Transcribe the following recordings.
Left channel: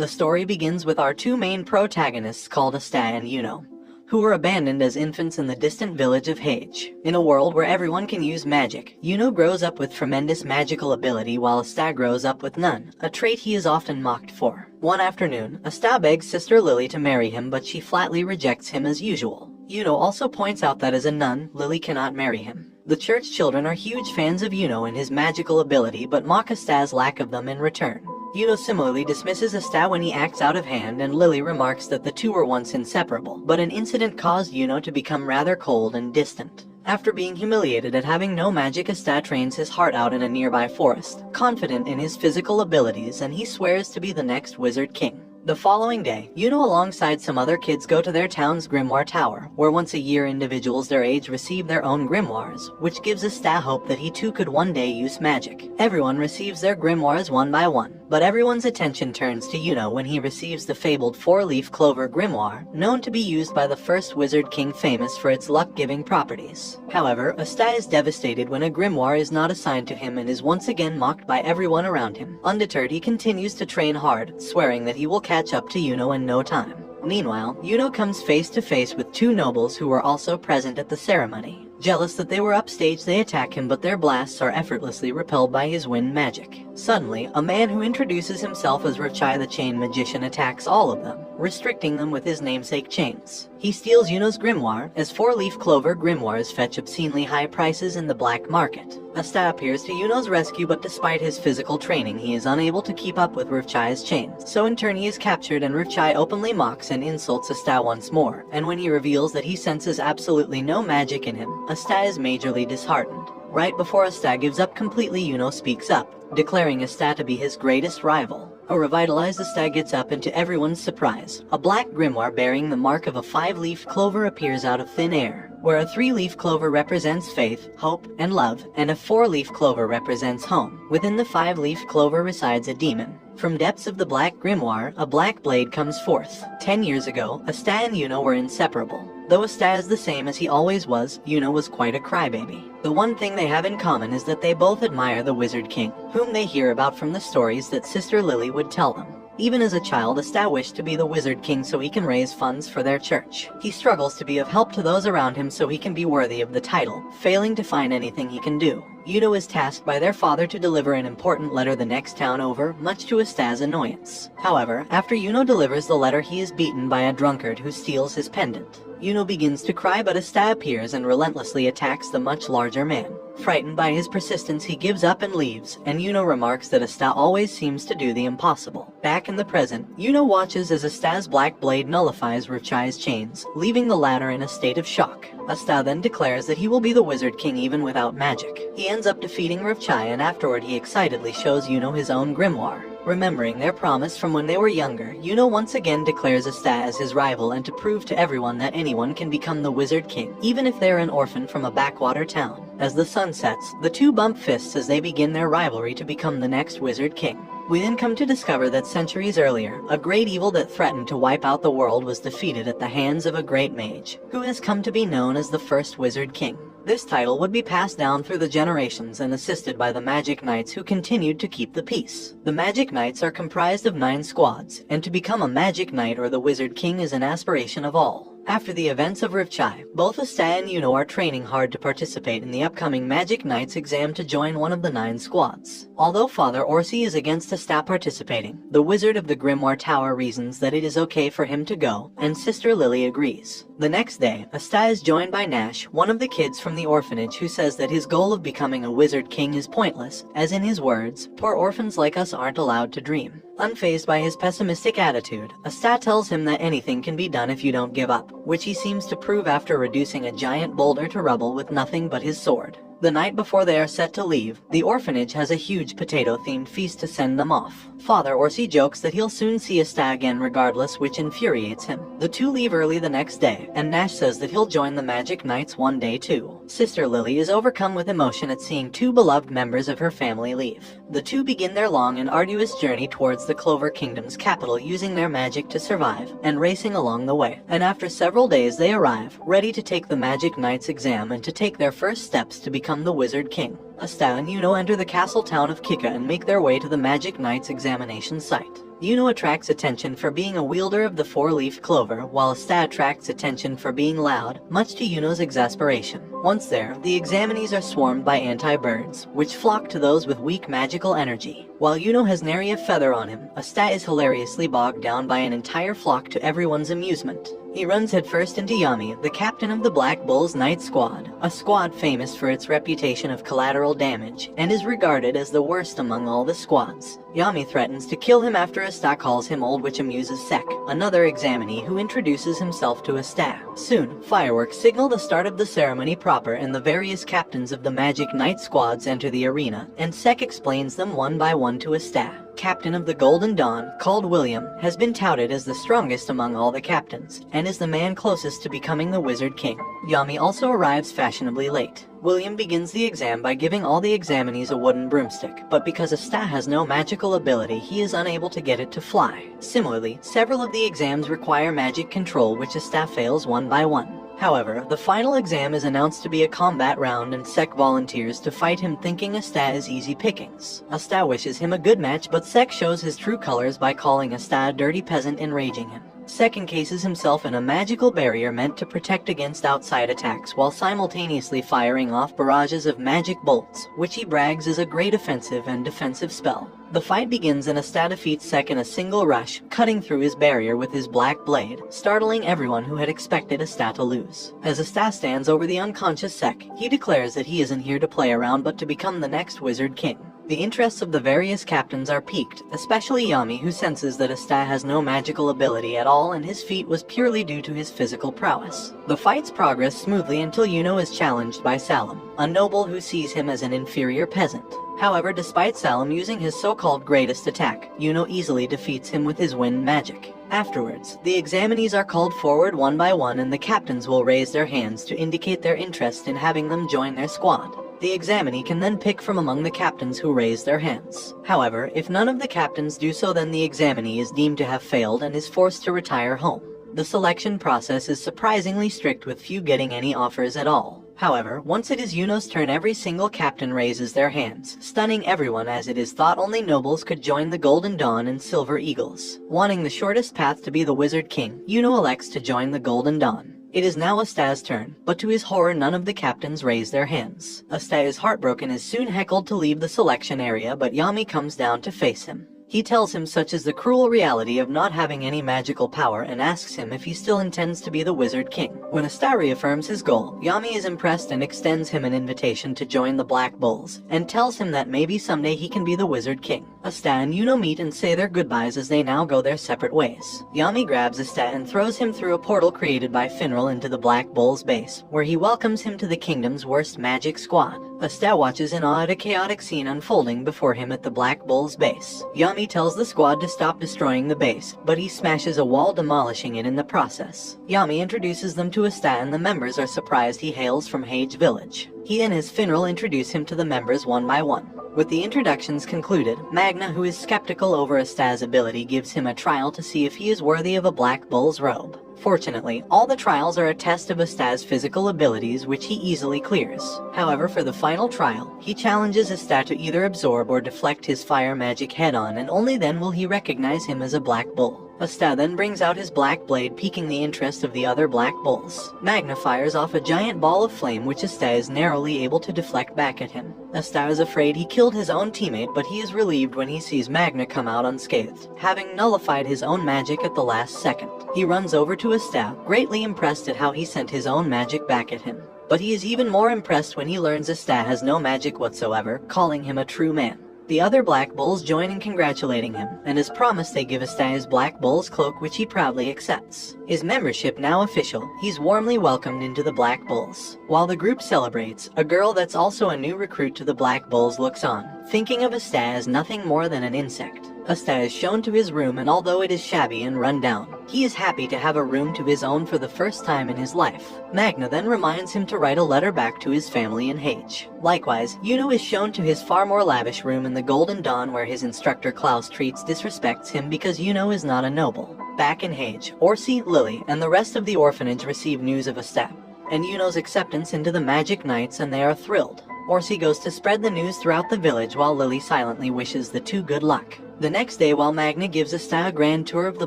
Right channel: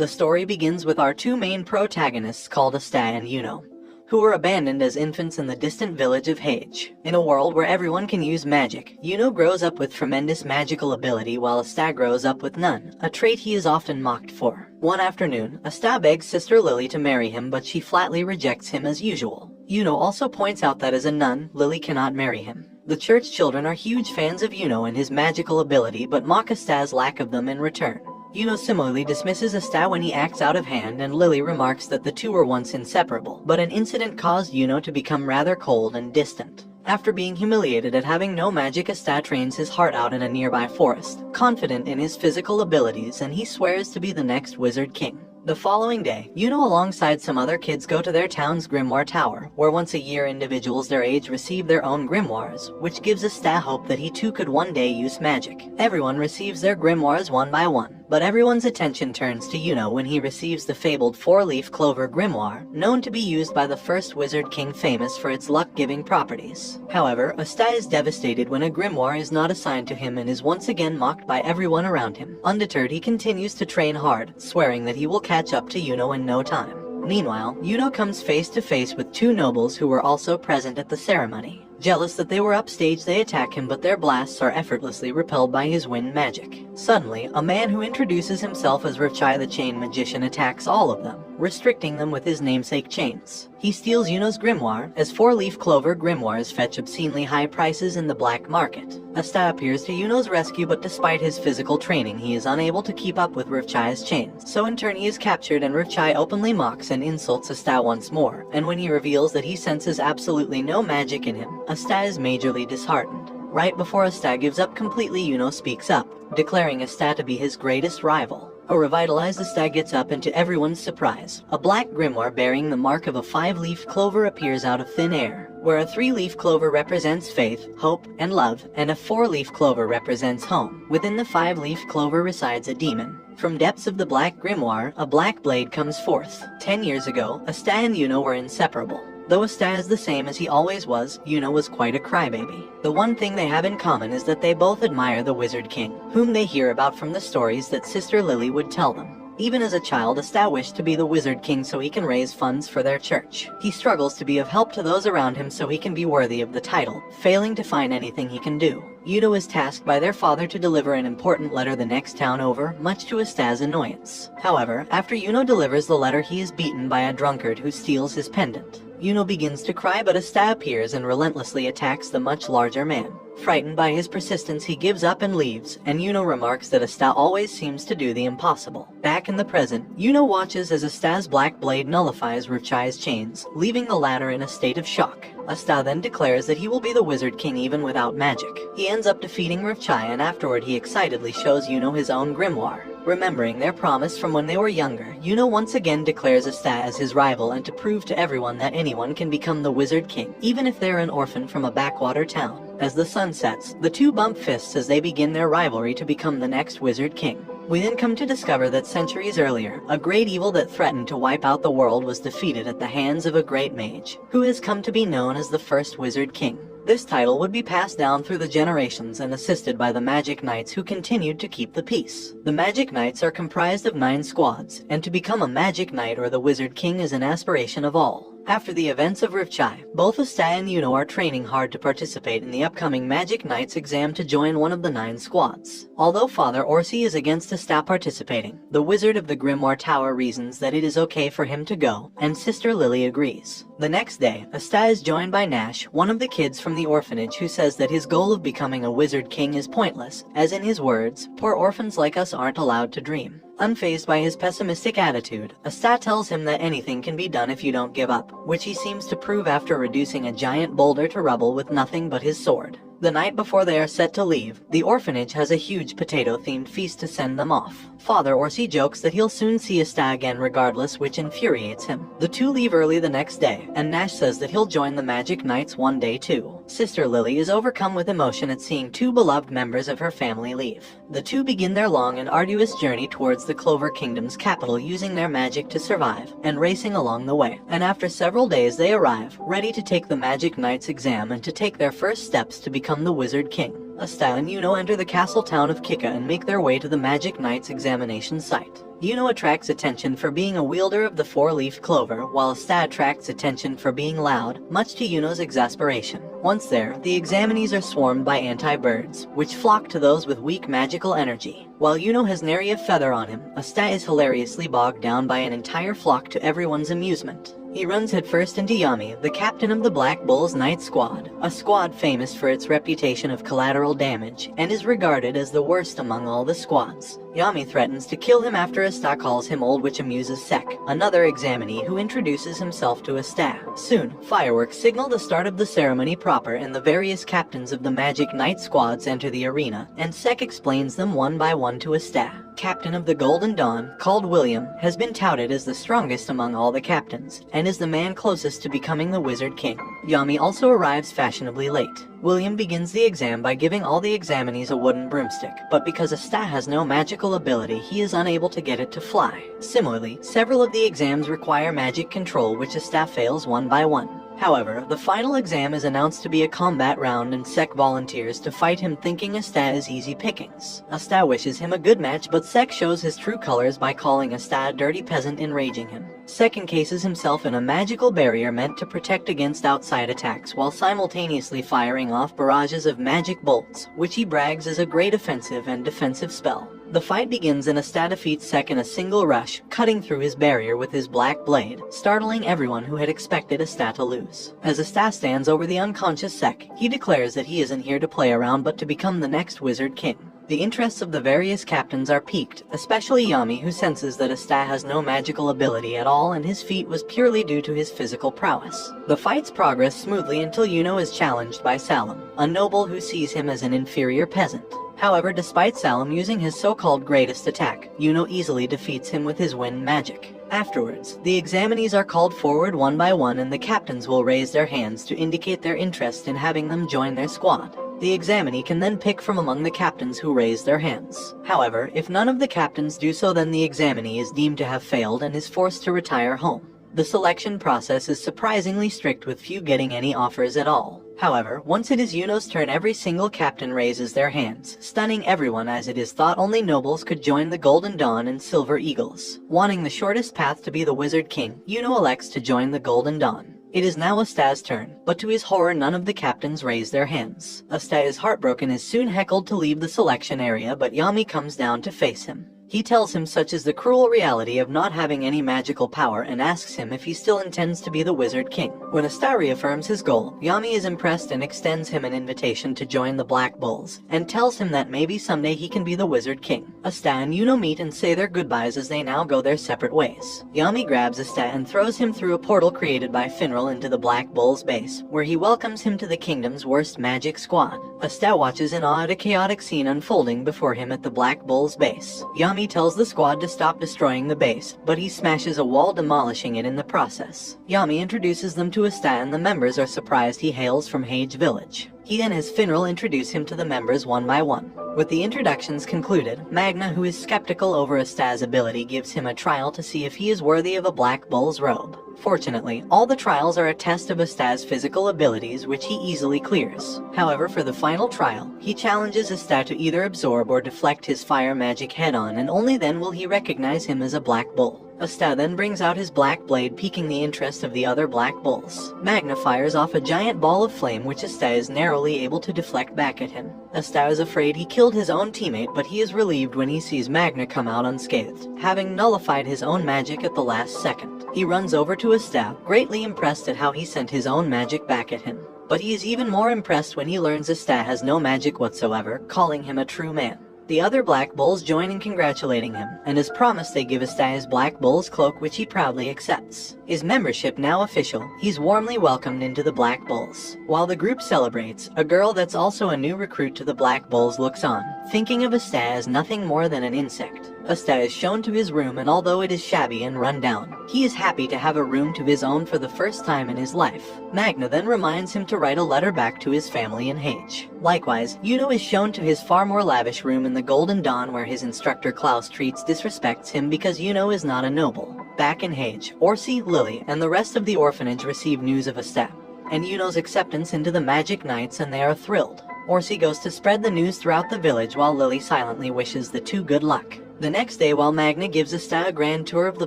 The story begins with our two main protagonists called Asta and Yuno, who were abandoned as infants in the distant village of Hage. In a world where everyone can use magic, Yuno grows up with tremendous magical ability while Asta grows up with none, a trait he is often mocked for. One afternoon, Asta begs Sister Lily to marry him, but she flatly rejects him as usual. Yuno also points out that as a nun, Lily cannot marry him. The church children are huge fans of Yuno and his magical ability, but mock Asta's lack of them in return. Yuno similarly dismisses Asta when he acts out of hand, and Lily remarks that the two were once inseparable, but an incident caused Yuno to become rather cold and distant. After being humiliated at having no magic, Asta trains his heart out in a nearby forest, confident in his physical abilities, and he swears to be the next Wizard King. The following day, Yuno alongside some other kids go to their town's grimoire tower, where once a year individuals their age receive their own grimoires, which gives Asta hope that he too could one day use magic. Everyone receives their grimoires one by one, but everyone's attention turns to Yuno when he receives the fabled four-leaf clover grimoire, known to be used by the first Wizard King, famous for its luck-giving properties. However, Asta is devastated when a grimoire is not assigned to him and is once again mocked by everyone around him. Undeterred, he continues to train hard, swearing that he will catch up to Yuno in no time. Meanwhile, Yuno comes face to face with two nobles who were also present at the ceremony. Jealous that they were upstage, they attack him, but their blasts are effortlessly repelled by his wind magic. Suddenly, a man who introduces himself as Rivchai the Chain Magician attacks all of them, restricting them with his namesake chains. He steals Yuno's grimoire, as four-leaf clover grimoires fetch obscenely high prices in the black market. Asta appears to Yuno's rescue, but despite his physical training, he is unable to keep up with Rivchai's chains. So in turn he is captured, and Rivchai openly mocks and insults Asta once more, and when he reveals that he senses absolutely no magic in him, Asta is majorly disheartened. Right before Asta gives up completely, Yuno speaks up, declaring Asta to be his greatest rival. A revitalized Asta gets up, and to everyone's surprise, a black grimoire bearing the mark of a five-leaf clover appears out of thin air, where a three-leaf clover represents faith, hope, and love, and a four-leaf clover represents home. Within the five-leaf clover resides a demon. From depths of the black grimoire, a black blade comes forth. 10 years ago, Asta and Yuno were inseparable. Though Asta is the same as he always was, Yuno was quite a crybaby. The one thing they have in common is that they both admire the Wizard King, whom they hear about from the stories that Sister Lily would tell them. Even as a child, Asta wished to be the Wizard King so he can raise funds for their church. He struggles to be of help to those around him so he can be worthy of the title, failing to find anything he can do. Yuno is tasked by their father to deliver an important letter the next town over, much to Asta's annoyance. However, after Yuno delivers the letter, he is beaten by a drunkard who steals his pendant. Yuno begins to cry, but Asta appears and relentlessly attacks the much larger man. Frightened by his persistence, he gives up and leaves, and Yuno remarks that Asta always seems to do the impossible. Back in the present, Yuno watches as Asta's black blade nullifies Rivchai's chains, leaving the latter in a state of shock. Asta then declares that he will be the Wizard King even without magic. He ends up defeating Rivchai, and afterward he excitedly shows Yuno his own grimoire. Remembering their promise from when they were younger, Yuno once again declares Asta as his rival, and to prove to everyone that anyone can become the Wizard King, even if they're an orphan from a backwater town. As the sun sets, the two bump fists as they begin their rivalry to become the next Wizard King. We then come to discover that centuries earlier, a great evil that threatened to wipe out the world was defeated at the hands of a great mage, who has come to be known as the first Wizard King. This title would be passed down through the generations and assisted by the Magic Knights, who continued to keep the peace. The Magic Knights are comprised of 9 squads, and to become a Magic Knight or the Wizard King is an aspiration of all. After the events of Rivchai, both Asta and Yuno are training hard to participate in the upcoming Magic Knights exam to join one of the 9 squads. Although Father Orsi is against Asta participating, the Wizard of the Grimoire Tower reasons that it is okay for him to go, and Sister Lily agrees. The next day, Asta is joined by Nash, one of the kids from the orphanage, who says that his goal of becoming a Wizard King is pointless, as in his words, "Poor orphans like us aren't allowed to dream." Unfazed by his pessimistic attitude, Asta tells him that anything can be done if you don't give up, which he seems to prove after reducing a giant boulder to rubble with nothing but his sword. The night before they are set to leave, the orphanage has a huge potato-themed feast to send them off. Father Orsi jokes that he'll soon see Asta again regardless, which infuriates him. The two leave early the next day, and Nash says that he'll join the Magic Knights one day too. Sister Lily is overcome with emotion at seeing 2 beloved members of her family leave. The two begin their long and arduous journey towards the Clover Kingdom's capital, using their magic to survive, and racing along the way. And after several days they arrive, ready to take the Magic Knights exam and to take their first steps to become the Wizard King. Asta and Yuno enter the castle town of Kika and make their way to the Magic Knights examination site. Yuno attracts attention for being a wielder of the four-leaf clover, while Asta attracts attention for being loud, much to Yuno's exasperation. Once there, the examinees are swarmed by anti-birds, which flock to those with weak magical energy. While Yuno has nary a feather on him, Asta is hilariously bogged down by an entire flock to everyone's amusement. He runs headfirst into Yami, the captain of the Black Bull's Night Squad, a squad famous for its reputation of collateral damage, and is regarded as the worst among all the squads. Yami threatens to kill him after Asta calls him old, which amuses Sek, another examinee who introduces himself to Asta. Soon, fireworks signal the start of the ceremony proper, and the various captains of the Magic Night Squads enter the arena, and Sek explains them one by one to Asta. Captain of the Golden Dawn, called William, has been touted as the strongest among all the captains, and is the man closest to becoming the Wizard King. Yami also arrives fashionably late. William begins the exam by giving all the examinees a wooden broomstick, but because Asta has no magical ability, he is unable to get it to fly. Similarly, several of the exams require magic control, which Asta fails one by one. However, the final exam is announced to be a combat round, and Sek volunteers to fight him, thinking Asta is easy pickings. Asta wishes him a good match, but Sek shows his true colors by calling Asta a dirty peasant, enraging him. Sek encases himself in a magical barrier meant to protect against outside attacks, while simultaneously firing off barrages of magic bolts, which he brags is a great offensive and defensive spell. The fight begins, and Asta defeats Sek in a single rush, cutting through his barrier with his black blade, startling everyone who had expected Asta to lose. As Asta stands over the unconscious Sek, he declares that he isn't here to play around but to become the next Wizard King. The interests of the various captains are piqued, especially Yami, who senses that Asta has no magical ability at all and his feat was purely due to his physical prowess. The fights progress smoothly until Yuno is challenged by Salim, a noble who sees him as an inferior peasant. However, despite Salim using his so-called greatest attack, Yuno easily defeats him with his wind magic. Afterwards, the examinees are called forward one by one, and the captains will raise their hands to indicate their interest in having them join their squad. The examinee can then pick from among the captains who raise their hands. However, if none of the captains do so, then the examinee is deemed to have failed and is forced to retire home. The selection process is surprisingly strict, with few getting any offers at all. However, once it is Yuno's turn, every single captain raises their hands, stunning everyone, as it is thought only nobles could join the Golden Dawn and Silver Eagles. Wanting the shortest path to be the Wizard King, Yuno elects to join the Golden Dawn. It is now Asta's turn, but to his horror none of the captains raise their hands. Asta is heartbroken, is soon heckled to leave the selection area, but Yami comes down to face him. He tells him such is the cruel reality of not having any magical power, and asks him if he still intends to be the Wizard King. When Asta reaffirms his goal, Yami is impressed and extends him an invitation to join the Black Bulls, and tells him that maybe someday he can be the Wizard King. Asta and Yuno meet and say their goodbyes as they now go their separate ways. Yami grabs Asta and throws him through a portal created by Finral into the Black Bull's base, where he welcomes him to the kingdom's worst magic squad. Asta watches in awe at a chaotic scene unfolding before him at the Black Bull's base. Yami tells the squad to stop destroying the base, but he smashes a wall, demolishing it in the process. Yami introduces them to Asta, and the members are surprised he hails from Hage Village. He and his Finral introduce him to the members one by one. With the introductions concluded, Magna, who is skeptical over Asta's ability, gives him a trial to see if he is worthy of a Black Bull's robe. Fortunately, all the trials are a test of Asta's physical abilities, which he easily clears. However, for the final trial, he challenges Asta to either absorb or deflect his fire magic head-on, and only then will he recognize him as a Black Bull. Asta then brings out his black blade, piquing the interest of the other Black Bulls. Magna fires off a giant ball of flame, which Asta is narrowly able to deflect back at him. Asta is afraid he killed his own teammate, but he is relieved when he sees Magna come out unscathed, having nullified his own magic at the last second. He runs over to Asta, greatly impressed at how he sent his own magic back at him. But he is even more impressed when he learns Asta has no magic whatsoever, calling him a true man. The other Black Bulls join in congratulating him, and as promised they give Asta his Black Bull's cloak, which he proudly accepts. His membership now official, he's warmly welcomed into the Black Bulls. While the group celebrates, a girl that's also a new recruit to the Black Bulls looks on, thinking of Asta as nothing more than an insect. Asta is shown to his room, and although it is shabby and run down, he is happy to have a room to his own for the first time in his life. Magna then reminds him to write a letter back to his family in Hage. Likewise, Yuno is shown to his far more lavish room in the Golden Dawn, where his instructor Klaus disrespects him because Yuno is not a noble. Back in Hage, Orsi, Lily, and the rest of the orphanage receive news of Asta and Yuno's acceptance into the Magic Knights, and they are thrilled. Orsi goes to spread the news throughout the village, while Lily silently wishes the two good luck. The next day, while Magna gives Asta a grand tour of the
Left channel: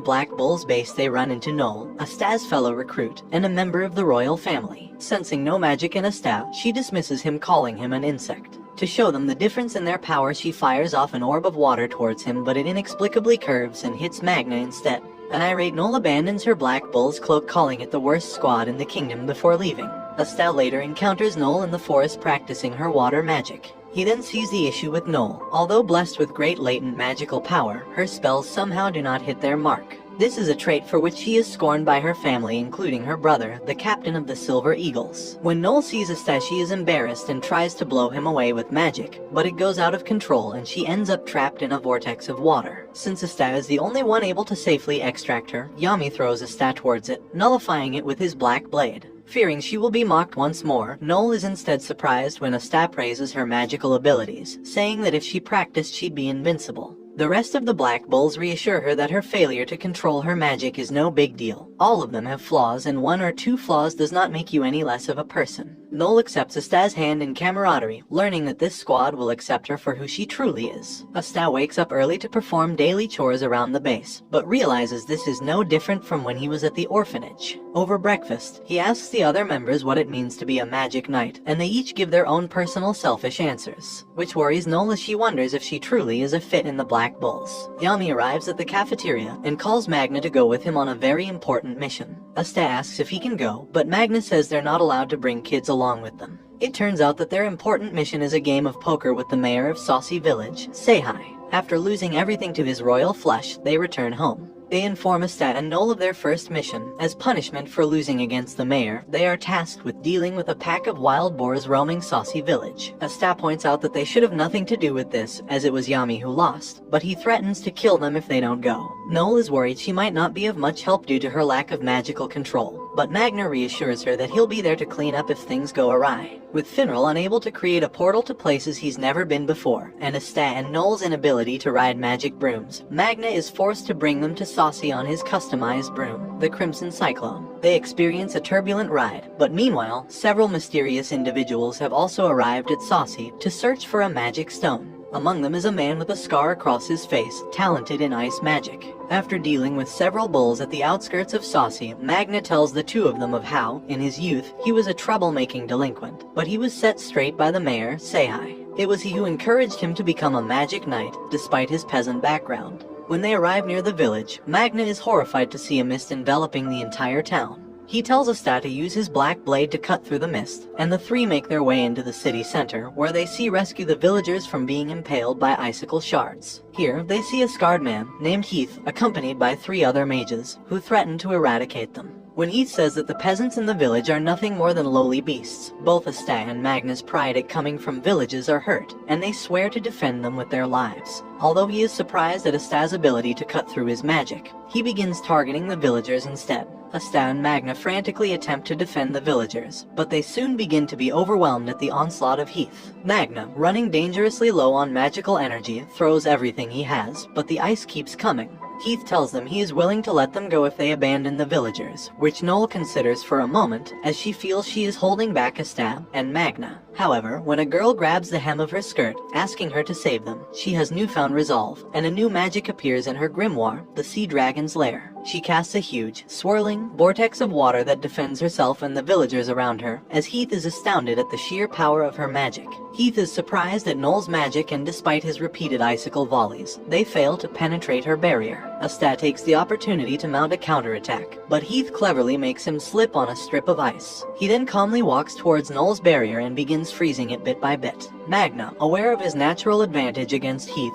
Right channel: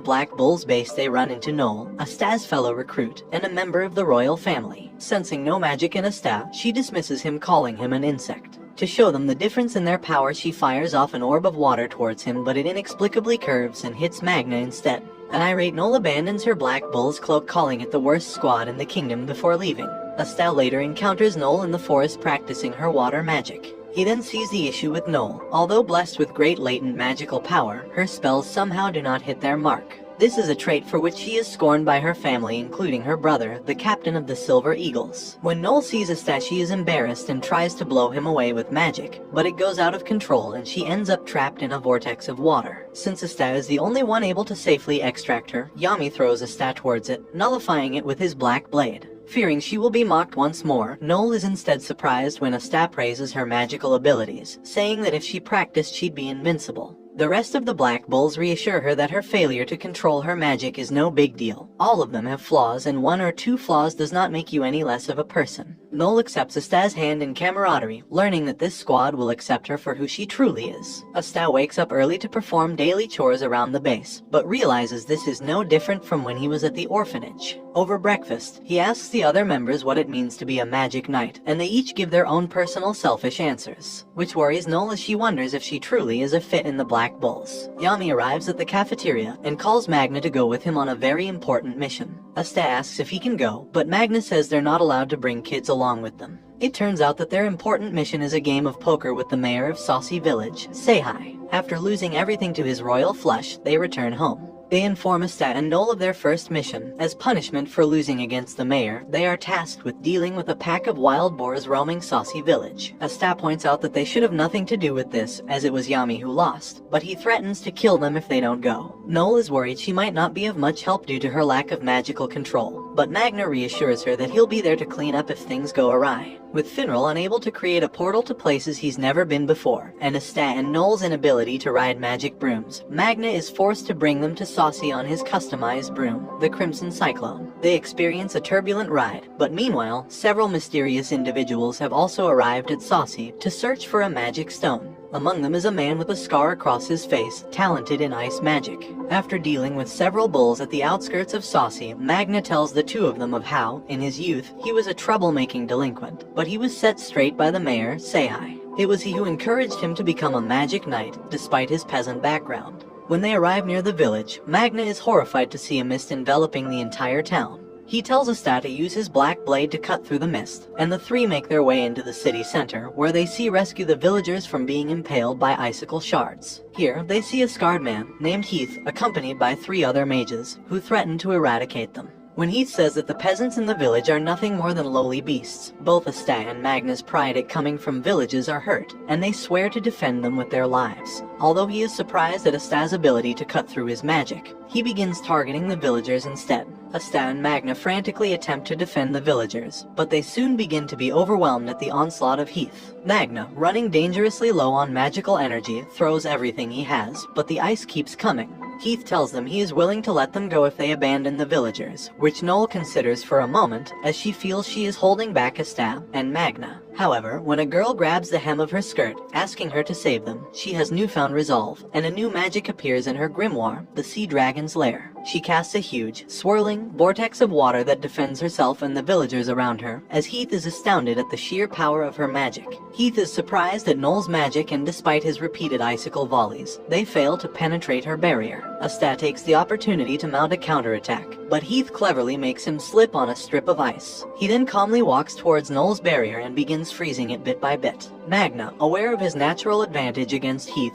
Black Bull's base, they run into Noel, Asta's fellow recruit, and a member of the royal family. Sensing no magic in Asta, she dismisses him, calling him an insect. To show them the difference in their power, she fires off an orb of water towards him, but it inexplicably curves and hits Magna instead. An irate Noel abandons her Black Bull's cloak, calling it the worst squad in the kingdom, before leaving. Asta later encounters Noel in the forest practicing her water magic. He then sees the issue with Noel. Although blessed with great latent magical power, her spells somehow do not hit their mark. This is a trait for which she is scorned by her family, including her brother, the captain of the Silver Eagles. When Noel sees Asta, she is embarrassed and tries to blow him away with magic, but it goes out of control and she ends up trapped in a vortex of water. Since Asta is the only one able to safely extract her, Yami throws Asta towards it, nullifying it with his black blade. Fearing she will be mocked once more, Noel is instead surprised when Asta praises her magical abilities, saying that if she practiced she'd be invincible. The rest of the Black Bulls reassure her that her failure to control her magic is no big deal. All of them have flaws, and 1 or 2 flaws does not make you any less of a person. Noel accepts Asta's hand in camaraderie, learning that this squad will accept her for who she truly is. Asta wakes up early to perform daily chores around the base, but realizes this is no different from when he was at the orphanage. Over breakfast, he asks the other members what it means to be a magic knight, and they each give their own personal selfish answers, which worries Noel as she wonders if she truly is a fit in the Black Bulls. Yami arrives at the cafeteria and calls Magna to go with him on a very important mission. Asta asks if he can go, but Magna says they're not allowed to bring kids along with them. It turns out that their important mission is a game of poker with the mayor of Saucy Village, Seihai. After losing everything to his royal flush, they return home. They inform Asta and Noel of their first mission. As punishment for losing against the mayor, they are tasked with dealing with a pack of wild boars roaming Saucy Village. Asta points out that they should have nothing to do with this, as it was Yami who lost, but he threatens to kill them if they don't go. Noel is worried she might not be of much help due to her lack of magical control, but Magna reassures her that he'll be there to clean up if things go awry. With Finral unable to create a portal to places he's never been before, and Asta and Noel's inability to ride magic brooms, Magna is forced to bring them to Saucy on his customized broom, the Crimson Cyclone. They experience a turbulent ride, but meanwhile, several mysterious individuals have also arrived at Saucy to search for a magic stone. Among them is a man with a scar across his face, talented in ice magic. After dealing with several bulls at the outskirts of Saucy, Magna tells the 2 of them of how, in his youth, he was a troublemaking delinquent, but he was set straight by the mayor, Seihai. It was he who encouraged him to become a magic knight, despite his peasant background. When they arrive near the village, Magna is horrified to see a mist enveloping the entire town. He tells Asta to use his black blade to cut through the mist, and the 3 make their way into the city center, where they rescue the villagers from being impaled by icicle shards. Here, they see a scarred man named Heath, accompanied by 3 other mages, who threaten to eradicate them. When Heath says that the peasants in the village are nothing more than lowly beasts, both Asta and Magna's pride at coming from villages are hurt, and they swear to defend them with their lives. Although he is surprised at Asta's ability to cut through his magic, he begins targeting the villagers instead. Asta and Magna frantically attempt to defend the villagers, but they soon begin to be overwhelmed at the onslaught of Heath. Magna, running dangerously low on magical energy, throws everything he has, but the ice keeps coming. Heath tells them he is willing to let them go if they abandon the villagers, which Noel considers for a moment, as she feels she is holding back Asta and Magna. However, when a girl grabs the hem of her skirt, asking her to save them, she has newfound resolve, and a new magic appears in her grimoire, the Sea Dragon's Lair. She casts a huge, swirling vortex of water that defends herself and the villagers around her, as Heath is astounded at the sheer power of her magic. Heath is surprised at Noel's magic, and despite his repeated icicle volleys, they fail to penetrate her barrier. Asta takes the opportunity to mount a counterattack, but Heath cleverly makes him slip on a strip of ice. He then calmly walks towards Noel's barrier and begins freezing it bit by bit. Magna, aware of his natural advantage against Heath,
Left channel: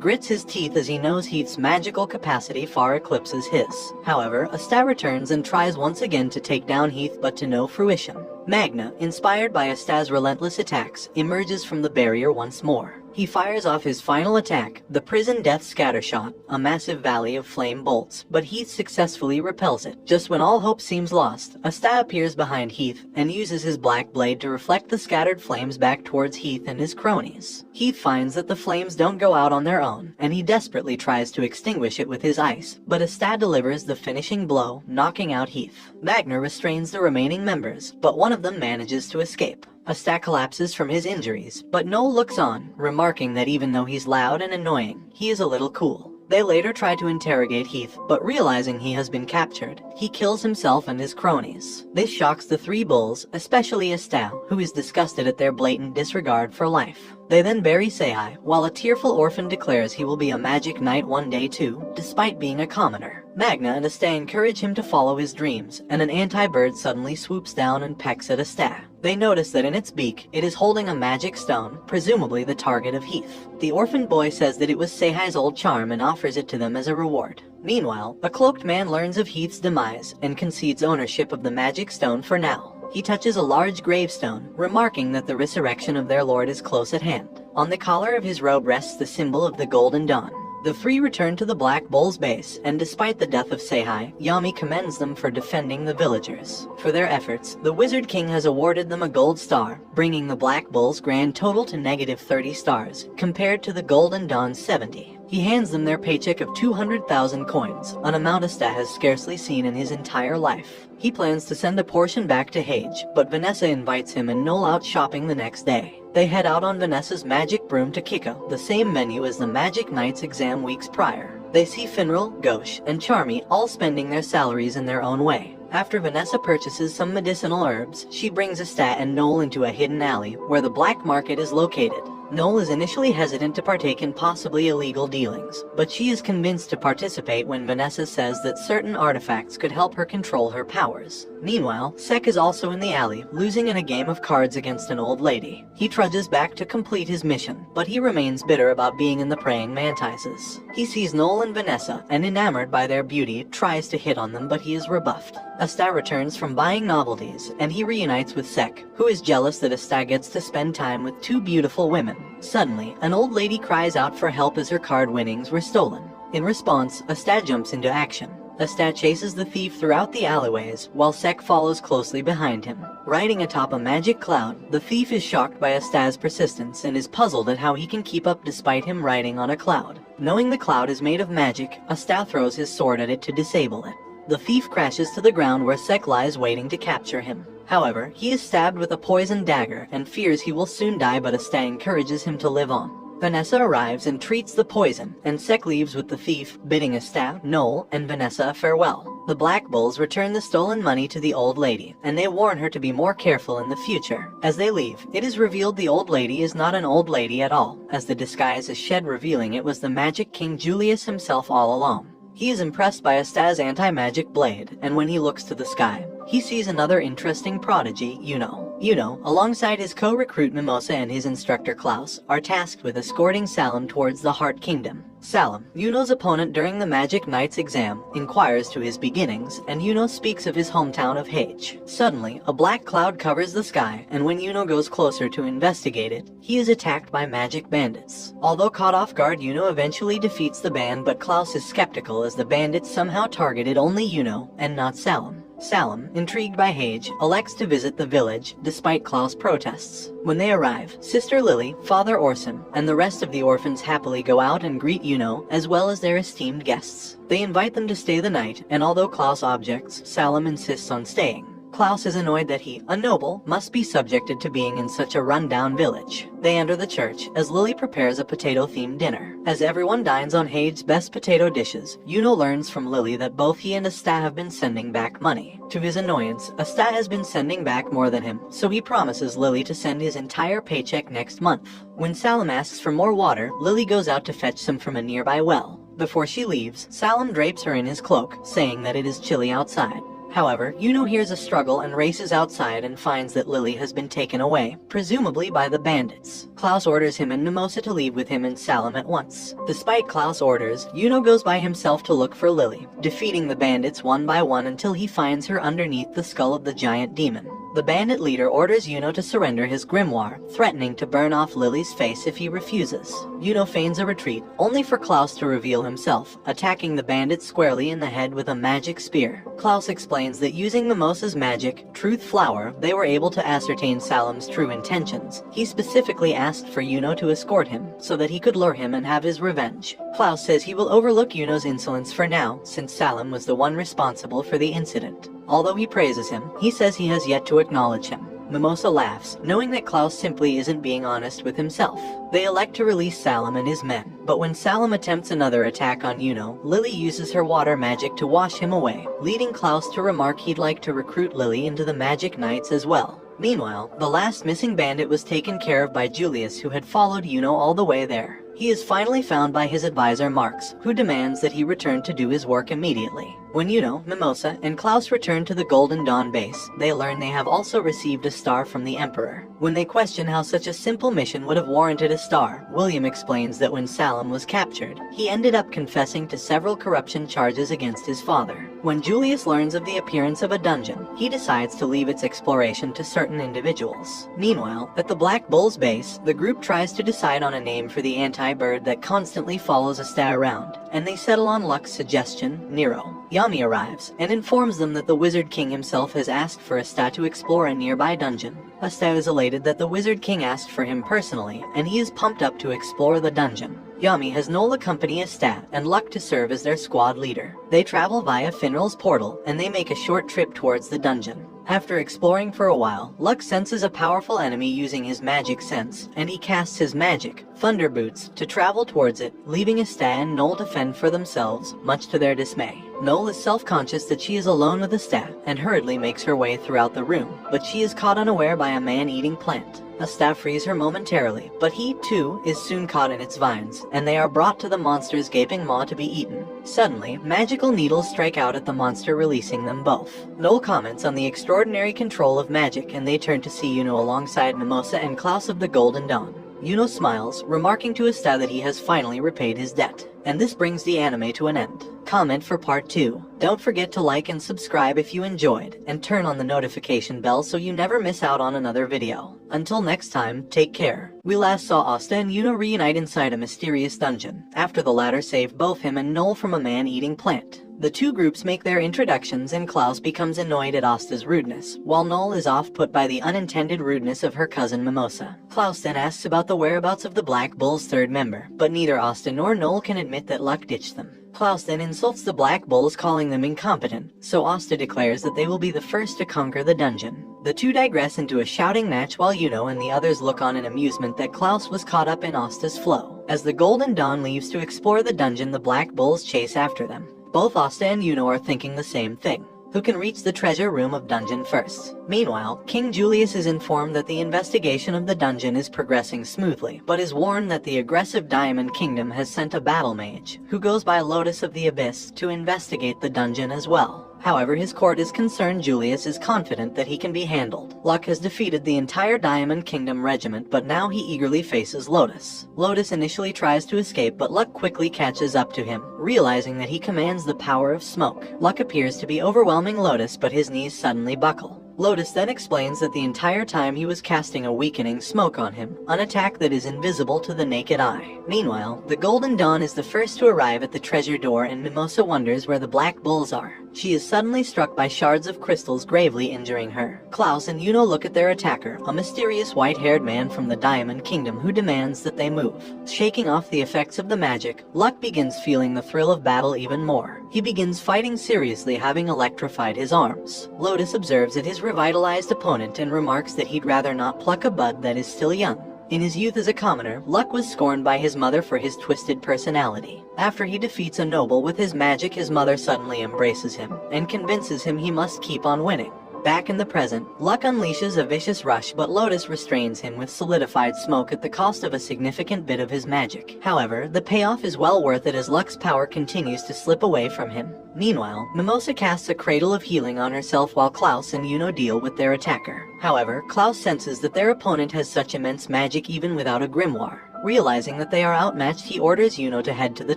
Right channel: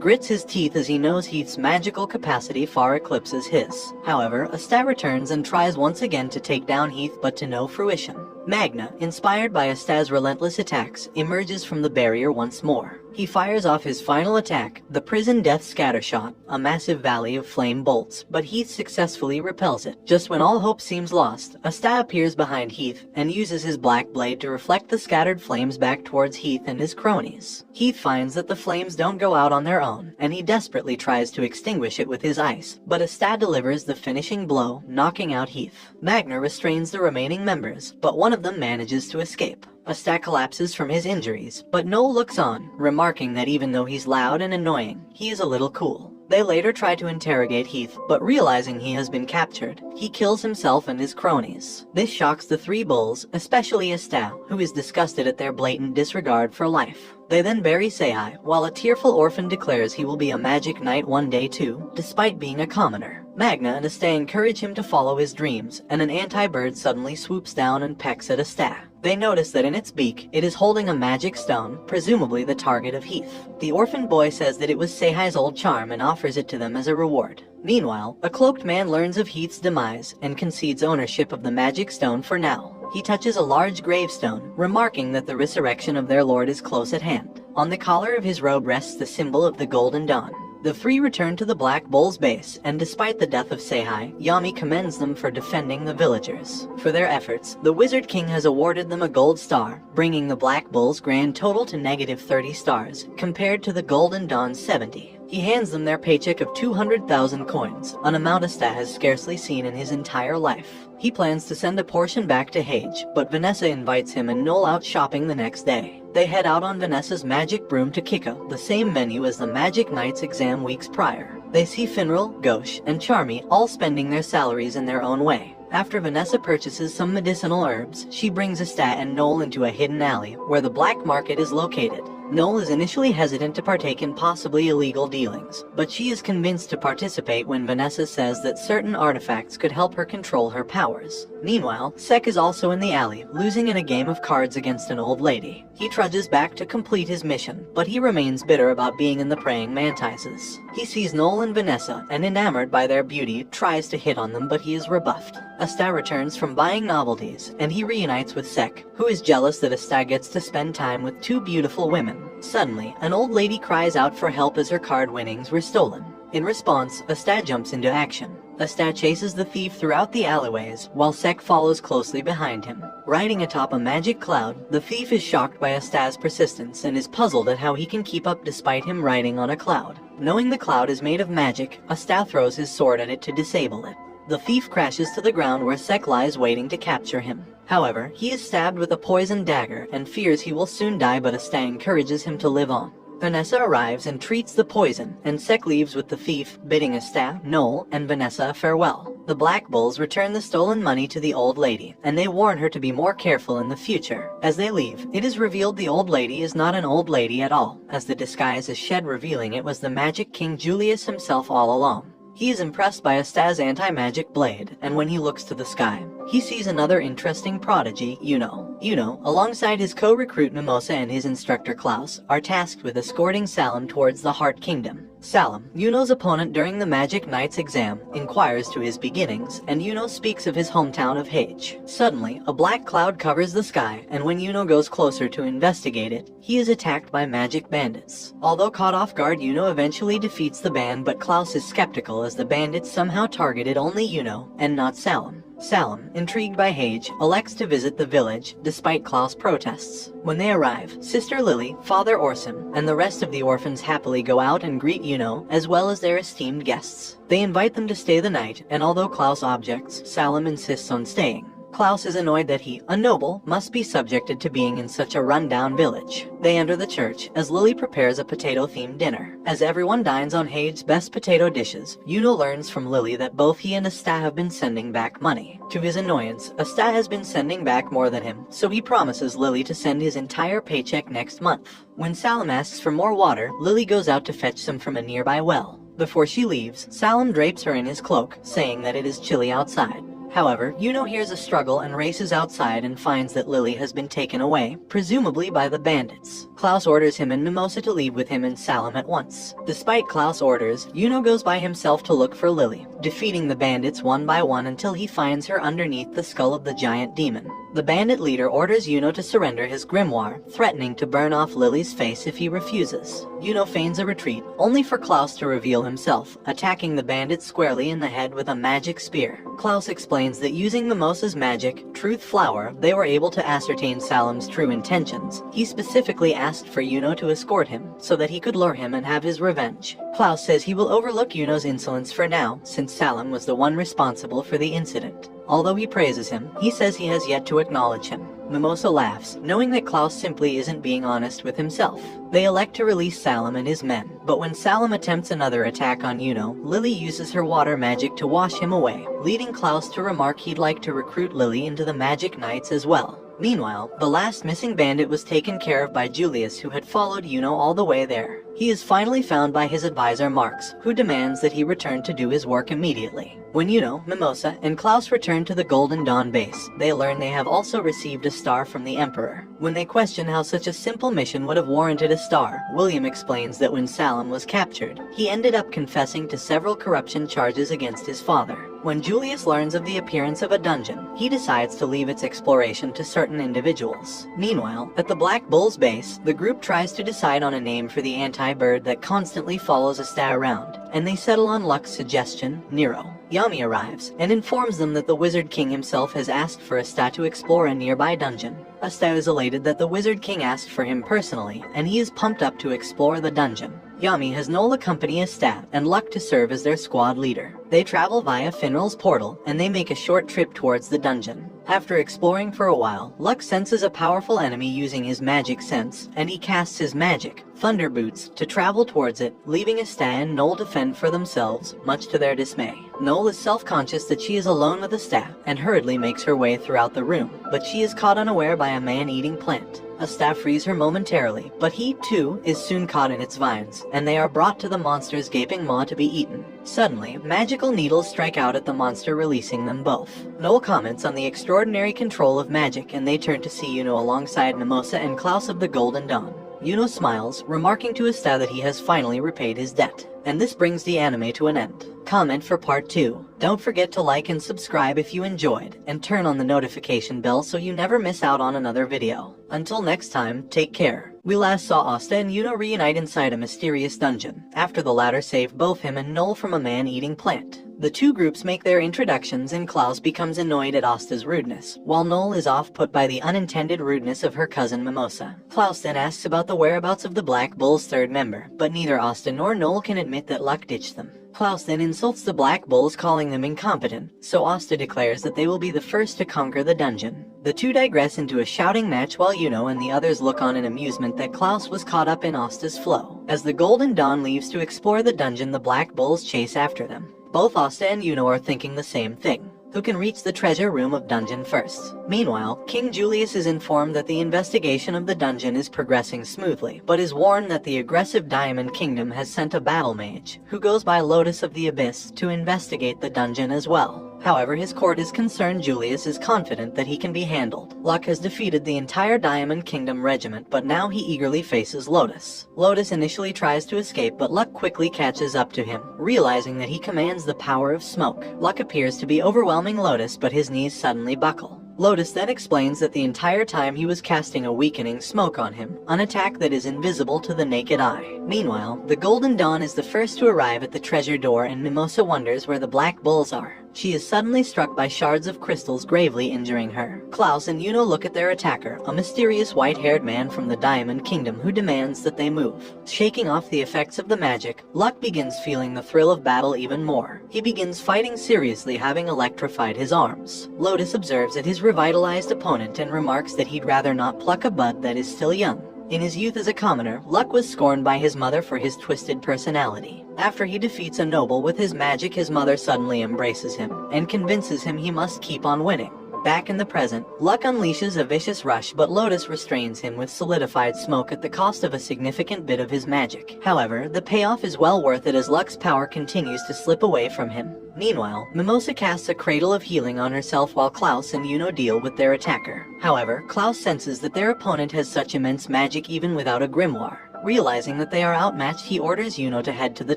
grits his teeth as he knows Heath's magical capacity far eclipses his. However, Asta returns and tries once again to take down Heath, but to no fruition. Magna, inspired by Asta's relentless attacks, emerges from the barrier once more. He fires off his final attack, the Prison Death Scattershot, a massive volley of flame bolts, but Heath successfully repels it. Just when all hope seems lost, Asta appears behind Heath and uses his black blade to reflect the scattered flames back towards Heath and his cronies. Heath finds that the flames don't go out on their own, and he desperately tries to extinguish it with his ice, but Asta delivers the finishing blow, knocking out Heath. Magna restrains the remaining members, but one of them manages to escape. Asta collapses from his injuries, but Noel looks on, remarking that even though he's loud and annoying, he is a little cool. They later try to interrogate Heath, but realizing he has been captured, he kills himself and his cronies. This shocks the three bulls, especially Asta, who is disgusted at their blatant disregard for life. They then bury Seihai, while a tearful orphan declares he will be a magic knight one day too, despite being a commoner. Magna and Asta encourage him to follow his dreams, and an anti-bird suddenly swoops down and pecks at Asta. They notice that in its beak, it is holding a magic stone, presumably the target of Heath. The orphan boy says that it was Seihai's old charm and offers it to them as a reward. Meanwhile, a cloaked man learns of Heath's demise and concedes ownership of the magic stone for now. He touches a large gravestone, remarking that the resurrection of their lord is close at hand. On the collar of his robe rests the symbol of the Golden Dawn. The three return to the Black Bull's base, and despite the death of Seihai, Yami commends them for defending the villagers. For their efforts, the Wizard King has awarded them a gold star, bringing the Black Bull's grand total to -30 stars, compared to the Golden Dawn's 70. He hands them their paycheck of 200,000 coins, an amount Asta has scarcely seen in his entire life. He plans to send a portion back to Hage, but Vanessa invites him and Noel out shopping the next day. They head out on Vanessa's magic broom to Kiko, the same venue as the Magic Knight's exam weeks prior. They see Finral, Gauche, and Charmy all spending their salaries in their own way. After Vanessa purchases some medicinal herbs, she brings Asta and Noel into a hidden alley, where the black market is located. Noel is initially hesitant to partake in possibly illegal dealings, but she is convinced to participate when Vanessa says that certain artifacts could help her control her powers. Meanwhile, Sek is also in the alley, losing in a game of cards against an old lady. He trudges back to complete his mission, but he remains bitter about being in the praying mantises. He sees Noel and Vanessa, and enamored by their beauty, tries to hit on them, but he is rebuffed. Asta returns from buying novelties, and he reunites with Sek, who is jealous that Asta gets to spend time with two beautiful women. Suddenly, an old lady cries out for help as her card winnings were stolen. In response, Asta jumps into action. Asta chases the thief throughout the alleyways, while Sek follows closely behind him. Riding atop a magic cloud, the thief is shocked by Asta's persistence and is puzzled at how he can keep up despite him riding on a cloud. Knowing the cloud is made of magic, Asta throws his sword at it to disable it. The thief crashes to the ground where Sek lies waiting to capture him. However, he is stabbed with a poisoned dagger and fears he will soon die, but Asta encourages him to live on. Vanessa arrives and treats the poison, and Sek leaves with the thief, bidding Asta, Noel, and Vanessa farewell. The Black Bulls return the stolen money to the old lady, and they warn her to be more careful in the future. As they leave, it is revealed the old lady is not an old lady at all, as the disguise is shed, revealing it was the Magic King Julius himself all along. He is impressed by Asta's anti-magic blade, and when he looks to the sky, he sees another interesting prodigy, Yuno. Yuno, alongside his co-recruit Mimosa and his instructor Klaus, are tasked with escorting Salem towards the Heart Kingdom. Salem, Yuno's opponent during the Magic Knight's exam, inquires to his beginnings, and Yuno speaks of his hometown of Hage. Suddenly, a black cloud covers the sky, and when Yuno goes closer to investigate it, he is attacked by magic bandits. Although caught off guard, Yuno eventually defeats the band, but Klaus is skeptical as the bandits somehow targeted only Yuno and not Salem. Salem, intrigued by Hage, elects to visit the village, despite Klaus' protests. When they arrive, Sister Lily, Father Orson, and the rest of the orphans happily go out and greet Yuno, as well as their esteemed guests. They invite them to stay the night, and although Klaus objects, Salem insists on staying. Klaus is annoyed that he, a noble, must be subjected to being in such a run-down village. They enter the church, as Lily prepares a potato-themed dinner. As everyone dines on Hage's best potato dishes, Yuno learns from Lily that both he and Asta have been sending back money. To his annoyance, Asta has been sending back more than him, so he promises Lily to send his entire paycheck next month. When Salem asks for more water, Lily goes out to fetch some from a nearby well. Before she leaves, Salem drapes her in his cloak, saying that it is chilly outside. However, Yuno hears a struggle and races outside and finds that Lily has been taken away, presumably by the bandits. Klaus orders him and Mimosa to leave with him and Salem at once. Despite Klaus' orders, Yuno goes by himself to look for Lily, defeating the bandits one by one until he finds her underneath the skull of the giant demon. The bandit leader orders Yuno to surrender his grimoire, threatening to burn off Lily's face if he refuses. Yuno feigns a retreat, only for Klaus to reveal himself, attacking the bandit squarely in the head with a magic spear. Klaus explains that using Mimosa's magic, Truth Flower, they were able to ascertain Salem's true intentions. He specifically asked for Yuno to escort him, so that he could lure him and have his revenge. Klaus says he will overlook Yuno's insolence for now, since Salem was the one responsible for the incident. Although he praises him, he says he has yet to acknowledge him. Mimosa laughs, knowing that Klaus simply isn't being honest with himself. They elect to release Salem and his men, but when Salem attempts another attack on Yuno, Lily uses her water magic to wash him away, leading Klaus to remark he'd like to recruit Lily into the Magic Knights as well. Meanwhile, the last missing bandit was taken care of by Julius, who had followed Yuno all the way there. He is finally found by his advisor Marx, who demands that he return to do his work immediately. When Yuno, Mimosa, and Klaus return to the Golden Dawn base, they learn they have also received a star from the Emperor. When they question how such a simple mission would have warranted a star, William explains that when Salem was captured, he ended up confessing to several corruption charges against his father. When Julius learns of the appearance of a dungeon, he decides to leave its exploration to certain individuals. Meanwhile, at the Black Bull's base, the group tries to decide on a name for the anti-bird that constantly follows Asta around, and they settle on Luck's suggestion, Nero. Yami arrives and informs them that the Wizard King himself has asked for Asta to explore a nearby dungeon. Asta is elated that the Wizard King asked for him personally, and he is pumped up to explore the dungeon. Yami has Noel accompany Asta and Luck to serve as their squad leader. They travel via Finral's portal, and they make a short trip towards the dungeon. After exploring for a while, Luck senses a powerful enemy using his magic sense, and he casts his magic, Thunder Boots, to travel towards it, leaving Asta and Noel to fend for themselves, much to their dismay. Noel is self-conscious that she is alone with Asta, and hurriedly makes her way throughout the room, but she is caught unaware by a man-eating plant. Asta frees her momentarily, but he, too, is soon caught in its vines, and they are brought to the monster's gaping maw to be eaten. Suddenly, magical needles strike out at the monster, releasing them both. Noel comments on the extraordinary control of magic, and they turn to see Yuno alongside Mimosa and Klaus of the Golden Dawn. Yuno smiles, remarking to Asta that he has finally repaid his debt. And this brings the anime to an end. Comment for part 2. Don't forget to like and subscribe if you enjoyed, and turn on the notification bell so you never miss out on another video. Until next time, take care. We last saw Asta and Yuno reunite inside a mysterious dungeon, after the latter saved both him and Noel from a man-eating plant. The two groups make their introductions, and Klaus becomes annoyed at Asta's rudeness, while Noel is off-put by the unintended rudeness of her cousin Mimosa. Klaus then asks about the whereabouts of the Black Bull's third member, but neither Asta nor Noel can admit that Luck ditched them. Klaus then insults the Black Bulls, calling them incompetent, so Asta declares that they will be the first to conquer the dungeon. The two digress into a shouting match while Yuno and the others look on in amusement that Klaus was caught up in Asta's flow. As the Golden Dawn leaves to explore the dungeon, the Black Bulls chase after them. Both Asta and Yuno are thinking the same thing. Who can reach the treasure room of dungeon first? Meanwhile, King Julius is informed that the investigation of the dungeon is progressing smoothly, but is warned that the aggressive Diamond Kingdom has sent a battle mage, who goes by Lotus of the Abyss, to investigate the dungeon as well. However, his court is concerned. Julius is confident that he can be handled. Luck has defeated the entire Diamond Kingdom regiment, but now he eagerly faces Lotus. Lotus initially tries to escape, but Luck quickly catches up to him, realizing that he commands the power of smoke. Luck appears to be overwhelming Lotus, but his knees suddenly buckle. Lotus then explains that the entire time he was casting a weakening smoke on him, an attack that is invisible to the naked eye. Meanwhile, the Golden Dawn is the first to arrive at the treasure door, and Mimosa wonders where the Black Bulls are. She is suddenly struck by shards of crystals, gravely injuring her. Klaus and Yuno look at their attacker, a mysterious white-haired man from the Diamond Kingdom who demands that they move. Shaking off the effects of the magic, Luck begins feeling the thrill of battle even more. He begins fighting seriously, having electrified his arms. Lotus observes at his revitalized opponent and remarks that he'd rather not pluck a bud that is still young. In his youth as a commoner, Luck was scorned by his mother for his twisted personality. After he defeats a noble with his magic, his mother suddenly embraces him and convinces him he must keep on winning. Back in the present, Luck unleashes a vicious rush, but Lotus restrains him with solidified smoke at the cost of a significant bit of his magic. However, the payoff is well worth it as Luck's power continues to slip away from him. Meanwhile, Mimosa casts a cradle of healing on herself while Klaus and Yuno deal with their attacker. However, Klaus senses that their opponent has such immense magic even without a grimoire. Realizing that they are outmatched, he orders Yuno to head to the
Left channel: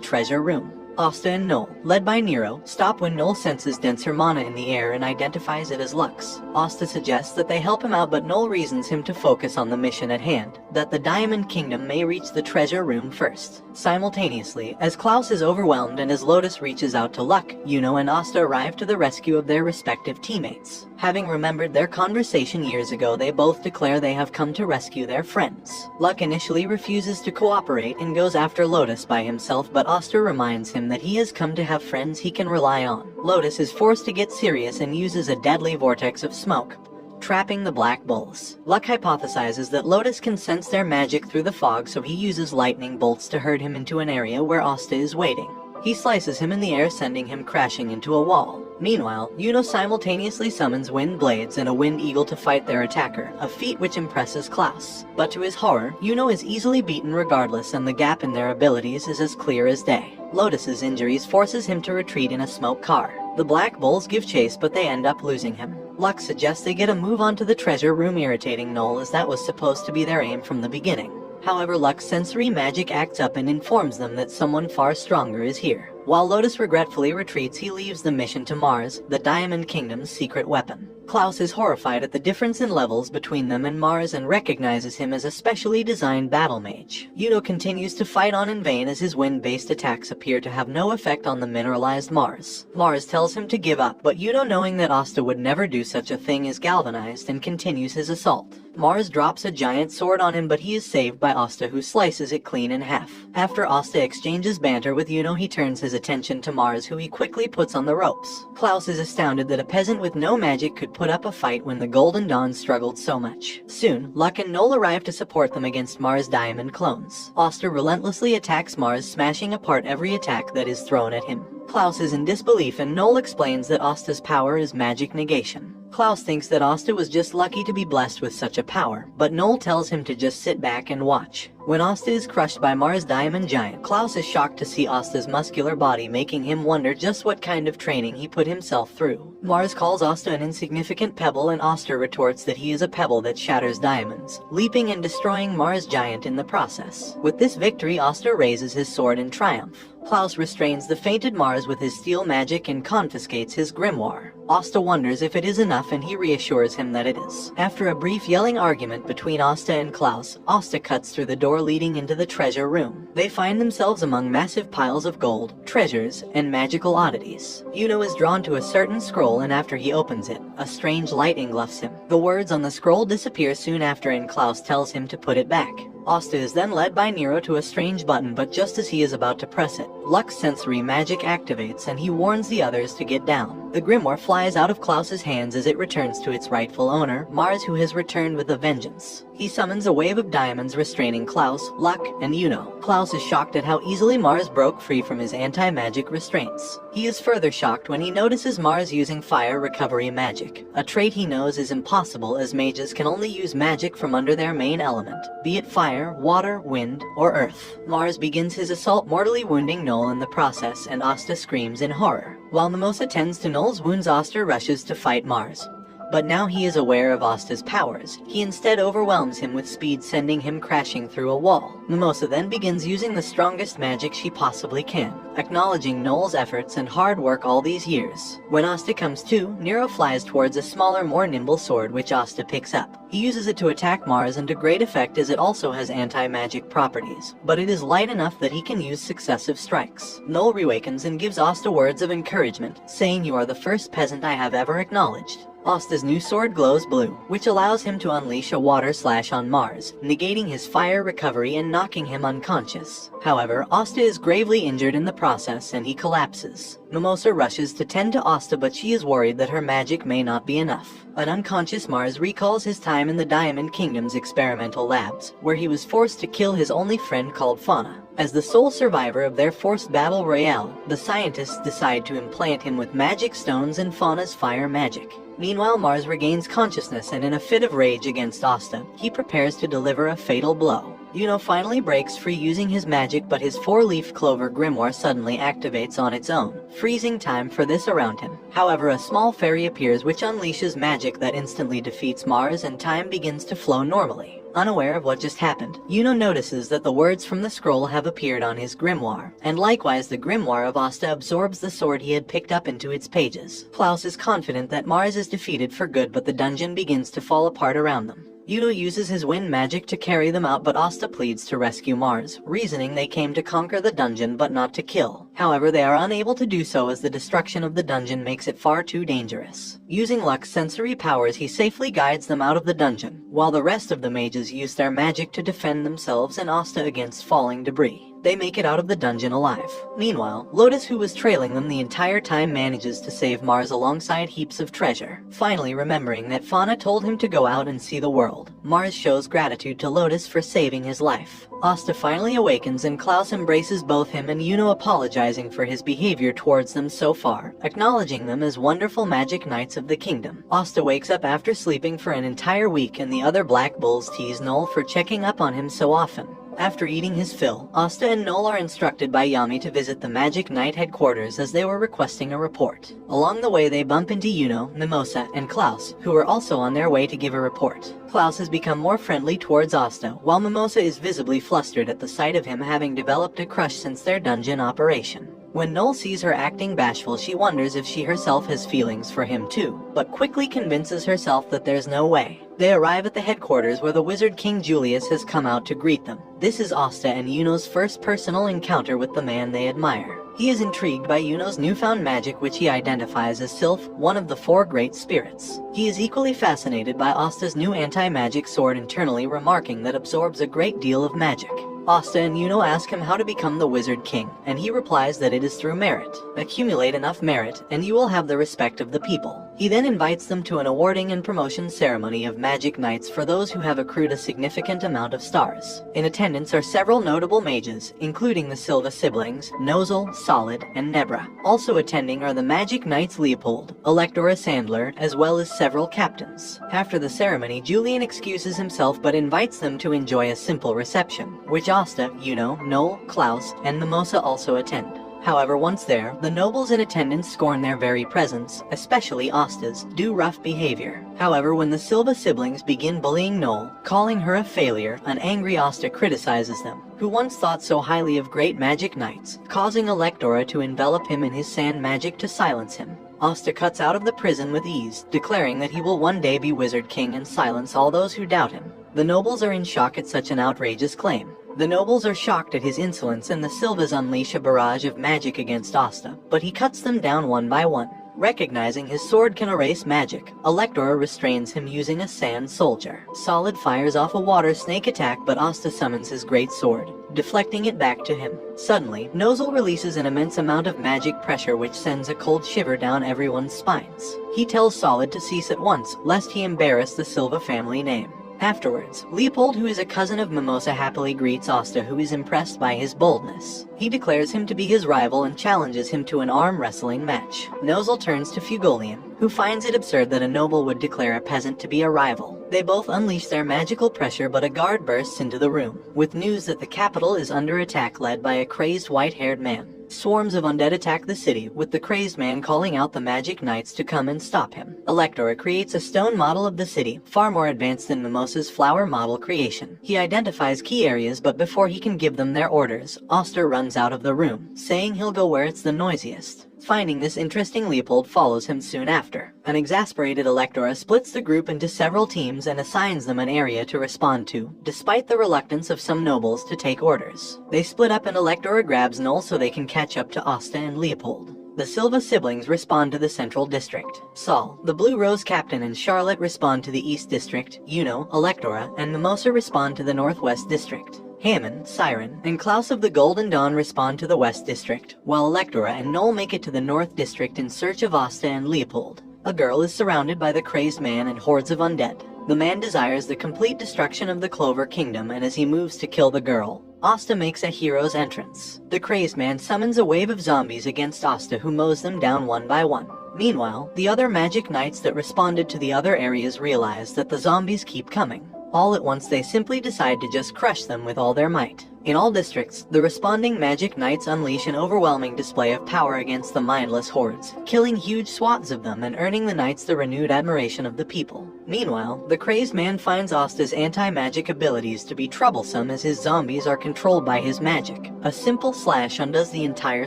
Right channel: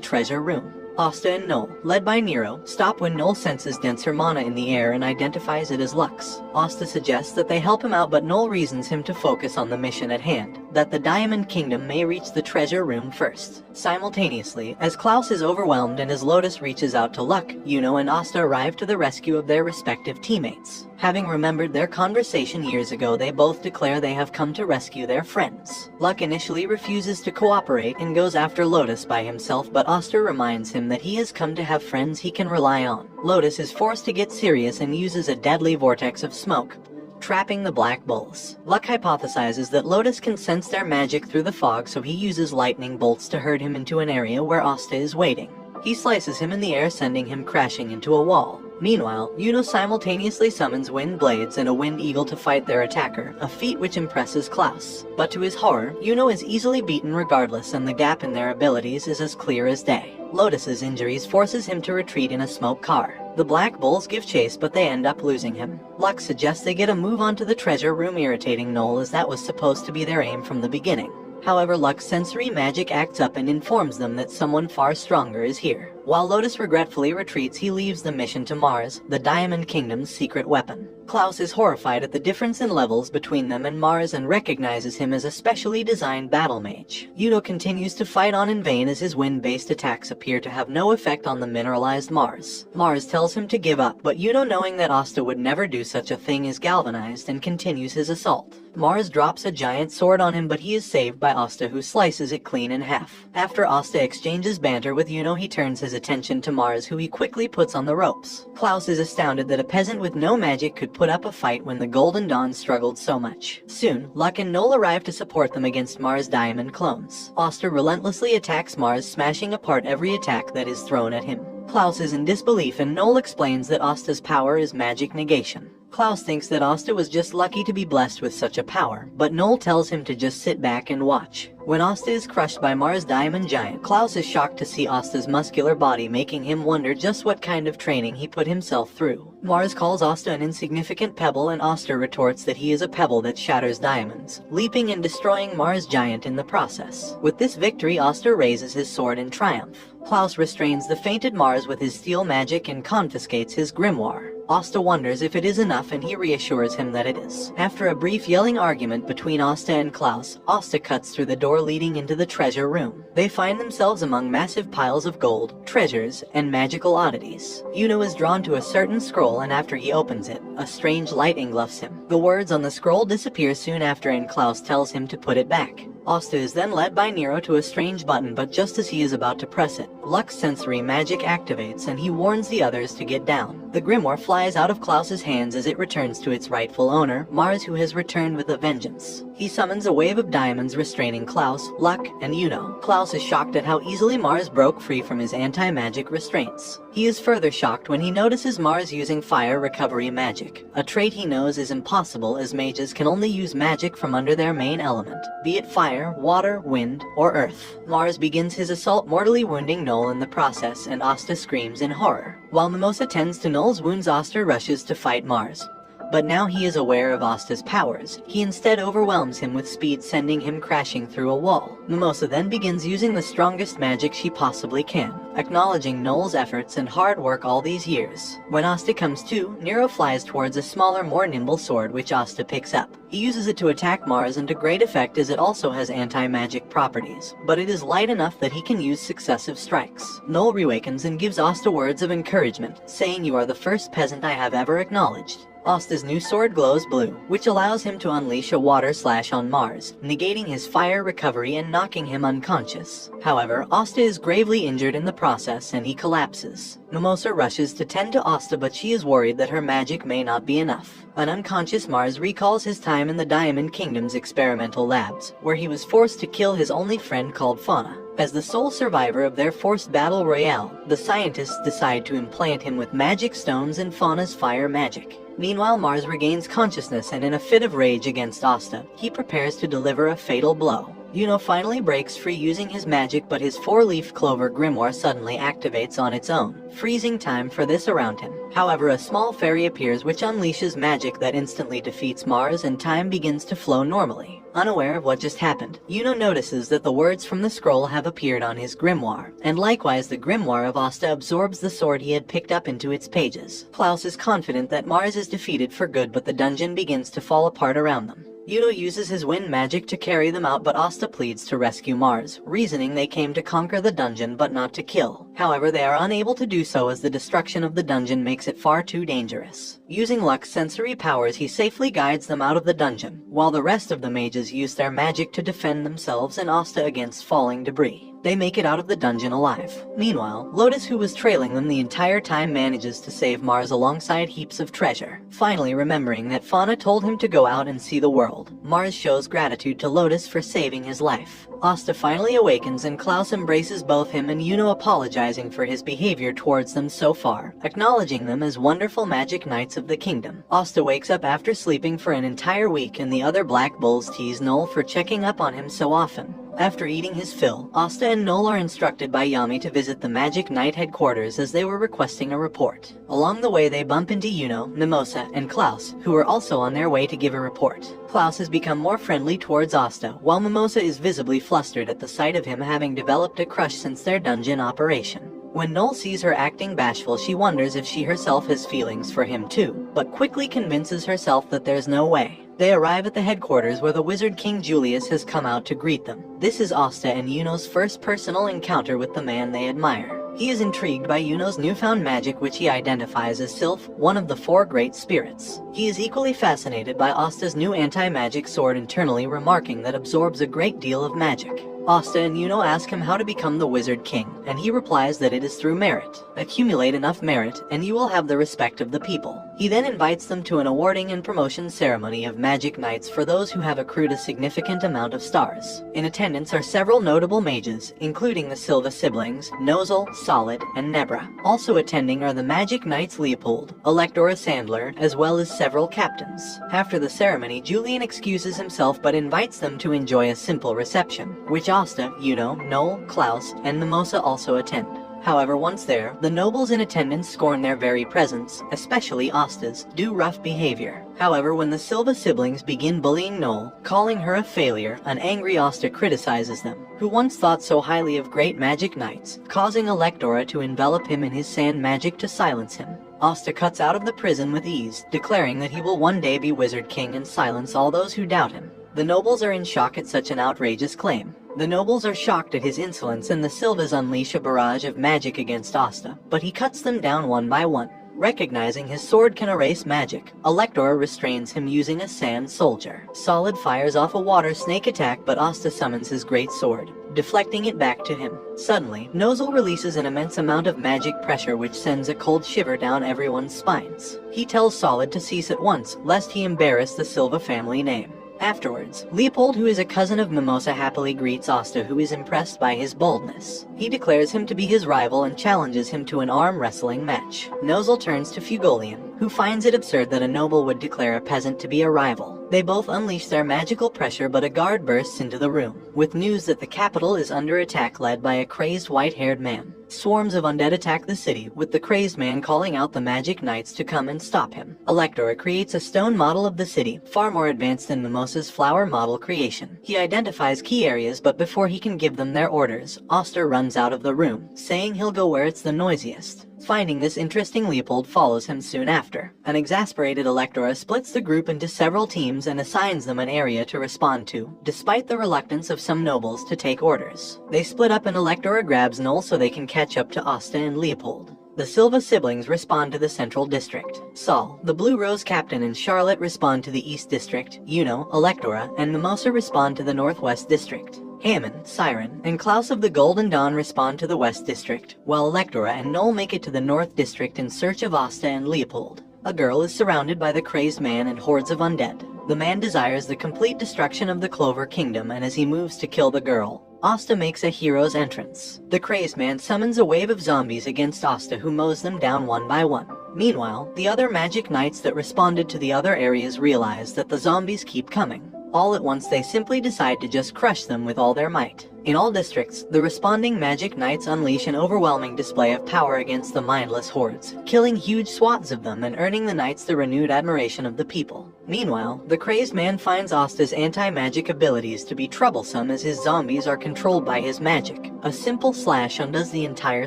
treasure room. Asta and Noel, led by Nero, stop when Noel senses denser mana in the air and identifies it as Luck's. Asta suggests that they help him out, but Noel reasons him to focus on the mission at hand, that the Diamond Kingdom may reach the treasure room first. Simultaneously, as Klaus is overwhelmed and as Lotus reaches out to Luck, Yuno and Asta arrive to the rescue of their respective teammates. Having remembered their conversation years ago, they both declare they have come to rescue their friends. Luck initially refuses to cooperate and goes after Lotus by himself, but Asta reminds him that he has come to have friends he can rely on. Lotus is forced to get serious and uses a deadly vortex of smoke. trapping the black bulls. Luck hypothesizes that Lotus can sense their magic through the fog, so he uses lightning bolts to herd him into an area where Asta is waiting. He slices him in the air, sending him crashing into a wall. Meanwhile, Yuno simultaneously summons wind blades and a wind eagle to fight their attacker, a feat which impresses Klaus. But to his horror, Yuno is easily beaten regardless, and the gap in their abilities is as clear as day. Lotus's injuries forces him to retreat in a smoke car. The Black Bulls give chase, but they end up losing him. Luck suggests they get a move onto the treasure room, irritating Noel as that was supposed to be their aim from the beginning. However, Luck's sensory magic acts up and informs them that someone far stronger is here. While Lotus regretfully retreats, he leaves the mission to Mars, the Diamond Kingdom's secret weapon. Klaus is horrified at the difference in levels between them and Mars and recognizes him as a specially designed battle mage. Yuno continues to fight on in vain as his wind-based attacks appear to have no effect on the mineralized Mars. Mars tells him to give up, but Yuno, knowing that Asta would never do such a thing, is galvanized and continues his assault. Mars drops a giant sword on him, but he is saved by Asta, who slices it clean in half. After Asta exchanges banter with Yuno, he turns his attention to Mars, who he quickly puts on the ropes. Klaus is astounded that a peasant with no magic could put up a fight when the Golden Dawn struggled so much. Soon, Luck and Noel arrive to support them against Mars' diamond clones. Asta relentlessly attacks Mars, smashing apart every attack that is thrown at him. Klaus is in disbelief, and Noel explains that Asta's power is magic negation. Klaus thinks that Asta was just lucky to be blessed with such a power, but Noel tells him to just sit back and watch. When Asta is crushed by Mars' diamond giant, Klaus is shocked to see Asta's muscular body, making him wonder just what kind of training he put himself through. Mars calls Asta an insignificant pebble, and Asta retorts that he is a pebble that shatters diamonds, leaping and destroying Mars' giant in the process. With this victory, Asta raises his sword in triumph. Klaus restrains the fainted Mars with his steel magic and confiscates his grimoire. Asta wonders if it is enough, and he reassures him that it is. After a brief yelling argument between Asta and Klaus, Asta cuts through the door leading into the treasure room. They find themselves among massive piles of gold, treasures, and magical oddities. Yuno is drawn to a certain scroll, and after he opens it, a strange light engulfs him. The words on the scroll disappear soon after, and Klaus tells him to put it back. Asta is then led by Nero to a strange button, but just as he is about to press it, Luck's sensory magic activates and he warns the others to get down. The grimoire flies out of Klaus's hands as it returns to its rightful owner, Mars, who has returned with a vengeance. He summons a wave of diamonds, restraining Klaus, Luck, and Yuno. Klaus is shocked at how easily Mars broke free from his anti-magic restraints. He is further shocked when he notices Mars using fire recovery magic, a trait he knows is impossible as mages can only use magic from under their main element, be it fire, water, wind, or earth. Mars begins his assault, mortally wounding Noel in the process, and Asta screams in horror. While Mimosa tends to Noel's wounds, Asta rushes to fight Mars. But now he is aware of Asta's powers. He instead overwhelms him with speed, sending him crashing through a wall. Mimosa then begins using the strongest magic she possibly can, acknowledging Noel's efforts and hard work all these years. When Asta comes to, Nero flies towards a smaller, more nimble sword, which Asta picks up. He uses it to attack Mars, and to great effect as it also has anti-magic properties, but it is light enough that he can use successive strikes. Noel reawakens and gives Asta words of encouragement, saying, "You are the first peasant I have ever acknowledged." Asta's new sword glows blue, which allows him to unleash a water slash on Mars, negating his fire recovery and knocking him unconscious. However, Asta is gravely injured in the process and he collapses. Mimosa rushes to tend to Asta, but she is worried that her magic may not be enough. An unconscious Mars recalls his time in the Diamond Kingdom's experimental labs, where he was forced to kill his only friend called Fauna. As the sole survivor of their forced battle royale, the scientists decide to implant him with magic stones and Fauna's fire magic. Meanwhile, Mars regains consciousness, and in a fit of rage against Asta, he prepares to deliver a fatal blow. Yuno finally breaks free using his magic, but his four-leaf clover grimoire suddenly activates on its own, freezing time for this around him. However, a small fairy appears which unleashes magic that instantly defeats Mars, and time begins to flow normally. Unaware of what just happened, Yuno notices that the words from the scroll have appeared on his grimoire, and likewise the grimoire of Asta absorbs the sword he had picked up into its pages. Klaus is confident that Mars is defeated for good, but the dungeon begins to fall apart around them. Yuno uses his wind magic to carry them out, but Asta pleads to rescue Mars, reasoning they came to conquer the dungeon but not to kill. However, they are unable to do so as the destruction of the dungeon makes it far too dangerous. Using Luck's sensory powers, he safely guides them out of the dungeon, while the rest of the mages use their magic to defend themselves and Asta against falling debris. They make it out of the dungeon alive. Meanwhile, Lotus, who was trailing them the entire time, manages to save Mars alongside heaps of treasure. Finally remembering that Fauna told him to go out and see the world, Mars shows gratitude to Lotus for saving his life. Asta finally awakens and Klaus embraces both him and Yuno, apologizing for his behavior towards them so far, acknowledging them as wonderful magic knights of the kingdom. Asta wakes up after sleeping for an entire week, and the other Black Bulls tease Noel for checking up on him so often. After eating his fill, Asta and Noel are instructed by Yami to visit the Magic Knight headquarters as they were requesting a report. Along the way, they bump into Yuno, Mimosa, and Klaus, who are also on their way to give a report. Klaus has become more friendly towards Asta, while Mimosa is visibly flustered at the sight of him, having developed a crush since their dungeon operation. When Noel sees her acting bashful, she wonders if she herself has feelings for him too, but quickly convinces herself that there's no way. They arrive at the headquarters where the Wizard King Julius has come out to greet them. This is Asta and Yuno's first personal encounter with the man they admire. He is intrigued by Yuno's newfound magic, which he identifies as Sylph, one of the 4 great spirits. He is equally fascinated by Asta's new anti-magic sword, internally remarking that absorbs a great deal of magic. Asta and Yuno ask him how to become the Wizard King, and he replies that it is through merit. Accumulate enough merit, and you will have the respect of the people. He then invites them to an awarding and promotion ceremony of Magic Knights for those who have accrued a significant amount of stars. In attendance are several notable mages, including the Silva siblings, Nozel, Solid, and Nebra. Also attending are the Magic Knights Leopold, Electora Sandler, as well as several captains. After the ceremony, Julian excuses himself but invites them to enjoy a simple reception, which Asta, Yuno, Noel, Klaus, and Mimosa also attend. However, once there, the nobles in attendance scorn their very presence, especially Asta's, due rough behavior. However, when the Silva siblings begin bullying Noel, calling her a failure, an angry Asta criticizes them, who once thought so highly of great magic knights, causing Electora to envelop him in his sand magic to silence him. Asta cuts out of the prison with ease, declaring that he will one day be Wizard King and silence all those who doubt him. The nobles are in shock at such an outrageous claim. The nobles are shocked at his insolence, and the Silvas unleash a barrage of magic against Asta, but he cuts them down one by one. Recognizing his sword can erase magic, Electora restrains him using a sand soldier. Solid fires off a water snake attack, but Asta summons his great sword, deflecting it back to him. Suddenly, Nozel releases an immense amount of magic pressure, which sends a cold shiver down everyone's spines. He tells Solid to cease at once, lest he embarrass the Silva family name. Afterwards, Leopold, who is a cousin of Mimosa, happily greets Asta, who is impressed by his boldness. He declares him to be his rival and challenges him to an arm wrestling match. Nozel turns to Fugolian, who finds it absurd that a noble would declare a peasant to be a rival. They both unleash their magical pressure, but a guard bursts into the room, with news that the capital is under attack, led by a crazed white-haired man. Swarms of undead attack the city, with the crazed man calling out the magic knights to come and stop him. Electora creates a stone model of the city, far more advanced than Mimosa's flower model creation. He identifies key areas, but before he can give them their orders, Oster runs out of the room, saying he'll go where it's the noisiest. Finding this interesting, Leopold follows him soon after. An exasperated Electora splits the group into several teams and assigns them an area to respond to, despite the reluctance of some nobles to take orders. They split up and Electora grabs Noel so they can catch up to Asta and Leopold. The Silva siblings respond to the Central District. Saul, the Blue Rose Captain, and Charlotte respond to the East District. Yuno, Electora, and Mimosa respond to the Northwest District. Hammond, Siren, and Klaus of the Golden Dawn respond to the West District, while Electora and Noel make it to the North District in search of Asta and Leopold. A girl is surrounded by the crazed man and hordes of undead. The man desires the complete destruction of the Clover Kingdom, and as he moves to kill the girl, Asta makes a hero's entrance. The crazed man summons a wave of zombies against Asta, who mows them down one by one. Meanwhile, the other magic knights that responded to the other areas realize that the zombies keep coming. All at once, they simply decide to just crush them with all their might. In all districts, the responding magic knights unleash an overwhelming display of power against the mindless hordes, killing huge swaths of them and earning the knights the renewed admiration of the people. Meanwhile, the crazed man finds Asta's anti-magic abilities to be troublesome as his zombies are controlled by his magic. A simple slash undoes the entire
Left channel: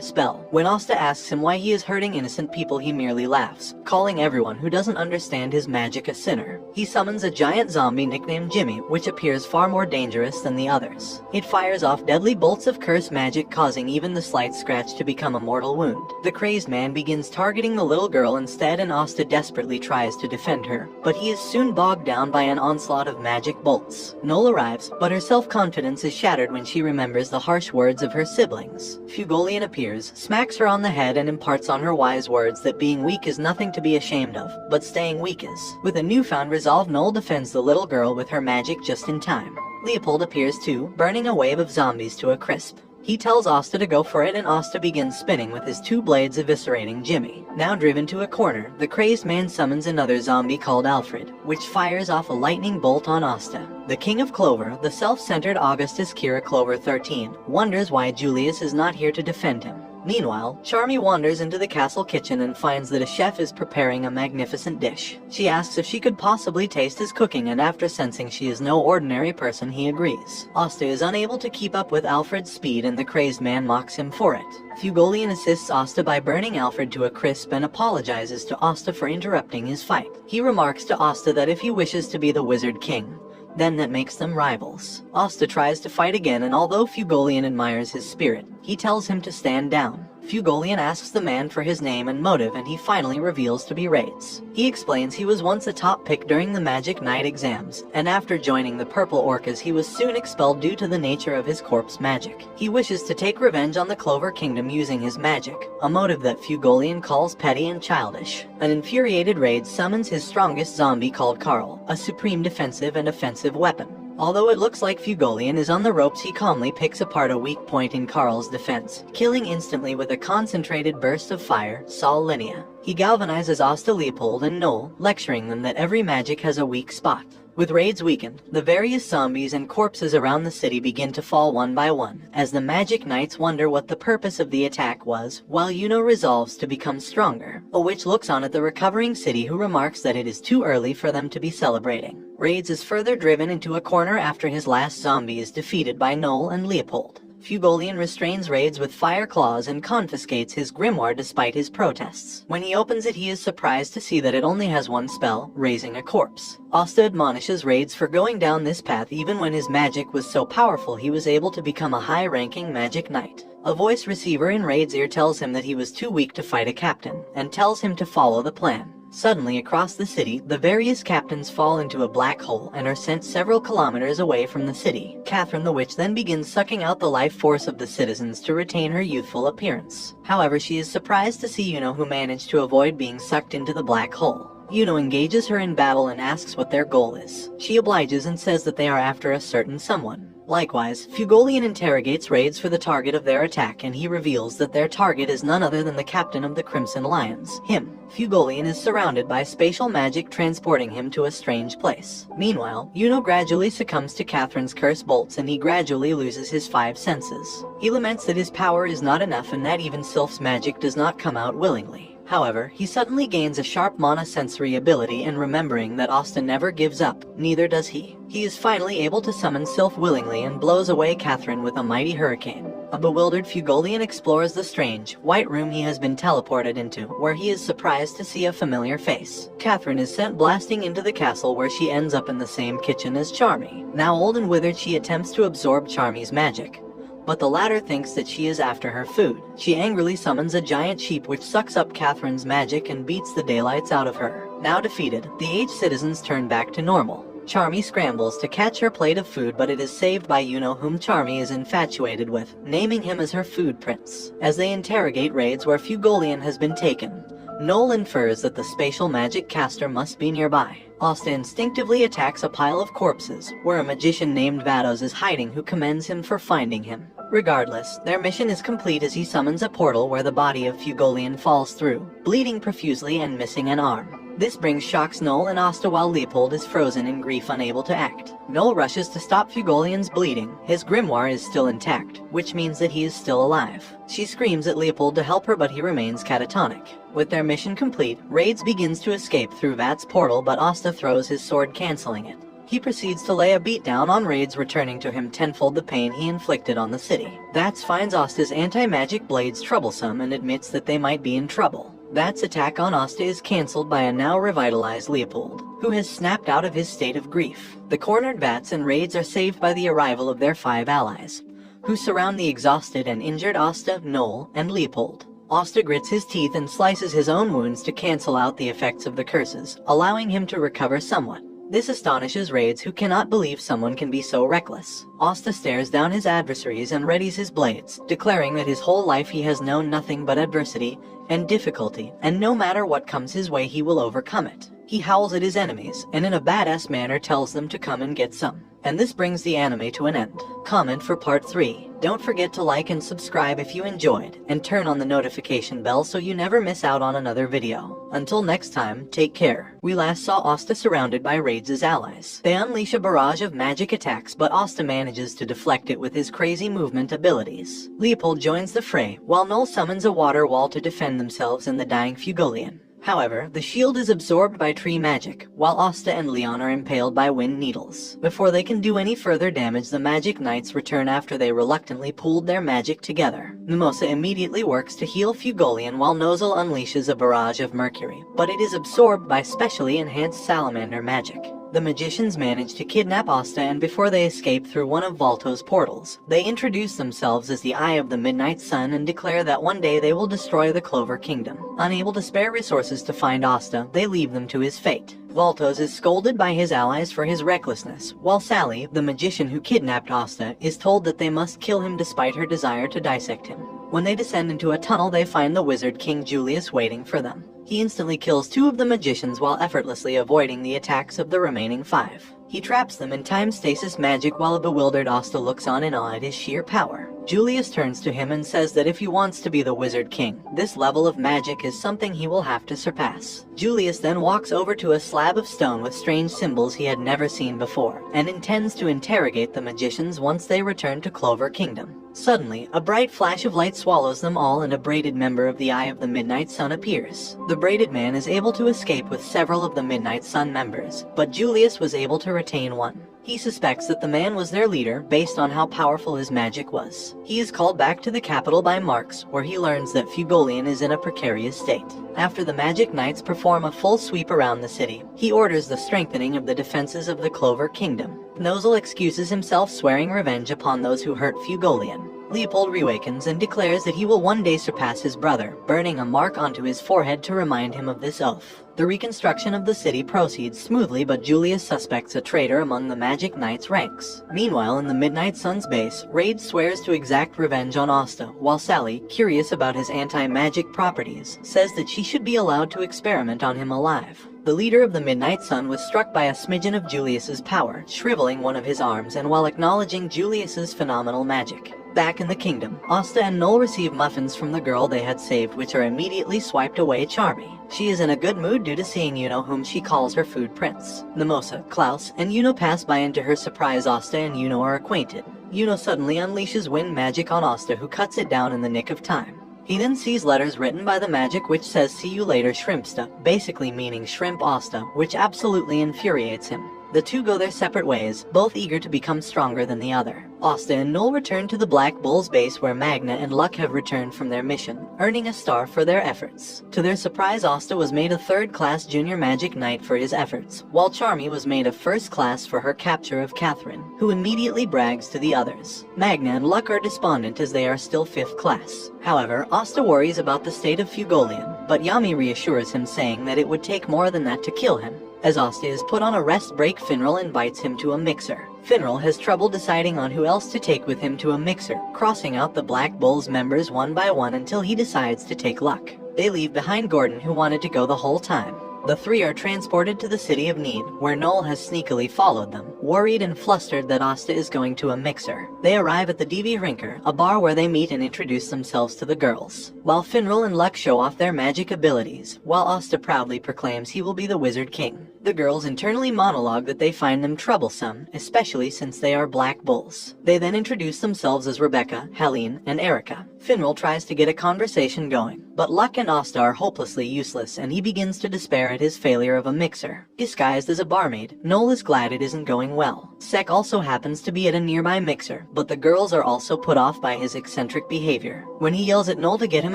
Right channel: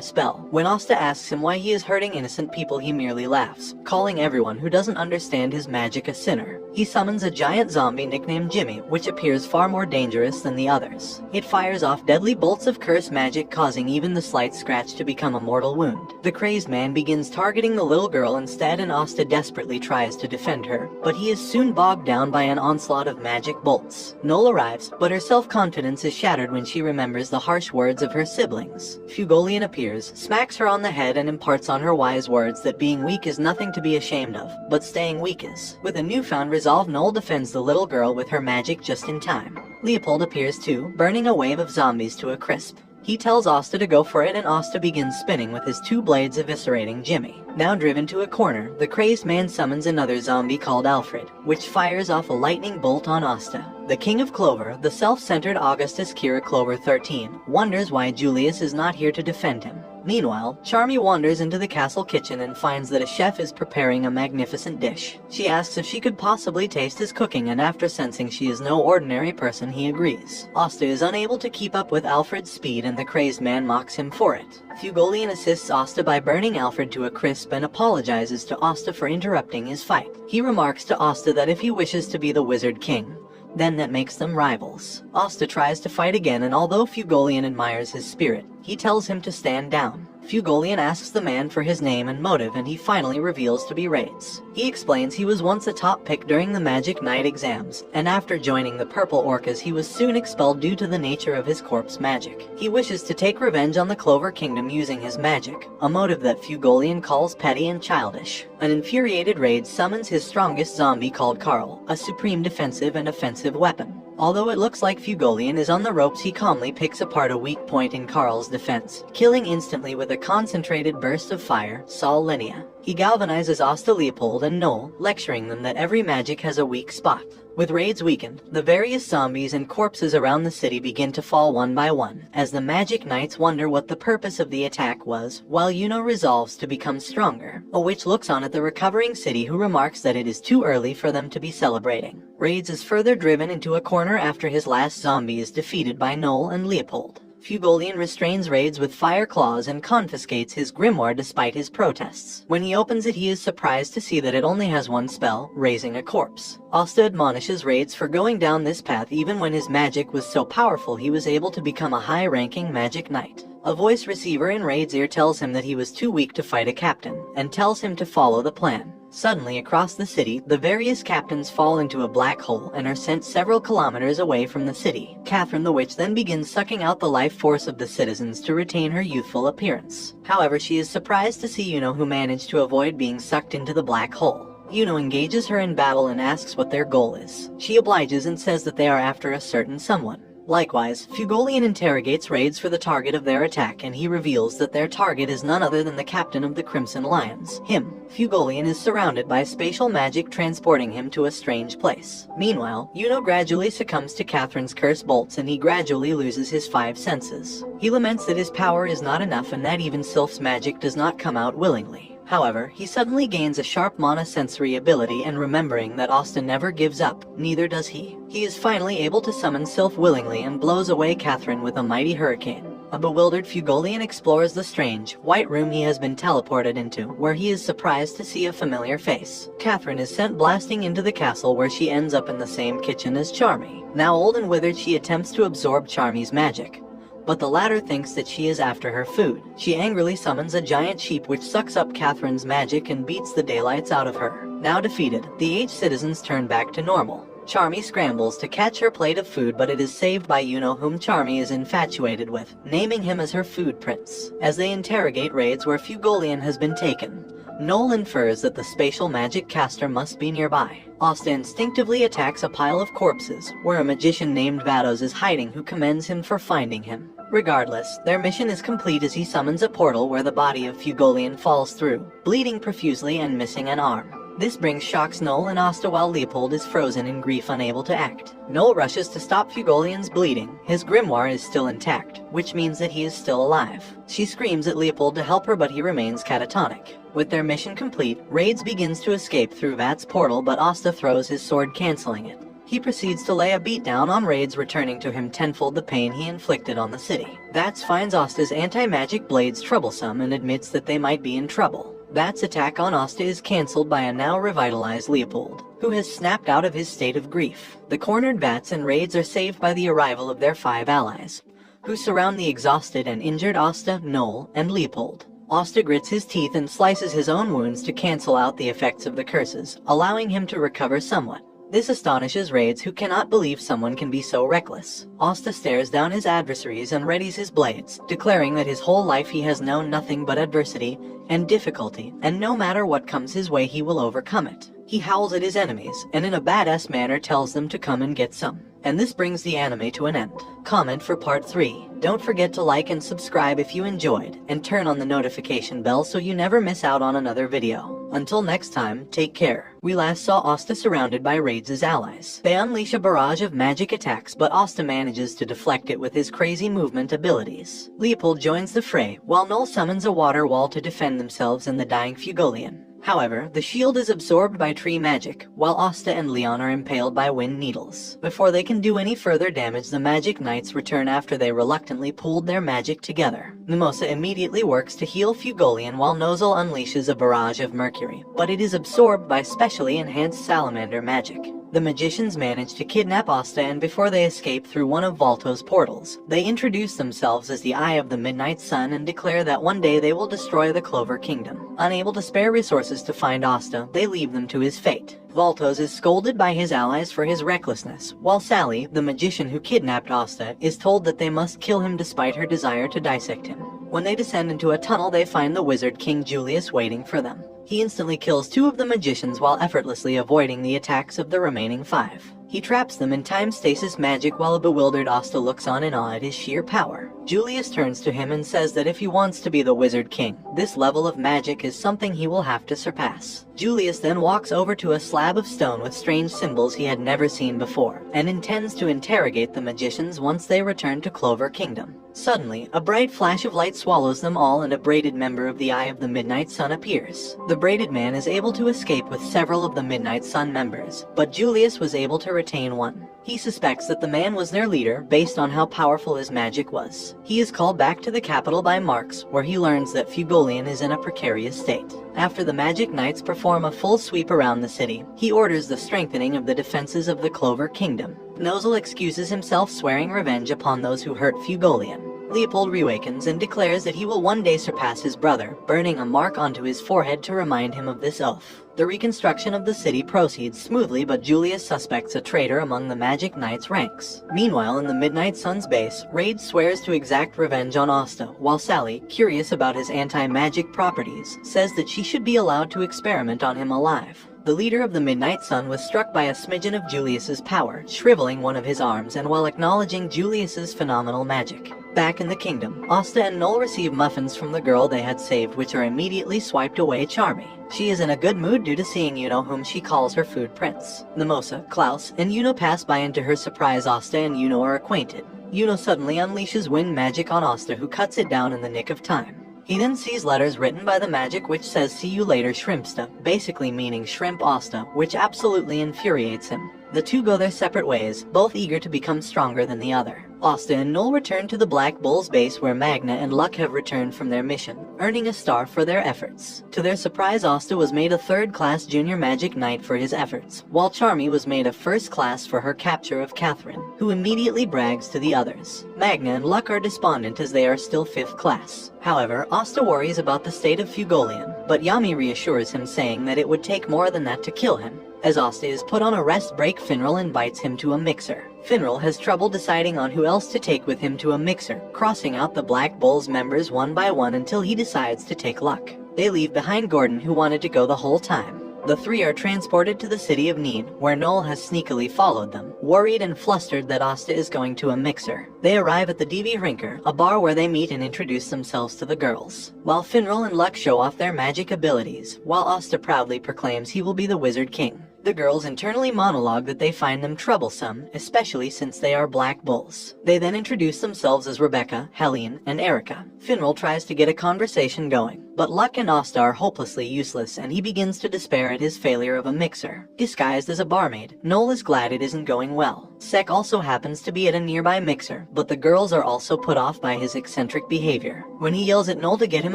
spell. When Asta asks him why he is hurting innocent people, he merely laughs, calling everyone who doesn't understand his magic a sinner. He summons a giant zombie nicknamed Jimmy, which appears far more dangerous than the others. It fires off deadly bolts of curse magic, causing even the slight scratch to become a mortal wound. The crazed man begins targeting the little girl instead, and Asta desperately tries to defend her, but he is soon bogged down by an onslaught of magic bolts. Noel arrives, but her self-confidence is shattered when she remembers the harsh words of her siblings. Fugolian appears, smacks her on the head, and imparts on her wise words that being weak is nothing to be ashamed of, but staying weak is. With a newfound resolve, Noel defends the little girl with her magic just in time. Leopold appears too, burning a wave of zombies to a crisp. He tells Asta to go for it, and Asta begins spinning with his two blades, eviscerating Jimmy. Now driven to a corner, the crazed man summons another zombie called Alfred, which fires off a lightning bolt on Asta. The King of Clover, the self-centered Augustus Kira Clover 13, wonders why Julius is not here to defend him. Meanwhile, Charmy wanders into the castle kitchen and finds that a chef is preparing a magnificent dish. She asks if she could possibly taste his cooking, and after sensing she is no ordinary person, he agrees. Asta is unable to keep up with Alfred's speed, and the crazed man mocks him for it. Fugolian assists Asta by burning Alfred to a crisp and apologizes to Asta for interrupting his fight. He remarks to Asta that if he wishes to be the Wizard King, then that makes them rivals. Asta tries to fight again, and although Fugolian admires his spirit, he tells him to stand down. Fugolian asks the man for his name and motive, and he finally reveals to be Raids. He explains he was once a top pick during the Magic Knight exams, and after joining the Purple Orcas he was soon expelled due to the nature of his corpse magic. He wishes to take revenge on the Clover Kingdom using his magic, a motive that Fugolian calls petty and childish. An infuriated Raids summons his strongest zombie called Carl, a supreme defensive and offensive weapon. Although it looks like Fugolian is on the ropes, he calmly picks apart a weak point in Carl's defense, killing instantly with a concentrated burst of fire Sol Linea. He galvanizes Asta, Leopold, and Noel, lecturing them that every magic has a weak spot. With Raids weakened, the various zombies and corpses around the city begin to fall one by one, as the Magic Knights wonder what the purpose of the attack was, while Yuno resolves to become stronger. A witch looks on at the recovering city, who remarks that it is too early for them to be celebrating. Raids is further driven into a corner after his last zombie is defeated by Noel and Leopold. Fugolian restrains Raids with fire claws and confiscates his grimoire despite his protests. When he opens it, he is surprised to see that it only has one spell, raising a corpse. Asta admonishes Raids for going down this path even when his magic was so powerful he was able to become a high-ranking Magic Knight. A voice receiver in Raid's ear tells him that he was too weak to fight a captain, and tells him to follow the plan. Suddenly, across the city, the various captains fall into a black hole and are sent several kilometers away from the city. Catherine the Witch then begins sucking out the life force of the citizens to retain her youthful appearance. However, she is surprised to see Yuno, who managed to avoid being sucked into the black hole. Yuno engages her in battle and asks what their goal is. She obliges and says that they are after a certain someone. Likewise, Fugolian interrogates Raids for the target of their attack, and he reveals that their target is none other than the captain of the Crimson Lions, him. Fugolian is surrounded by spatial magic transporting him to a strange place. Meanwhile, Yuno gradually succumbs to Catherine's curse bolts, and he gradually loses his 5 senses. He laments that his power is not enough and that even Sylph's magic does not come out willingly. However, he suddenly gains a sharp mana-sensory ability, and remembering that Asta never gives up, neither does he. He is finally able to summon Sylph willingly and blows away Catherine with a mighty hurricane. A bewildered Fugolian explores the strange, white room he has been teleported into, where he is surprised to see a familiar face. Catherine is sent blasting into the castle, where she ends up in the same kitchen as Charmy. Now old and withered, she attempts to absorb Charmy's magic, but the latter thinks that she is after her food. She angrily summons a giant sheep, which sucks up Catherine's magic and beats the daylights out of her. Now defeated, the aged citizens turn back to normal. Charmy scrambles to catch her plate of food, but it is saved by Yuno, whom Charmy is infatuated with, naming him as her food prince. As they interrogate Raids where Fugolian has been taken, Noel infers that the spatial magic caster must be nearby. Asta instinctively attacks a pile of corpses, where a magician named Vados is hiding, who commends him for finding him. Regardless, their mission is complete as he summons a portal where the body of Fugolian falls through, bleeding profusely and missing an arm. This brings shocks Noel and Asta, while Leopold is frozen in grief, unable to act. Noel rushes to stop Fugolian's bleeding. His grimoire is still intact, which means that he is still alive. She screams at Leopold to help her, but he remains catatonic. With their mission complete, Raids begins to escape through Vat's portal, but Asta throws his sword, canceling it. He proceeds to lay a beatdown on Raids, returning to him tenfold the pain he inflicted on the city. Vats finds Asta's anti-magic blades troublesome and admits that they might be in trouble. Vat's attack on Asta is cancelled by a now revitalized Leopold, who has snapped out of his state of grief. The cornered Vats and Raids are saved by the arrival of their 5 allies, who surround the exhausted and injured Asta, Noel, and Leopold. Asta grits his teeth and slices his own wounds to cancel out the effects of the curses, allowing him to recover somewhat. This astonishes Raids, who cannot believe someone can be so reckless. Asta stares down his adversaries and readies his blades, declaring that his whole life he has known nothing but adversity and difficulty, and no matter what comes his way he will overcome it. He howls at his enemies, and in a badass manner tells them to come and get some. And this brings the anime to an end. Comment for part 3. Don't forget to like and subscribe if you enjoyed, and turn on the notification bell so you never miss out on another video. Until next time, take care. We last saw Asta surrounded by Raids' allies. They unleash a barrage of magic attacks, but Asta manages to deflect it with his crazy movement abilities. Leopold joins the fray, while Noel summons a water wall to defend themselves and the dying Fugolian. However, the shield is absorbed by tree magic, while Asta and Leon are impaled by wind needles. Before they can do any further damage, the Magic Knights return after they reluctantly pooled their magic together. Mimosa immediately works to heal Fugolian while Nozel unleashes a barrage of mercury, but it is absorbed by specially enhanced salamander magic. The magicians manage to kidnap Asta, and before they escape through one of Valto's portals, they introduce themselves as the Eye of the Midnight Sun and declare that one day they will destroy the Clover Kingdom. Unable to spare resources to find Asta, they leave them to his fate. Valtos is scolded by his allies for his recklessness, while Sally, the magician who kidnapped Asta, is told that they must kill him despite her desire to dissect him. When they descend into a tunnel, they find the wizard King Julius waiting for them. He instantly kills 2 of the magicians while effortlessly avoiding the attacks of the remaining 5. He traps them in time stasis magic while a bewildered Asta looks on in awe at his sheer power. Julius turns to him and says that if he wants to be the Wizard King, this level of magic is something he will have to surpass. Julius then walks over to a slab of stone with strange symbols he had never seen before, and intends to interrogate the magicians once they return to Clover Kingdom. Suddenly, a bright flash of light swallows them all and a braided member of the Eye of the Midnight Sun appears. The braided man is able to escape with several of the Midnight Sun members, but Julius was able to retain one. He suspects that the man was their leader based on how powerful his magic was. He is called back to the capital by Marx, where he learns that Fugolian is in a precarious state. After the Magic Knights perform a full sweep around the city, he orders the strengthening of the defenses of the Clover Kingdom. Nozel excuses himself, swearing revenge upon those who hurt Fugolian. Leopold reawakens and declares that he will one day surpass his brother, burning a mark onto his forehead to remind him of this oath. The reconstruction of the city proceeds smoothly, but Julius suspects a traitor among the Magic Knights' ranks. Meanwhile, in the Midnight Sun's base, Raid swears to exact revenge on Asta, while Sally, curious about his anti-magic properties, says that she should be allowed to experiment on him alive. The leader of the Midnight Sun was struck by a smidgen of Julius's power, shriveling one of his arms, and while acknowledging Julius's phenomenal magic. Back in the kingdom, Asta and Noel receive muffins from the girl they had saved, which are immediately swiped away Charmy. She is in a good mood due to seeing Yuno, whom she calls her food prince. Mimosa, Klaus, and Yuno pass by, and to her surprise Asta and Yuno are acquainted. Yuno suddenly unleashes wind magic on Asta, who cuts it down in the nick of time. He then sees letters written by the magic which says "See you later, Shrimpsta," basically meaning Shrimp Asta, which absolutely infuriates him. The two go their separate ways, both eager to become stronger than the other. Asta and Noel return to the Black Bull's base, where Magna and Luck have returned from their mission, earning a star for their efforts. To their surprise, Asta was made a third-class junior magic knight for his efforts, while Charmy was made a first-class for her capture of Catherine, who immediately brags to the others. Magna and Luck are despondent as they are still 5th class. However, Asta worries about the state of Fugolian, but Yami reassures him, saying that it would take more than that to kill him. As Asta is put on a rest break, Finral invites him to a mixer. Finral has trouble deciding on who else to take with him to a mixer, crossing out the Black Bull's members one by one until he decides to take Luck. They leave behind Gordon, who wanted to go the whole time. The 3 are transported to the city of Need, where Noel has sneakily followed them, worried and flustered that Asta is going to a mixer. They arrive at the DV Rinker, a bar where they meet and introduce themselves to the girls, while Finral and Luck show off their magic abilities, while Asta proudly proclaims he will be the Wizard King. The girls internally monologue that they find them troublesome, especially since they are black bulls. They then introduce themselves as Rebecca, Helene, and Erica. Finral tries to get a conversation going, but Luck and Asta are hopelessly useless and he begins to despair at his failure of a mixer. Disguised as a barmaid, Noel is glad it isn't going well. Sek also happens to be at a nearby mixer, but the girls are also put off by his eccentric behavior. When he yells at Noel to get him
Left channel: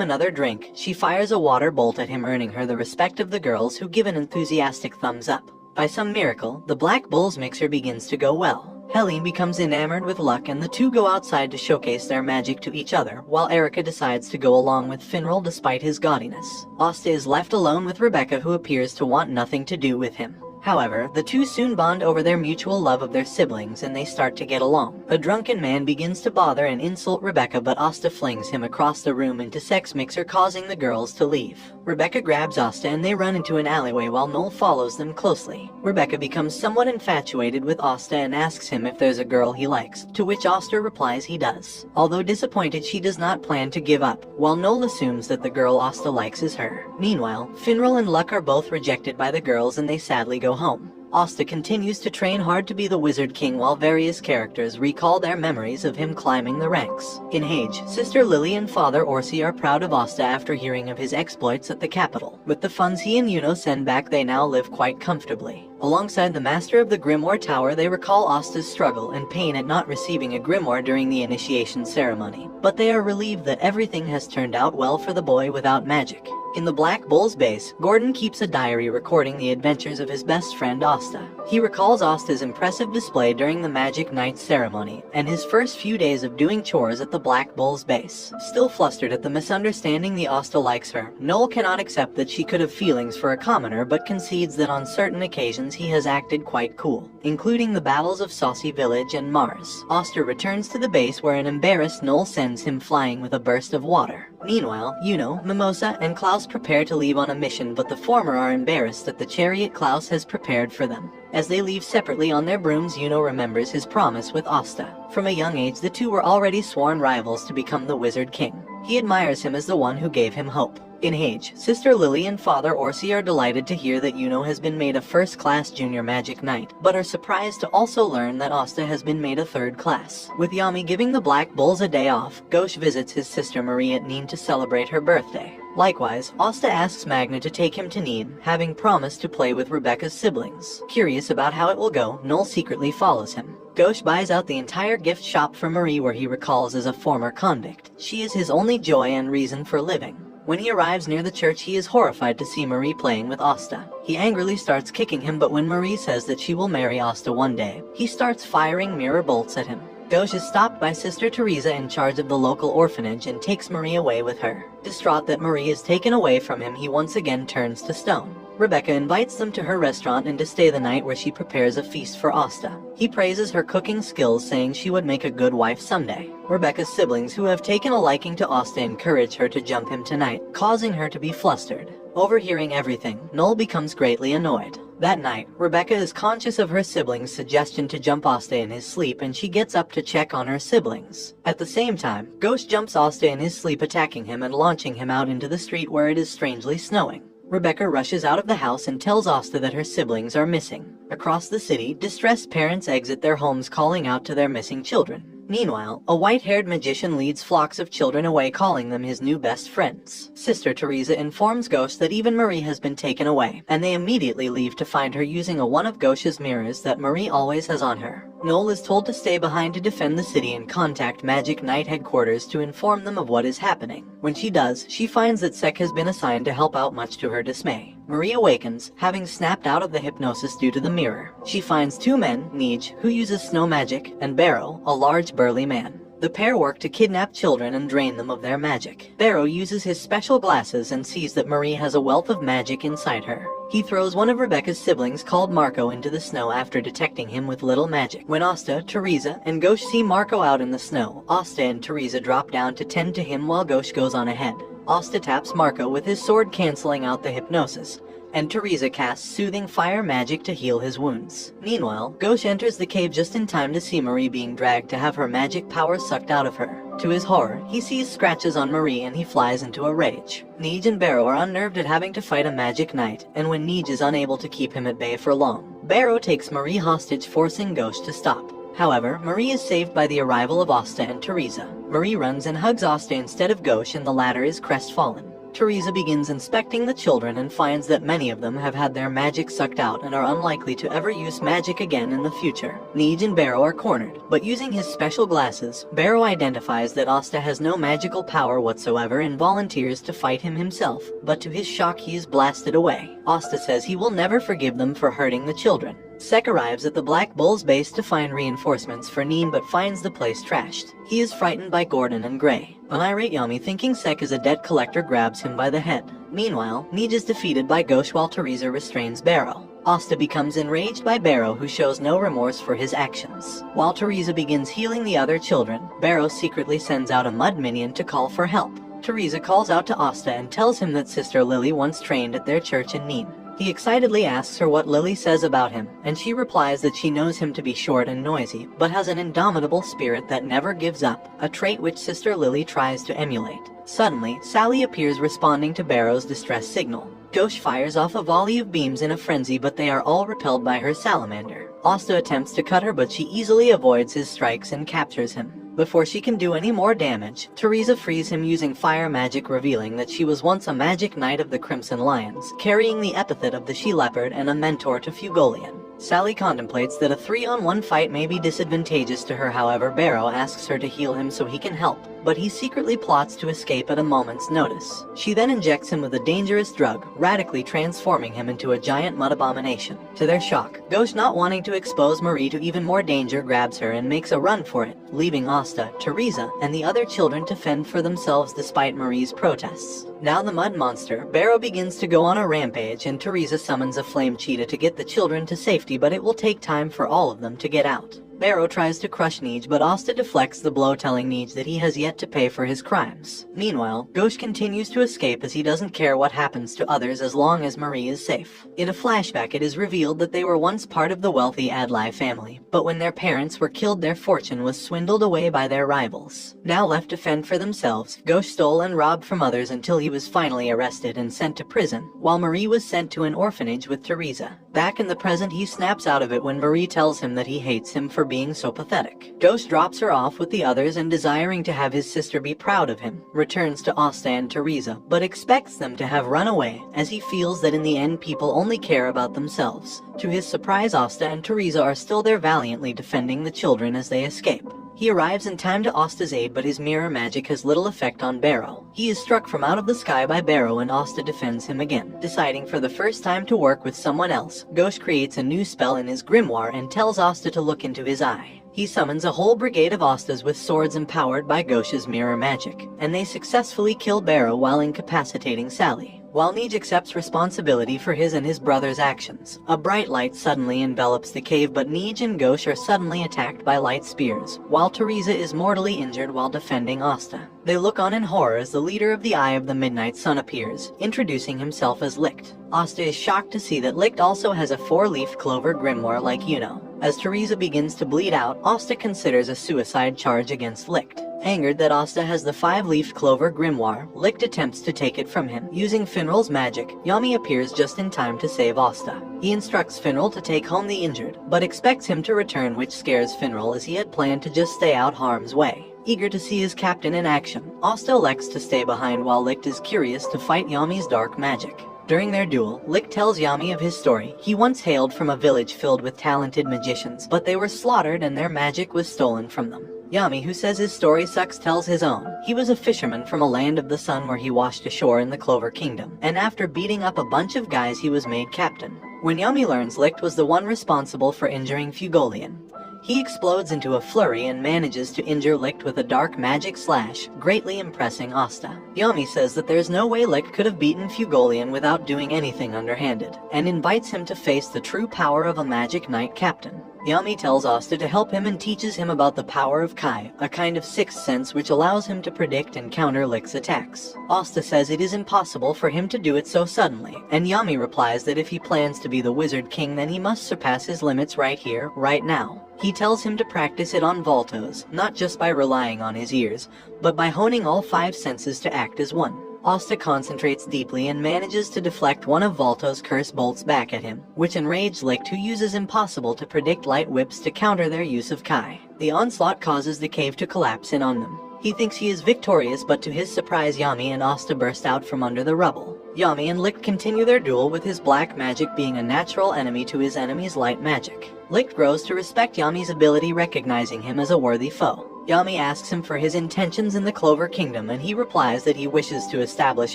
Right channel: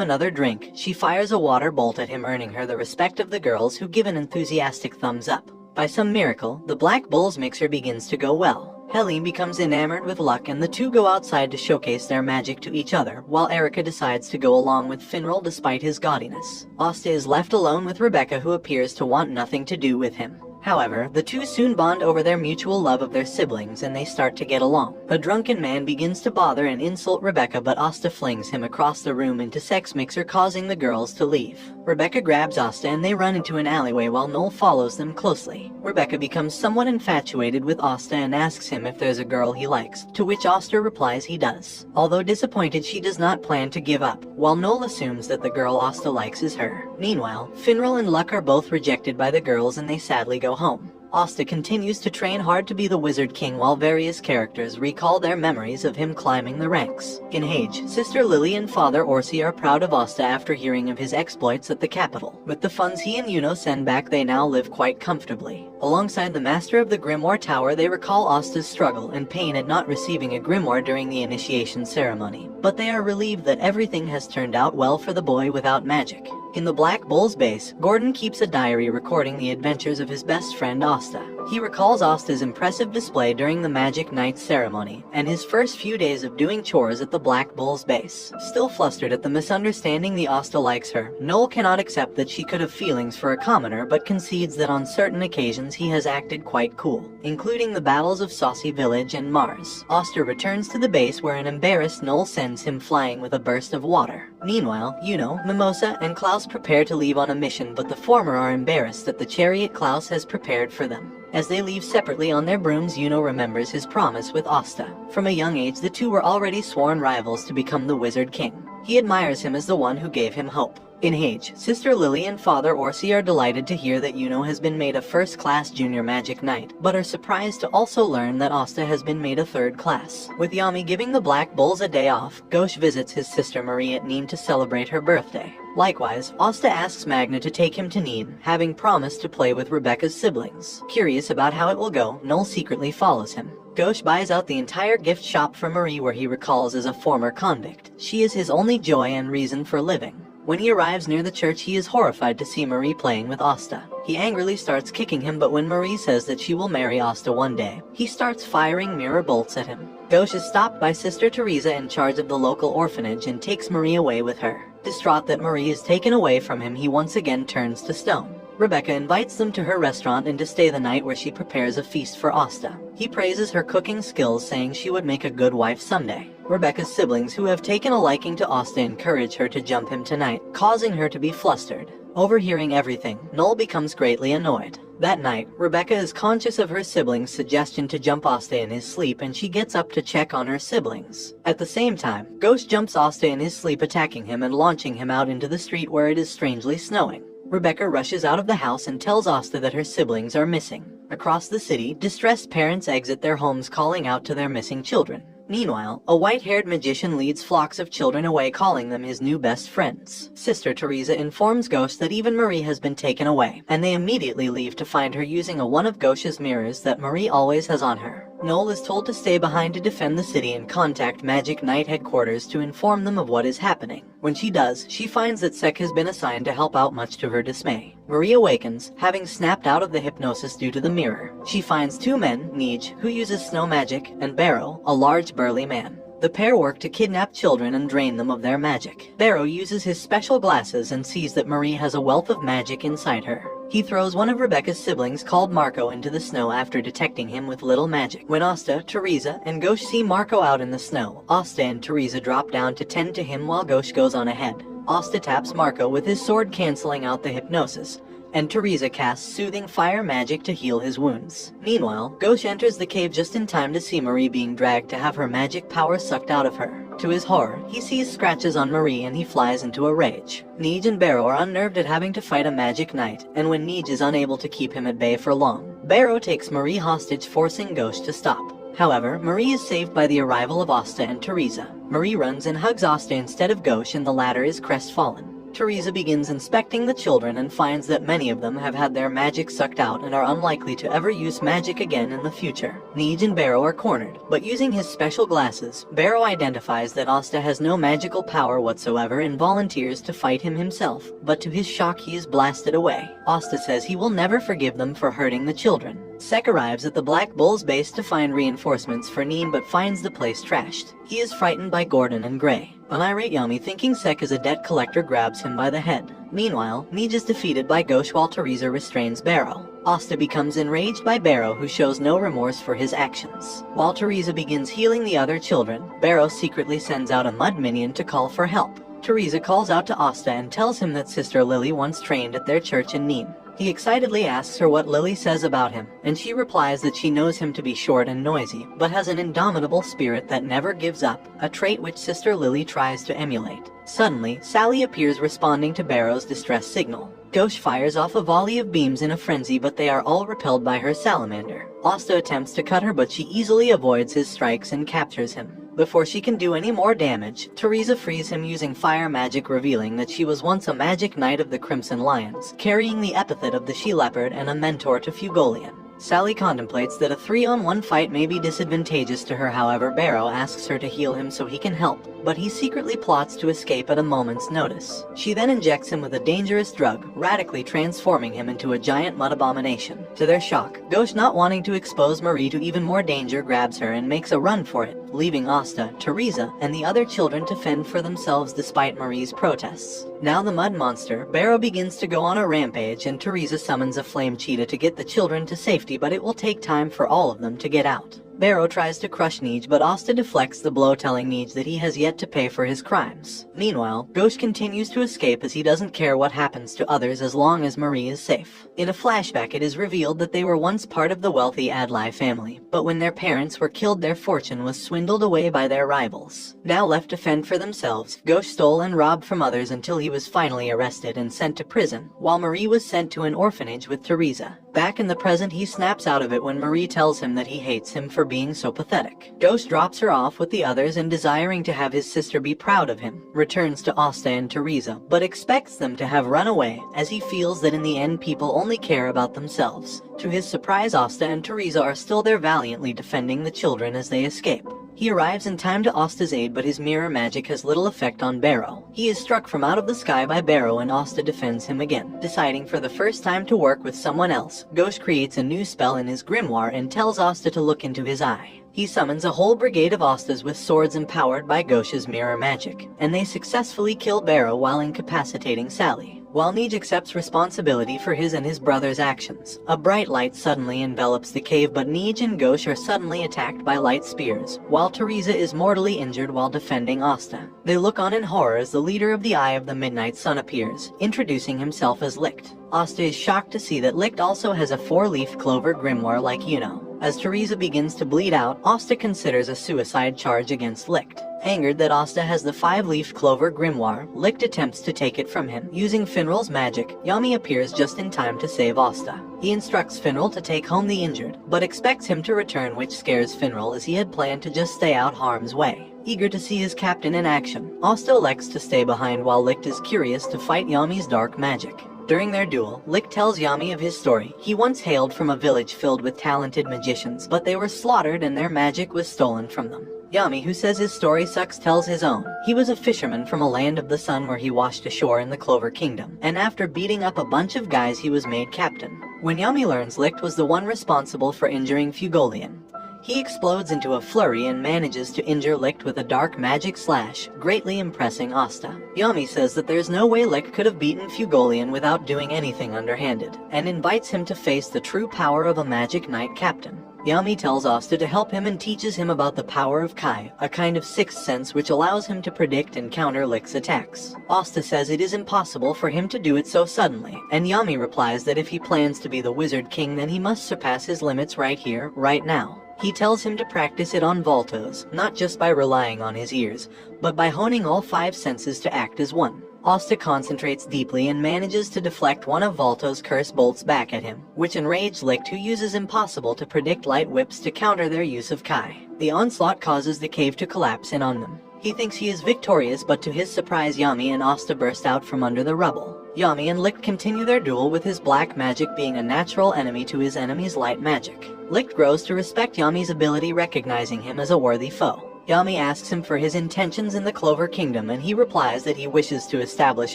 another drink, she fires a water bolt at him, earning her the respect of the girls, who give an enthusiastic thumbs up. By some miracle, the Black Bulls mixer begins to go well. Helene becomes enamored with Luck and the two go outside to showcase their magic to each other, while Erica decides to go along with Finral despite his gaudiness. Asta is left alone with Rebecca, who appears to want nothing to do with him. However, the two soon bond over their mutual love of their siblings and they start to get along. A drunken man begins to bother and insult Rebecca, but Asta flings him across the room into Sek's mixer, causing the girls to leave. Rebecca grabs Asta and they run into an alleyway while Noel follows them closely. Rebecca becomes somewhat infatuated with Asta and asks him if there's a girl he likes, to which Asta replies he does. Although disappointed, she does not plan to give up, while Noel assumes that the girl Asta likes is her. Meanwhile, Finral and Luck are both rejected by the girls and they sadly go home. Asta continues to train hard to be the Wizard King while various characters recall their memories of him climbing the ranks. In Hage, Sister Lily and Father Orsi are proud of Asta after hearing of his exploits at the capital. With the funds he and Yuno send back, they now live quite comfortably. Alongside the Master of the Grimoire Tower, they recall Asta's struggle and pain at not receiving a grimoire during the initiation ceremony. But they are relieved that everything has turned out well for the boy without magic. In the Black Bull's base, Gordon keeps a diary recording the adventures of his best friend Asta. He recalls Asta's impressive display during the Magic Night ceremony, and his first few days of doing chores at the Black Bull's base. Still flustered at the misunderstanding the Asta likes her, Noel cannot accept that she could have feelings for a commoner, but concedes that on certain occasions he has acted quite cool, including the battles of Saucy Village and Mars. Asta returns to the base where an embarrassed Noel sends him flying with a burst of water. Meanwhile, Yuno, Mimosa, and Klaus prepare to leave on a mission, but the former are embarrassed at the chariot Klaus has prepared for them. As they leave separately on their brooms, Yuno remembers his promise with Asta. From a young age, the two were already sworn rivals to become the Wizard King. He admires him as the one who gave him hope. In Hage, Sister Lily and Father Orsi are delighted to hear that Yuno has been made a first-class junior magic knight, but are surprised to also learn that Asta has been made a third class. With Yami giving the Black Bulls a day off, Ghosh visits his sister Marie at Neen to celebrate her birthday. Likewise, Asta asks Magna to take him to Neen, having promised to play with Rebecca's siblings. Curious about how it will go, Noel secretly follows him. Ghosh buys out the entire gift shop for Marie, where he recalls as a former convict. She is his only joy and reason for living. When he arrives near the church, he is horrified to see Marie playing with Asta. He angrily starts kicking him, but when Marie says that she will marry Asta one day, he starts firing mirror bolts at him. Ghosh is stopped by Sister Teresa in charge of the local orphanage and takes Marie away with her. Distraught that Marie is taken away from him, he once again turns to stone. Rebecca invites them to her restaurant and to stay the night, where she prepares a feast for Asta. He praises her cooking skills, saying she would make a good wife someday. Rebecca's siblings, who have taken a liking to Asta, encourage her to jump him tonight, causing her to be flustered. Overhearing everything, Noel becomes greatly annoyed. That night, Rebecca is conscious of her siblings' suggestion to jump Asta in his sleep, and she gets up to check on her siblings. At the same time, Ghosh jumps Asta in his sleep, attacking him and launching him out into the street where it is strangely snowing. Rebecca rushes out of the house and tells Asta that her siblings are missing. Across the city, distressed parents exit their homes, calling out to their missing children. Meanwhile, a white-haired magician leads flocks of children away, calling them his new best friends. Sister Teresa informs Ghosh that even Marie has been taken away, and they immediately leave to find her using one of Ghosh's mirrors that Marie always has on her. Noel is told to stay behind to defend the city and contact Magic Knight headquarters to inform them of what is happening. When she does, she finds that Sek has been assigned to help out, much to her dismay. Marie awakens, having snapped out of the hypnosis due to the mirror. She finds two men, Nij, who uses snow magic, and Barrow, a large burly man. The pair work to kidnap children and drain them of their magic. Barrow uses his special glasses and sees that Marie has a wealth of magic inside her. He throws one of Rebecca's siblings, called Marco, into the snow after detecting him with little magic. When Asta, Teresa, and Ghosh see Marco out in the snow, Asta and Teresa drop down to tend to him while Ghosh goes on ahead. Asta taps Marco with his sword, canceling out the hypnosis. and Teresa casts soothing fire magic to heal his wounds. Meanwhile, Gauche enters the cave just in time to see Marie being dragged to have her magic power sucked out of her. To his horror, he sees scratches on Marie and he flies into a rage. Neej and Barrow are unnerved at having to fight a magic knight, and when Neej is unable to keep him at bay for long, Barrow takes Marie hostage, forcing Gauche to stop. However, Marie is saved by the arrival of Asta and Teresa. Marie runs and hugs Asta instead of Gauche, and the latter is crestfallen. Teresa begins inspecting the children and finds that many of them have had their magic sucked out and are unlikely to ever use magic again in the future. Neej and Barrow are cornered, but using his special glasses, Barrow identifies that Asta has no magical power whatsoever and volunteers to fight him himself, but to his shock he is blasted away. Asta says he will never forgive them for hurting the children. Sek arrives at the Black Bull's base to find reinforcements for Neem but finds the place trashed. He is frightened by Gordon and Gray. An irate Yami, thinking Sek is a debt collector, grabs him by the head. Meanwhile, Neej is defeated by Gauche while Teresa restrains Barrow. Asta becomes enraged by Barrow, who shows no remorse for his actions. While Teresa begins healing the other children, Barrow secretly sends out a mud minion to call for help. Teresa calls out to Asta and tells him that Sister Lily once trained at their church in Neem. He excitedly asks her what Lily says about him, and she replies that she knows him to be short and noisy, but has an indomitable spirit that never gives up, a trait which Sister Lily tries to emulate. Suddenly, Sally appears, responding to Barrow's distress signal. Gauche fires off a volley of beams in a frenzy, but they are all repelled by her salamander. Asta attempts to cut her, but she easily avoids his strikes and captures him. Before she can do any more damage, Teresa frees him using fire magic, revealing that she was once a magic knight of the Crimson Lions, carrying the epithet of the She-Leopard and a mentor to Fugolian. Sally contemplates that a 3-on-1 fight may be disadvantageous to her, however Barrow asks her to heal him so he can help, but he secretly plots to escape at a moment's notice. She then injects him with a dangerous drug, radically transforming him into a giant mud abomination. To their shock, Gauche, not wanting to expose Marie to even more danger, grabs her and makes a run for it, leaving Asta, Teresa, and the other children to fend for themselves despite Marie's protests. Now the mud monster, Barrow, begins to go on a rampage, and Teresa summons a flame cheetah to get the children to safety, but it will take time for all of them to get out. Barrow tries to crush Neej, but Asta deflects the blow, telling Neej that he has yet to pay for his crimes. Meanwhile, Gauche continues to escape as he doesn't care what happens to others as long as Marie is safe. In a flashback, it is revealed that they were once part of the wealthy Adlai family, but when their parents were killed, their fortune was swindled away by their rivals. Now left to fend for themselves, Gauche stole and robbed from others until he was finally arrested and sent to prison, while Marie was sent to an orphanage with Teresa. Back in the present, he snaps out of it when Marie tells him that he hates him for being so pathetic. Gauche drops her off with the others and, desiring to have his sister be proud of him, returns to Asta and Teresa, but expects them to have run away, as he feels that in the end people only care about themselves. To his surprise, Asta and Teresa are still there, valiantly defending the children as they escape. He arrives in time to Asta's aid, but his mirror magic has little effect on Barrow. He is struck from out of the sky by Barrow, and Asta defends him again. Deciding for the first time to work with someone else, Gauche creates a new spell in his grimoire and tells Asta to look into his eye. He summons a whole brigade of Astas with swords empowered by Gauche's mirror magic, and they successfully kill Barrow while incapacitating Sally. While Neej accepts responsibility for his and his brother's actions, a bright light suddenly envelops the cave, but Neej and Gauche are suddenly attacked by light spears, while Teresa is mortally injured while defending Asta. They look on in horror as the leader of the Eye of the Midnight Sun appears, introducing himself as Licht. Asta is shocked to see that Licht also has a 4-leafed clover grimoire like Yuno. As Teresa begins to bleed out, Asta considers a suicide charge against Licht. Angered that Asta has the 5-leafed clover grimoire, Licht attempts to take it from him. Using Finral's magic, Yami appears just in time to save Asta. He instructs Finral to take home the injured, but expects him to return, which scares Finral as he had planned to just stay out harm's way. Eager to see his captain in action, Asta elects to stay behind while Licht is curious to fight Yami's dark magic. During their duel, Licht tells Yami of his story. He once hailed from a village filled with talented magicians, but they were slaughtered and their magic was stolen from them. Yami, who says his story sucks, tells his own. He was a fisherman from a land of the sun where he washed ashore in the Clover Kingdom, and after beating up a bunch of guys he was made captain. When Yami learns Licht was the one responsible for injuring Fugolian, he explodes into a flurry and manages to injure Licht with a dark magic slash, greatly impressing Asta. Yami says that there's no way Licht could have beaten Fugolian without doing anything underhanded, and invites him to face the true power of a magic knight captain. Yami tells Asta to help him and teaches him about the power of Kai, a kind of sixth sense which allows him to predict and counter Licht's attacks. Asta says it is impossible for him to do it so suddenly, and Yami replies that if he plans to be the Wizard King, then he must surpass his limits right here, right now. He tells him to practice it on Voltos, not just by relying on his ears, but by honing all 5 senses to act as one. Asta concentrates deeply and manages to deflect one of Volto's curse bolts back at him, which enraged Licht, who uses impossible to predict light whips to counter their use of Kai. The onslaught causes the cave to collapse in on them. He thinks he is victorious, but to his surprise Yami and Asta burst out from under the rubble. Yami and Licht continue their duel, with his black magic being a natural enemy to his enemy's light magic. Licht grows to respect Yami's ability, recognizing him as a worthy foe. Yami asks him for his intentions in the Clover Kingdom, and he replies that he wishes to establish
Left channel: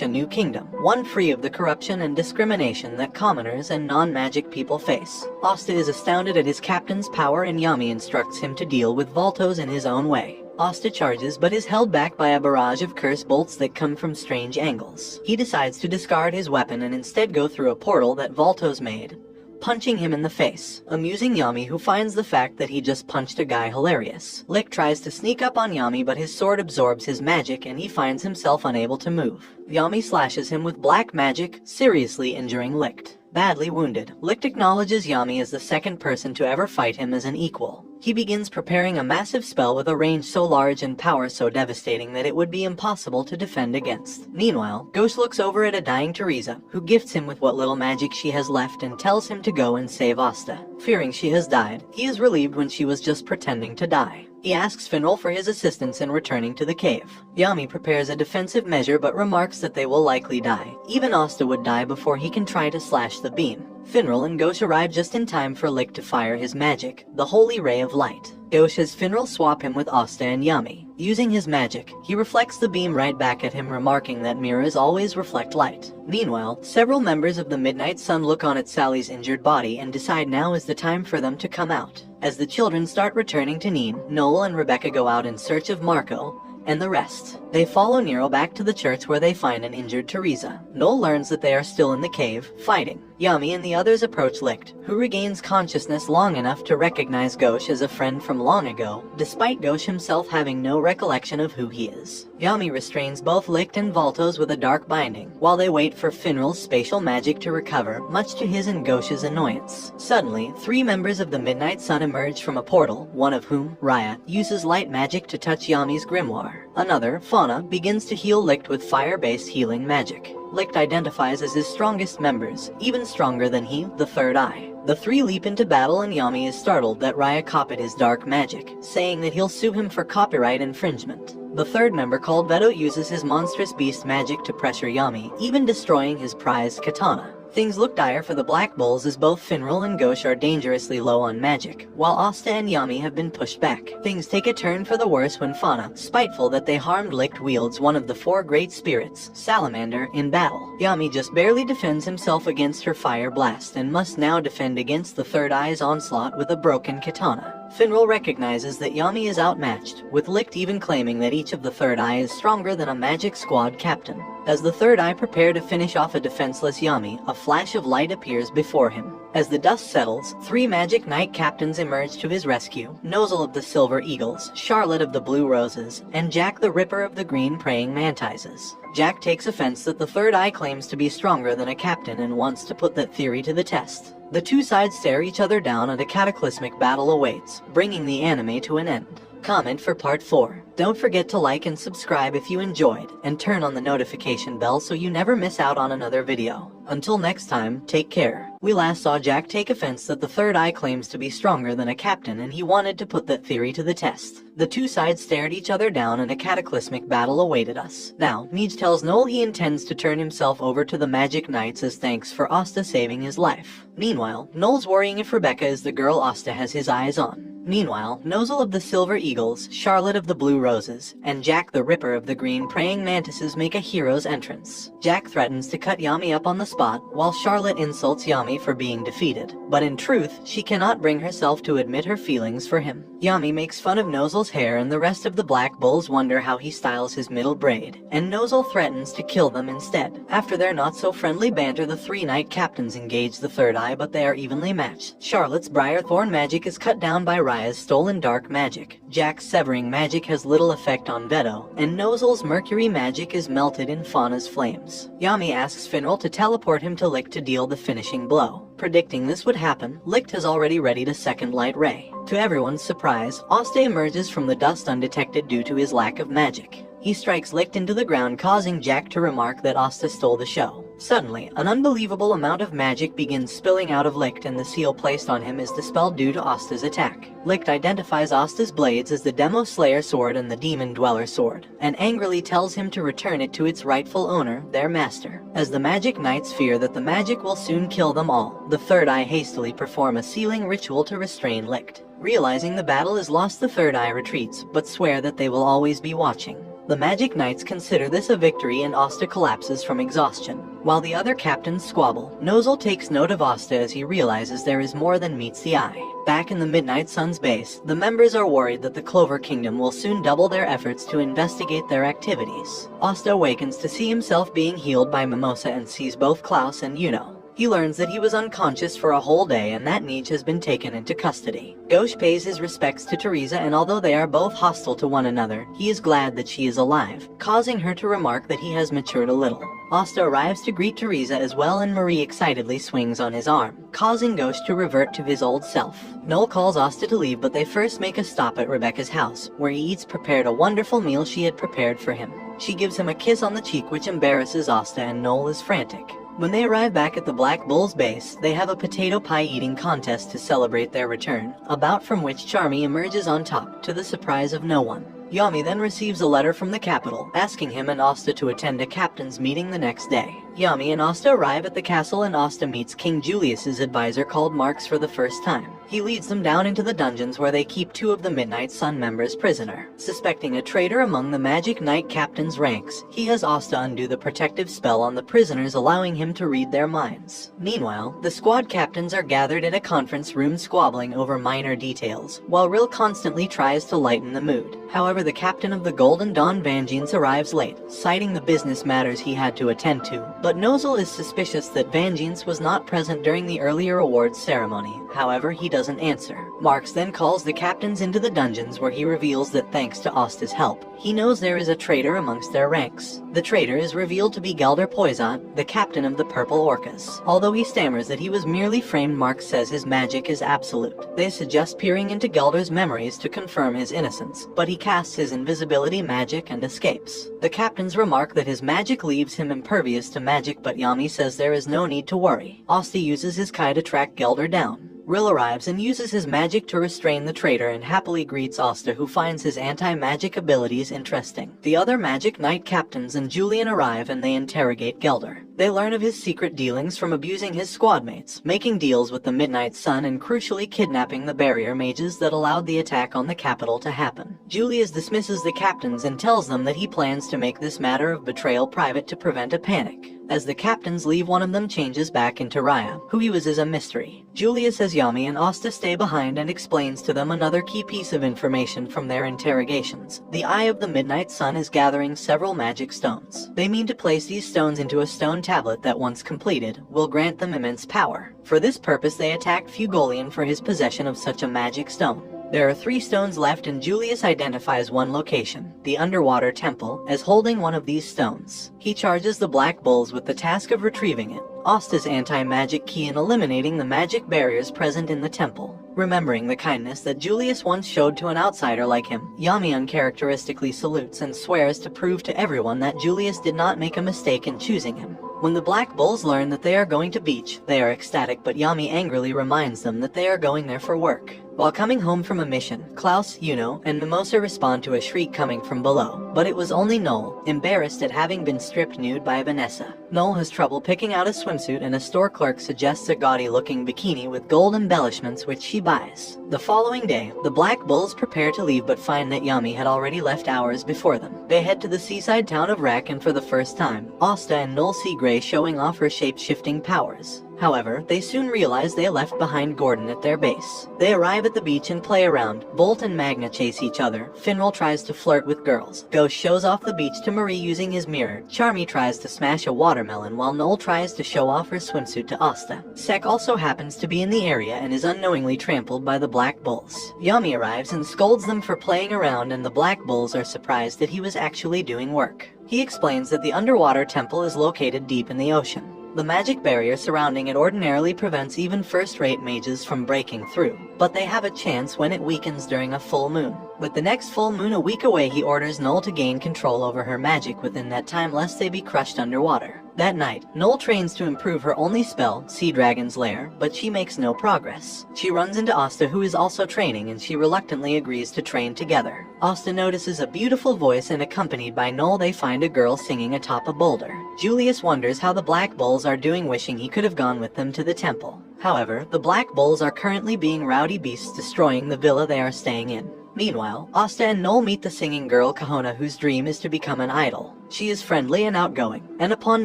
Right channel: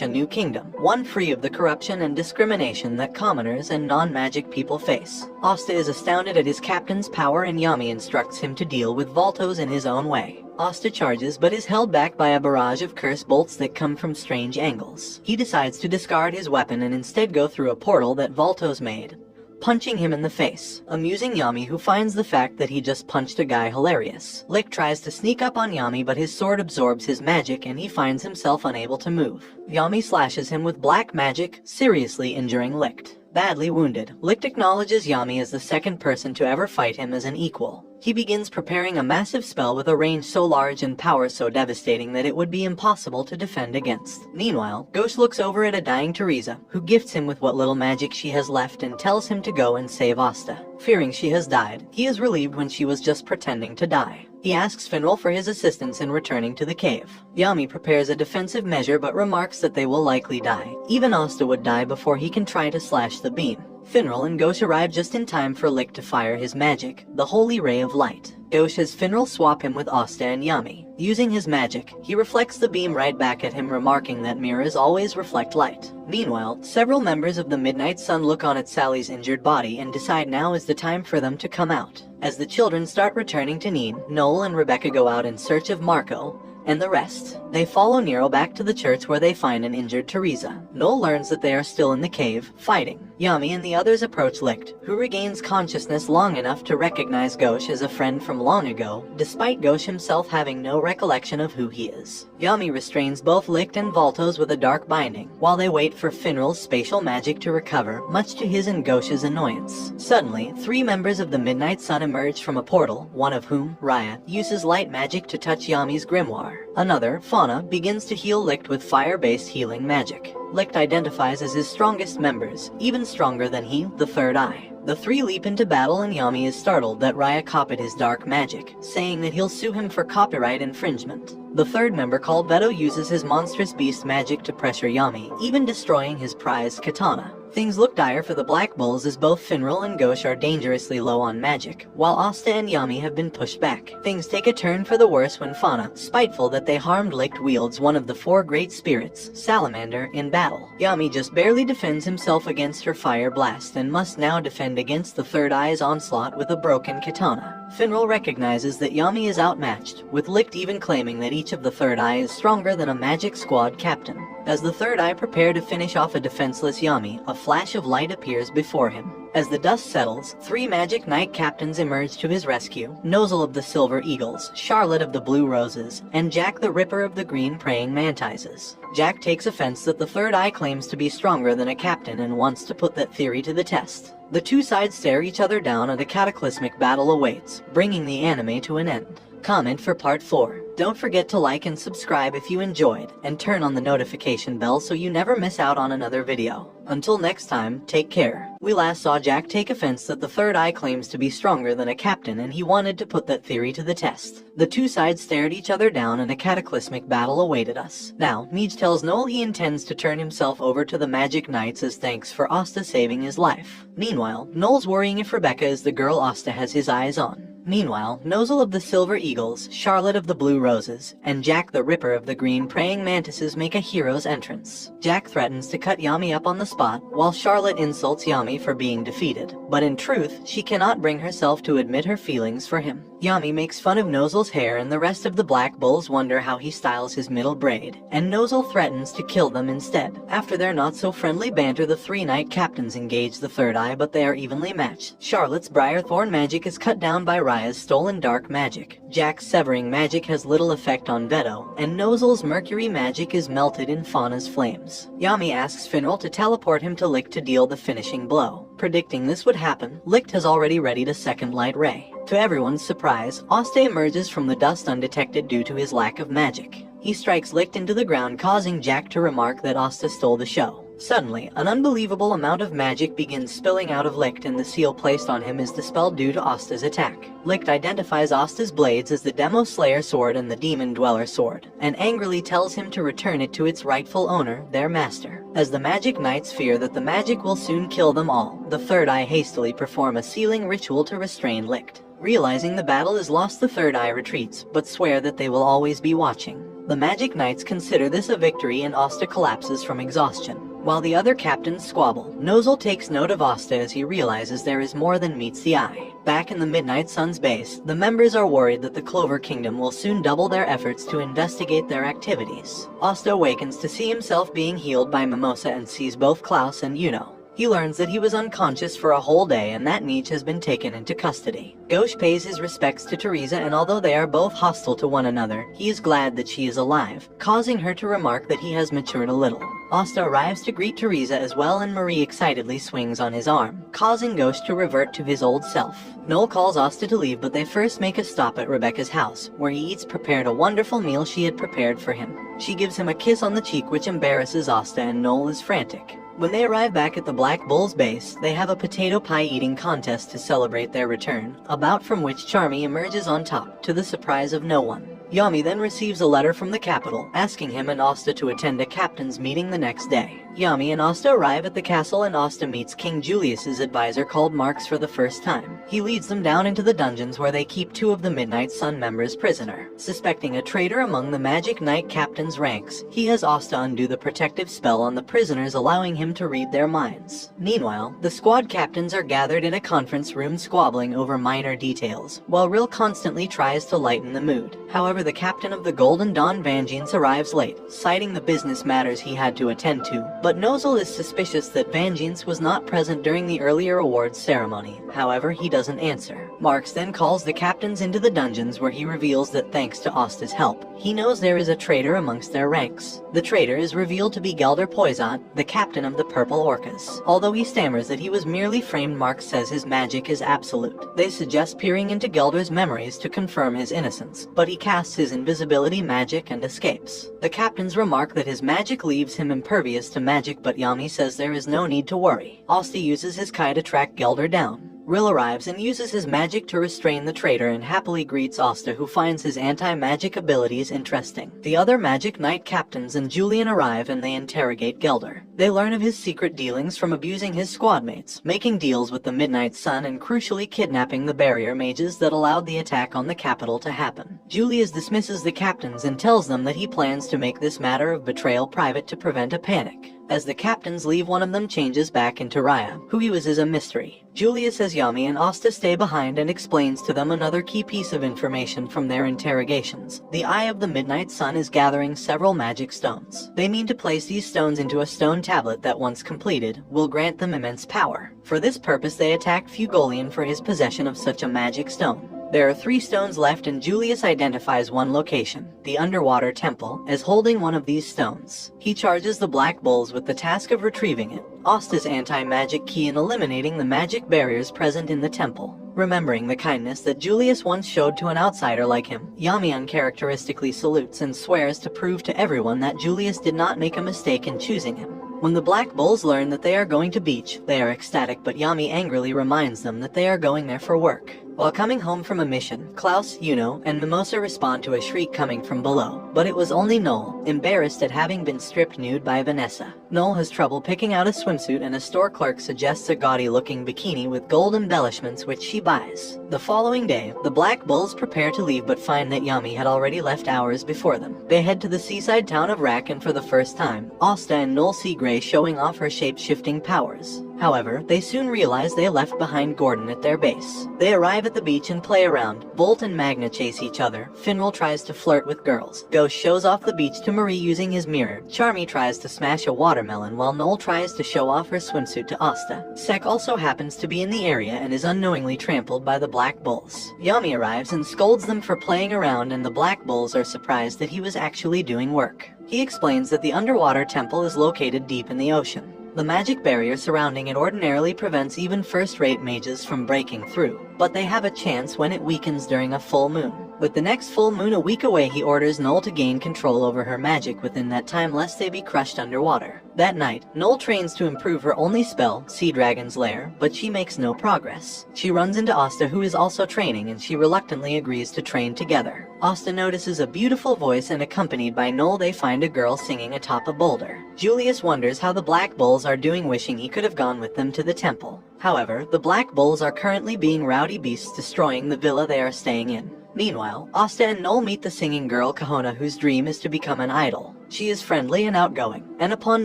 a new kingdom, one free of the corruption and discrimination that commoners and non-magic people face. Asta is astounded at his captain's power, and Yami instructs him to deal with Voltos in his own way. Asta charges, but is held back by a barrage of curse bolts that come from strange angles. He decides to discard his weapon and instead go through a portal that Voltos made, punching him in the face, amusing Yami, who finds the fact that he just punched a guy hilarious. Licht tries to sneak up on Yami, but his sword absorbs his magic and he finds himself unable to move. Yami slashes him with black magic, seriously injuring Licht. Badly wounded, Licht acknowledges Yami as the second person to ever fight him as an equal. He begins preparing a massive spell with a range so large and power so devastating that it would be impossible to defend against. Meanwhile, Ghost looks over at a dying Teresa, who gifts him with what little magic she has left and tells him to go and save Asta. Fearing she has died, he is relieved when she was just pretending to die. He asks Finral for his assistance in returning to the cave. Yami prepares a defensive measure but remarks that they will likely die. Even Asta would die before he can try to slash the beam. Finral and Ghosh arrive just in time for Licht to fire his magic, the Holy Ray of Light. Ghosh has Finral swap him with Asta and Yami. Using his magic, he reflects the beam right back at him, remarking that mirrors always reflect light. Meanwhile, several members of the Midnight Sun look on at Sally's injured body and decide now is the time for them to come out. As the children start returning to Neen, Noel and Rebecca go out in search of Marco and the rest. They follow Nero back to the church where they find an injured Teresa. Noel learns that they are still in the cave, fighting. Yami and the others approach Licht, who regains consciousness long enough to recognize Ghosh as a friend from long ago, despite Ghosh himself having no recollection of who he is. Yami restrains both Licht and Voltos with a dark binding, while they wait for Finral's spatial magic to recover, much to his and Ghosh's annoyance. Suddenly, 3 members of the Midnight Sun emerge from a portal, one of whom, Raya, uses light magic to touch Yami's grimoire. Another, Fauna, begins to heal Licht with fire-based healing magic. Licht identifies as his strongest members, even stronger than he, the Third Eye. The 3 leap into battle and Yami is startled that Raya copied his dark magic, saying that he'll sue him for copyright infringement. The 3rd member, called Beto, uses his monstrous beast magic to pressure Yami, even destroying his prized katana. Things look dire for the Black Bulls as both Finral and Ghosh are dangerously low on magic, while Asta and Yami have been pushed back. Things take a turn for the worse when Fauna, spiteful that they harmed Licht, wields one of the 4 great spirits, Salamander, in battle. Yami just barely defends himself against her fire blast and must now defend against the Third Eye's onslaught with a broken katana. Finral recognizes that Yami is outmatched, with Licht even claiming that each of the Third Eye is stronger than a magic squad captain. As the Third Eye prepare to finish off a defenseless Yami, a flash of light appears before him. As the dust settles, 3 magic knight captains emerge to his rescue: Nozel of the Silver Eagles, Charlotte of the Blue Roses, and Jack the Ripper of the Green Praying Mantises. Jack takes offense that the Third Eye claims to be stronger than a captain and wants to put that theory to the test. The 2 sides stare each other down and a cataclysmic battle awaits, bringing the anime to an end. Comment for part 4. Don't forget to like and subscribe if you enjoyed, and turn on the notification bell so you never miss out on another video. Until next time, take care. We last saw Jack take offense that the Third Eye claims to be stronger than a captain and he wanted to put that theory to the test. The 2 sides stared each other down and a cataclysmic battle awaited us. Now, Neej tells Noel he intends to turn himself over to the Magic Knights as thanks for Asta saving his life. Meanwhile, Noel's worrying if Rebecca is the girl Asta has his eyes on. Meanwhile, Nozel of the Silver Eagles, Charlotte of the Blue Roses, and Jack the Ripper of the Green Praying Mantises make a hero's entrance. Jack threatens to cut Yami up on the spot spot, while Charlotte insults Yami for being defeated. But in truth, she cannot bring herself to admit her feelings for him. Yami makes fun of Nozel's hair and the rest of the Black Bulls wonder how he styles his middle braid, and Nozel threatens to kill them instead. After their not-so-friendly banter, the three knight captains engage the third eye, but they are evenly matched. Charlotte's Briarthorn magic is cut down by Raya's stolen dark magic. Jack's severing magic has little effect on Veto, and Nozel's mercury magic is melted in Fauna's flames. Yami asks Finral to teleport him to Licht to deal the finishing blow. Predicting this would happen, Licht has already readied a second light ray. To everyone's surprise, Asta emerges from the dust undetected due to his lack of magic. He strikes Licht into the ground, causing Jack to remark that Asta stole the show. Suddenly, an unbelievable amount of magic begins spilling out of Licht, and the seal placed on him is dispelled due to Asta's attack. Licht identifies Asta's blades as the Demo Slayer sword and the Demon Dweller sword, and angrily tells him to return it to its rightful owner, their master. As the Magic Knights fear that the magic will soon kill them all, the Third Eye hastily perform a sealing ritual to restrain Licht. Realizing the battle is lost, the Third Eye retreats, but swear that they will always be watching. The Magic Knights consider this a victory, and Asta collapses from exhaustion. While the other captains squabble, Nozel takes note of Asta as he realizes there is more than meets the eye. Back in the Midnight Sun's base, the members are worried that the Clover Kingdom will soon double their efforts to investigate their activities. Asta awakens to see himself being healed by Mimosa and sees both Klaus and Yuno. He learns that he was unconscious for a whole day and that Nietzsche has been taken into custody. Gauche pays his respects to Teresa, and although they are both hostile to one another, he is glad that she is alive, causing her to remark that he has matured a little. Asta arrives to greet Teresa as well, and Marie excitedly swings on his arm, causing Gauche to revert to his old self. Noel calls Asta to leave, but they first make a stop at Rebecca's house, where he eats prepared a wonderful meal she had prepared for him. She gives him a kiss on the cheek, which embarrasses Asta, and Noel is frantic. When they arrive back at the Black Bull's base, they have a potato pie eating contest to celebrate their return, a bout from which Charmy emerges on top, to the surprise of no one. Yami then receives a letter from the capital, asking him and Asta to attend a captain's meeting the next day. Yami and Asta arrive at the castle, and Asta meets King Julius's advisor called Marx for the first time. He leads them down into the dungeons where they keep two of the Midnight Sun members prisoner. Suspecting a traitor among the Magic Knight captain's ranks, he has Asta undo the protective spell on the prisoners, allowing him to read their minds. Meanwhile, the squad captains are gathered in a conference room squabbling over minor details, while Rill constantly tries to lighten the mood. However, the captain of the Golden Dawn Vangeance arrives late, citing the business matters he had to attend to. But Nozel is suspicious that Vangeance was not present during the earlier awards ceremony. However, he doesn't answer. Marx then calls the captains into the dungeons, where he reveals that thanks to Asta's help, he knows there is a traitor amongst their ranks. The traitor is revealed to be Gelder Poisat, the captain of the Purple Orcas. Although he stammers that he was merely framed, Marx says his magic is absolute. They suggest peering into Gelder's memories to confirm his innocence, but he casts his invisibility magic and escapes. The captains remark that his magic leaves him impervious to magic, but Yami says there is no need to worry. Asta uses his Kai to track Gelder down. Rill arrives and uses his magic to restrain the traitor and happily greets Asta, who finds his anti-magic abilities interesting. The other Magic Knight captains and Julian arrive, and they interrogate Gelder. They learn of his secret dealings from abusing his squadmates, making deals with the Midnight Sun, and crucially kidnapping the barrier mages that allowed the attack on the capital to happen. Julius dismisses the captains and tells them that he plans to make this matter of betrayal private to prevent a panic. As the captains leave, one of them changes back into Raya. Who he was is a mystery. Julius says Yami and Asta stay behind and explains to them another key piece of information from their interrogations. The Eye of the Midnight Sun is gathering several magic stones. They mean to place these stones into a stone tablet that, once completed, will grant them immense power. For this purpose, they attack Fugolian for his possession of such a magic stone. There are 3 stones left, and Julius identifies one location, the Underwater Temple, as holding one of these stones. He charges the Black Bulls with the task of retrieving it, Asta's anti-magic key in eliminating the magic barriers present in the temple. Remembering the kindness that Julius once showed to an outsider like him, Yami uncharacteristically salutes and swears to prove to everyone that Julius did not make a mistake in choosing him. When the Black Bulls learn that they are going to beach, they are ecstatic, but Yami angrily reminds them that they are going there for work. While coming home from a mission, Klaus, Yuno, and Mimosa respond to a shriek coming from below. but it was only Noel, embarrassed at having been stripped nude by Vanessa. Noel has trouble picking out a swimsuit and a store clerk suggests a gaudy-looking bikini with gold embellishments which she buys. The following day, the Black Bulls prepare to leave but find that Yami had already left hours before them. They head to the seaside town of Rack and for the first time, Asta and Noel see Gray showing off her shape-shifting powers. However, they soon realize they left behind Gordon at their base. They arrive at the beach and play around. Bolt and Magna chase each other. Finral tries to flirt with girls. Ghost shows off the beach to Marie using his mirror. Charmy tries to smash a watermelon while Noel tries to show off her swimsuit to Asta. Sek also happens to be in the area and is unknowingly trampled by the Black Bulls. Yami arrives and scolds them for playing around and the Black Bulls are surprised that he was actually doing work. He explains that the underwater temple is located deep in the ocean. The magic barrier surrounding it ordinarily prevents even first-rate mages from breaking through, but they have a chance when it weakens during a full moon. With the next full moon a week away, he orders Noel to gain control over her magic within that time lest they be crushed underwater. That night, Noel trains to improve her only spell, Sea Dragon's Lair, but she makes no progress. She runs into Asta who is also training and she reluctantly agrees to train together. Asta notices a beautiful voice and accompanied by Noel they find a girl singing atop a boulder. Julius wonders how the Black Bulls are doing, wishing he could have gone with them to the temple. However, the Black Bulls are currently being rowdy beasts destroying the villa they are staying in. Meanwhile, Asta and Noel meet the singing girl Kahona whose dream is to become an idol. She is friendly and outgoing, and upon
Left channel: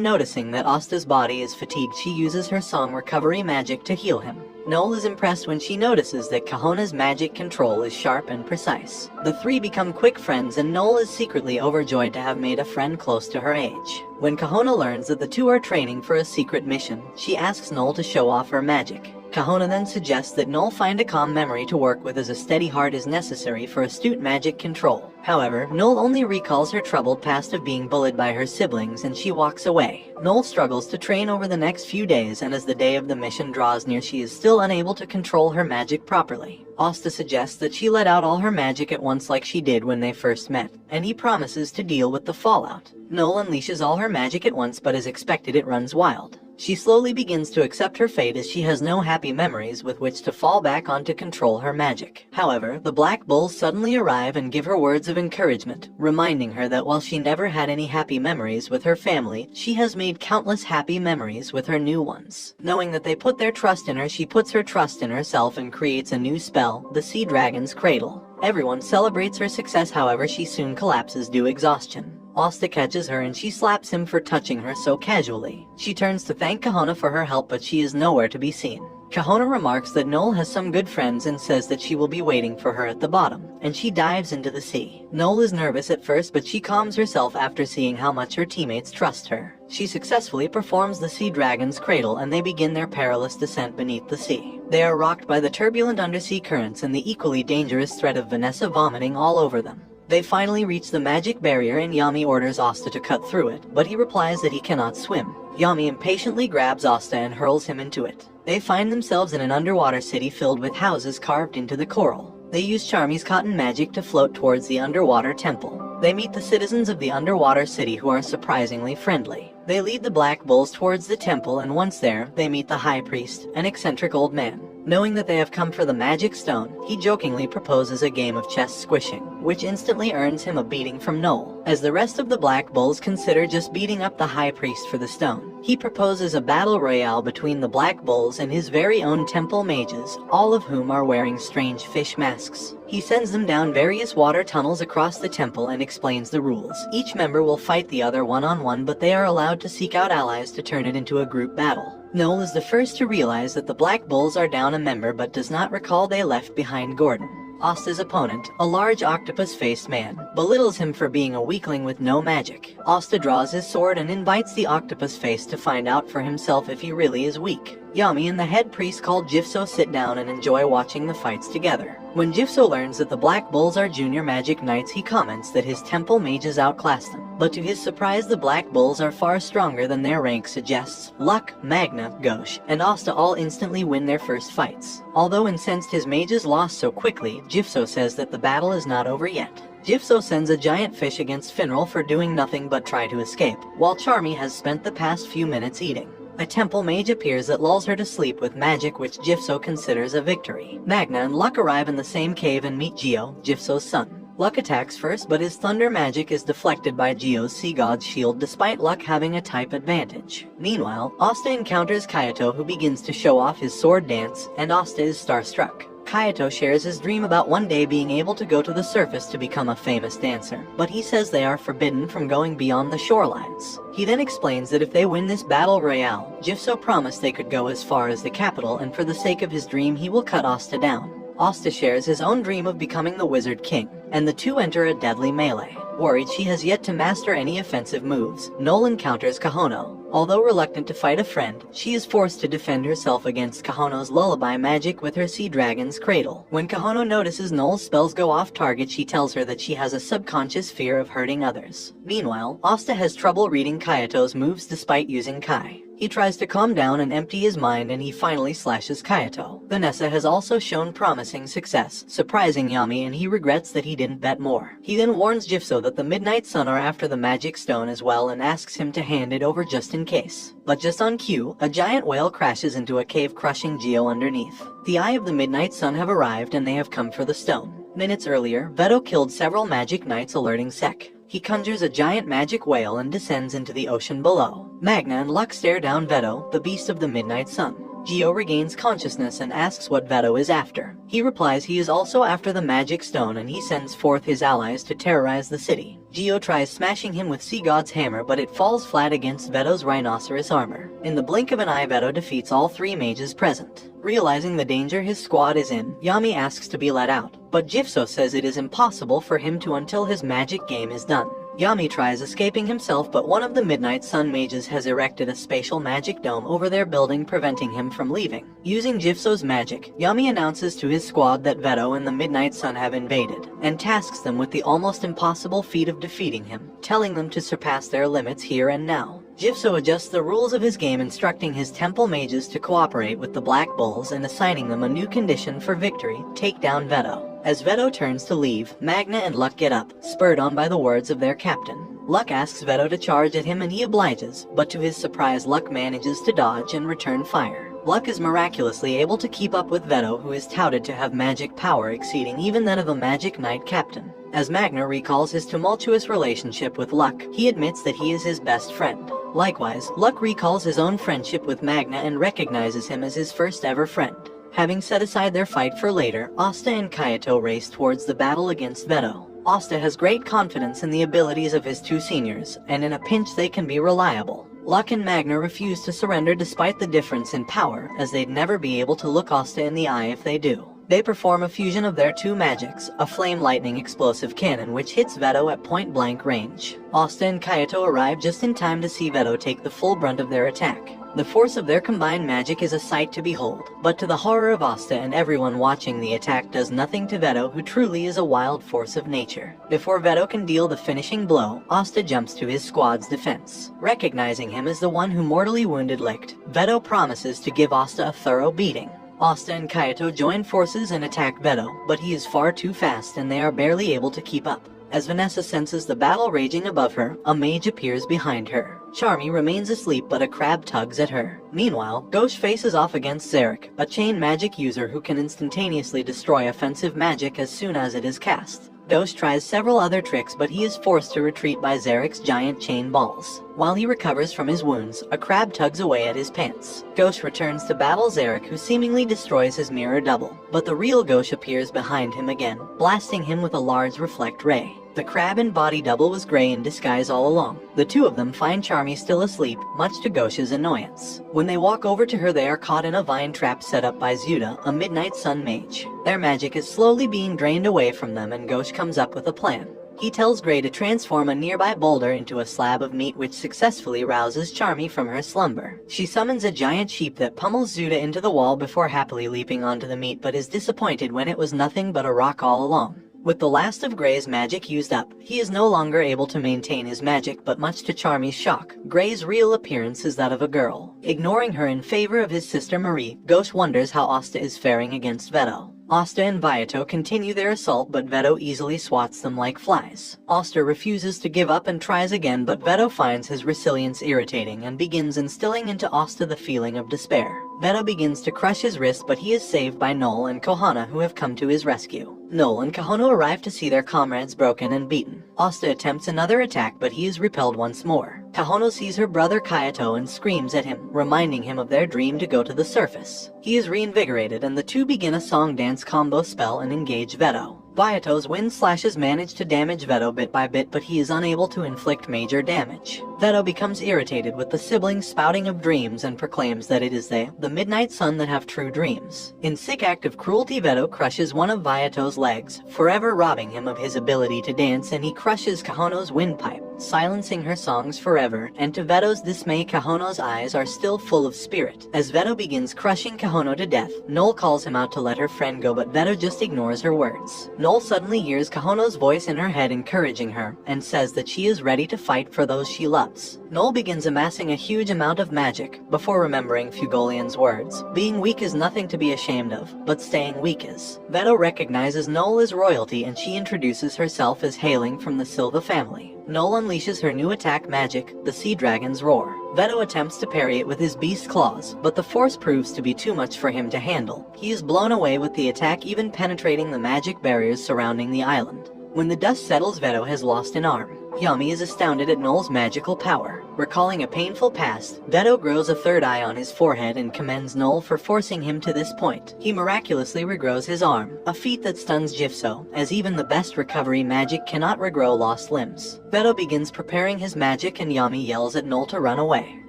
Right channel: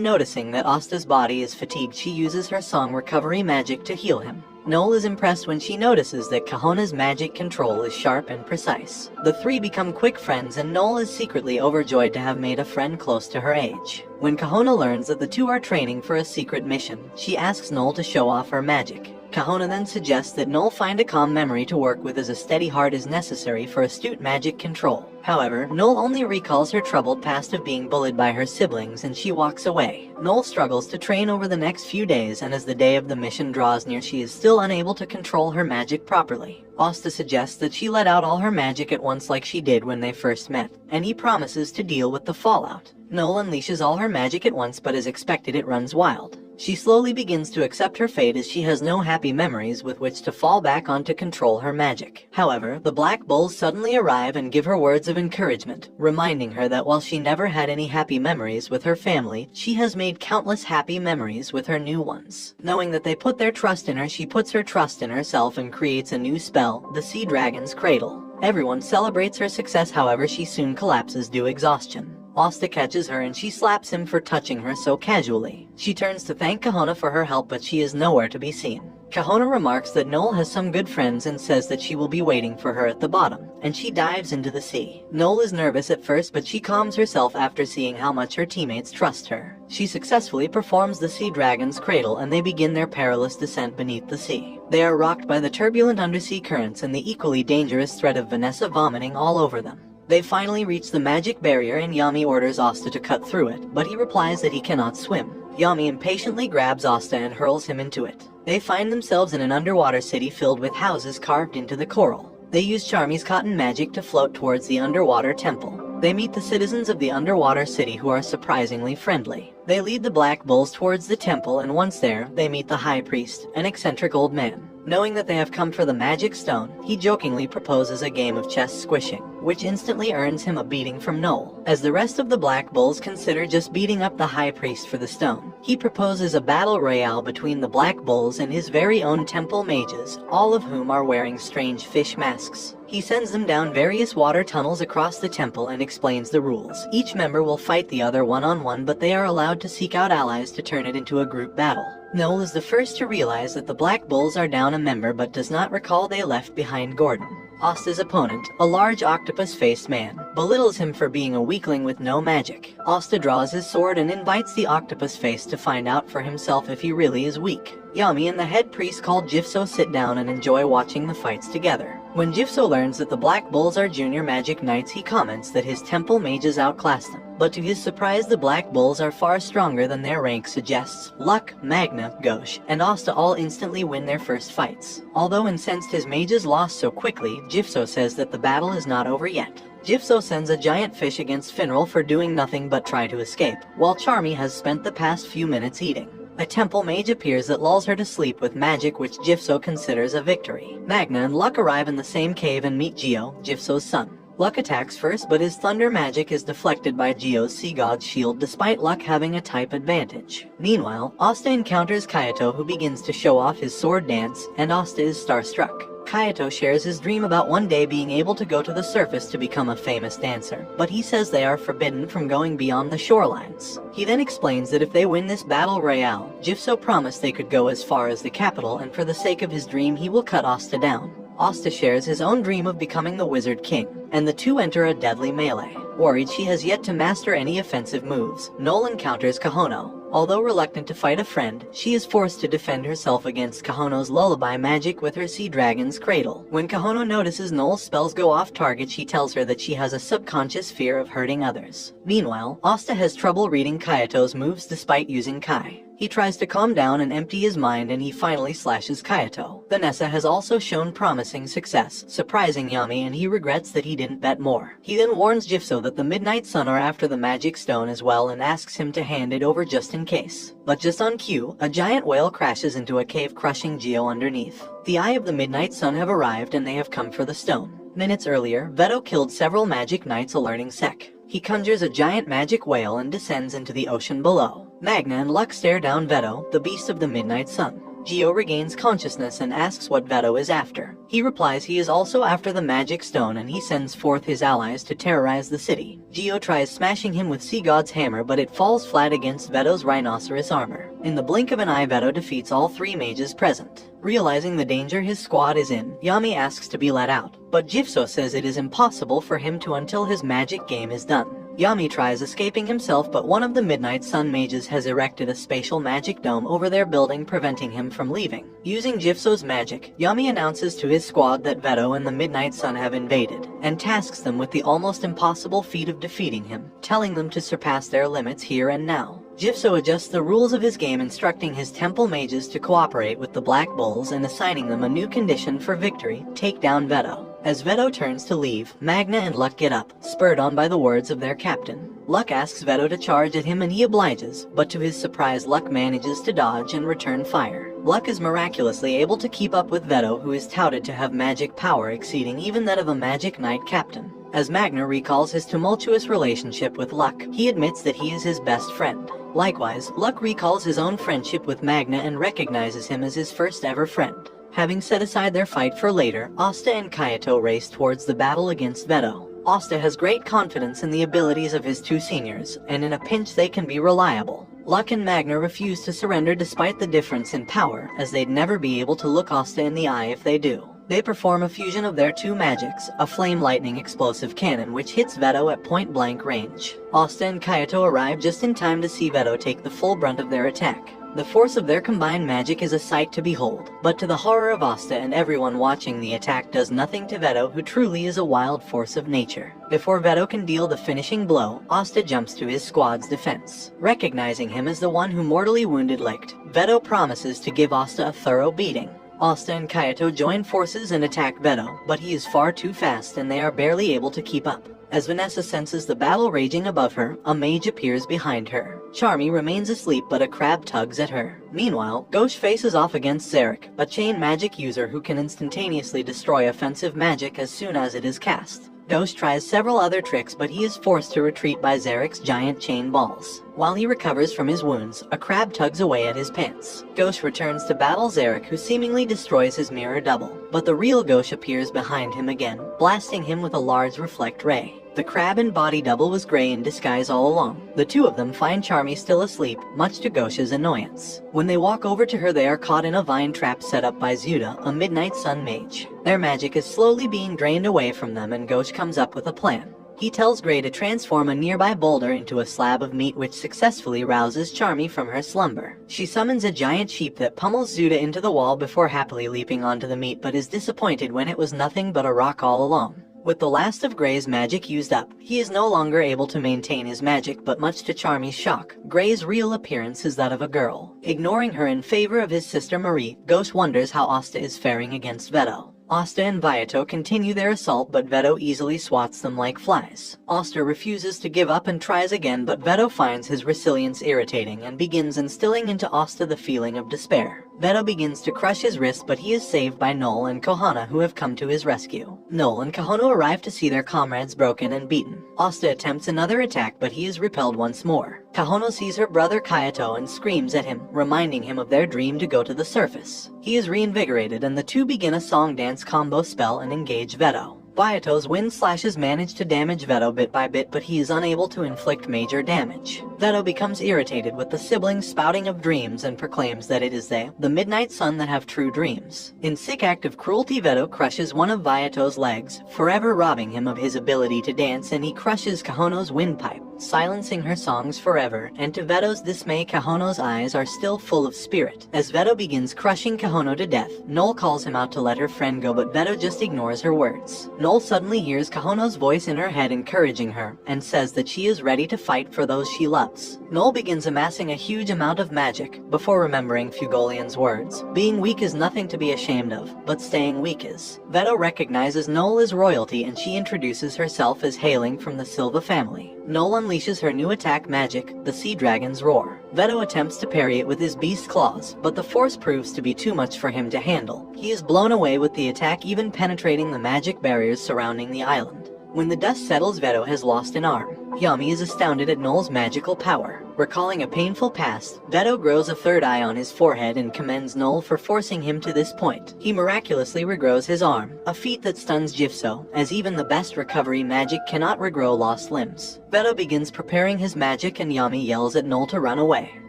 noticing that Asta's body is fatigued she uses her song recovery magic to heal him. Noel is impressed when she notices that Kahona's magic control is sharp and precise. The three become quick friends and Noel is secretly overjoyed to have made a friend close to her age. When Kahona learns that the two are training for a secret mission, she asks Noel to show off her magic. Kahona then suggests that Noel find a calm memory to work with as a steady heart is necessary for astute magic control. However, Noel only recalls her troubled past of being bullied by her siblings and she walks away. Noel struggles to train over the next few days and as the day of the mission draws near she is still unable to control her magic properly. Asta suggests that she let out all her magic at once like she did when they first met, and he promises to deal with the fallout. Noel unleashes all her magic at once but as expected it runs wild. She slowly begins to accept her fate as she has no happy memories with which to fall back on to control her magic. However, the Black Bulls suddenly arrive and give her words of encouragement, reminding her that while she never had any happy memories with her family, she has made countless happy memories with her new ones. Knowing that they put their trust in her, she puts her trust in herself and creates a new spell, the Sea Dragon's Cradle. Everyone celebrates her success, however she soon collapses due to exhaustion. Asta catches her and she slaps him for touching her so casually. She turns to thank Kahona for her help but she is nowhere to be seen. Kahona remarks that Noel has some good friends and says that she will be waiting for her at the bottom, and she dives into the sea. Noel is nervous at first but she calms herself after seeing how much her teammates trust her. She successfully performs the Sea Dragon's Cradle and they begin their perilous descent beneath the sea. They are rocked by the turbulent undersea currents and the equally dangerous threat of Vanessa vomiting all over them. They finally reach the magic barrier and Yami orders Asta to cut through it, but he replies that he cannot swim. Yami impatiently grabs Asta and hurls him into it. They find themselves in an underwater city filled with houses carved into the coral. They use Charmy's cotton magic to float towards the underwater temple. They meet the citizens of the underwater city who are surprisingly friendly. They lead the Black Bulls towards the temple and once there, they meet the High Priest, an eccentric old man. Knowing that they have come for the magic stone, he jokingly proposes a game of chess squishing, which instantly earns him a beating from Noel. As the rest of the Black Bulls consider just beating up the High Priest for the stone, he proposes a battle royale between the Black Bulls and his very own temple mages, all of whom are wearing strange fish masks. He sends them down various water tunnels across the temple and explains the rules. Each member will fight the other one-on-one, but they are allowed to seek out allies to turn it into a group battle. Noel is the first to realize that the Black Bulls are down a member but does not recall they left behind Gordon. Asta's opponent, a large octopus-faced man, belittles him for being a weakling with no magic. Asta draws his sword and invites the octopus face to find out for himself if he really is weak. Yami and the head priest called Jifso sit down and enjoy watching the fights together. When Jifso learns that the Black Bulls are junior magic knights, he comments that his temple mages outclass them. But to his surprise, the Black Bulls are far stronger than their rank suggests. Luck, Magna, Ghosh, and Asta all instantly win their first fights. Although incensed his mages lost so quickly, Jifso says that the battle is not over yet. Jifso sends a giant fish against Finral for doing nothing but try to escape, while Charmy has spent the past few minutes eating. A temple mage appears that lulls her to sleep with magic which Jifso considers a victory. Magna and Luck arrive in the same cave and meet Gio, Jifso's son. Luck attacks first, but his thunder magic is deflected by Gio's sea god's shield despite Luck having a type advantage. Meanwhile, Asta encounters Kaito, who begins to show off his sword dance, and Asta is starstruck. Kaito shares his dream about one day being able to go to the surface to become a famous dancer, but he says they are forbidden from going beyond the shorelines. He then explains that if they win this battle royale, Jifso promised they could go as far as the capital, and for the sake of his dream he will cut Asta down. Asta shares his own dream of becoming the Wizard King, and the two enter a deadly melee. Worried she has yet to master any offensive moves, Noel encounters Kahono. Although reluctant to fight a friend, she is forced to defend herself against Kahono's lullaby magic with her sea dragon's cradle. When Kahono notices Noel's spells go off target, she tells her that she has a subconscious fear of hurting others. Meanwhile, Asta has trouble reading Kaito's moves despite using Kai. He tries to calm down and empty his mind, and he finally slashes Kaito. Vanessa has also shown promising success, surprising Yami, and he regrets that he didn't bet more. He then warns Jifso that the Midnight Sun are after the magic stone as well and asks him to hand it over just in case. But just on cue, a giant whale crashes into a cave, crushing Gio underneath. The Eye of the Midnight Sun have arrived and they have come for the stone. Minutes earlier, Veto killed several magic knights, alerting Sek. He conjures a giant magic whale and descends into the ocean below. Magna and Luck stare down Veto, the beast of the Midnight Sun. Gio regains consciousness and asks what Veto is after. He replies he is also after the magic stone, and he sends forth his allies to terrorize the city. Gio tries smashing him with Sea God's hammer, but it falls flat against Veto's rhinoceros armor. In the blink of an eye, Veto defeats all three mages present. Realizing the danger his squad is in, Yami asks to be let out, but Jifso says it is impossible for him to until his magic game is done. Yami tries escaping himself, but one of the Midnight Sun mages has erected a spatial magic dome over their building, preventing him from leaving. Using Jifso's magic, Yami announces to his squad that Veto and the Midnight Sun have invaded, and tasks them with the almost impossible feat of defeating him, telling them to surpass their limits here and now. Jifso adjusts the rules of his game, instructing his temple mages to cooperate with the Black Bulls and assigning them a new condition for victory: take down Veto. As Veto turns to leave, Magna and Luck get up, spurred on by the words of their captain. Luck asks Veto to charge at him and he obliges, but to his surprise, Luck manages to dodge and return fire. Luck is miraculously able to keep up with Veto, who is touted to have magic power exceeding even that of a magic knight captain. As Magna recalls his tumultuous relationship with Luck, he admits that he is his best friend. Likewise, Luck recalls his own friendship with Magna and recognizes him as his first ever friend. Having set aside their fight for later, Asta and Kaito race towards the battle against Veto. Asta has great confidence in the abilities of his two seniors, and in a pinch they can be reliable. Luck and Magna refuse to surrender despite the difference in power, as they'd never be able to look Asta in the eye if they do. They perform a fusion of their two magics, a flame lightning explosive cannon which hits Veto at point-blank range. Asta and Kaito arrive just in time to see Veto take the full brunt of their attack. The force of their combined magic is a sight to behold, but to the horror of Asta and everyone watching, the attack does nothing to Veto, who truly is a wild force of nature. Before Veto can deal the finishing blow, Asta jumps to his squad's defense. Recognizing him as the one who mortally wounded Licht, Veto promises to give Asta a thorough beating. Asta and Kaito join forces and attack Veto, but he is far too fast and they are barely able to keep up. As Vanessa senses the battle raging above her, a mage appears behind her. Charmy remains asleep, but a crab tugs at her. Meanwhile, Ghosh faces off against Zarek, a chain magic user who can instantaneously destroy offensive magic as soon as it is cast. Ghosh tries several other tricks, but he is forced to retreat by Zarek's giant chain balls. While he recovers from his wounds, a crab tugs away at his pants. Ghosh returns to battle Zarek, who seemingly destroys his mirror double, but the real Ghosh appears behind him again, blasting him with a large reflect ray. The crab and body double was gray in disguise all along. The two of them find Charmy still asleep, much to Ghosh's annoyance. When they walk over to her, they are caught in a vine trap set up by Zuda, a Midnight Sun mage. Their magic is slowly being drained away from them, and Ghosh comes up with a plan. He tells Gray to transform a nearby boulder into a slab of meat, which successfully rouses Charmy from her slumber. She summons a giant sheep that pummels Zuda into the wall before happily leaping onto the meat, but is disappointed when it was nothing but a rock all along. With the last of Gray's magic used up, he is no longer able to maintain his magic, but much to Charmy's shock, Gray's real appearance is that of a girl. Ignoring her in favor of his sister Marie, Ghosh wonders how Asta is faring against Veto. Asta and Viato continue their assault, but Veto easily swats them like flies. Asta refuses to give up and tries again, but Veto finds his resilience irritating and begins instilling into Asta the feeling of despair. Vedo begins to crush his wrist, but he is saved by Noel and Kohana, who have come to his rescue. Noel and Kohana arrive to see their comrades broken and beaten. Asta attempts another attack, but he is repelled once more. Kohana sees her brother Kayato and screams at him, reminding him of their dream to go to the surface. He is reinvigorated and the two begin a song-dance combo spell and engage Vedo. Vyato's wind slashes manage to damage Vedo bit by bit, but he is unable to inflict major damage. Vedo becomes irritated with the siblings' spouting of dreams and proclaims that it is they, the Midnight Sun, that have true dreams. In sick act of cruelty, Vedo crushes one of Vyato's legs, forever robbing him of his ability to dance, and he crushes Kahono's windpipe, silencing her songs forever, and to Vedo's dismay, Kahono's eyes are still full of spirit. As Vedo begins crushing Kahono to death, Noel calls him out to let her friend go, but Vedo just ignores her words. Noel suddenly hears Kahono's voice in her head encouraging her, and says that she is ready to fight for those she loves. Noel begins amassing a huge amount of magic, before remembering Fugolian's words. Being weak is nothing to be ashamed of, but staying weak is. Vedo recognizes Noel as royalty, and she introduces herself as hailing from the Silva family. Noel unleashes her new attack magic, the Sea Dragon's Roar. Vedo attempts to parry it with his beast claws, but the force proves to be too much for him to handle. He is blown away with the attack, even penetrating the magic barriers surrounding the island. When the dust settles, Vedo has lost an arm. Yami is astounded at Noel's magical power. Recalling a painful past, Vedo grows a third eye on his forehead and commends Noel for forcing him to this point. He miraculously regrows his arm, a feat that stuns Jifso, as even the best recovery magic cannot regrow lost limbs. Vedo begins preparing his magic and Yami yells at Noel to run away.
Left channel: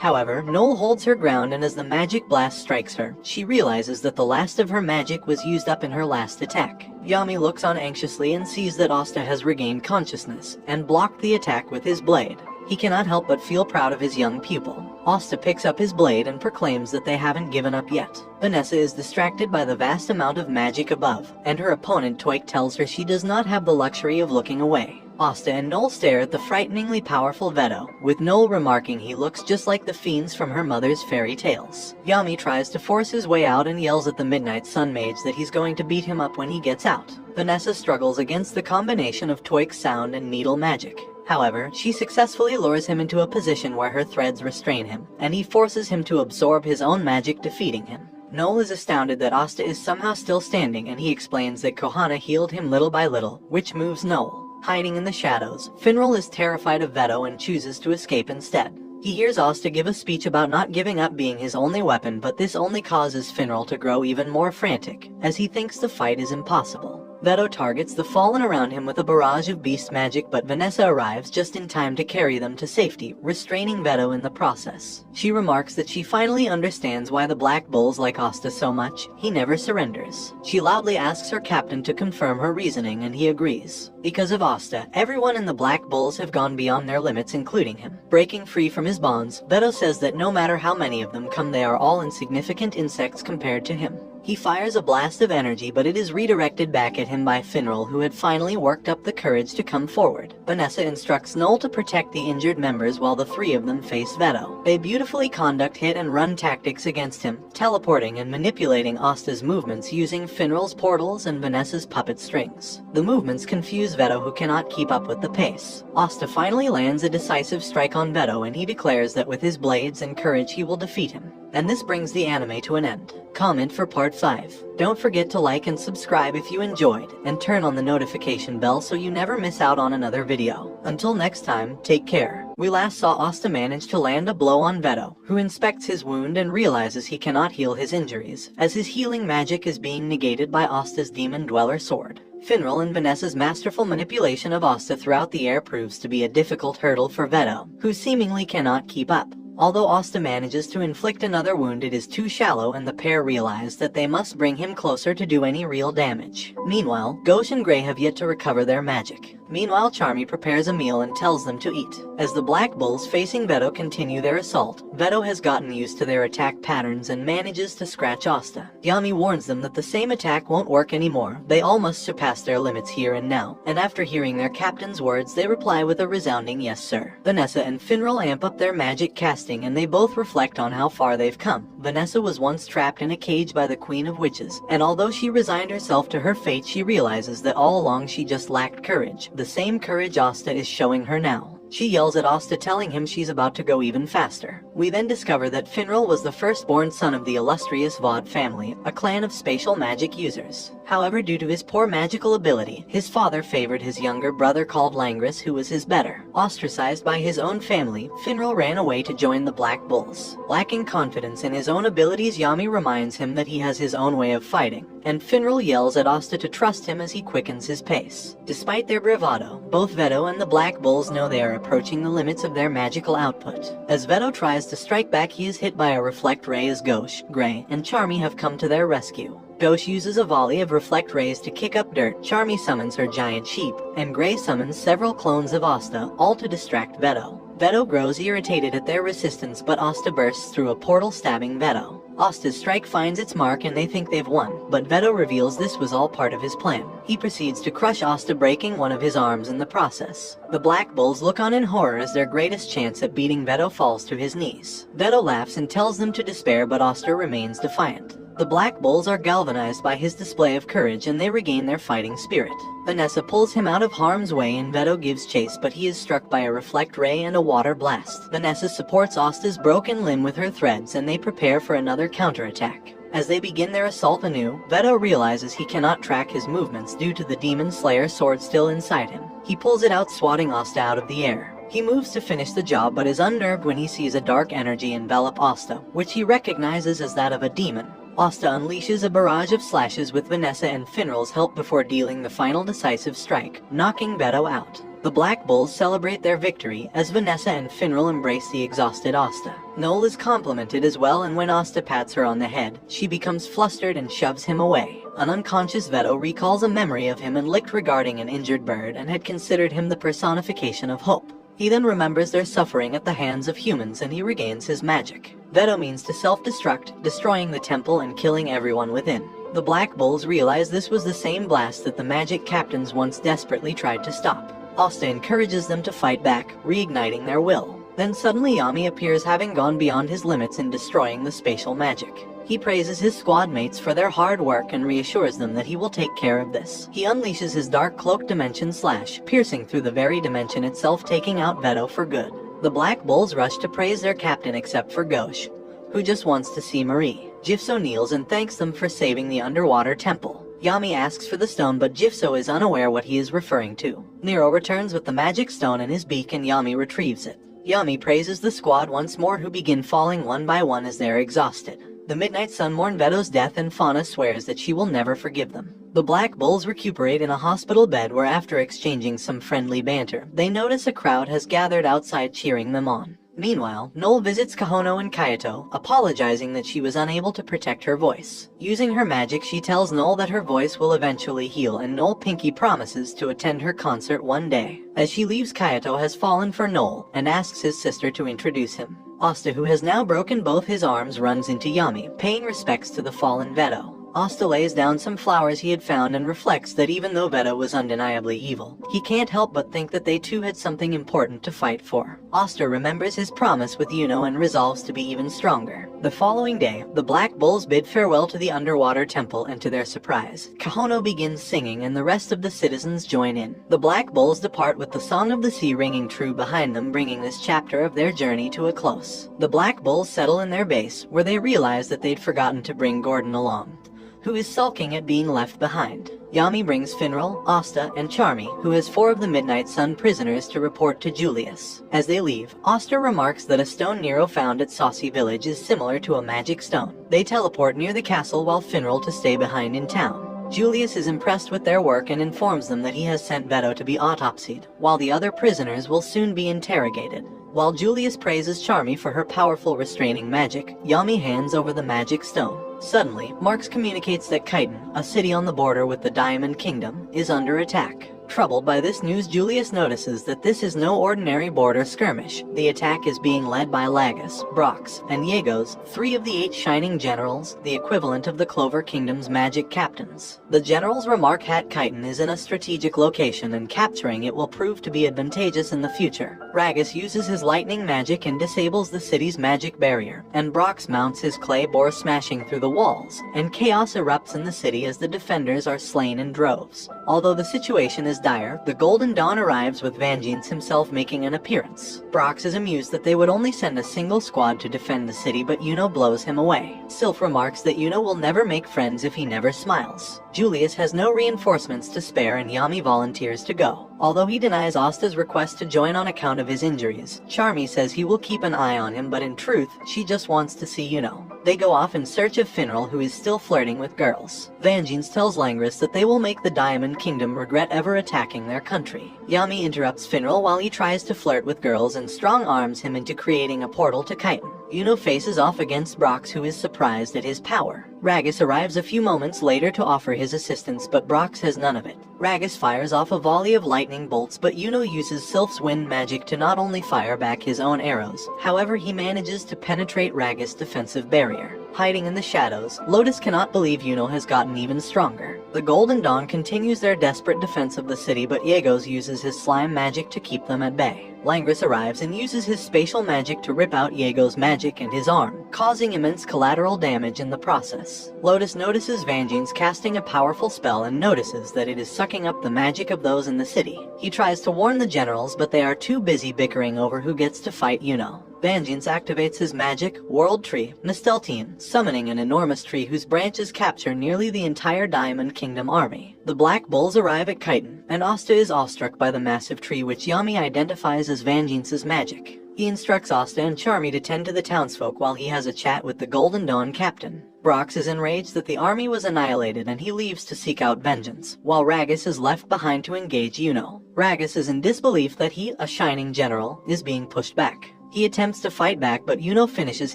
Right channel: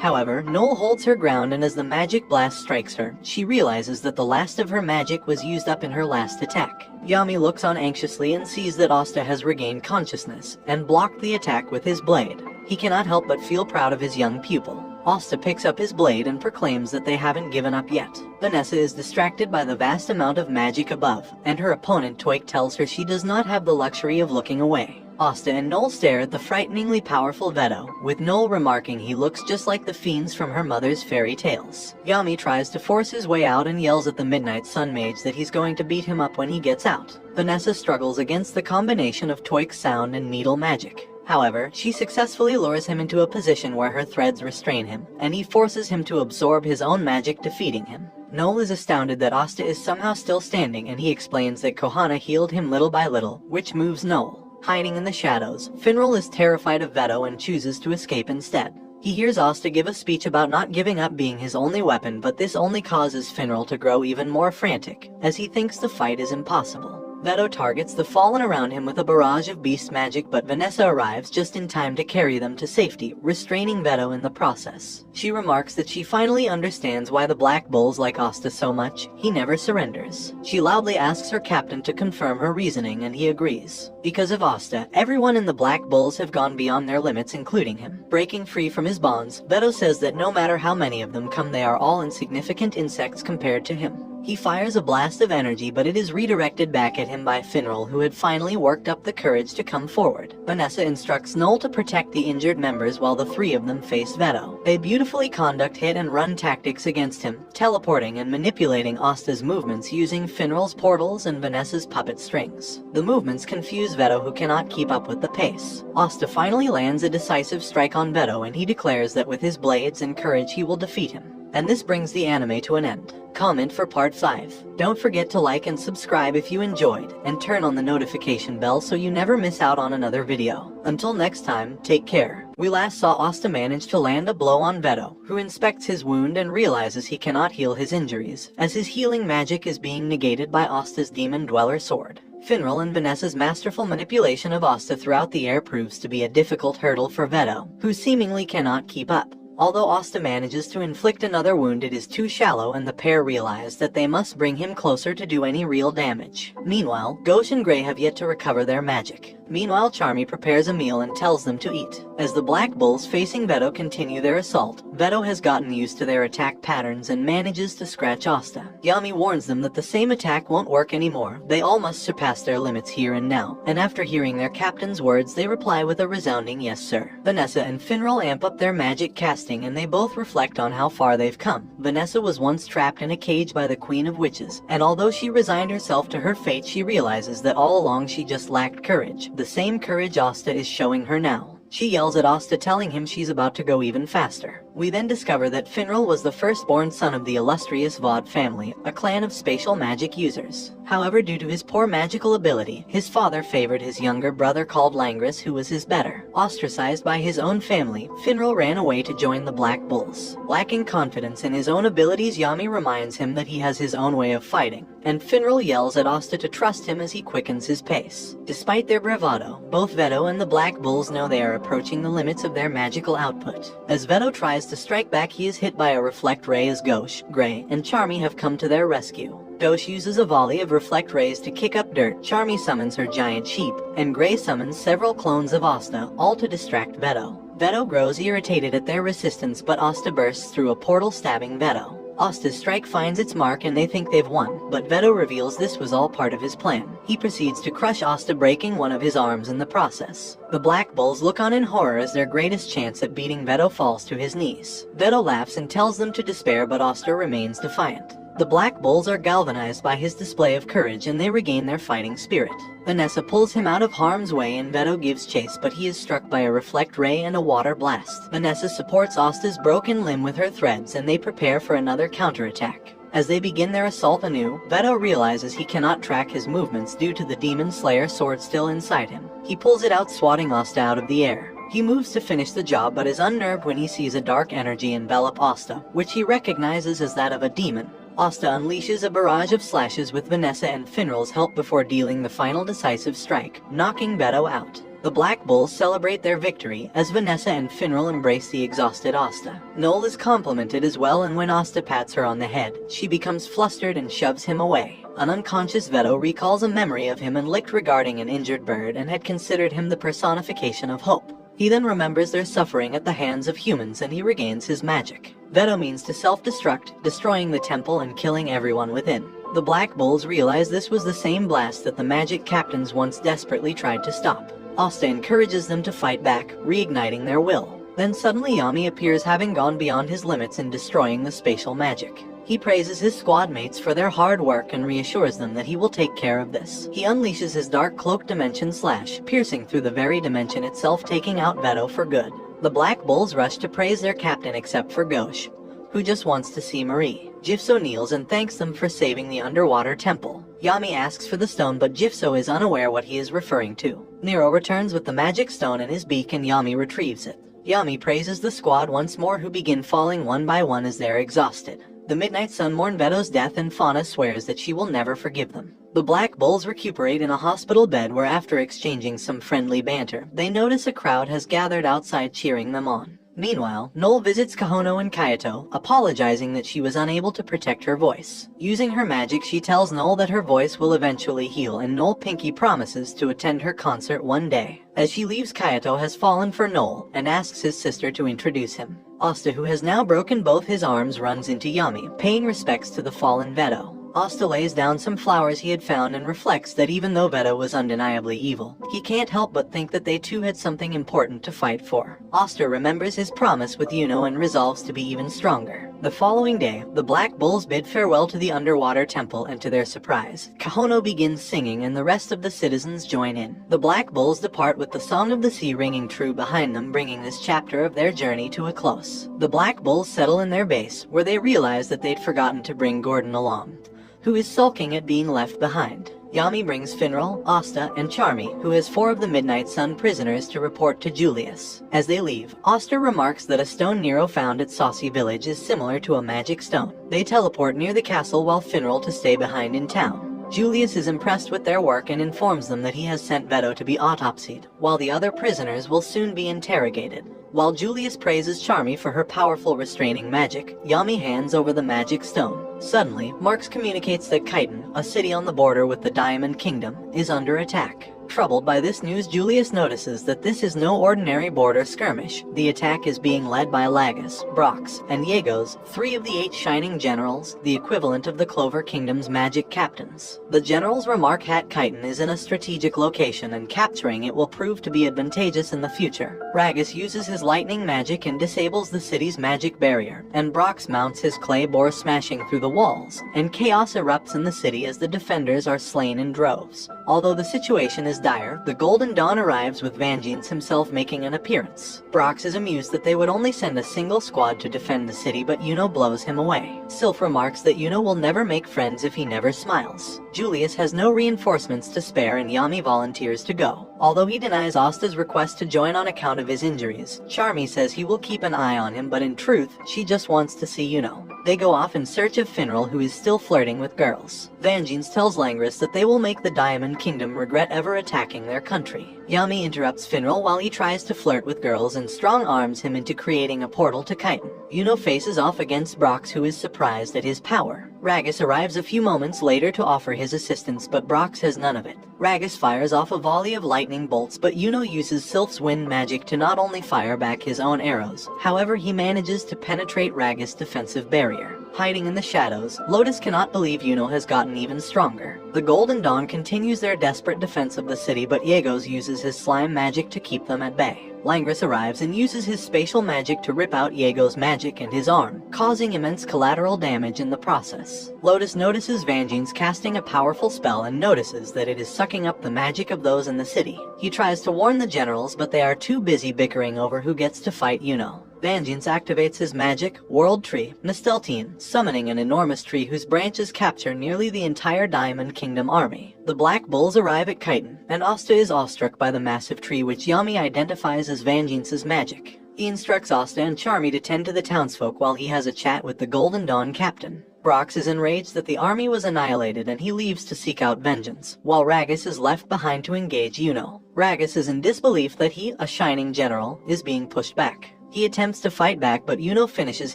However, Noel holds her ground, and as the magic blast strikes her, she realizes that the last of her magic was used up in her last attack. Yami looks on anxiously and sees that Asta has regained consciousness, and blocked the attack with his blade. He cannot help but feel proud of his young pupil. Asta picks up his blade and proclaims that they haven't given up yet. Vanessa is distracted by the vast amount of magic above, and her opponent Toik tells her she does not have the luxury of looking away. Asta and Noel stare at the frighteningly powerful Vedo, with Noel remarking he looks just like the fiends from her mother's fairy tales. Yami tries to force his way out and yells at the Midnight Sun Mage that he's going to beat him up when he gets out. Vanessa struggles against the combination of Toik's sound and needle magic. However, she successfully lures him into a position where her threads restrain him, and he forces him to absorb his own magic, defeating him. Noel is astounded that Asta is somehow still standing, and he explains that Kohana healed him little by little, which moves Noel. Hiding in the shadows, Finral is terrified of Vedo and chooses to escape instead. He hears Asta give a speech about not giving up being his only weapon, but this only causes Finral to grow even more frantic, as he thinks the fight is impossible. Vedo targets the fallen around him with a barrage of beast magic, but Vanessa arrives just in time to carry them to safety, restraining Vedo in the process. She remarks that she finally understands why the Black Bulls like Asta so much. He never surrenders. She loudly asks her captain to confirm her reasoning, and he agrees. Because of Asta, everyone in the Black Bulls have gone beyond their limits, including him. Breaking free from his bonds, Vedo says that no matter how many of them come, they are all insignificant insects compared to him. He fires a blast of energy, but it is redirected back at him by Finral, who had finally worked up the courage to come forward. Vanessa instructs Noel to protect the injured members while the three of them face Vedo. They beautifully conduct hit-and-run tactics against him, teleporting and manipulating Asta's movements using Finral's portals and Vanessa's puppet strings. The movements confuse Vedo, who cannot keep up with the pace. Asta finally lands a decisive strike on Vedo, and he declares that with his blades and courage he will defeat him. And this brings the anime to an end. Comment for part 5. Don't forget to like and subscribe if you enjoyed, and turn on the notification bell so you never miss out on another video. Until next time, take care. We last saw Asta manage to land a blow on Vedo, who inspects his wound and realizes he cannot heal his injuries, as his healing magic is being negated by Asta's Demon Dweller sword. Finral and Vanessa's masterful manipulation of Asta throughout the air proves to be a difficult hurdle for Vedo, who seemingly cannot keep up. Although Asta manages to inflict another wound, it is too shallow, and the pair realize that they must bring him closer to do any real damage. Meanwhile, Ghosh and Grey have yet to recover their magic. Meanwhile, Charmy prepares a meal and tells them to eat. As the Black Bulls facing Vedo continue their assault, Vedo has gotten used to their attack patterns and manages to scratch Asta. Yami warns them that the same attack won't work anymore. They all must surpass their limits here and now, and after hearing their captain's words, they reply with a resounding yes sir. Vanessa and Finral amp up their magic casting, and they both reflect on how far they've come. Vanessa was once trapped in a cage by the Queen of Witches, and although she resigned herself to her fate, she realizes that all along she just lacked courage. The same courage Asta is showing her now. She yells at Asta, telling him she's about to go even faster. We then discover that Finral was the firstborn son of the illustrious Vaude family, a clan of spatial magic users. However, due to his poor magical ability, his father favored his younger brother called Langris, who was his better. Ostracized by his own family, Finral ran away to join the Black Bulls. Lacking confidence in his own abilities, Yami reminds him that he has his own way of fighting, and Finral yells at Asta to trust him as he quickens his pace. Despite their bravado, both Veto and the Black Bulls know they are approaching the limits of their magical output. As Veto tries to strike back, he is hit by a reflect ray as Gauche, Gray, and Charmy have come to their rescue. Gauche uses a volley of reflect rays to kick up dirt, Charmy summons her giant sheep, and Gray summons several clones of Asta, all to distract Veto. Veto grows irritated at their resistance, but Asta bursts through a portal, stabbing Veto. Asta's strike finds its mark and they think they've won, but Veto reveals this was all part of his plan. He proceeds to crush Asta, breaking one of his arms in the process. The Black Bulls look on in horror as their greatest chance at beating Veto falls to his knees. Veto laughs and tells them to despair, but Asta remains defiant. The Black Bulls are galvanized by his display of courage and they regain their fighting spirit. Vanessa pulls him out of harm's way and Veto gives chase, but he is struck by a reflect ray and a water blast. Vanessa supports Asta's broken limb with her threads and they prepare for another counterattack. As they begin their assault anew, Veto realizes he cannot track his movements due to the Demon Slayer sword still inside him. He pulls it out, swatting Asta out of the air. He moves to finish the job, but is unnerved when he sees a dark energy envelop Asta, which he recognizes as that of a demon. Asta unleashes a barrage of slashes with Vanessa and Finral's help before dealing the final decisive strike, knocking Veto out. The Black Bulls celebrate their victory as Vanessa and Finral embrace the exhausted Asta. Noel is complimented as well, and when Asta pats her on the head, she becomes flustered and shoves him away. An unconscious Veto recalls a memory of him and licked regarding an injured bird and had considered him the personification of hope. He then remembers their suffering at the hands of humans and he regains his magic. Veto means to self-destruct, destroying the temple and killing everyone within. The Black Bulls realize this was the same blast that the magic captains once desperately tried to stop. Asta encourages them to fight back, reigniting their will. Then suddenly Yami appears, having gone beyond his limits in destroying the spatial magic. He praises his squad mates for their hard work and reassures them that he will take care of this. He unleashes his dark cloak dimension slash, piercing through the very dimension itself, taking out Veto for good. The Black Bulls rush to praise their captain except for Gauche, who just wants to see Marie. Jifso kneels and thanks them for saving the underwater temple. Yami asks for the stone, but Jifso is unaware what he is referring to. Nero returns with the magic stone in his beak and Yami retrieves it. Yami praises the squad once more, who begin falling one by one as they're exhausted. The Midnight Sun mourn Veto's death and Fauna swears that she will never forgive them. The Black Bulls recuperate in a hospital bed where, after exchanging some friendly banter, they notice a crowd has gathered outside cheering them on. Meanwhile, Noel visits Kahono and Kayato, apologizing that she was unable to protect her voice. Using her magic, she tells Noel that her voice will eventually heal, and Noel Pinky promises to attend her concert one day. As she leaves, Kayato has fallen for Noel and asks his sister to introduce him. Asta, who has now broken both his arms, runs into Yami, paying respects to the fallen Veto. Asta lays down some flowers he had found and reflects that even though Veto was undeniably evil, he can't help but think that they too had something important to fight for. Asta remembers his promise with Yuno and resolves to be even stronger. The following day, the Black Bulls bid farewell to the underwater temple, and to their surprise, Kahono begins singing and the rest of the citizens join in. The Black Bulls depart with the Song of the Sea ringing true behind them, bringing this chapter of their journey to a close. The Black Bulls settle in their base, where they realize that they'd forgotten to bring Gordon along, who is sulking at being left behind. Yami brings Finral, Asta, and Charmy, who has 4 of the Midnight Sun prisoners, to report to Julius. As they leave, Asta remarks that a stone Nero found at Saucy Village is similar to a magic stone. They teleport near the castle while Finral to stay behind in town. Julius is impressed with their work and informs them that he has sent Veto to be autopsied, while the other prisoners will soon be interrogated. While Julius praises Charmy for her powerful restraining magic, Yami hands over the magic stone. Suddenly, Marx communicates that Chiton, a city on the border with the Diamond Kingdom, is under attack. Troubled by this news, Julius notices that this is no ordinary border skirmish. The attack is being led by Lagus, Brox, and Yegos, 3 of the 8 Shining Generals, the equivalent of the Clover Kingdom's magic captains. The generals remark Hat Chiton is in a strategic location and capturing it will prove to be advantageous in the future. Ragus uses his lightning magic and disables the city's magic barrier, and Brox mounts his clay boar smashing through the walls, and chaos erupts in the city as the defenders are slain in droves. Although the situation is dire, the Golden Dawn arrives with Vangeance himself making an appearance. Brox is amused that they would only send a single squad to defend the city, but Yuno blows him away. Sylph remarks that Yuno will never make friends if he never smiles. Julius has no reinforcements to spare and Yami volunteers to go. Although he denies Asta's request to join on account of his injuries, Charmy says he will keep an eye on him, but in truth, she just wants to see Yuno. They go off in search of Finral, who is still flirting with girls. Vangeance tells Langris that they will make the Diamond Kingdom regret ever attacking their country. Yami interrupts Finral while he tries to flirt with girls and strong-arms him into creating a portal to Chiton. Yuno faces off against Brox, who is surprised at his power. Ragus arrives a few moments later to offer his assistance, but Brox has none of it. Ragus fires off a volley of lightning bolts, but Yuno uses Sylph's wind magic to not only fire back his own arrows. However, he manages to penetrate Ragus' defensive barrier. Hiding in the shadows, Lotus cannot believe Yuno has gotten even stronger. The Golden Dawn continues their desperate defense of the city, but Yegos uses his slime magic to keep them at bay. Langris arrives and uses his spatial magic to rip out Yegos' magic and his arm, causing immense collateral damage in the process. Lotus notices Vangeance casting a powerful spell and notices that it is sucking up the magic of those in the city. He tries to warn the generals, but they are too busy bickering over who gets to fight Yuno. Vangeance activates his magic, World Tree, Nasteltine, summoning an enormous tree whose branches capture nearly the entire Diamond Kingdom army. The Black Bulls arrive at Chiton, and Asta is awestruck by the massive tree, which Yami identifies as Vangeance's magic. He instructs Asta and Charmy to tend to the townsfolk while he has a chat with the Golden Dawn captain. Brox is enraged that the army was annihilated and he leaves to seek out vengeance, while Ragus is left behind to engage Yuno. Ragus is in disbelief that he, a shining general, is being pushed back. He attempts to fight back, but Yuno finishes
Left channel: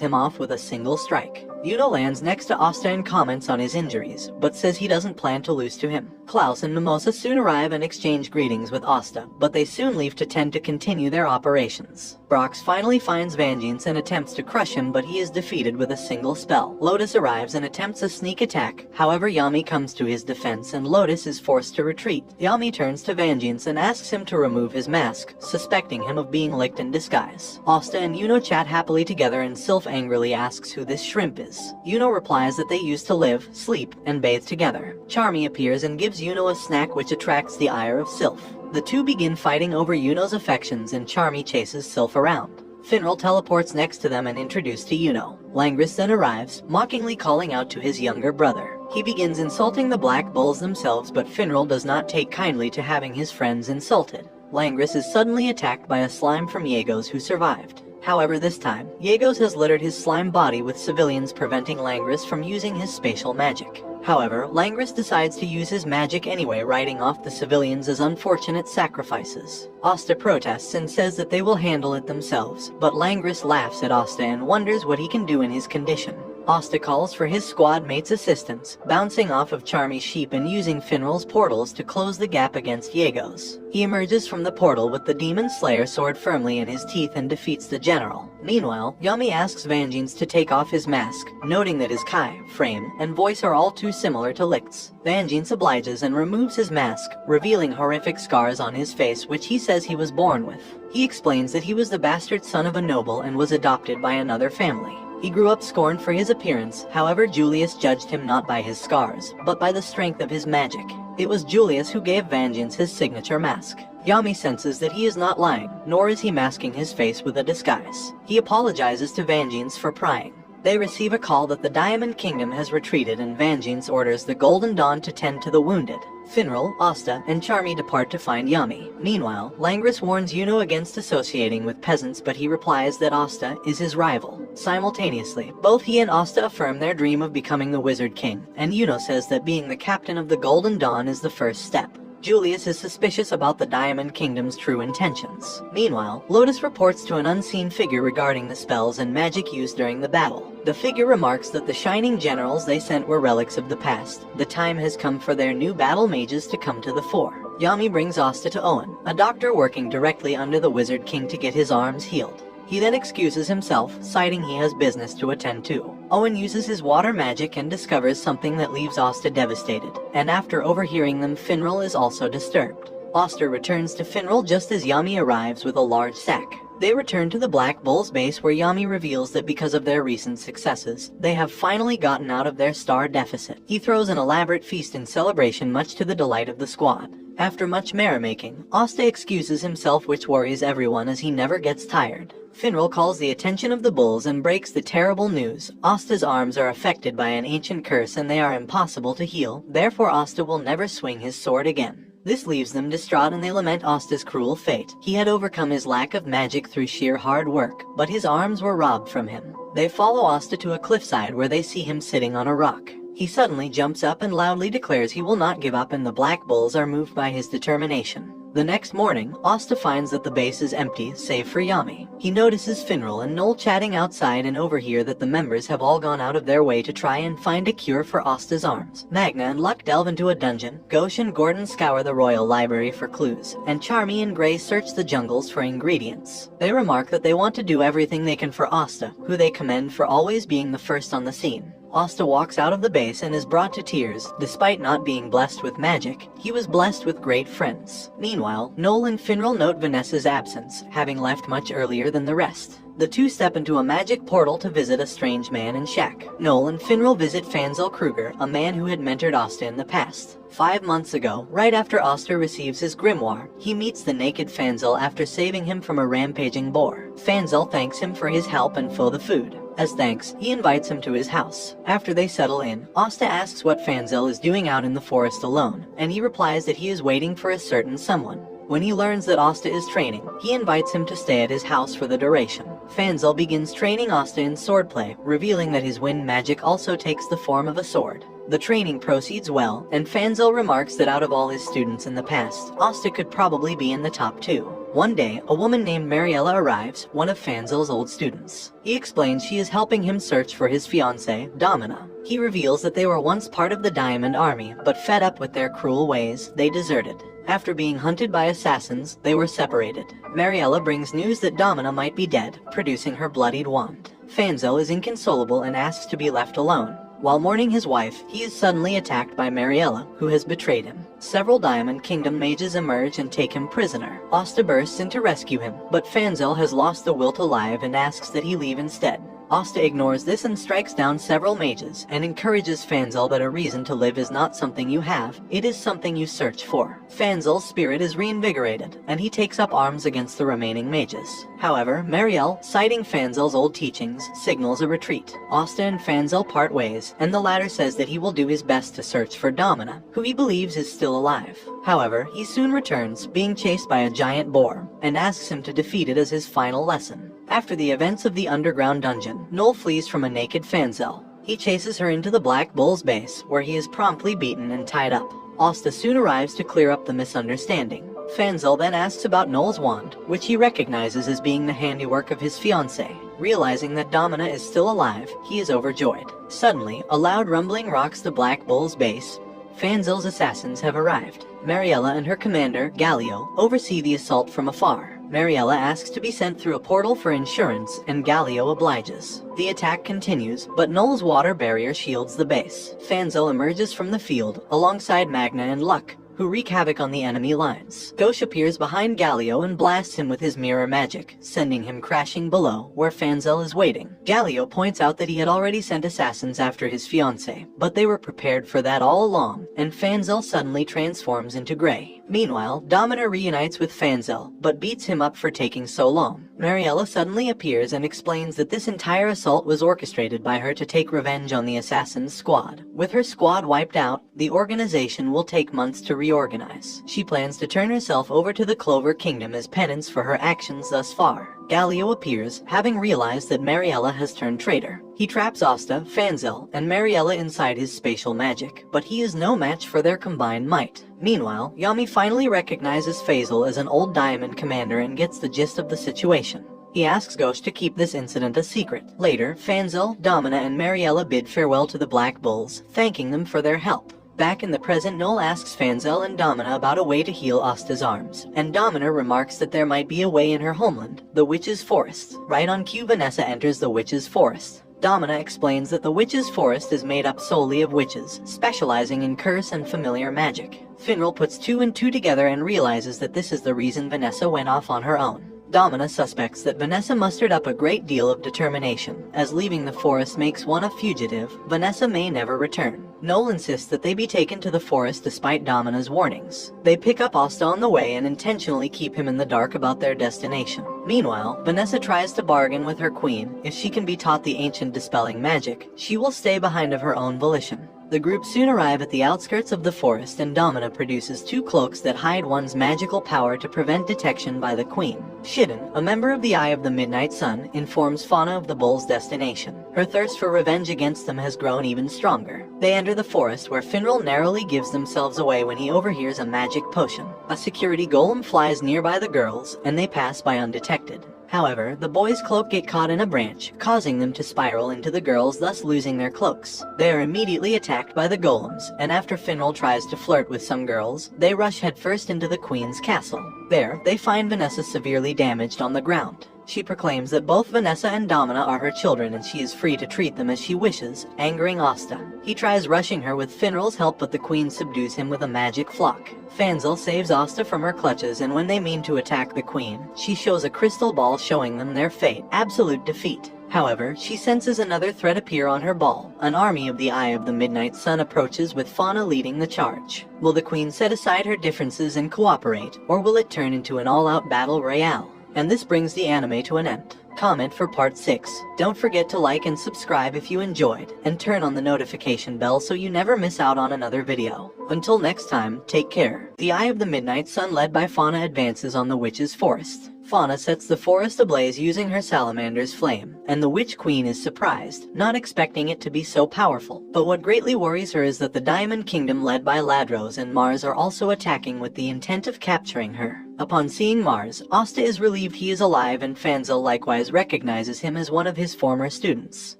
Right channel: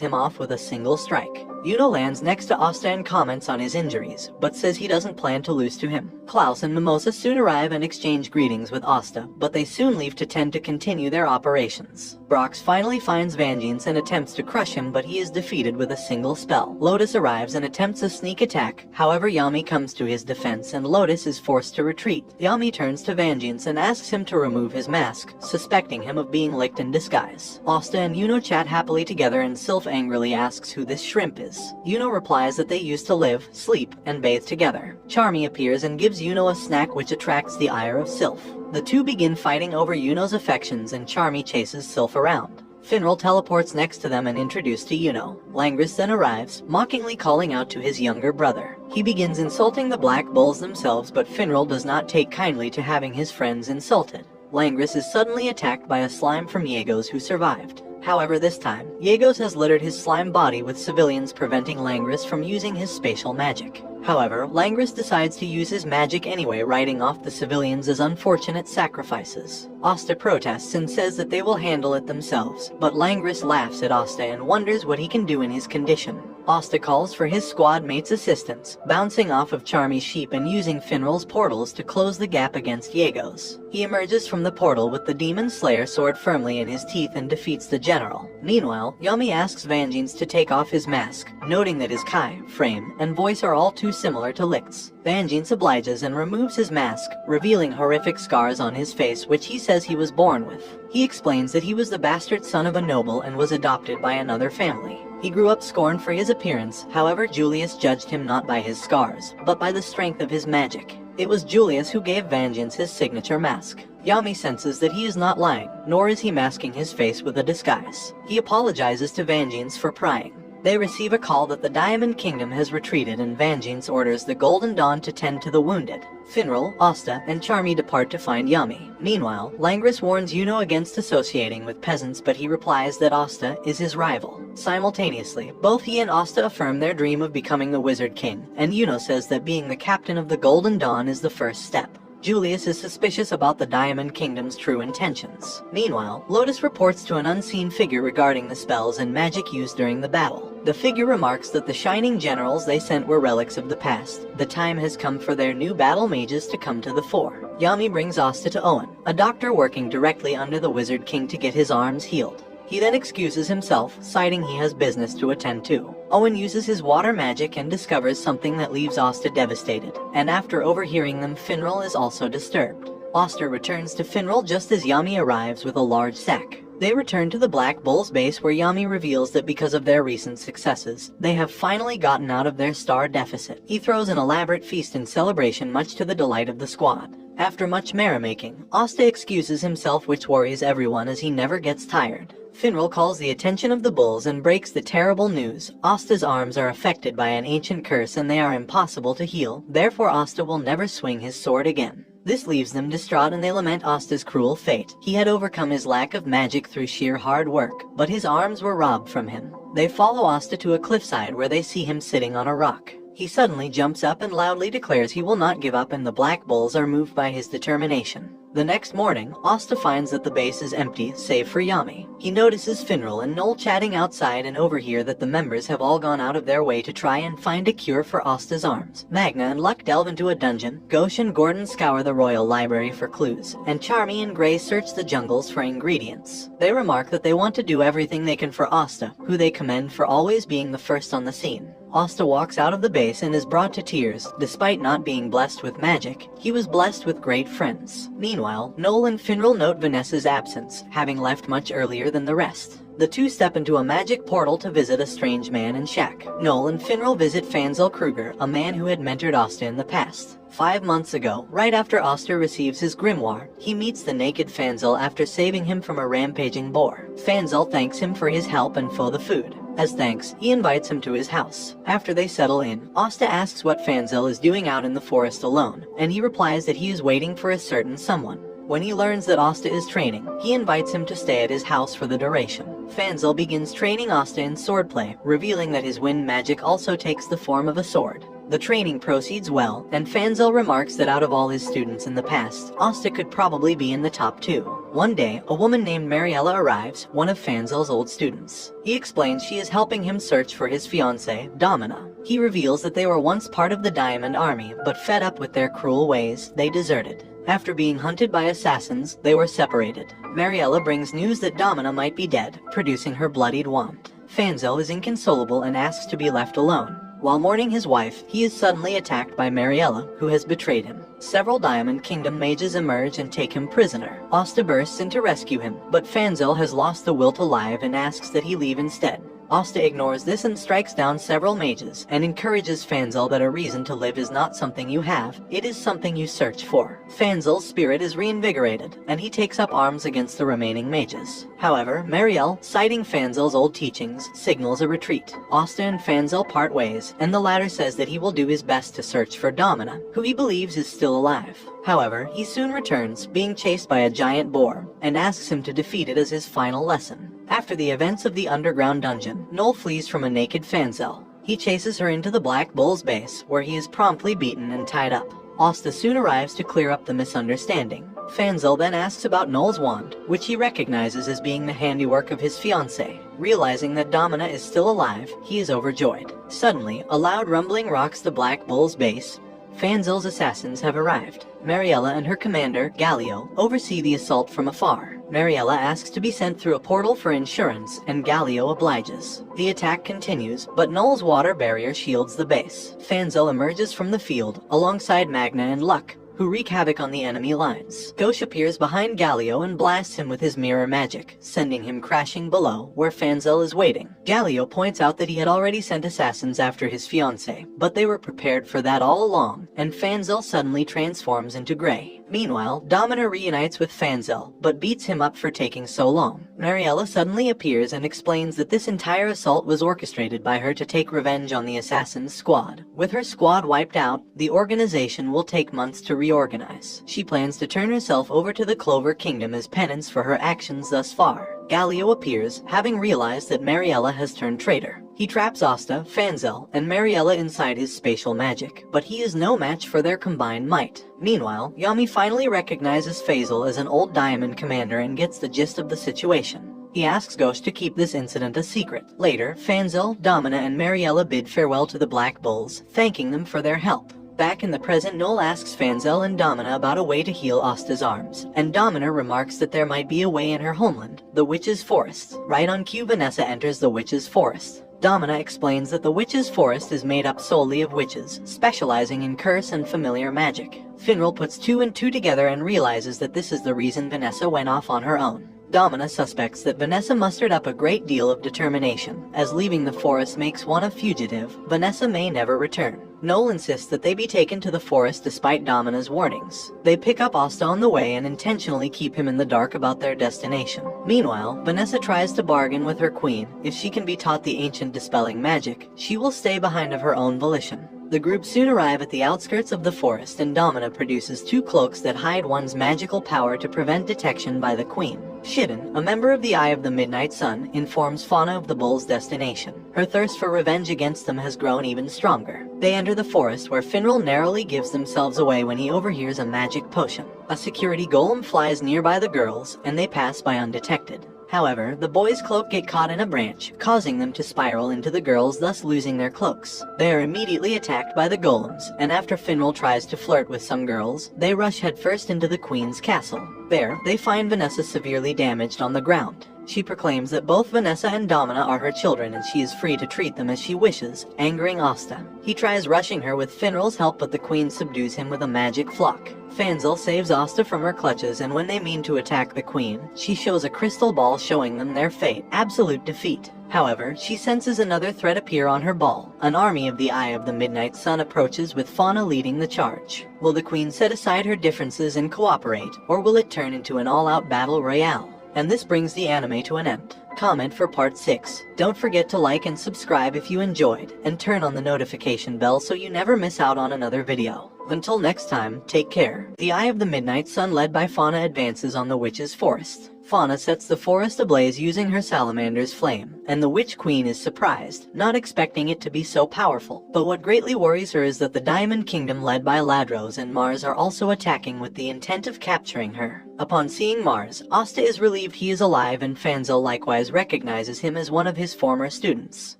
him off with a single strike. Yuno lands next to Asta and comments on his injuries, but says he doesn't plan to lose to him. Klaus and Mimosa soon arrive and exchange greetings with Asta, but they soon leave to tend to continue their operations. Brox finally finds Vangeance and attempts to crush him, but he is defeated with a single spell. Lotus arrives and attempts a sneak attack, however Yami comes to his defense and Lotus is forced to retreat. Yami turns to Vangeance and asks him to remove his mask, suspecting him of being licked in disguise. Asta and Yuno chat happily together and Sylph angrily asks who this shrimp is. Yuno replies that they used to live, sleep, and bathe together. Charmy appears and gives Yuno a snack which attracts the ire of Sylph. The two begin fighting over Yuno's affections and Charmy chases Sylph around. Finral teleports next to them and introduced to Yuno. Langris then arrives, mockingly calling out to his younger brother. He begins insulting the Black Bulls themselves, but Finral does not take kindly to having his friends insulted. Langris is suddenly attacked by a slime from Yegos who survived. However, this time, Yegos has littered his slime body with civilians, preventing Langris from using his spatial magic. However, Langris decides to use his magic anyway, writing off the civilians as unfortunate sacrifices. Asta protests and says that they will handle it themselves, but Langris laughs at Asta and wonders what he can do in his condition. Asta calls for his squad mate's assistance, bouncing off of Charmy's sheep and using Finral's portals to close the gap against Yegos. He emerges from the portal with the Demon Slayer sword firmly in his teeth and defeats the general. Meanwhile, Yami asks Vangeance to take off his mask, noting that his Kai, frame, and voice are all too similar to Licht's. Vangeance obliges and removes his mask, revealing horrific scars on his face which he says he was born with. He explains that he was the bastard son of a noble and was adopted by another family. He grew up scorned for his appearance, however Julius judged him not by his scars, but by the strength of his magic. It was Julius who gave Vangeance his signature mask. Yami senses that he is not lying, nor is he masking his face with a disguise. He apologizes to Vangeance for prying. They receive a call that the Diamond Kingdom has retreated and Vangeance orders the Golden Dawn to tend to the wounded. Finral, Asta, and Charmy depart to find Yami. Meanwhile, Langris warns Yuno against associating with peasants, but he replies that Asta is his rival. Simultaneously, both he and Asta affirm their dream of becoming the Wizard King, and Yuno says that being the captain of the Golden Dawn is the first step. Julius is suspicious about the Diamond Kingdom's true intentions. Meanwhile, Lotus reports to an unseen figure regarding the spells and magic used during the battle. The figure remarks that the shining generals they sent were relics of the past. The time has come for their new battle mages to come to the fore. Yami brings Asta to Owen, a doctor working directly under the Wizard King to get his arms healed. He then excuses himself, citing he has business to attend to. Owen uses his water magic and discovers something that leaves Asta devastated, and after overhearing them, Finral is also disturbed. Asta returns to Finral just as Yami arrives with a large sack. They return to the Black Bull's base where Yami reveals that because of their recent successes, they have finally gotten out of their star deficit. He throws an elaborate feast in celebration much to the delight of the squad. After much merrymaking, Asta excuses himself, which worries everyone as he never gets tired. Finral calls the attention of the bulls and breaks the terrible news. Asta's arms are affected by an ancient curse and they are impossible to heal, therefore Asta will never swing his sword again. This leaves them distraught and they lament Asta's cruel fate. He had overcome his lack of magic through sheer hard work, but his arms were robbed from him. They follow Asta to a cliffside where they see him sitting on a rock. He suddenly jumps up and loudly declares he will not give up, and the Black Bulls are moved by his determination. The next morning, Asta finds that the base is empty, save for Yami. He notices Finral and Noel chatting outside and overhear that the members have all gone out of their way to try and find a cure for Asta's arms. Magna and Luck delve into a dungeon, Ghosh and Gordon scour the royal library for clues, and Charmy and Gray search the jungles for ingredients. They remark that they want to do everything they can for Asta, who they commend for always being the first on the scene. Asta walks out of the base and is brought to tears. Despite not being blessed with magic, he was blessed with great friends. Meanwhile, Noel and Finral note Vanessa's absence, having left much earlier than the rest. The two step into a magic portal to visit a strange man in Shack. Noel and Finral visit Fanzel Kruger, a man who had mentored Asta in the past. 5 months ago, right after Asta receives his grimoire, he meets the naked Fanzel after saving him from a rampaging boar. Fanzel thanks him for his help and for the food. As thanks, he invites him to his house. After they settle in, Asta asks what Fanzel is doing out in the forest alone, and he replies that he is waiting for a certain someone. When he learns that Asta is training, he invites him to stay at his house for the duration. Fanzel begins training Asta in swordplay, revealing that his wind magic also takes the form of a sword. The training proceeds well, and Fanzel remarks that out of all his students in the past, Asta could probably be in the top 2. One day, a woman named Mariella arrives, one of Fanzel's old students. He explains she is helping him search for his fiancée, Domina. He reveals that they were once part of the Diamond Army, but fed up with their cruel ways, they deserted. After being hunted by assassins, they were separated. Mariella brings news that Domina might be dead, producing her bloodied wand. Fanzel is inconsolable and asks to be left alone. While mourning his wife, he is suddenly attacked by Mariella, who has betrayed him. Several Diamond Kingdom mages emerge and take him prisoner. Asta bursts in to rescue him, but Fanzel has lost the will to live and asks that he leave instead. Asta ignores this and strikes down several mages, and encourages Fanzel that a reason to live is not something you have, it is something you search for. Fanzel's spirit is reinvigorated, and he takes up arms against the remaining mages. However, Marielle, citing Fanzel's old teachings, signals a retreat. Asta and Fanzel part ways, and the latter says that he will do his best to search for Domina, who he believes is still alive. However, he soon returns, being chased by a giant boar, and asks him to defeat it as his final lesson. After the events of the underground dungeon, Noel flees from a naked Fanzel. He chases her into the Black Bull's base, where he is promptly beaten and tied up. Asta soon arrives to clear up the misunderstanding. Fanzel then asks about Noel's wand, which he recognizes as being the handiwork of his fiancée. Realizing that Domina is still alive, he is overjoyed. Suddenly, a loud rumbling rocks the Black Bull's base. Fanzel's assassins have arrived. Mariella and her commander, Gallio, oversee the assault from afar. Mariella asks to be sent through a portal for insurance, and Gallio obliges. The attack continues, but Noel's water barrier shields the base. Fanzel emerges from the field, alongside Magna and Luck, who wreak havoc on the enemy lines. Ghosh appears behind Gallio and blasts him with his mirror magic, sending him crashing below, where Fanzel is waiting. Gallio points out that he had already sent assassins after his fiancée, but they were prepared for that all along, and Fanzel suddenly transforms into Gray. Meanwhile, Domina reunites with Fanzel, but beats him up for taking so long. Mariella suddenly appears and explains that this entire assault was orchestrated by her to take revenge on the assassin's squad. With her squad wiped out, the organization will take months to reorganize. She plans to turn herself over to the Clover Kingdom as penance for her actions thus far. Gallio appears, having realized that Mariella has turned traitor. He traps Asta, Fanzel, and Mariella inside his spatial magic, but he is no match for their combined might. Meanwhile, Yami finally recognizes Faisal as an old Diamond commander and gets the gist of the situation. He asks Ghosh to keep this incident a secret. Later, Fanzel, Domina, and Mariella bid farewell to the Black Bulls, thanking them for their help. Back in the present, Noel asks Fanzel and Domina about a way to heal Asta's arms, and Domina remarks that there might be a way in her homeland, the Witch's Forest. Right on cue, Vanessa enters the Witch's Forest. Domina explains that the witch's forest is made up solely of witches, specializing in curse and familiar magic. Finral puts 2 and 2 together and realizes that this is the reason Vanessa went off on her own. Domina suspects that Vanessa mustered up a great deal of determination, as leaving the forest makes one a fugitive. Vanessa may never return. Noel insists that they be taken to the forest despite Domina's warnings. They pick up Asta on the way and intentionally keep him in the dark about their destination. Meanwhile, Vanessa tries to bargain with her queen. If she can be taught the ancient dispelling magic, she will stay behind of her own volition. The group soon arrive at the outskirts of the forest, and Domina produces 2 cloaks that hide one's magical power to prevent detection by the queen. Shidden, a member of the Eye of the Midnight Sun, informs Fauna of the bull's destination. Her thirst for revenge against them has grown even stronger. They enter the forest, where Finral narrowly gives themselves away when he overhears a magic potion. A security golem flies nearby the girls, and they pass by undetected. However, the boys' cloak get caught in a branch, causing them to spiral into the girls, thus losing their cloaks. They are immediately attacked by the golems, and after Finral tries to flirt with some girls, they rush headfirst into the queen's castle. There, they find Vanessa severely damaged on the ground. She proclaims that both Vanessa and Domina are her children and she is free to treat them as she wishes, angering Asta. He tries rushing her with Finral's help, but the queen subdues him with a magic flock. Fanzel saves Asta from her clutches, and when they mean to attack the queen, she shows a crystal ball showing them their fate, absolute defeat. However, she senses another threat appear on her ball. An army of the Eye of the Midnight Sun approaches, with Fauna leading the charge. Will the queen set aside her differences and cooperate, or will it turn into an all-out battle royale? And this brings the anime to an end. Comment for part 6. Don't forget to like and subscribe if you enjoyed, and turn on the notification bell so you never miss out on another video. Until next time, take care. The Eye of the Midnight Sun, led by Fauna, advances on the witch's forest. Fauna sets the forest ablaze using her salamander's flame, and the Witch Queen is surprised, not expecting it to be so powerful. But what greatly worries her is that the Diamond Kingdom, led by Ladros and Mars, are also attacking with the intent of capturing her. Upon seeing Mars, Asta is relieved he is alive, and Fanzel likewise recognizes him as one of his former students.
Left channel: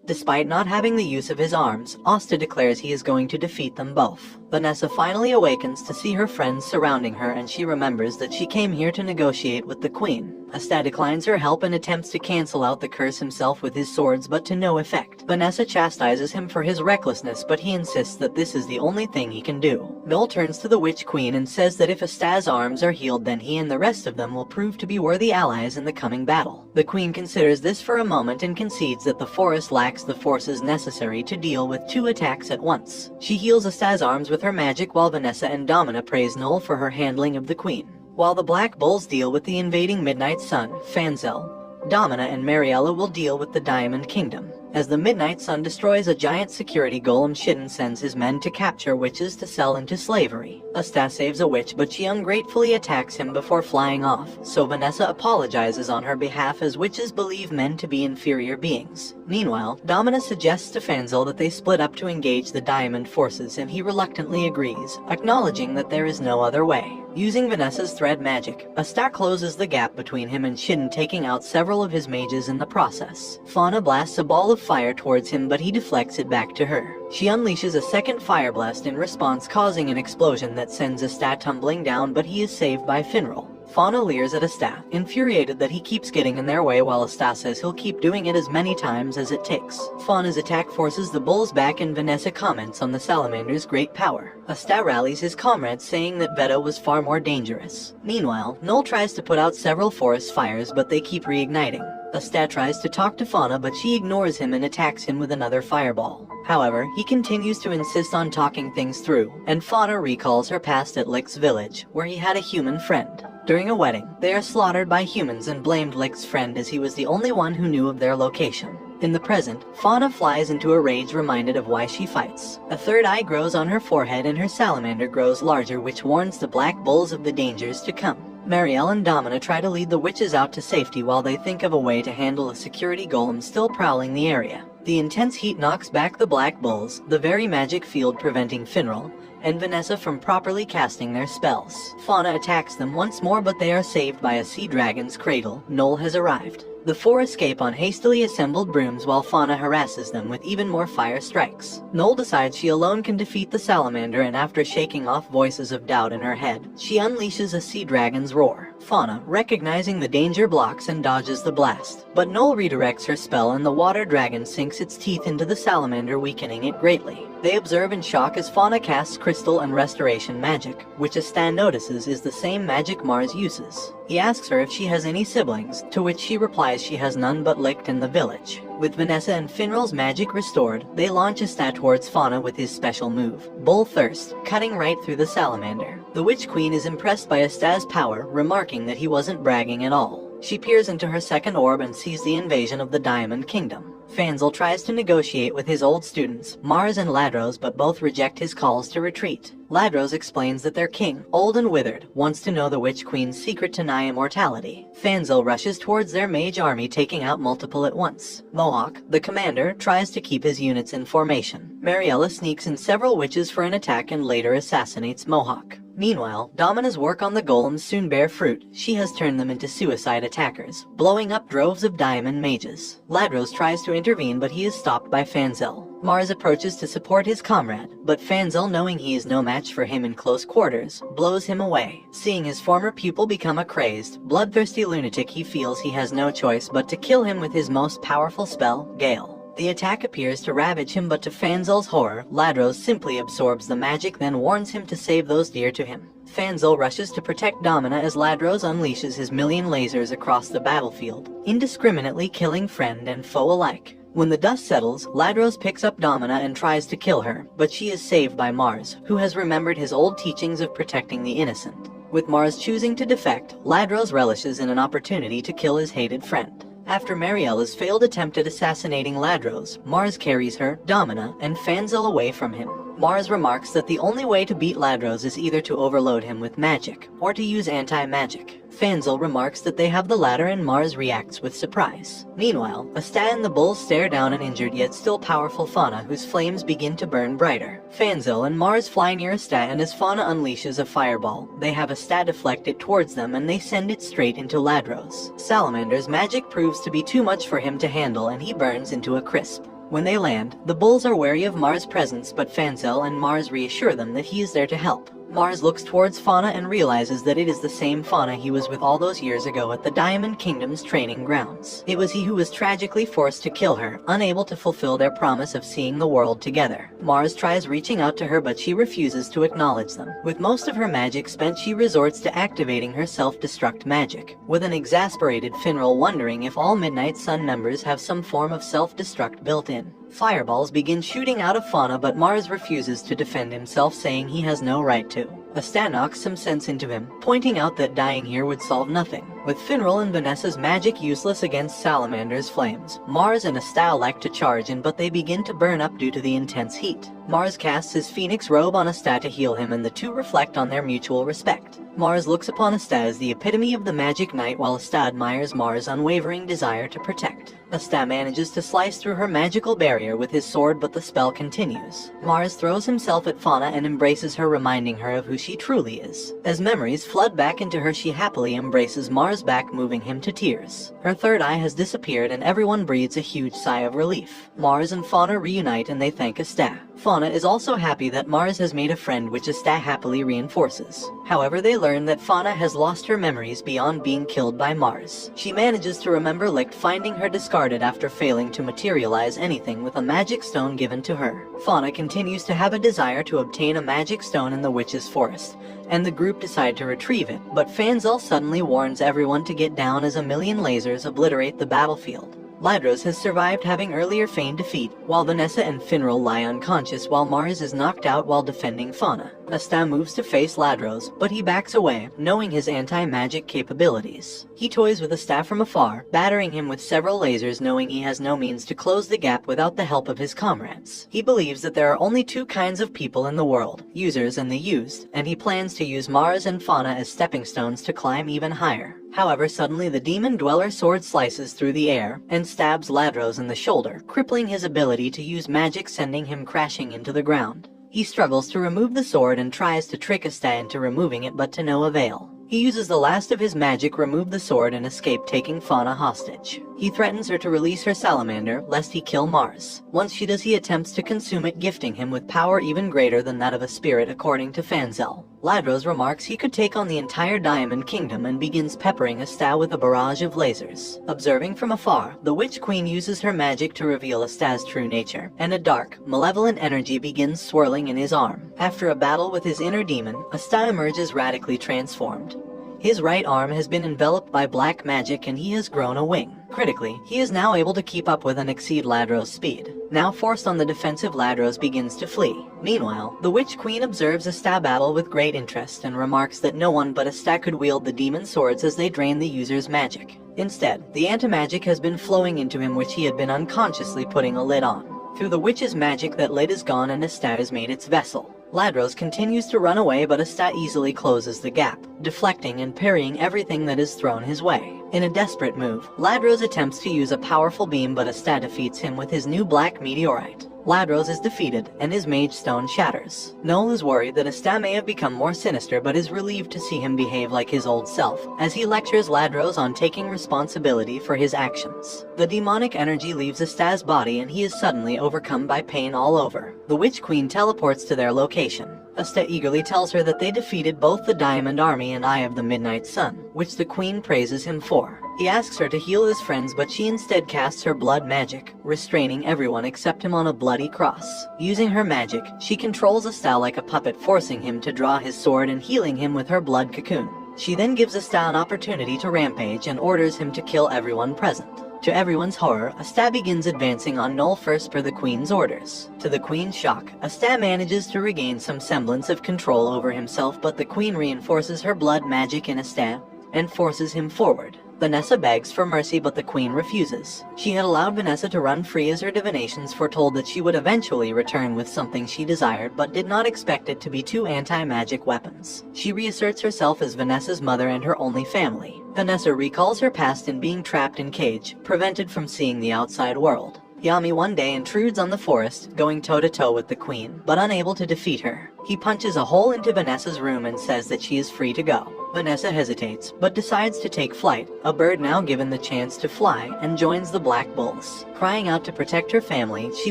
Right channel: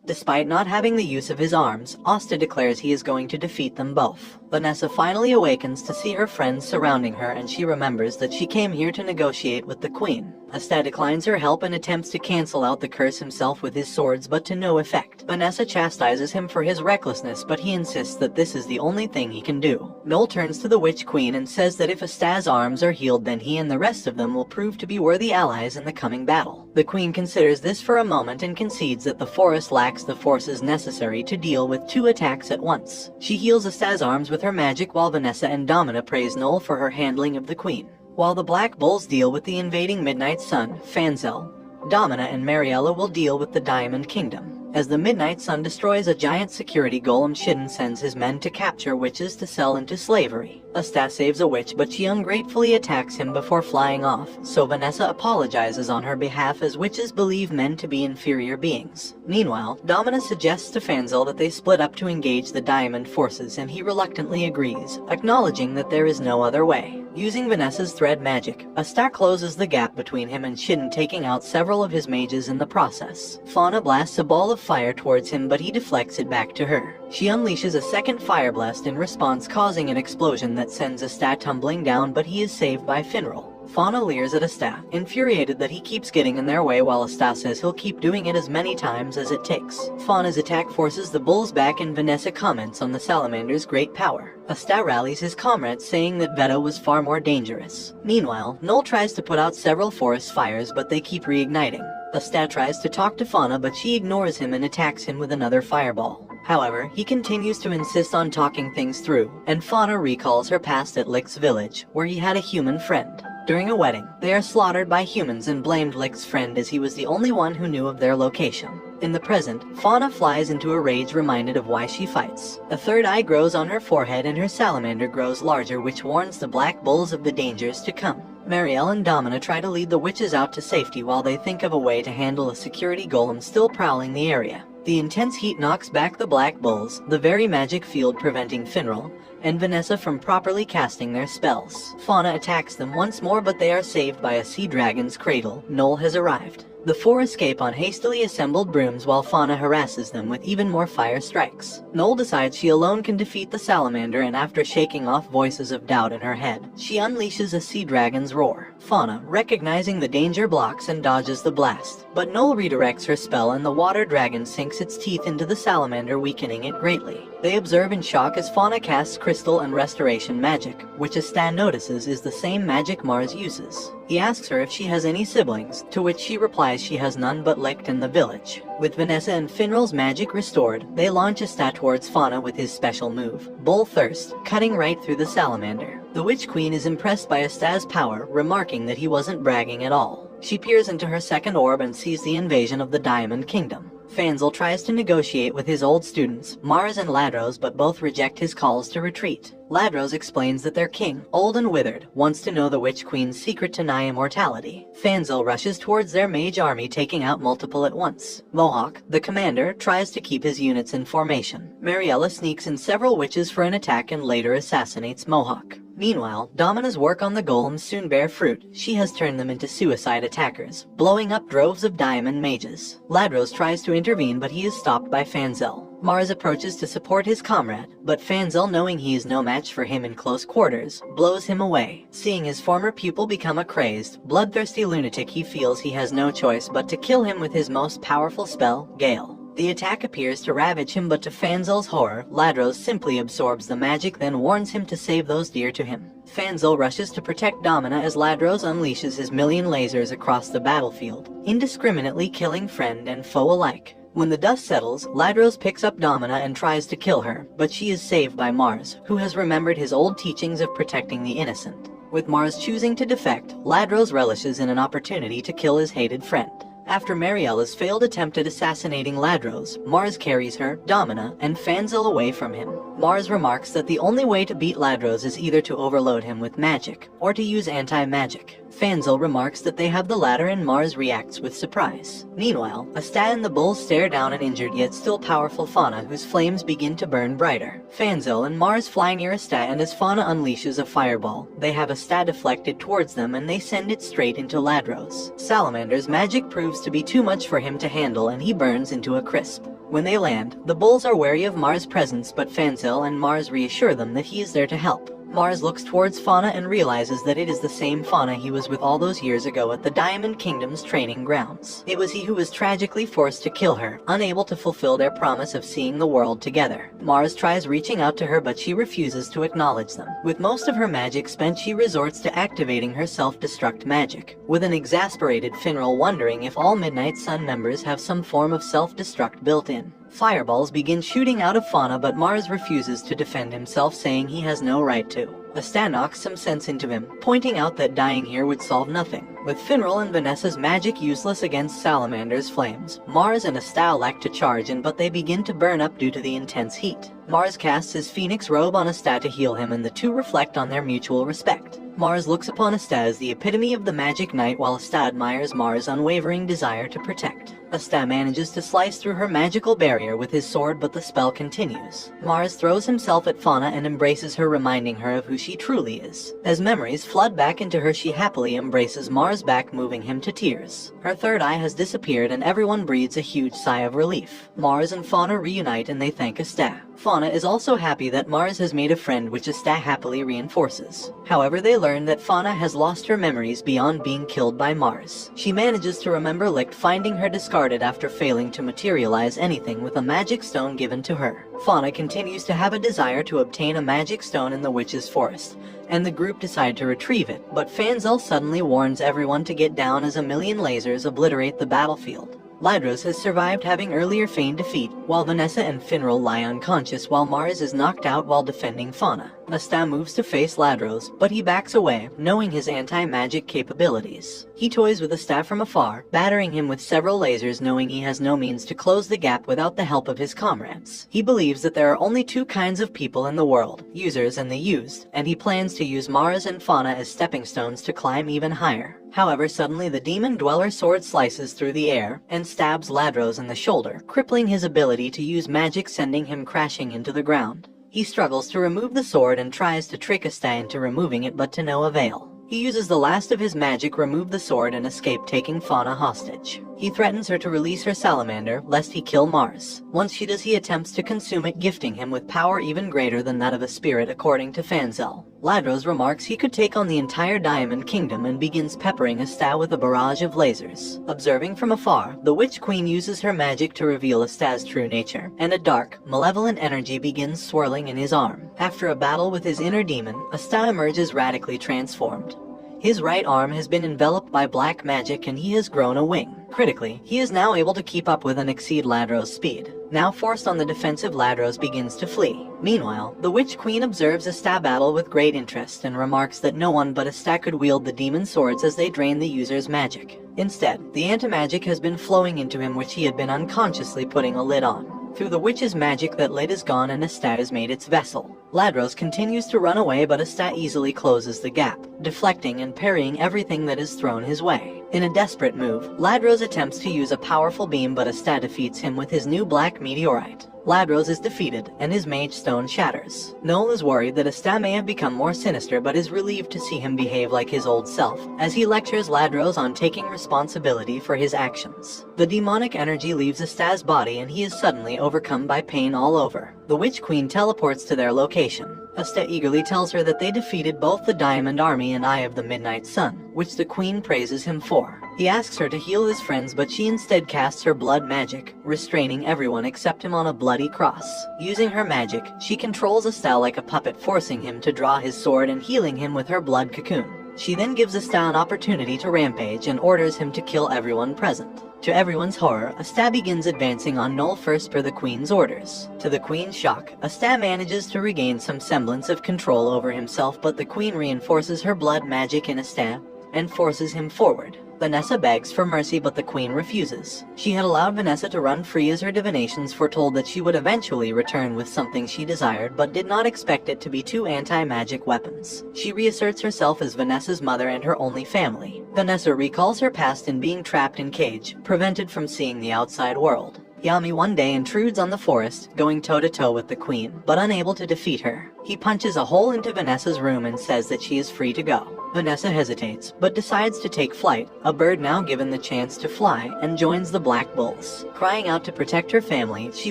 Despite not having the use of his arms, Asta declares he is going to defeat them both. Vanessa finally awakens to see her friends surrounding her, and she remembers that she came here to negotiate with the queen. Asta declines her help and attempts to cancel out the curse himself with his swords, but to no effect. Vanessa chastises him for his recklessness, but he insists that this is the only thing he can do. Noel turns to the Witch Queen and says that if Asta's arms are healed, then he and the rest of them will prove to be worthy allies in the coming battle. The queen considers this for a moment and concedes that the forest lacks the forces necessary to deal with 2 attacks at once. She heals Asta's arms with her magic, while Vanessa and Domina praise Noel for her handling of the queen. While the Black Bulls deal with the invading Midnight Sun, Fanzel, Domina and Mariella will deal with the Diamond Kingdom. As the Midnight Sun destroys a giant security golem, Shidden sends his men to capture witches to sell into slavery. Asta saves a witch, but she ungratefully attacks him before flying off, so Vanessa apologizes on her behalf, as witches believe men to be inferior beings. Meanwhile, Domina suggests to Fanzel that they split up to engage the Diamond forces, and he reluctantly agrees, acknowledging that there is no other way. Using Vanessa's thread magic, Asta closes the gap between him and Shidden, taking out several of his mages in the process. Fauna blasts a ball of fire towards him, but he deflects it back to her. She unleashes a second fire blast in response, causing an explosion that sends Asta tumbling down, but he is saved by Finral. Fauna leers at Asta, infuriated that he keeps getting in their way, while Asta says he'll keep doing it as many times as it takes. Fauna's attack forces the bulls back, and Vanessa comments on the salamander's great power. Asta rallies his comrades, saying that Veto was far more dangerous. Meanwhile, Noel tries to put out several forest fires, but they keep reigniting. Asta tries to talk to Fauna, but she ignores him and attacks him with another fireball. However, he continues to insist on talking things through, and Fauna recalls her past at Lick's village, where he had a human friend. During a wedding, they are slaughtered by humans and blamed Lick's friend, as he was the only one who knew of their location. In the present, Fauna flies into a rage, reminded of why she fights. A third eye grows on her forehead, and her salamander grows larger, which warns the Black Bulls of the dangers to come. Marielle and Domina try to lead the witches out to safety while they think of a way to handle a security golem still prowling the area. The intense heat knocks back the Black Bulls, the very magic field preventing Finral and Vanessa from properly casting their spells. Fauna attacks them once more, but they are saved by a sea dragon's cradle. Noel has arrived. The four escape on hastily assembled brooms while Fauna harasses them with even more fire strikes. Noel decides she alone can defeat the salamander, and after shaking off voices of doubt in her head, she unleashes a sea dragon's roar. Fauna, recognizing the danger, blocks and dodges the blast. But Noel redirects her spell and the water dragon sinks its teeth into the salamander, weakening it greatly. They observe in shock as Fauna casts crystal and restoration magic, which Asta notices is the same magic Mars uses. He asks her if she has any siblings, to which she replies she has none but Licht in the village. With Vanessa and Finral's magic restored, they launch Asta towards Fauna with his special move, Bull Thirst, cutting right through the salamander. The Witch Queen is impressed by Asta's power, remarking that he wasn't bragging at all. She peers into her second orb and sees the invasion of the Diamond Kingdom. Fanzel tries to negotiate with his old students, Mars and Ladros, but both reject his calls to retreat. Ladros explains that their king, old and withered, wants to know the Witch Queen's secret to nigh immortality. Fanzel rushes towards their mage army, taking out multiple at once. Mohawk, the commander, tries to keep his units in formation. Mariella sneaks in several witches for an attack and later assassinates Mohawk. Meanwhile, Domina's work on the golems soon bear fruit. She has turned them into suicide attackers, blowing up droves of diamond mages. Ladros tries to intervene, but he is stopped by Fanzel. Mars approaches to support his comrade, but Fanzel, knowing he is no match for him in close quarters, blows him away. Seeing his former pupil become a crazed, bloodthirsty lunatic, he feels he has no choice but to kill him with his most powerful spell, Gale. The attack appears to ravage him, but to Fanzel's horror, Ladros simply absorbs the magic, then warns him to save those dear to him. Fanzel rushes to protect Domina as Ladros unleashes his million lasers across the battlefield, indiscriminately killing friend and foe alike. When the dust settles, Ladros picks up Domina and tries to kill her, but she is saved by Mars, who has remembered his old teachings of protecting the innocent. With Mars choosing to defect, Ladros relishes in an opportunity to kill his hated friend. After Mariella's failed attempt at assassinating Ladros, Mars carries her, Domina, and Fanzel away from him. Mars remarks that the only way to beat Ladros is either to overload him with magic, or to use anti-magic. Fanzel remarks that they have the latter, and Mars reacts with surprise. Meanwhile, Asta and the bulls stare down an injured yet still powerful Fauna, whose flames begin to burn brighter. Fanzel and Mars fly near Asta, and as Fauna unleashes a fireball, they have Asta deflected towards them and they send it straight into Ladros. Salamander's magic proves to be too much for him to handle, and he burns into a crisp. When they land, the bulls are wary of Mars' presence, but Fanzel and Mars reassure them that he is there to help. Mars looks towards Fauna and realizes that it is the same Fauna he was with all those years ago at the Diamond Kingdom's training grounds. It was he who was tragically forced to kill her, unable to fulfill their promise of seeing the world together. Mars tries reaching out to her, but she refuses to acknowledge them. With most of her magic spent, she resorts to activating her self-destruct magic, with an exasperated Finral wondering if all Midnight Sun members have some form of self-destruct built in. Fireballs begin shooting out of Fauna, but Mars refuses to defend himself, saying he has no right to. Asta knocks some sense into him, pointing out that dying here would solve nothing. With Finral and Vanessa's magic useless against Salamander's flames, Mars and Asta elect to charge in, but they begin to burn up due to the intense heat. Mars casts his phoenix robe on Asta to heal him, and the two reflect on their mutual respect. Mars looks upon Asta as the epitome of the magic knight, while Asta admires Mars' unwavering desire to protect. Asta manages to slice through her magical barrier with his sword, but the spell continues. Mars throws himself at Fauna and embraces her, reminding her of who she truly is. As memories flood back into her, she happily embraces Mars back, moving him to tears. Her third eye has disappeared, and everyone breathes a huge sigh of relief. Mars and Fauna reunite, and they thank Asta. Fauna is also happy that Mars has made a friend, which Asta happily reinforces. However, they learn that Fauna has lost her memories beyond being killed by Mars. She manages to remember Licht finding her discarded after failing to materialize anything with a magic stone given to her. Fauna continues to have a desire to obtain a magic stone in the witch's forest, and the group decide to retrieve it, but Fanzel suddenly warns everyone to get down as a million lasers obliterate the battlefield. Ladros has survived, having earlier feigned defeat, while Vanessa and Finral lie unconscious while Mars is knocked out while defending Fauna. Asta moves to face Ladros, but he backs away, knowing his anti-magic capabilities. He toys with Asta from afar, battering him with several lasers, knowing he has no means to close the gap without the help of his comrades. He believes that there are only two kinds of people in the world, users and the used, and he plans to use Mars and Fauna as stepping stones to climb even higher. However, suddenly the demon dweller sword slices through the air and stabs Ladros in the shoulder, crippling his ability to use magic, sending him crashing into the ground. He struggles to remove the sword and tries to trick Asta into removing it, but to no avail. He uses the last of his magic, remove the sword, and escape, taking Fauna hostage. He threatens her to release her salamander, lest he kill Mars. Once she does, he attempts to consume it, gifting him with power even greater than that of a spirit, according to Fanzel. Ladros remarks he could take on the entire Diamond Kingdom and begins peppering Asta with a barrage of lasers. Observing from afar, the Witch Queen uses her magic to reveal Asta's true nature, and a dark, malevolent energy begins swirling in his arm. After a battle with his inner demon, Asta emerges radically transformed. His right arm has been enveloped by black magic and he has grown a wing. Critically, he is now able to keep up with and exceed Ladros' speed. Now forced on the defensive, Ladros begins to flee. Meanwhile, the Witch Queen observes Asta battle with great interest and remarks that no one but Asta could wield the demon swords as they drain the user's magic. Instead, the anti-magic has been flowing into him, which he had been unconsciously putting a lid on. Through the witch's magic, that lid is gone and Asta has made its vessel. Ladros continues to run away, but Asta easily closes the gap, deflecting and parrying everything that is thrown his way. In a desperate move, Ladros attempts to use a powerful beam, but Asta defeats him with his new black meteorite. Ladros is defeated, and his mage stone shatters. Noel is worried that Asta may have become more sinister, but is relieved to see him behave like his old self, as he lectures Ladros on taking responsibility for his actions. The demonic energy leaves Asta's body, and he is suddenly overcome by pain all over. The Witch Queen teleports to their location. Asta eagerly tells her that they defeated both the Diamond Army and Eye of the Midnight Sun, which the Queen praises him for. He asks her to heal his friends, but she instead casts her blood magic, restraining everyone except him on a bloody cross. Using her magic, she controls Asta like a puppet, forcing him to draw his sword and healing him with her blood cocoon. She then gives Asta an opportunity to rampage and orders him to kill everyone present. To everyone's horror, Asta begins advancing on Noel first per the Queen's orders. To the Queen's shock, Asta manages to regain some semblance of control over himself, but the Queen reinforces her blood magic in Asta and forces him forward. Vanessa begs for mercy, but the Queen refuses. She had allowed Vanessa to run free as her divinations foretold that she would eventually return with something she desired, but did not expect it to be two anti-magic weapons. She reasserts herself as Vanessa's mother and her only family. Vanessa recalls her past in being trapped in cage, prevented from seeing the outside world. Yami one day intrudes on the forest, going toe-to-toe with the Queen, but unable to defeat her. He punches a hole into Vanessa's room and says that she is free to go. Vanessa hesitates, but decides to take flight, a bird now given the chance to fly, and joins the Black Bulls. Crying out to protect her family, she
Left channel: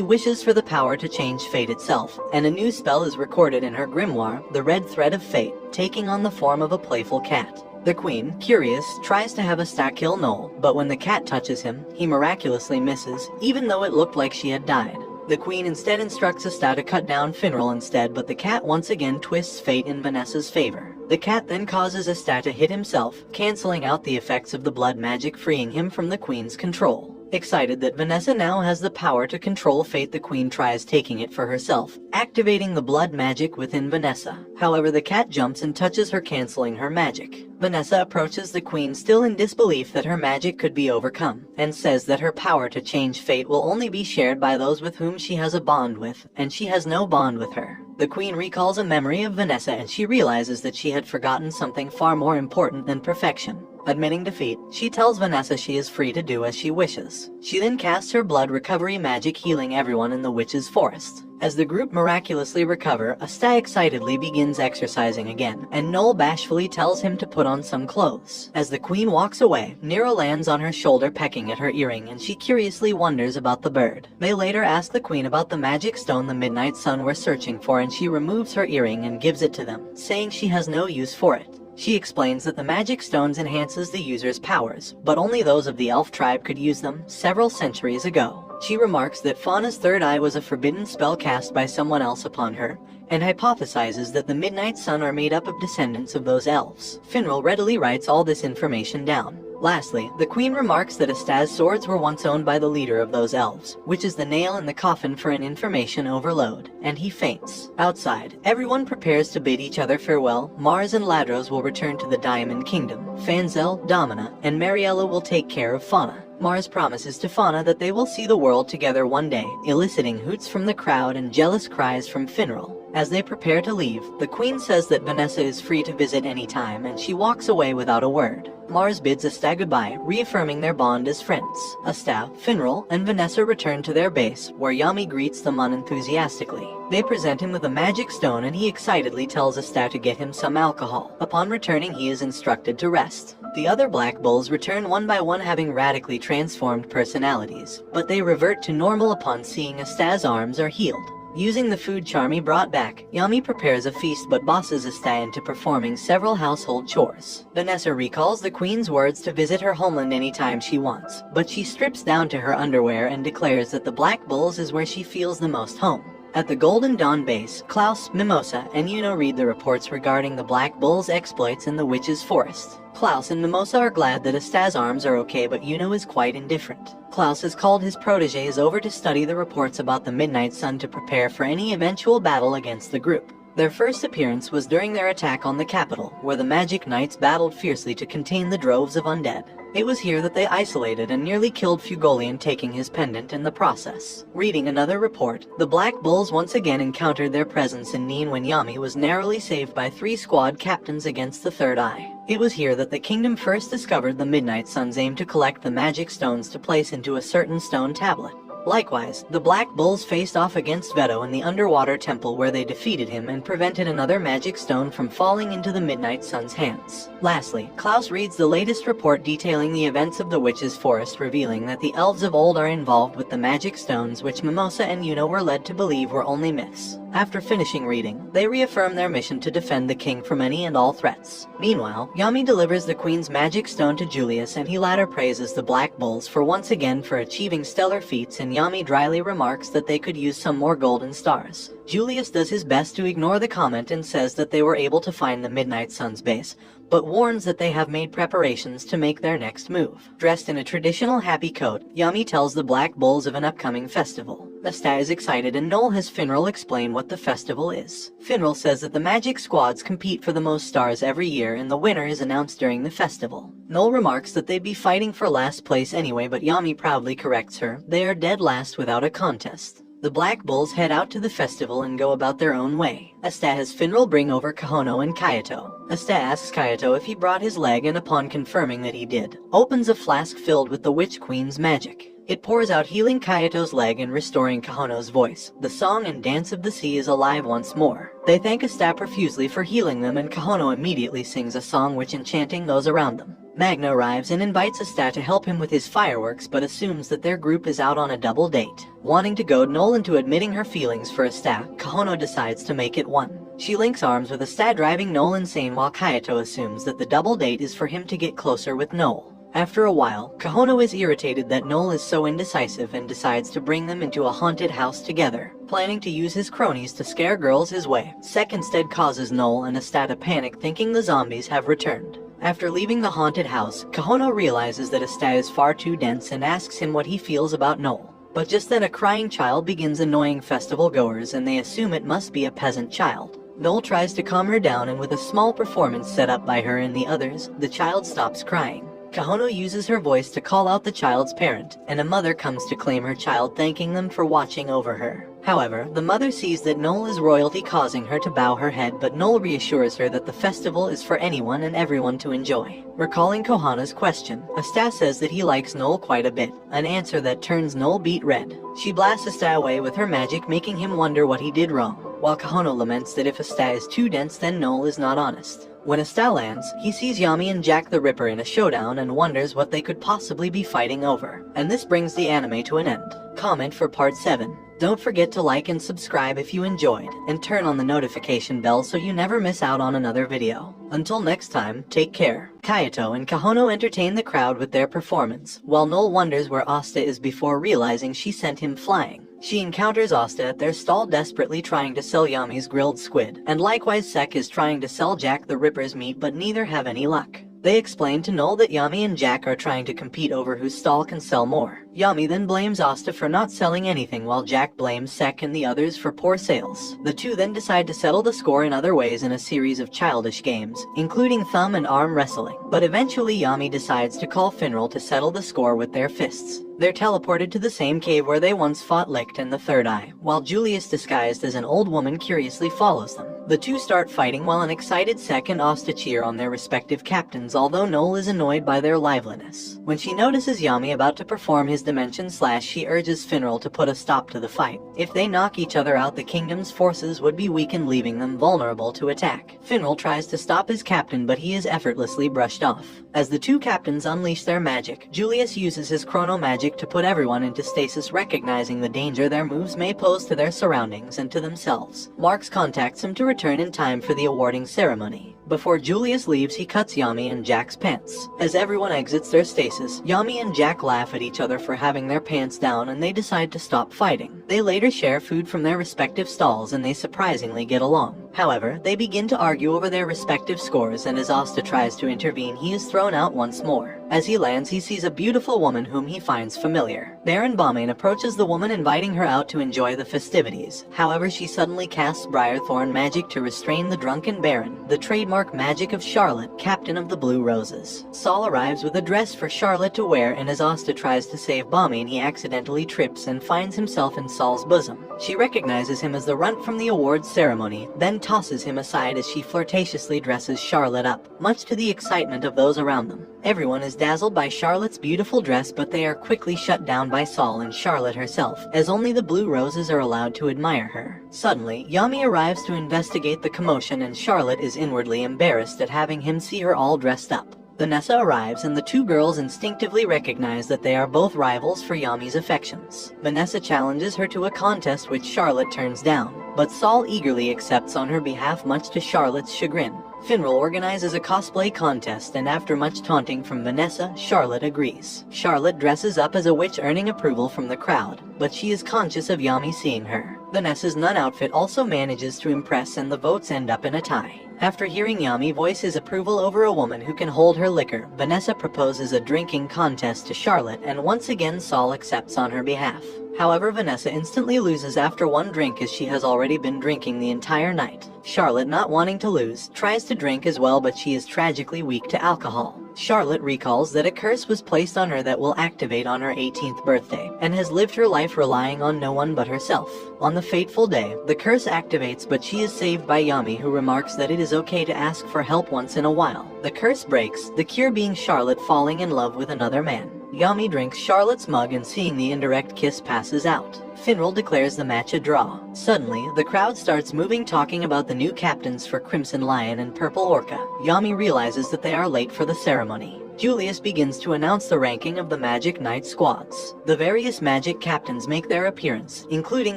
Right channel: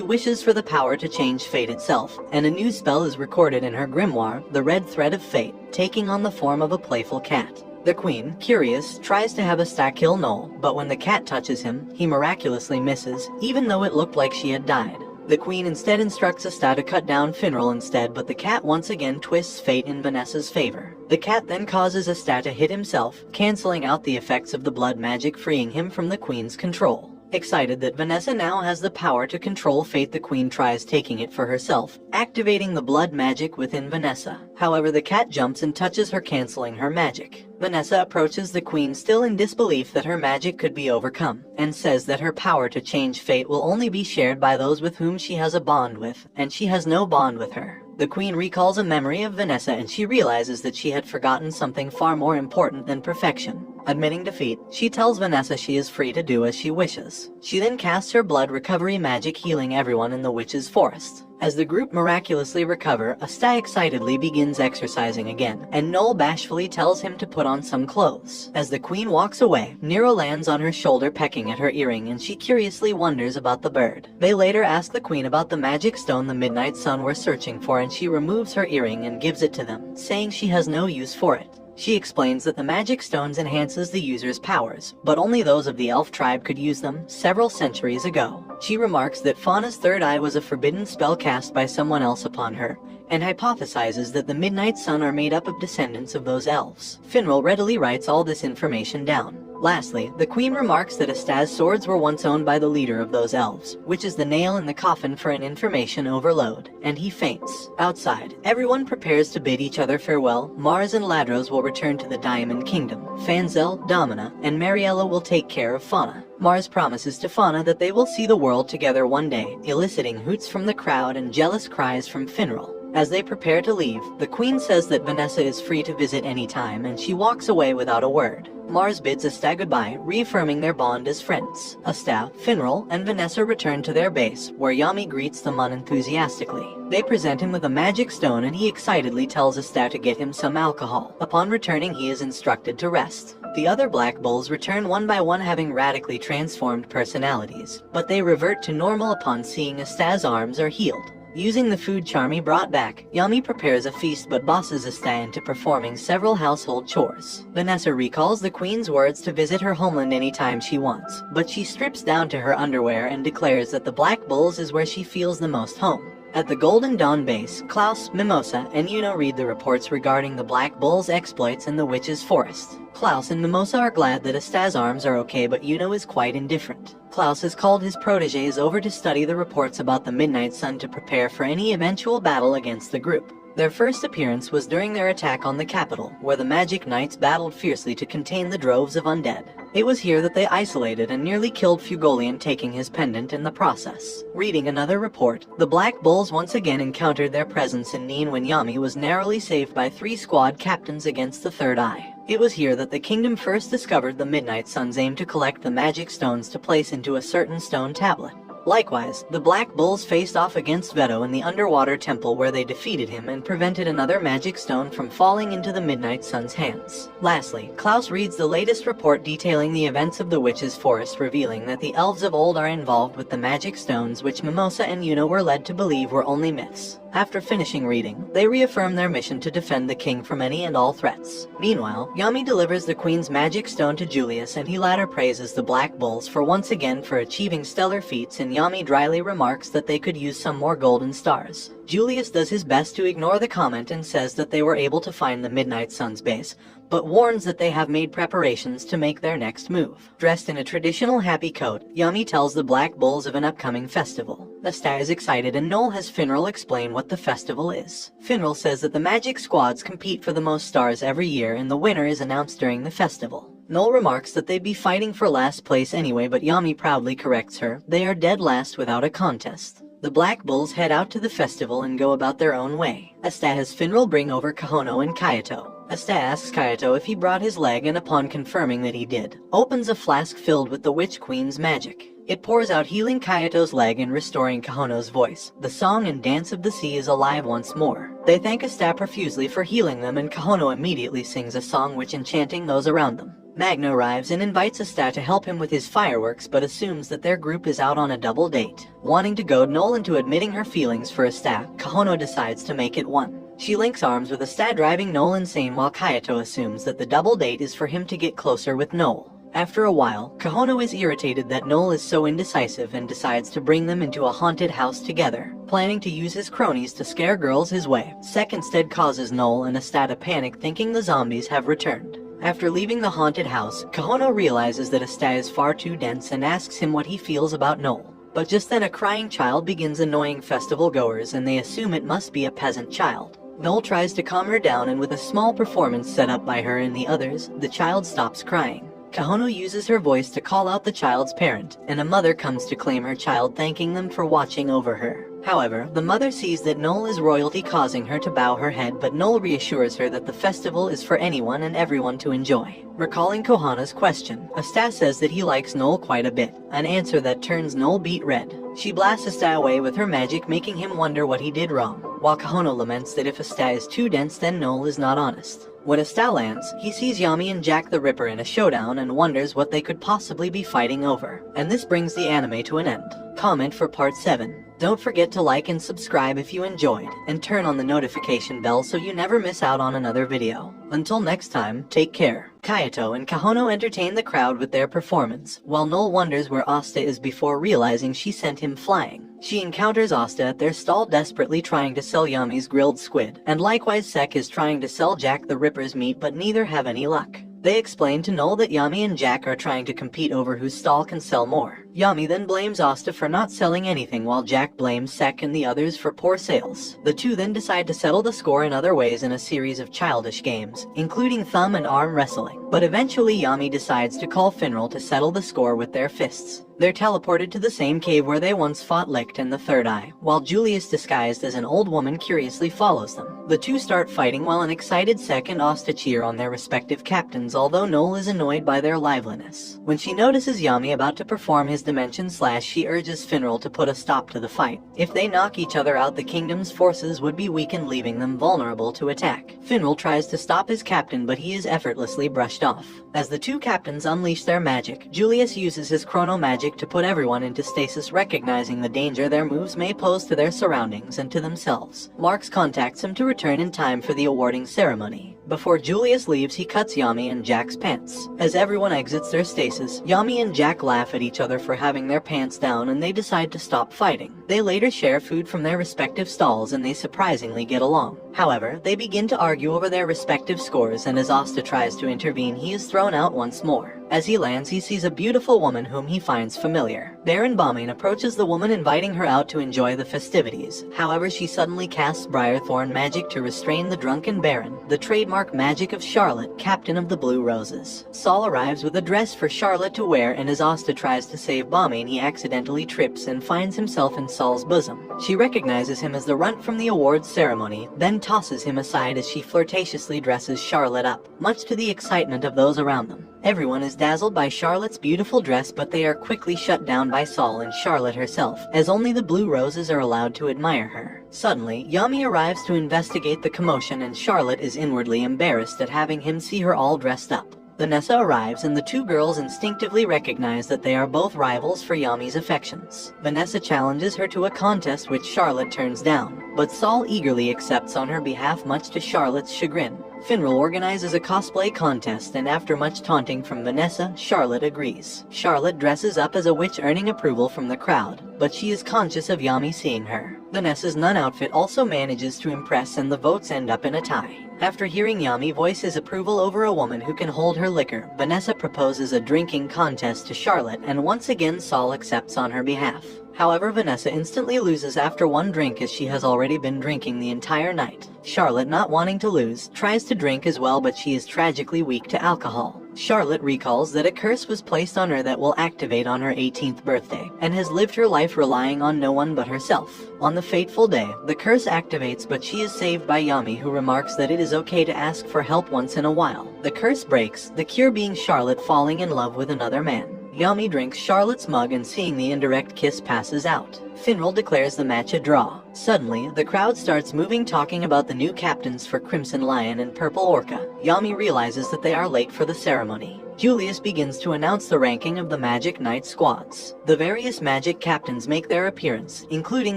wishes for the power to change fate itself, and a new spell is recorded in her grimoire, the Red Thread of Fate, taking on the form of a playful cat. The Queen, curious, tries to have Asta kill Noel, but when the cat touches him, he miraculously misses, even though it looked like she had died. The Queen instead instructs Asta to cut down Finral instead, but the cat once again twists fate in Vanessa's favor. The cat then causes Asta to hit himself, canceling out the effects of the blood magic, freeing him from the Queen's control. Excited that Vanessa now has the power to control fate, the Queen tries taking it for herself, activating the blood magic within Vanessa. However, the cat jumps and touches her, canceling her magic. Vanessa approaches the Queen, still in disbelief that her magic could be overcome, and says that her power to change fate will only be shared by those with whom she has a bond with, and she has no bond with her. The Queen recalls a memory of Vanessa, and she realizes that she had forgotten something far more important than perfection. Admitting defeat, she tells Vanessa she is free to do as she wishes. She then casts her blood recovery magic, healing everyone in the witch's forest. As the group miraculously recover, Asta excitedly begins exercising again, and Noel bashfully tells him to put on some clothes. As the Queen walks away, Nero lands on her shoulder, pecking at her earring, and she curiously wonders about the bird. They later ask the Queen about the magic stone the Midnight Sun were searching for, and she removes her earring and gives it to them, saying she has no use for it. She explains that the magic stones enhances the user's powers, but only those of the elf tribe could use them several centuries ago. She remarks that Fauna's third eye was a forbidden spell cast by someone else upon her, and hypothesizes that the Midnight Sun are made up of descendants of those elves. Finral readily writes all this information down. Lastly, the Queen remarks that Asta's swords were once owned by the leader of those elves, which is the nail in the coffin for an information overload, and he faints. Outside, everyone prepares to bid each other farewell. Mars and Ladros will return to the Diamond Kingdom. Fanzel, Domina, and Mariella will take care of Fauna. Mars promises to Fauna that they will see the world together one day, eliciting hoots from the crowd and jealous cries from Finral. As they prepare to leave, the queen says that Vanessa is free to visit any time, and she walks away without a word. Mars bids Asta goodbye, reaffirming their bond as friends. Asta, Finral, and Vanessa return to their base, where Yami greets them unenthusiastically. They present him with a magic stone, and he excitedly tells Asta to get him some alcohol. Upon returning, he is instructed to rest. The other Black Bulls return one by one, having radically transformed personalities, but they revert to normal upon seeing Asta's arms are healed. Using the food Charmy brought back, Yami prepares a feast but bosses Asta into performing several household chores. Vanessa recalls the queen's words to visit her homeland anytime she wants, but she strips down to her underwear and declares that the Black Bulls is where she feels the most home. At the Golden Dawn base, Klaus, Mimosa, and Yuno read the reports regarding the Black Bull's exploits in the Witch's Forest. Klaus and Mimosa are glad that Asta's arms are okay, but Yuno is quite indifferent. Klaus has called his protégés over to study the reports about the Midnight Sun to prepare for any eventual battle against the group. Their first appearance was during their attack on the capital, where the Magic Knights battled fiercely to contain the droves of undead. It was here that they isolated and nearly killed Fugolian, taking his pendant in the process. Reading another report, the Black Bulls once again encountered their presence in Neen when Yami was narrowly saved by 3 squad captains against the Third Eye. It was here that the kingdom first discovered the Midnight Sun's aim to collect the magic stones to place into a certain stone tablet. Likewise, the Black Bulls faced off against Veto in the underwater temple, where they defeated him and prevented another magic stone from falling into the Midnight Sun's hands. Lastly, Klaus reads the latest report detailing the events of the Witch's Forest, revealing that the elves of old are involved with the magic stones, which Mimosa and Yuno were led to believe were only myths. After finishing reading, they reaffirm their mission to defend the king from any and all threats. Meanwhile, Yami delivers the queen's magic stone to Julius, and he later praises the Black Bulls for once again for achieving stellar feats, and Yami dryly remarks that they could use some more golden stars. Julius does his best to ignore the comment and says that they were able to find the Midnight Sun's base, but warns that they have made preparations to make their next move. Dressed in a traditional happy coat, Yami tells the Black Bulls of an upcoming festival. Asta is excited, and Noel has Finral explain what the festival is. Finral says that the magic squads compete for the most stars every year, and the winner is announced during the festival. Noel remarks that they'd be fighting for last place anyway, but Yami proudly corrects her. They are dead last without a contest. The Black Bulls head out to the festival and go about their own way. Asta has Finral bring over Kahono and Kayato. Asta asks Kayato if he brought his leg, and upon confirming that he did, opens a flask filled with the Witch Queen's magic. It pours out, healing Kayato's leg and restoring Kahono's voice. The song and dance of the sea is alive once more. They thank Asta profusely for healing them, and Kahono immediately sings a song which enchanting those around them. Magna arrives and invites Asta to help him with his fireworks, but assumes that their group is out on a double date. Wanting to goad Noel into admitting her feelings for Asta, Kahono decides to make it one. She links arms with Asta, driving Noel insane, while Kayato assumes that the double date is for him to get closer with Noel. After a while, Kahono is irritated that Noel is so indecisive and decides to bring them into a haunted house together. Planning to use his cronies to scare girls his way, Sek instead causes Noel and Asta to panic, thinking the zombies have returned. After leaving the haunted house, Kahono realizes that Asta is far too dense and asks him what he feels about Noel. But just then a crying child begins annoying festival goers, and they assume it must be a peasant child. Noel tries to calm her down, and with a small performance set up by her and the others, the child stops crying. Kahono uses her voice to call out the child's parent, and a mother comes to claim her child, thanking them for watching over her. However, the mother sees that Noel is royalty, causing her to bow her head, but Noel reassures her that the festival is for anyone and everyone to enjoy. Recalling Kohana's question, Asta says that he likes Noel quite a bit, an answer that turns Noel beet red. She blasts Asta away with her magic, making him wonder what he did wrong, while Kahono laments that if Asta is too dense, then Noel is not honest. When Asta lands, he sees Yami and Jack the Ripper in a showdown and wonders what they could possibly be fighting over. And this brings the anime to an end. Comment for part 7. Don't forget to like and subscribe if you enjoyed, and turn on the notification bell so you never miss out on another video. Until next time, take care. Kayato and Kahono entertain the crowd with their performance, while Noel wonders where Asta is before realizing she sent him flying. She encounters Asta at their stall, desperately trying to sell Yami's grilled squid, and likewise Sek is trying to sell Jack the Ripper's meat, but neither have any luck. They explain to Noel that Yami and Jack are trying to compete over whose stall can sell more. Yami then blames Asta for not selling anything while Jack blames Sek and the others for poor sales. The two then decide to settle the score in other ways in a series of childish games, including thumb and arm wrestling. But eventually Yami decides to call Finral to settle the score with their fists. They're teleported to the same cave where they once fought Licht and the Third Eye, while Julius disguised as an old woman curiously follows them. The two start fighting while an excited Sek and Asta cheer on their respective captains, although Noel is annoyed by their liveliness. When she notices Yami about to perform his dimension slash, she urges Finral to put a stop to the fight. If they knock each other out, the kingdom's forces would be weakened, leaving them vulnerable to attack. Finral tries to stop his captain, but he is effortlessly brushed off. As the two captains unleash their magic, Julius uses his chrono magic to put everyone into stasis, recognizing the danger their moves may pose to their surroundings and to themselves. Marx contacts him to return in time for the awarding ceremony. Before Julius leaves, he cuts Yami and Jack's pants. As everyone exits their stasis, Yami and Jack laugh at each other for having their pants down, and they decide to stop fighting. They later share food from their respective stalls, and they surprisingly get along. However, they begin to argue over their respective scores, and as Asta tries to intervene, he is thrown out once more. As he lands, he sees a beautiful woman whom he finds familiar. Baron Balmain approaches the woman, inviting her out to enjoy the festivities. However, she suddenly casts Briarthorn magic to restrain the drunken Baron, the trademark magic of Charlotte, captain of the Blue Roses. Saul arrives with a dress for Charlotte to wear, and as Asta tries to save Balmain, he accidentally trips and finds himself in Saul's bosom. She recognizes him as the runt from the awards ceremony, then tosses him aside as she flirtatiously dresses Charlotte up, much to the excitement of those around them. Everyone is dazzled by Charlotte's beautiful dress, but they are quickly shut down by Saul and Charlotte herself, as only the Blue Roses are allowed to admire her. Suddenly, Yami arrives to investigate the commotion, and Charlotte is inwardly embarrassed at having him see her all dressed up. Vanessa arrives, and the two girls instinctively recognize that they are both rivals for Yami's affections. Vanessa challenges her to a contest, which Charlotte turns down, but Saul eagerly accepts on her behalf, much to Charlotte's chagrin. Finral organizes a cosplay contest, and after much taunting from Vanessa, Charlotte agrees. Charlotte dresses up as a witch, earning approval from the crowd, but she is conscious of Yami seeing her. Vanessa's nun outfit also manages to impress, and the votes end up in a tie. After hearing Yami voice his approval over a woman who can hold her liquor, Vanessa proposes a drinking contest to Charlotte, and once again Saul accepts on her behalf. However, Vanessa instantly loses after one drink, as she has already been drinking the entire night. Charlotte, not wanting to lose, tries to drink as well, but she is tragically weak to alcohol. Charlotte recalls that a curse was placed on her that will activate on her 18th birthday, and has lived her life relying on no one but herself. On the fateful day, the curse activates, but she is saved by Yami, who remarks that it is okay to ask for help once in a while. The curse breaks, the cure being Charlotte falling in love with another man. Yami drinks Charlotte's mug, and seeing the indirect kiss, passes out. Finral declares the match a draw. Suddenly, the crowd starts moving, talking about the new captains for Crimson Lion and Purple Orca. Yami realizes that they are late for the ceremony. Julius begins to announce the ranking of the Magic Knight squads. The various magic captains make their appearance, including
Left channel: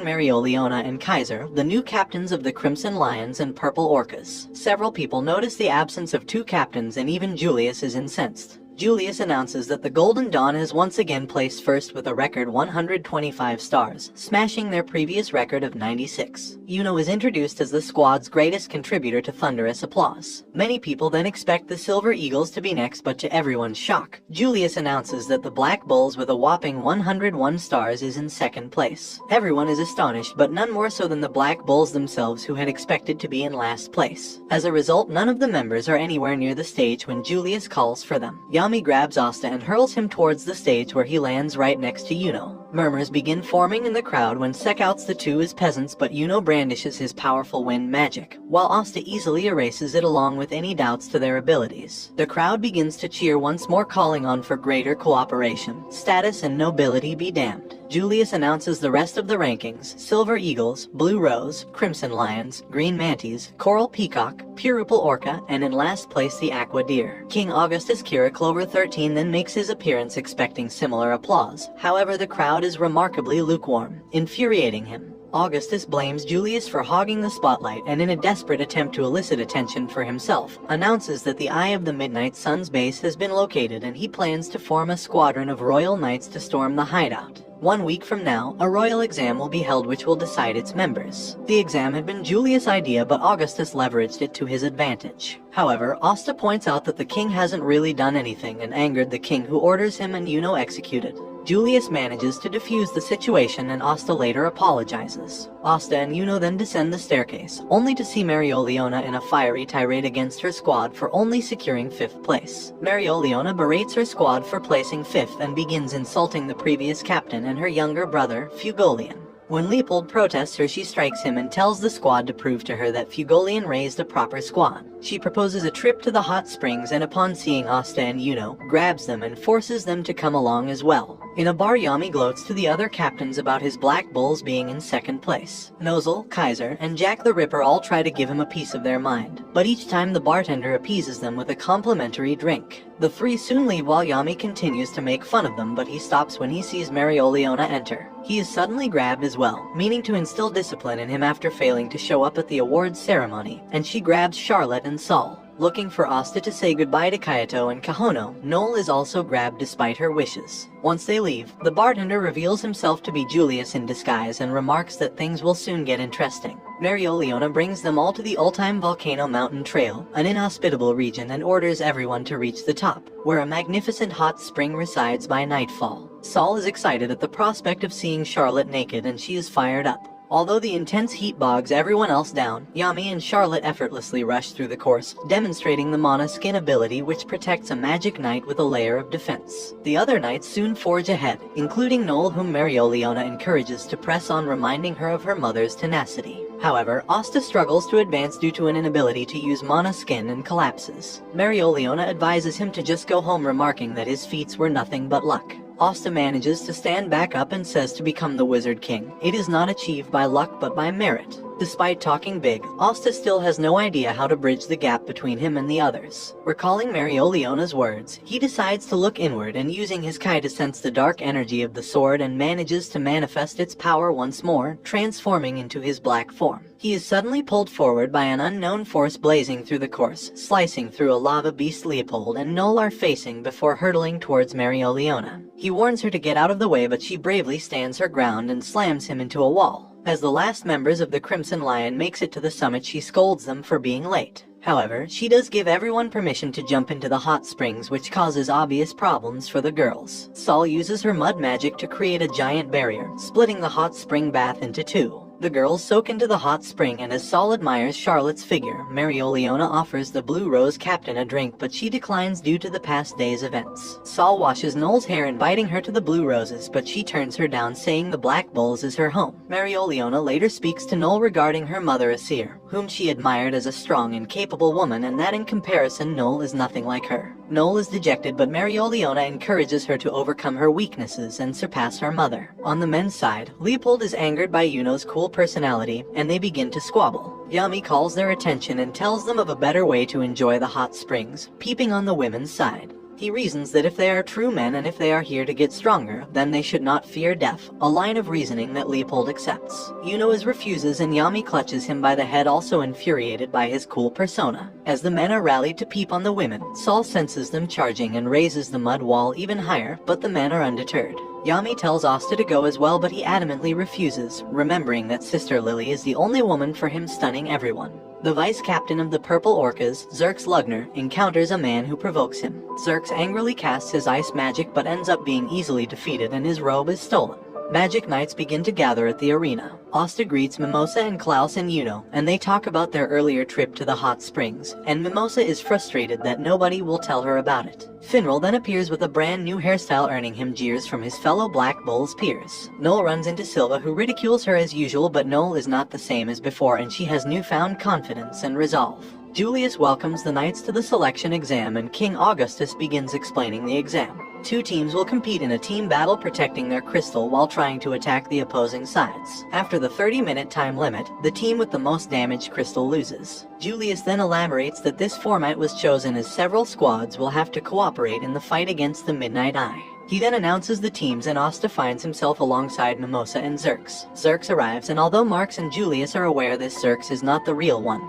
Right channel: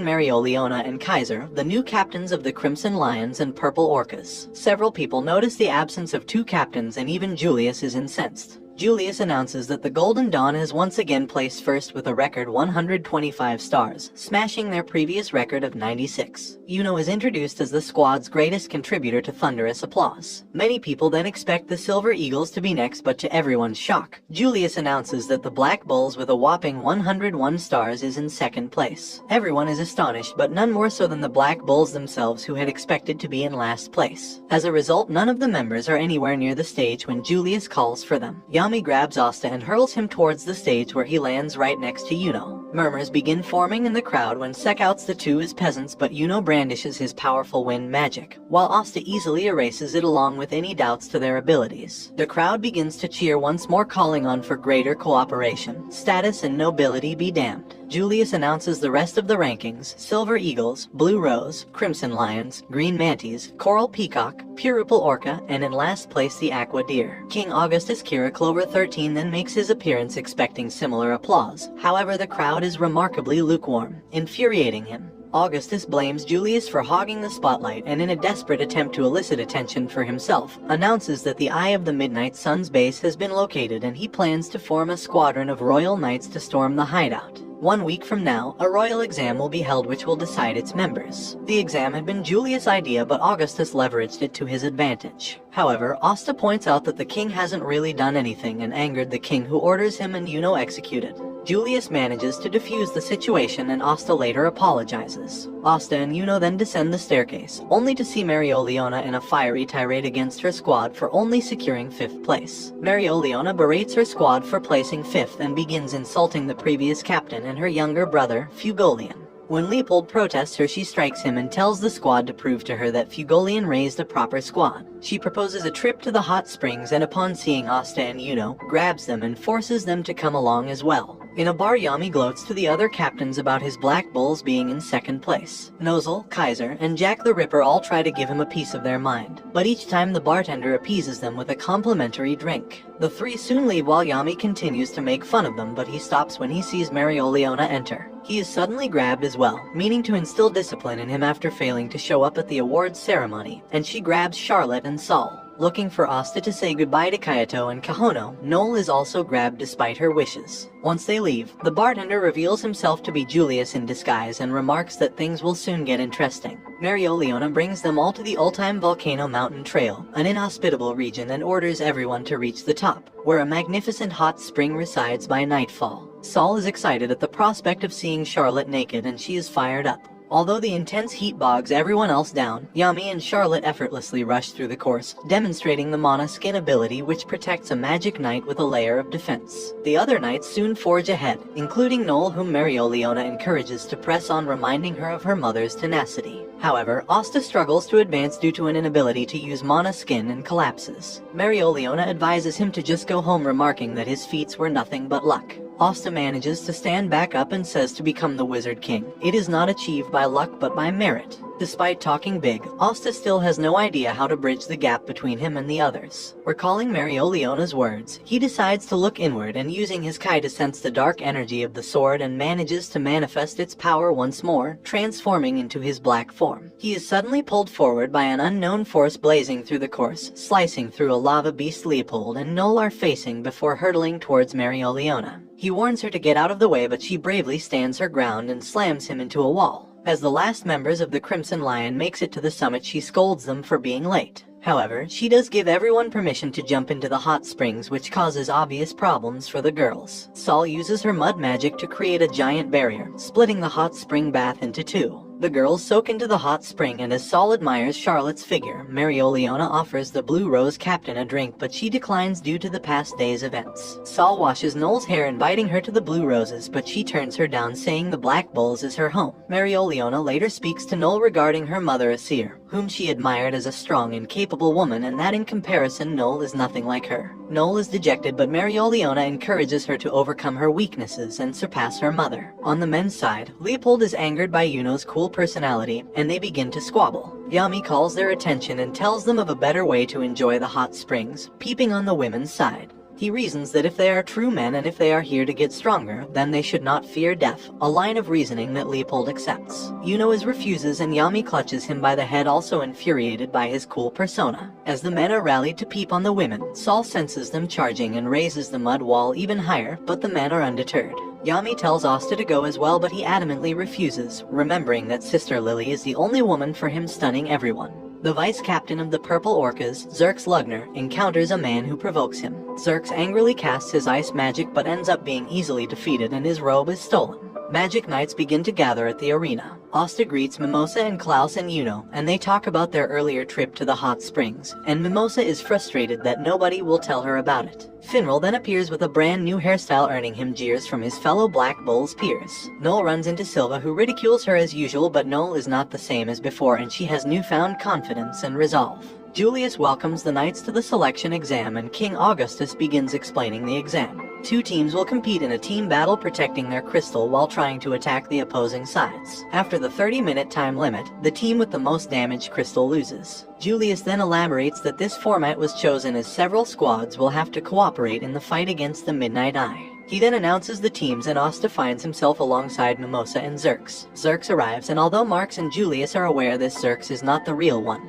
Marioliona and Kaiser, the new captains of the Crimson Lions and Purple Orcas. Several people notice the absence of two captains, and even Julius is incensed. Julius announces that the Golden Dawn is once again placed first with a record 125 stars, smashing their previous record of 96. Yuno is introduced as the squad's greatest contributor, to thunderous applause. Many people then expect the Silver Eagles to be next, but to everyone's shock, Julius announces that the Black Bulls with a whopping 101 stars is in second place. Everyone is astonished, but none more so than the Black Bulls themselves, who had expected to be in last place. As a result, none of the members are anywhere near the stage when Julius calls for them. Yami grabs Asta and hurls him towards the stage, where he lands right next to Yuno. Murmurs begin forming in the crowd when Sek outs the two as peasants, but Yuno brandishes his powerful wind magic, while Asta easily erases it along with any doubts to their abilities. The crowd begins to cheer once more, calling on for greater cooperation. Status and nobility be damned. Julius announces the rest of the rankings: Silver Eagles, Blue Rose, Crimson Lions, Green Manties, Coral Peacock, Purple Orca, and in last place the Aqua Deer. King Augustus Kira Clover 13 then makes his appearance, expecting similar applause. However, the crowd is remarkably lukewarm, infuriating him. Augustus blames Julius for hogging the spotlight, and in a desperate attempt to elicit attention for himself, announces that the Eye of the Midnight Sun's base has been located, and he plans to form a squadron of royal knights to storm the hideout. 1 week from now, a royal exam will be held which will decide its members. The exam had been Julius' idea, but Augustus leveraged it to his advantage. However, Asta points out that the king hasn't really done anything, and angered the king, who orders him and Yuno executed. Julius manages to defuse the situation and Asta later apologizes. Asta and Yuno then descend the staircase, only to see Marioliona in a fiery tirade against her squad for only securing 5th place. Marioliona berates her squad for placing 5th and begins insulting the previous captain and her younger brother, Fugolian. When Leopold protests her, she strikes him and tells the squad to prove to her that Fugolian raised a proper squad. She proposes a trip to the hot springs and upon seeing Asta and Yuno, grabs them and forces them to come along as well. In a bar, Yami gloats to the other captains about his Black Bulls being in 2nd place. Nozel, Kaiser, and Jack the Ripper all try to give him a piece of their mind, but each time the bartender appeases them with a complimentary drink. The 3 soon leave while Yami continues to make fun of them, but he stops when he sees Marioliona enter. He is suddenly grabbed as well, meaning to instill discipline in him after failing to show up at the awards ceremony, and she grabs Charlotte and Saul. Looking for Asta to say goodbye to Kayato and Kahono, Noel is also grabbed despite her wishes. Once they leave, the bartender reveals himself to be Julius in disguise and remarks that things will soon get interesting. Marioliona brings them all to the Ultime Volcano Mountain Trail, an inhospitable region, and orders everyone to reach the top, where a magnificent hot spring resides by nightfall. Saul is excited at the prospect of seeing Charlotte naked and she is fired up. Although the intense heat bogs everyone else down, Yami and Charlotte effortlessly rush through the course, demonstrating the Mana skin ability which protects a magic knight with a layer of defense. The other knights soon forge ahead, including Noel, whom Marioliona encourages to press on, reminding her of her mother's tenacity. However, Asta struggles to advance due to an inability to use Mana skin and collapses. Marioliona advises him to just go home, remarking that his feats were nothing but luck. Asta manages to stand back up and says to become the Wizard King, it is not achieved by luck but by merit. Despite talking big, Asta still has no idea how to bridge the gap between him and the others. Recalling Marioliona's words, he decides to look inward and using his Kai to sense the dark energy of the sword and manages to manifest its power once more, transforming into his black form. He is suddenly pulled forward by an unknown force blazing through the course, slicing through a lava beast. Leopold and Noel are facing before hurtling towards Marioliona. He warns her to get out of the way, but she bravely stands her ground and slams him into a wall. As the last members of the Crimson Lion makes it to the summit, she scolds them for being late. However, she does give everyone permission to jump into the hot springs, which causes obvious problems for the girls. Saul uses her mud magic to create a giant barrier, splitting the hot spring bath into 2. The girls soak into the hot spring, and as Saul admires Charlotte's figure, Marioliona offers the Blue Rose captain a drink, but she declines due to the past day's events. Saul washes Noel's hair, inviting her to the Blue Roses, but she turns her down, saying the Black Bulls is her home. Marioliona later speaks to Noel regarding her mother Asir, whom she admired as a strong and capable woman, and that in comparison Noel is nothing like her. Noel is dejected, but Marioliona encourages her to overcome her weaknesses and surpass her mother. On the men's side, Leopold is angered by Yuno's cool personality, and they begin to squabble. Yami calls their attention and tells them of a better way to enjoy the hot springs, peeping on the women's side. He reasons that if they are true men and if they are here to get stronger, then they should not fear death, a line of reasoning that Leopold accepts. Yuno refuses and Yami clutches him by the head, also infuriated by his cool persona. As the men are rallied to peep on the women, Saul senses them charging and raises the mud wall even higher, but the men are undeterred. Yami tells Asta to go as well, but he adamantly refuses, remembering that Sister Lily is the only woman for him, stunning everyone. The vice captain of the Purple Orcas, Zerx Lugner, encounters a man who provokes him. Zerx angrily casts his ice magic but ends up being easily defeated and his robe is stolen. Magic Knights begin to gather at the arena. Asta greets Mimosa and Klaus and Yuno, and they talk about their earlier trip to the hot springs, and Mimosa is frustrated that nobody will tell her about it. Finral then appears with a brand new hairstyle, earning him jeers from his fellow Black Bulls peers. Noel runs into Silva, who ridicules her as usual, but Noel is not the same as before and she has newfound confidence and resolve. Julius welcomes the knights to the selection exam and King Augustus begins explaining the exam. 2 teams will compete in a team battle, protecting their crystal while trying to attack the opposing sides. After the 30-minute time limit, the team with the most damaged crystal loses. Julius then elaborates that this format was chosen as several squads will have to cooperate in the fight against the Midnight Eye. He then announces the teams and Asta finds himself alongside Mimosa and Zerx. Zerx arrives, and although Marx and Julius are aware this Zerx is not the real one,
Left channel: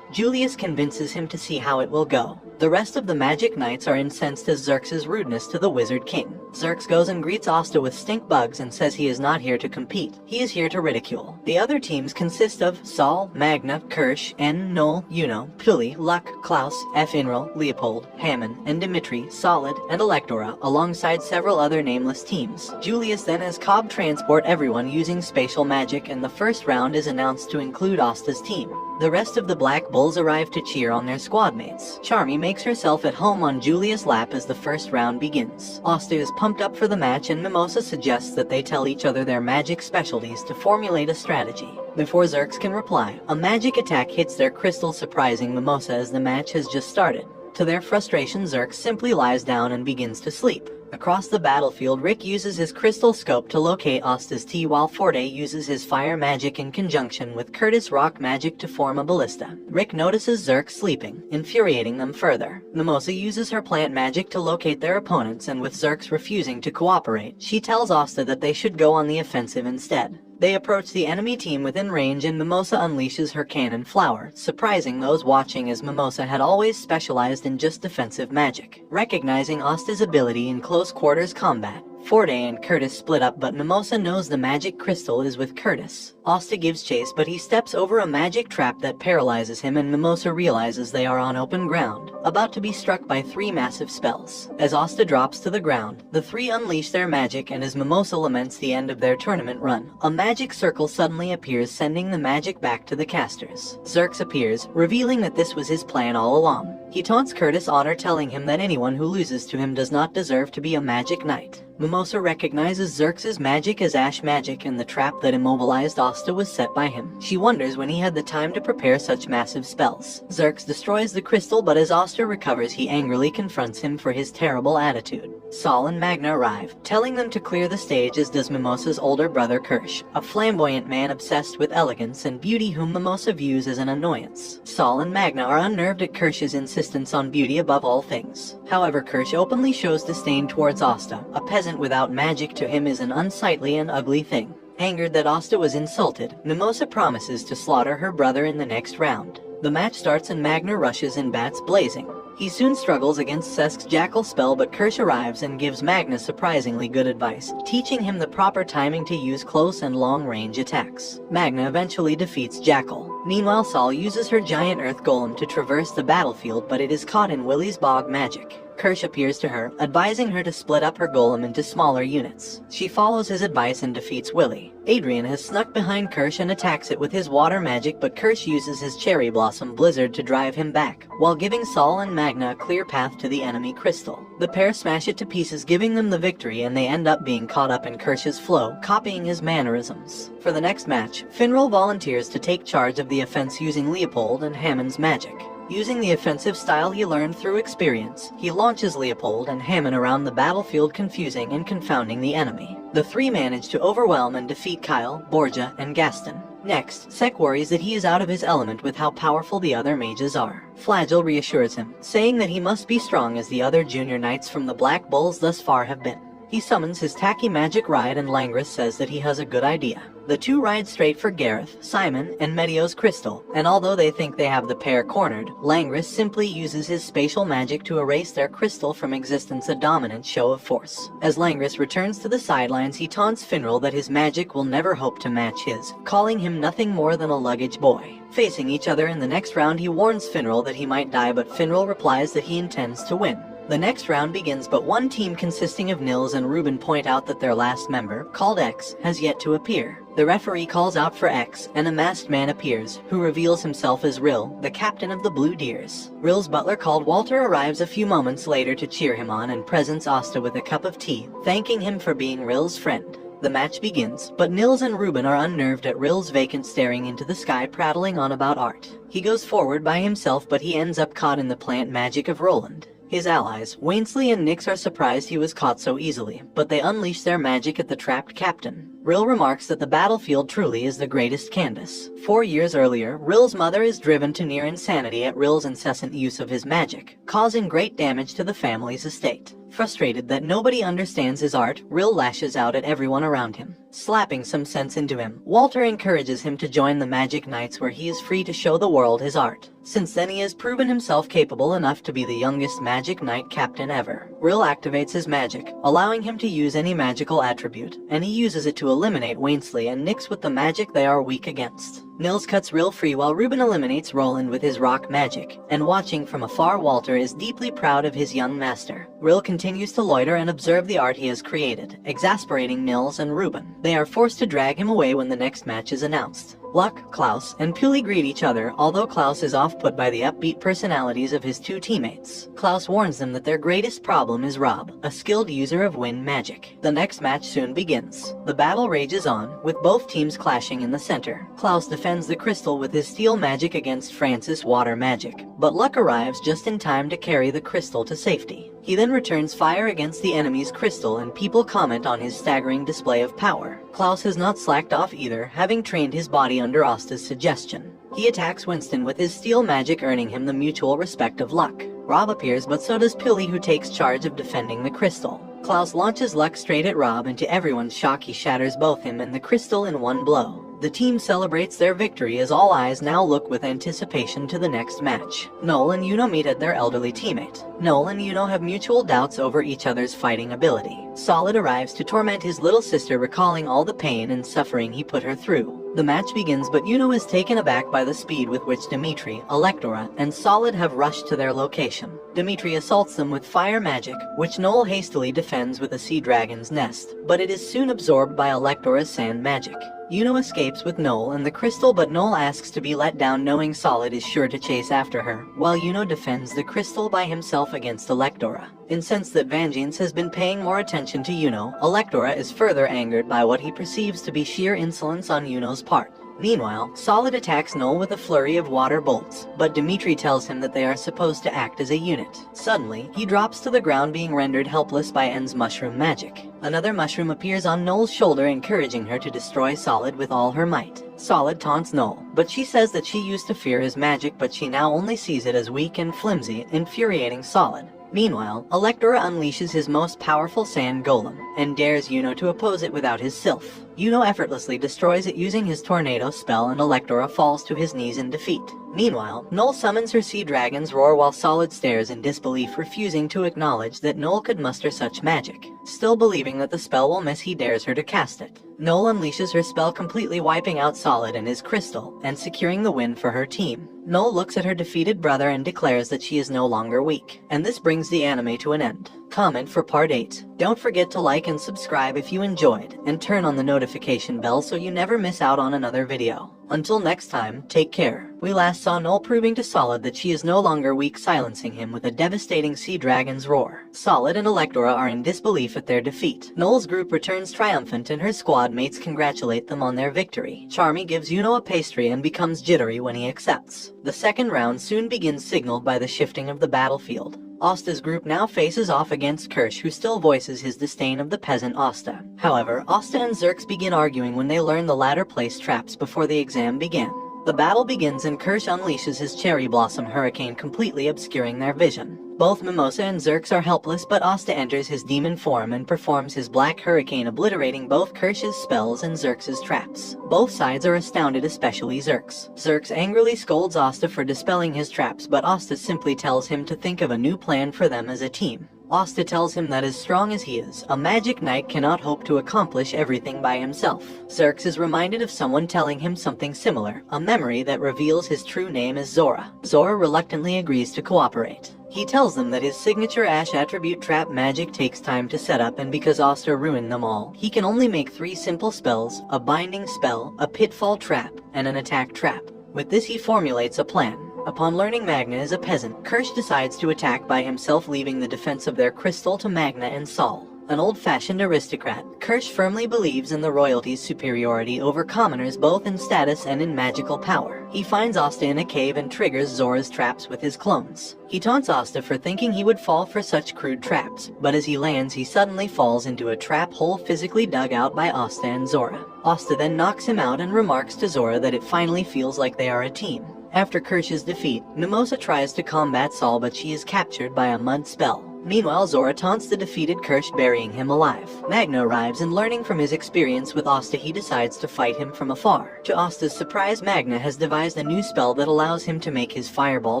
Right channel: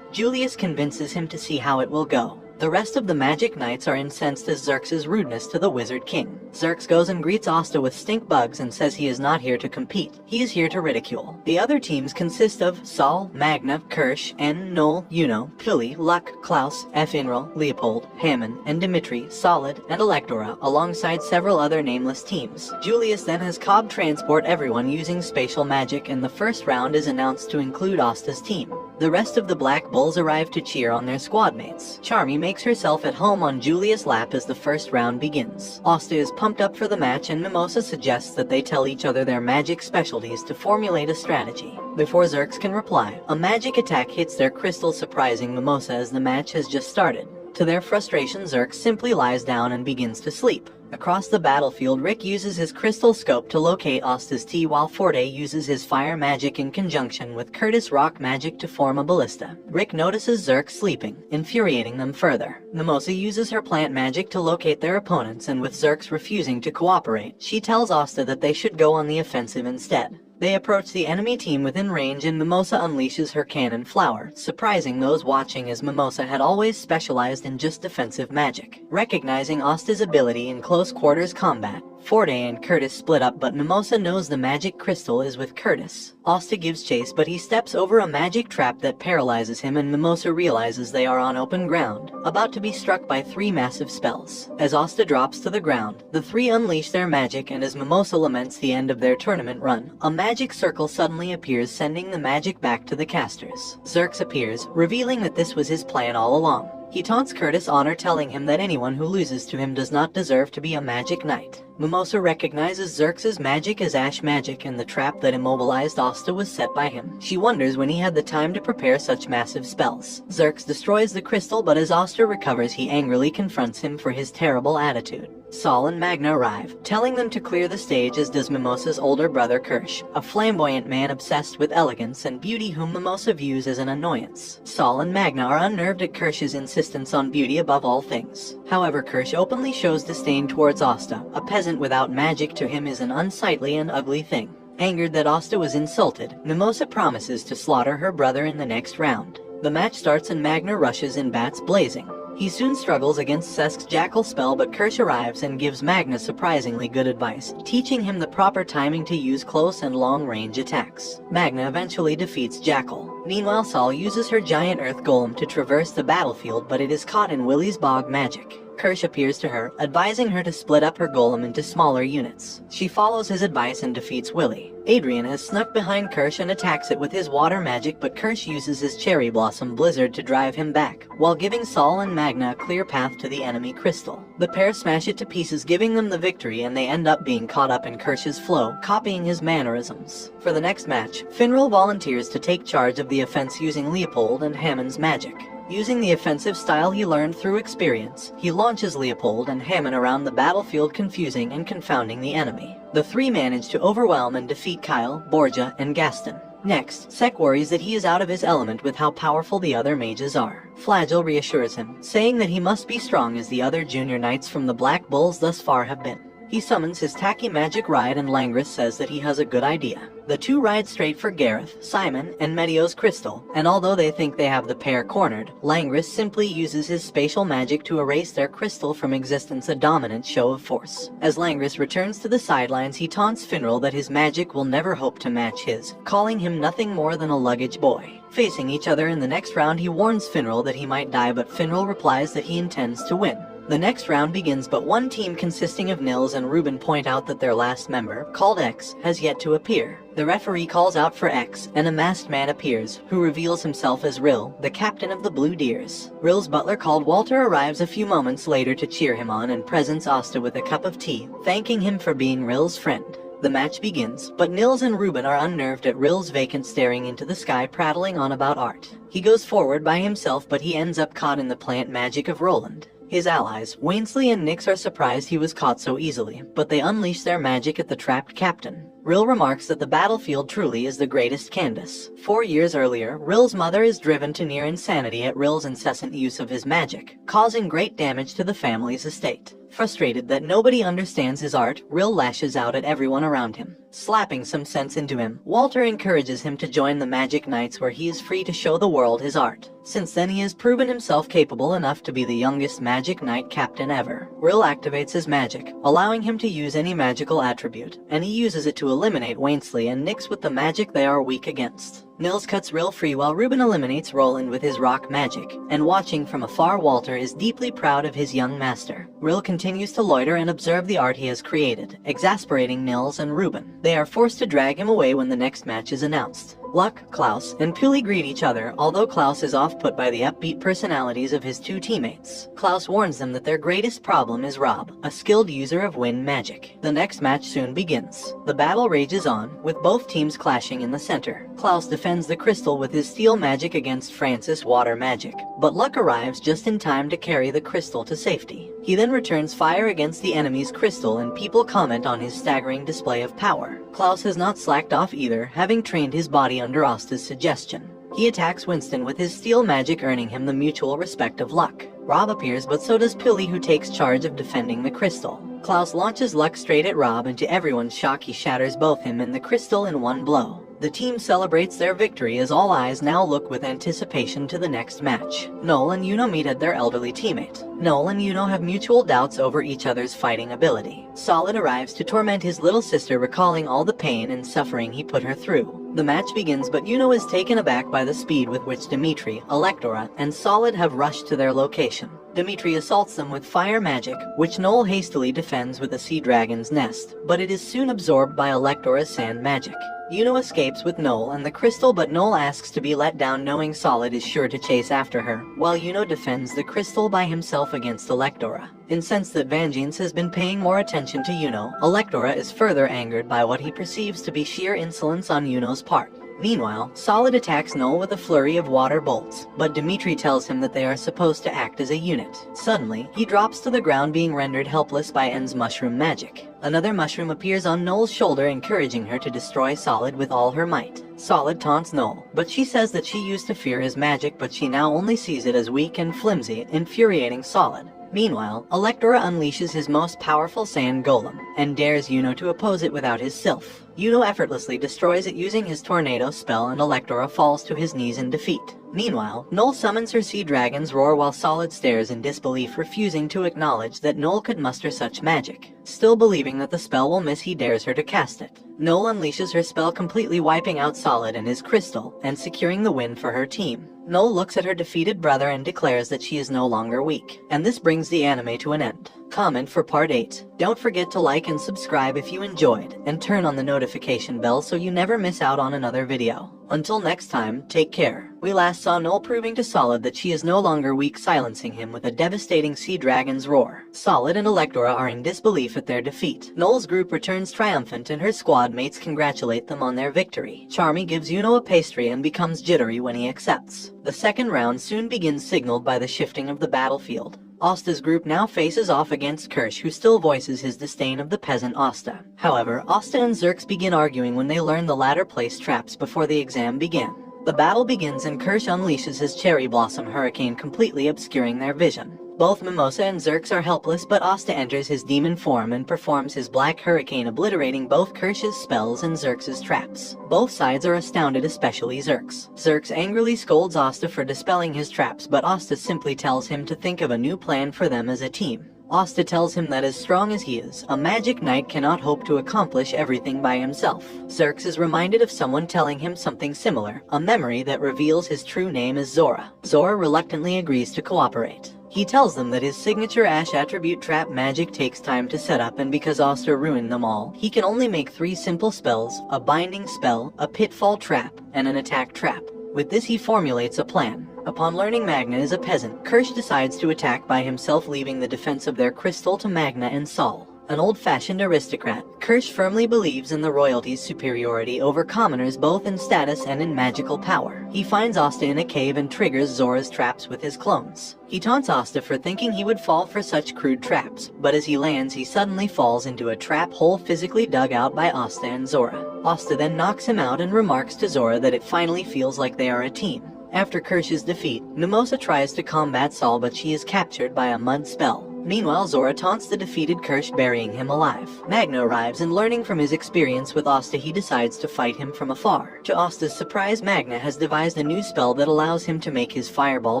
Julius convinces him to see how it will go. The rest of the Magic Knights are incensed at Xerxes' rudeness to the Wizard King. Xerxes goes and greets Asta with stink bugs and says he is not here to compete. He is here to ridicule. The other teams consist of Saul, Magna, Kirsch, N, Noel, Yuno, Pili, Luck, Klaus, Finral, Leopold, Hammond, and Dimitri, Solid, and Electora, alongside several other nameless teams. Julius then has Cobb transport everyone using spatial magic, and the first round is announced to include Asta's team. The rest of the Black Bulls arrive to cheer on their squad mates. Charmy makes herself at home on Julius' lap as the first round begins. Asta is pumped up for the match, and Mimosa suggests that they tell each other their magic specialties to formulate a strategy. Before Xerxes can reply, a magic attack hits their crystal, surprising Mimosa as the match has just started. To their frustration, Xerxes simply lies down and begins to sleep. Across the battlefield, Rick uses his crystal scope to locate Asta's T, while Forte uses his fire magic in conjunction with Curtis' rock magic to form a ballista. Rick notices Xerxes sleeping, infuriating them further. Mimosa uses her plant magic to locate their opponents, and with Xerxes refusing to cooperate, she tells Asta that they should go on the offensive instead. They approach the enemy team within range, and Mimosa unleashes her cannon flower, surprising those watching as Mimosa had always specialized in just defensive magic. Recognizing Asta's ability in close quarters combat, Forte and Curtis split up, but Mimosa knows the magic crystal is with Curtis. Asta gives chase, but he steps over a magic trap that paralyzes him, and Mimosa realizes they are on open ground, about to be struck by 3 massive spells. As Asta drops to the ground, the 3 unleash their magic, and as Mimosa laments the end of their tournament run, a magic circle suddenly appears, sending the magic back to the casters. Xerxes appears, revealing that this was his plan all along. He taunts Curtis' honor, telling him that anyone who loses to him does not deserve to be a magic knight. Mimosa recognizes Xerxes' magic as ash magic, and the trap that immobilized Asta was set by him. She wonders when he had the time to prepare such massive spells. Xerxes destroys the crystal, but as Asta recovers, he angrily confronts him for his terrible attitude. Saul and Magna arrive, telling them to clear the stage, as does Mimosa's older brother Kirsch, a flamboyant man obsessed with elegance and beauty whom Mimosa views as an annoyance. Saul and Magna are unnerved at Kirsch's insistence on beauty above all things. However, Kirsch openly shows disdain towards Asta. A peasant without magic to him is an unsightly and ugly thing. Angered that Asta was insulted, Mimosa promises to slaughter her brother in the next round. The match starts and Magna rushes in, bats blazing. He soon struggles against Sesk's jackal spell, but Kirsch arrives and gives Magna surprisingly good advice, teaching him the proper timing to use close and long-range attacks. Magna eventually defeats Jackal. Meanwhile, Saul uses her giant earth golem to traverse the battlefield, but it is caught in Willie's bog magic. Kirsch appears to her, advising her to split up her golem into smaller units. She follows his advice and defeats Willie. Adrian has snuck behind Kirsch and attacks it with his water magic, but Kirsch uses his cherry blossom blizzard to drive him back, while giving Saul and Magna a clear path to the enemy crystal. The pair smash it to pieces, giving them the victory, and they end up being caught up in Kirsch's flow, copying his mannerisms. For the next match, Finral volunteers to take charge of the offense using Leopold and Hammond's magic. Using the offensive style he learned through experience, he launches Leopold and Hammond around the battlefield, confusing and confounding the enemy. The 3 manage to overwhelm and defeat Kyle, Borgia, and Gaston. Next, Sek worries that he is out of his element with how powerful the other mages are. Flagell reassures him, saying that he must be strong as the other junior knights from the Black Bulls thus far have been. He summons his tacky magic ride, and Langris says that he has a good idea. The 2 ride straight for Gareth, Simon, and Medio's crystal, and although they think they have the pair cornered, Langris simply uses his spatial magic to erase their crystal from existence, a dominant show of force. As Langris returns to the sidelines, he taunts Finral that his magic will never hope to match his, calling him nothing more than a luggage boy. Facing each other in the next round, he warns Finral that he might die, but Finral replies that he intends to win. The next round begins, but one team consisting of Nils and Ruben point out that their last member, called X, has yet to appear. The referee calls out for X, and a masked man appears, who reveals himself as Rill, the captain of the Blue Deers. Rill's butler called Walter arrives a few moments later to cheer him on and presents Asta with a cup of tea, thanking him for being Rill's friend. The match begins, but Nils and Ruben are unnerved at Rill's vacant staring into the sky, prattling on about art. He goes forward by himself, but he ends up caught in the plant magic of Roland. His allies, Wainsley and Nix, are surprised he was caught so easily, but they unleash their magic at the trapped captain. Rill remarks that the battlefield truly is the greatest canvas. 4 years earlier, Rill's mother is driven to near insanity at Rill's incessant use of his magic, causing great damage to the family's estate. Frustrated that nobody understands his art, Rill lashes out at everyone around him. Slapping some sense into him, Walter encourages him to join the Magic Knights where he is free to show the world his art. Since then he has proven himself capable enough to be the youngest Magic Knight captain ever. Rill activates his magic, allowing him to use any magical attribute, and he uses it to eliminate Wainsley and Nyx with the magic they are weak against. Nils cuts Rill free while Ruben eliminates Roland with his rock magic, and watching from afar Walter is deeply proud of his young master. Rill continues to loiter and observe the art he has created, exasperating Nils and Ruben. They are forced to drag him away when the next match is announced. Luck, Klaus, and Puli greet each other, although Klaus is off-put by the upbeat personalities of his two teammates. Klaus warns them that their greatest problem is Rob, a skilled user of wind magic. The next match soon begins. The battle rages on, with both teams clashing in the center. Klaus defends the crystal with his steel magic against Francis' water magic, but Luck arrives just in time to carry the crystal to safety. He then returns fire against the enemy's crystal and people comment on his staggering display of power. Klaus has not slacked off either, having trained his body under Asta's suggestion. He attacks Winston with his steel magic, earning him the mutual respect of Luck. Rob appears, but so does Pili, who takes charge of defending the crystal. Klaus launches Luck straight at Rob, and to everyone's shock he shatters both him and the crystal in one blow. The team celebrates their victory as all eyes now look with anticipation to the next match. Noel and Yuno meet at their elderly teammate. Noel and Yuno have mutual doubts over each other's fighting ability. Solid arrives to torment his little sister, recalling all the pain and suffering he put her through. The match begins, but Yuno is taken aback by the speed with which Dimitri, Electora, and Solid have rushed to their location. Dimitri assaults them with fire magic, which Noel hastily defends with a sea dragon's nest, but it is soon absorbed by Electora's sand magic. Yuno escapes with Noel and the crystal, but Noel asks to be let down, knowing Solid is sure to chase after her, while Yuno defends the crystal by himself against Electora. Incensed that Vangeance has been paying more attention to Yuno, Electora is further angered by what he perceives to be sheer insolence on Yuno's part. Meanwhile, Solid attacks Noel with a flurry of water bolts, but Dimitri tells him that they are supposed to act as a unit. Suddenly, he drops to the ground, being rendered helpless by En's mushroom magic. Another mushroom appears on Noel's shoulder, encouraging her to destroy Solid with all her might. Solid taunts Noel, but she says that she used to fear his magic, but she now only sees it as weak and flimsy, infuriating Solid. Meanwhile, Electora unleashes his most powerful sand golem, and dares Yuno to oppose it without his sylph. Yuno effortlessly destroys it using his tornado spell, and Electora falls to his knees in defeat. Meanwhile, Noel summons her sea dragon's roar while Solid stares in disbelief, refusing to acknowledge that Noel could muster such magic. Still believing that the spell will miss, he dares her to cast it. Noel unleashes her spell, completely wiping out Solid and his crystal, and securing the win for her team. Noel looks at her defeated brother and declares that she is no longer weak, and this brings the anime to an end. Comment for part 8. Don't forget to like and subscribe if you enjoyed, and turn on the notification bell so you never miss out on another video. Until next time, take care. We last saw Noel proving to Solid that she is no longer weak, silencing him with a devastating sea dragon's roar. Solid and Electora are in disbelief at their defeat. Noel's group returns triumphant, and her squad mates congratulate them on their victory. Charmy gives Yuno a pastry and becomes jittery when he accepts. The second round soon begins, signaled by the shifting of the battlefield. Asta's group now faces off against Kirsch, who still voices his disdain of the peasant Asta. However, Asta and Zerx begin arguing when they learn the latter placed traps before the exam began. The battle begins and Kirsch unleashes his cherry blossom hurricane, completely obscuring their vision. Both Mimosa and Zerx are helpless, but Asta enters his demon form and performs his black hurricane, obliterating both Kirsch's spells and Zerx's traps. Both sides are astounded, especially Zerx. Zerx angrily scolds Asta for dispelling his traps, but Asta simply tells him to think of a new plan for them as a team. Asta tells him that as strong as he is, a magic knight cannot hope to accomplish everything by himself. Zerx is reminded of someone telling him something similar, a memory that reveals his true name is Zora. Zora reluctantly agrees to cooperate. He tells them that his signature Ash attribute trap magic takes time to set up, and because Asta ruined them all, he can only make 3 simple spells: a binding spell, a pitfall trap, and an attack trap. With this he formulates a plan. Upon learning Magna is a peasant, Kirsch decides to attack by himself, leaving the defense of their crystal to Magna and Sol. An old-fashioned aristocrat, Kirsch firmly believes in the royalty's superiority over commoners, both in status and in magical power. He finds Asta in a cave and triggers Zora's traps with his clones. He taunts Asta for thinking he would fall for such crude traps, but as he lands he suddenly falls into a trap hole physically dug out by Asta and Zora. Asta then knocks him out and remarks to Zora that it finally feels like they are a team. After Kirsch's defeat, Mimosa tries to combat Sol, but she is captured by a mud spell. Meanwhile, Zora taunts the defeated Kirsch, burying him alive. Magna arrives, and learning from his experience with Asta, he decides to fight him from afar. To Asta's surprise, Magna has devised a new spell that allows him to make his fireball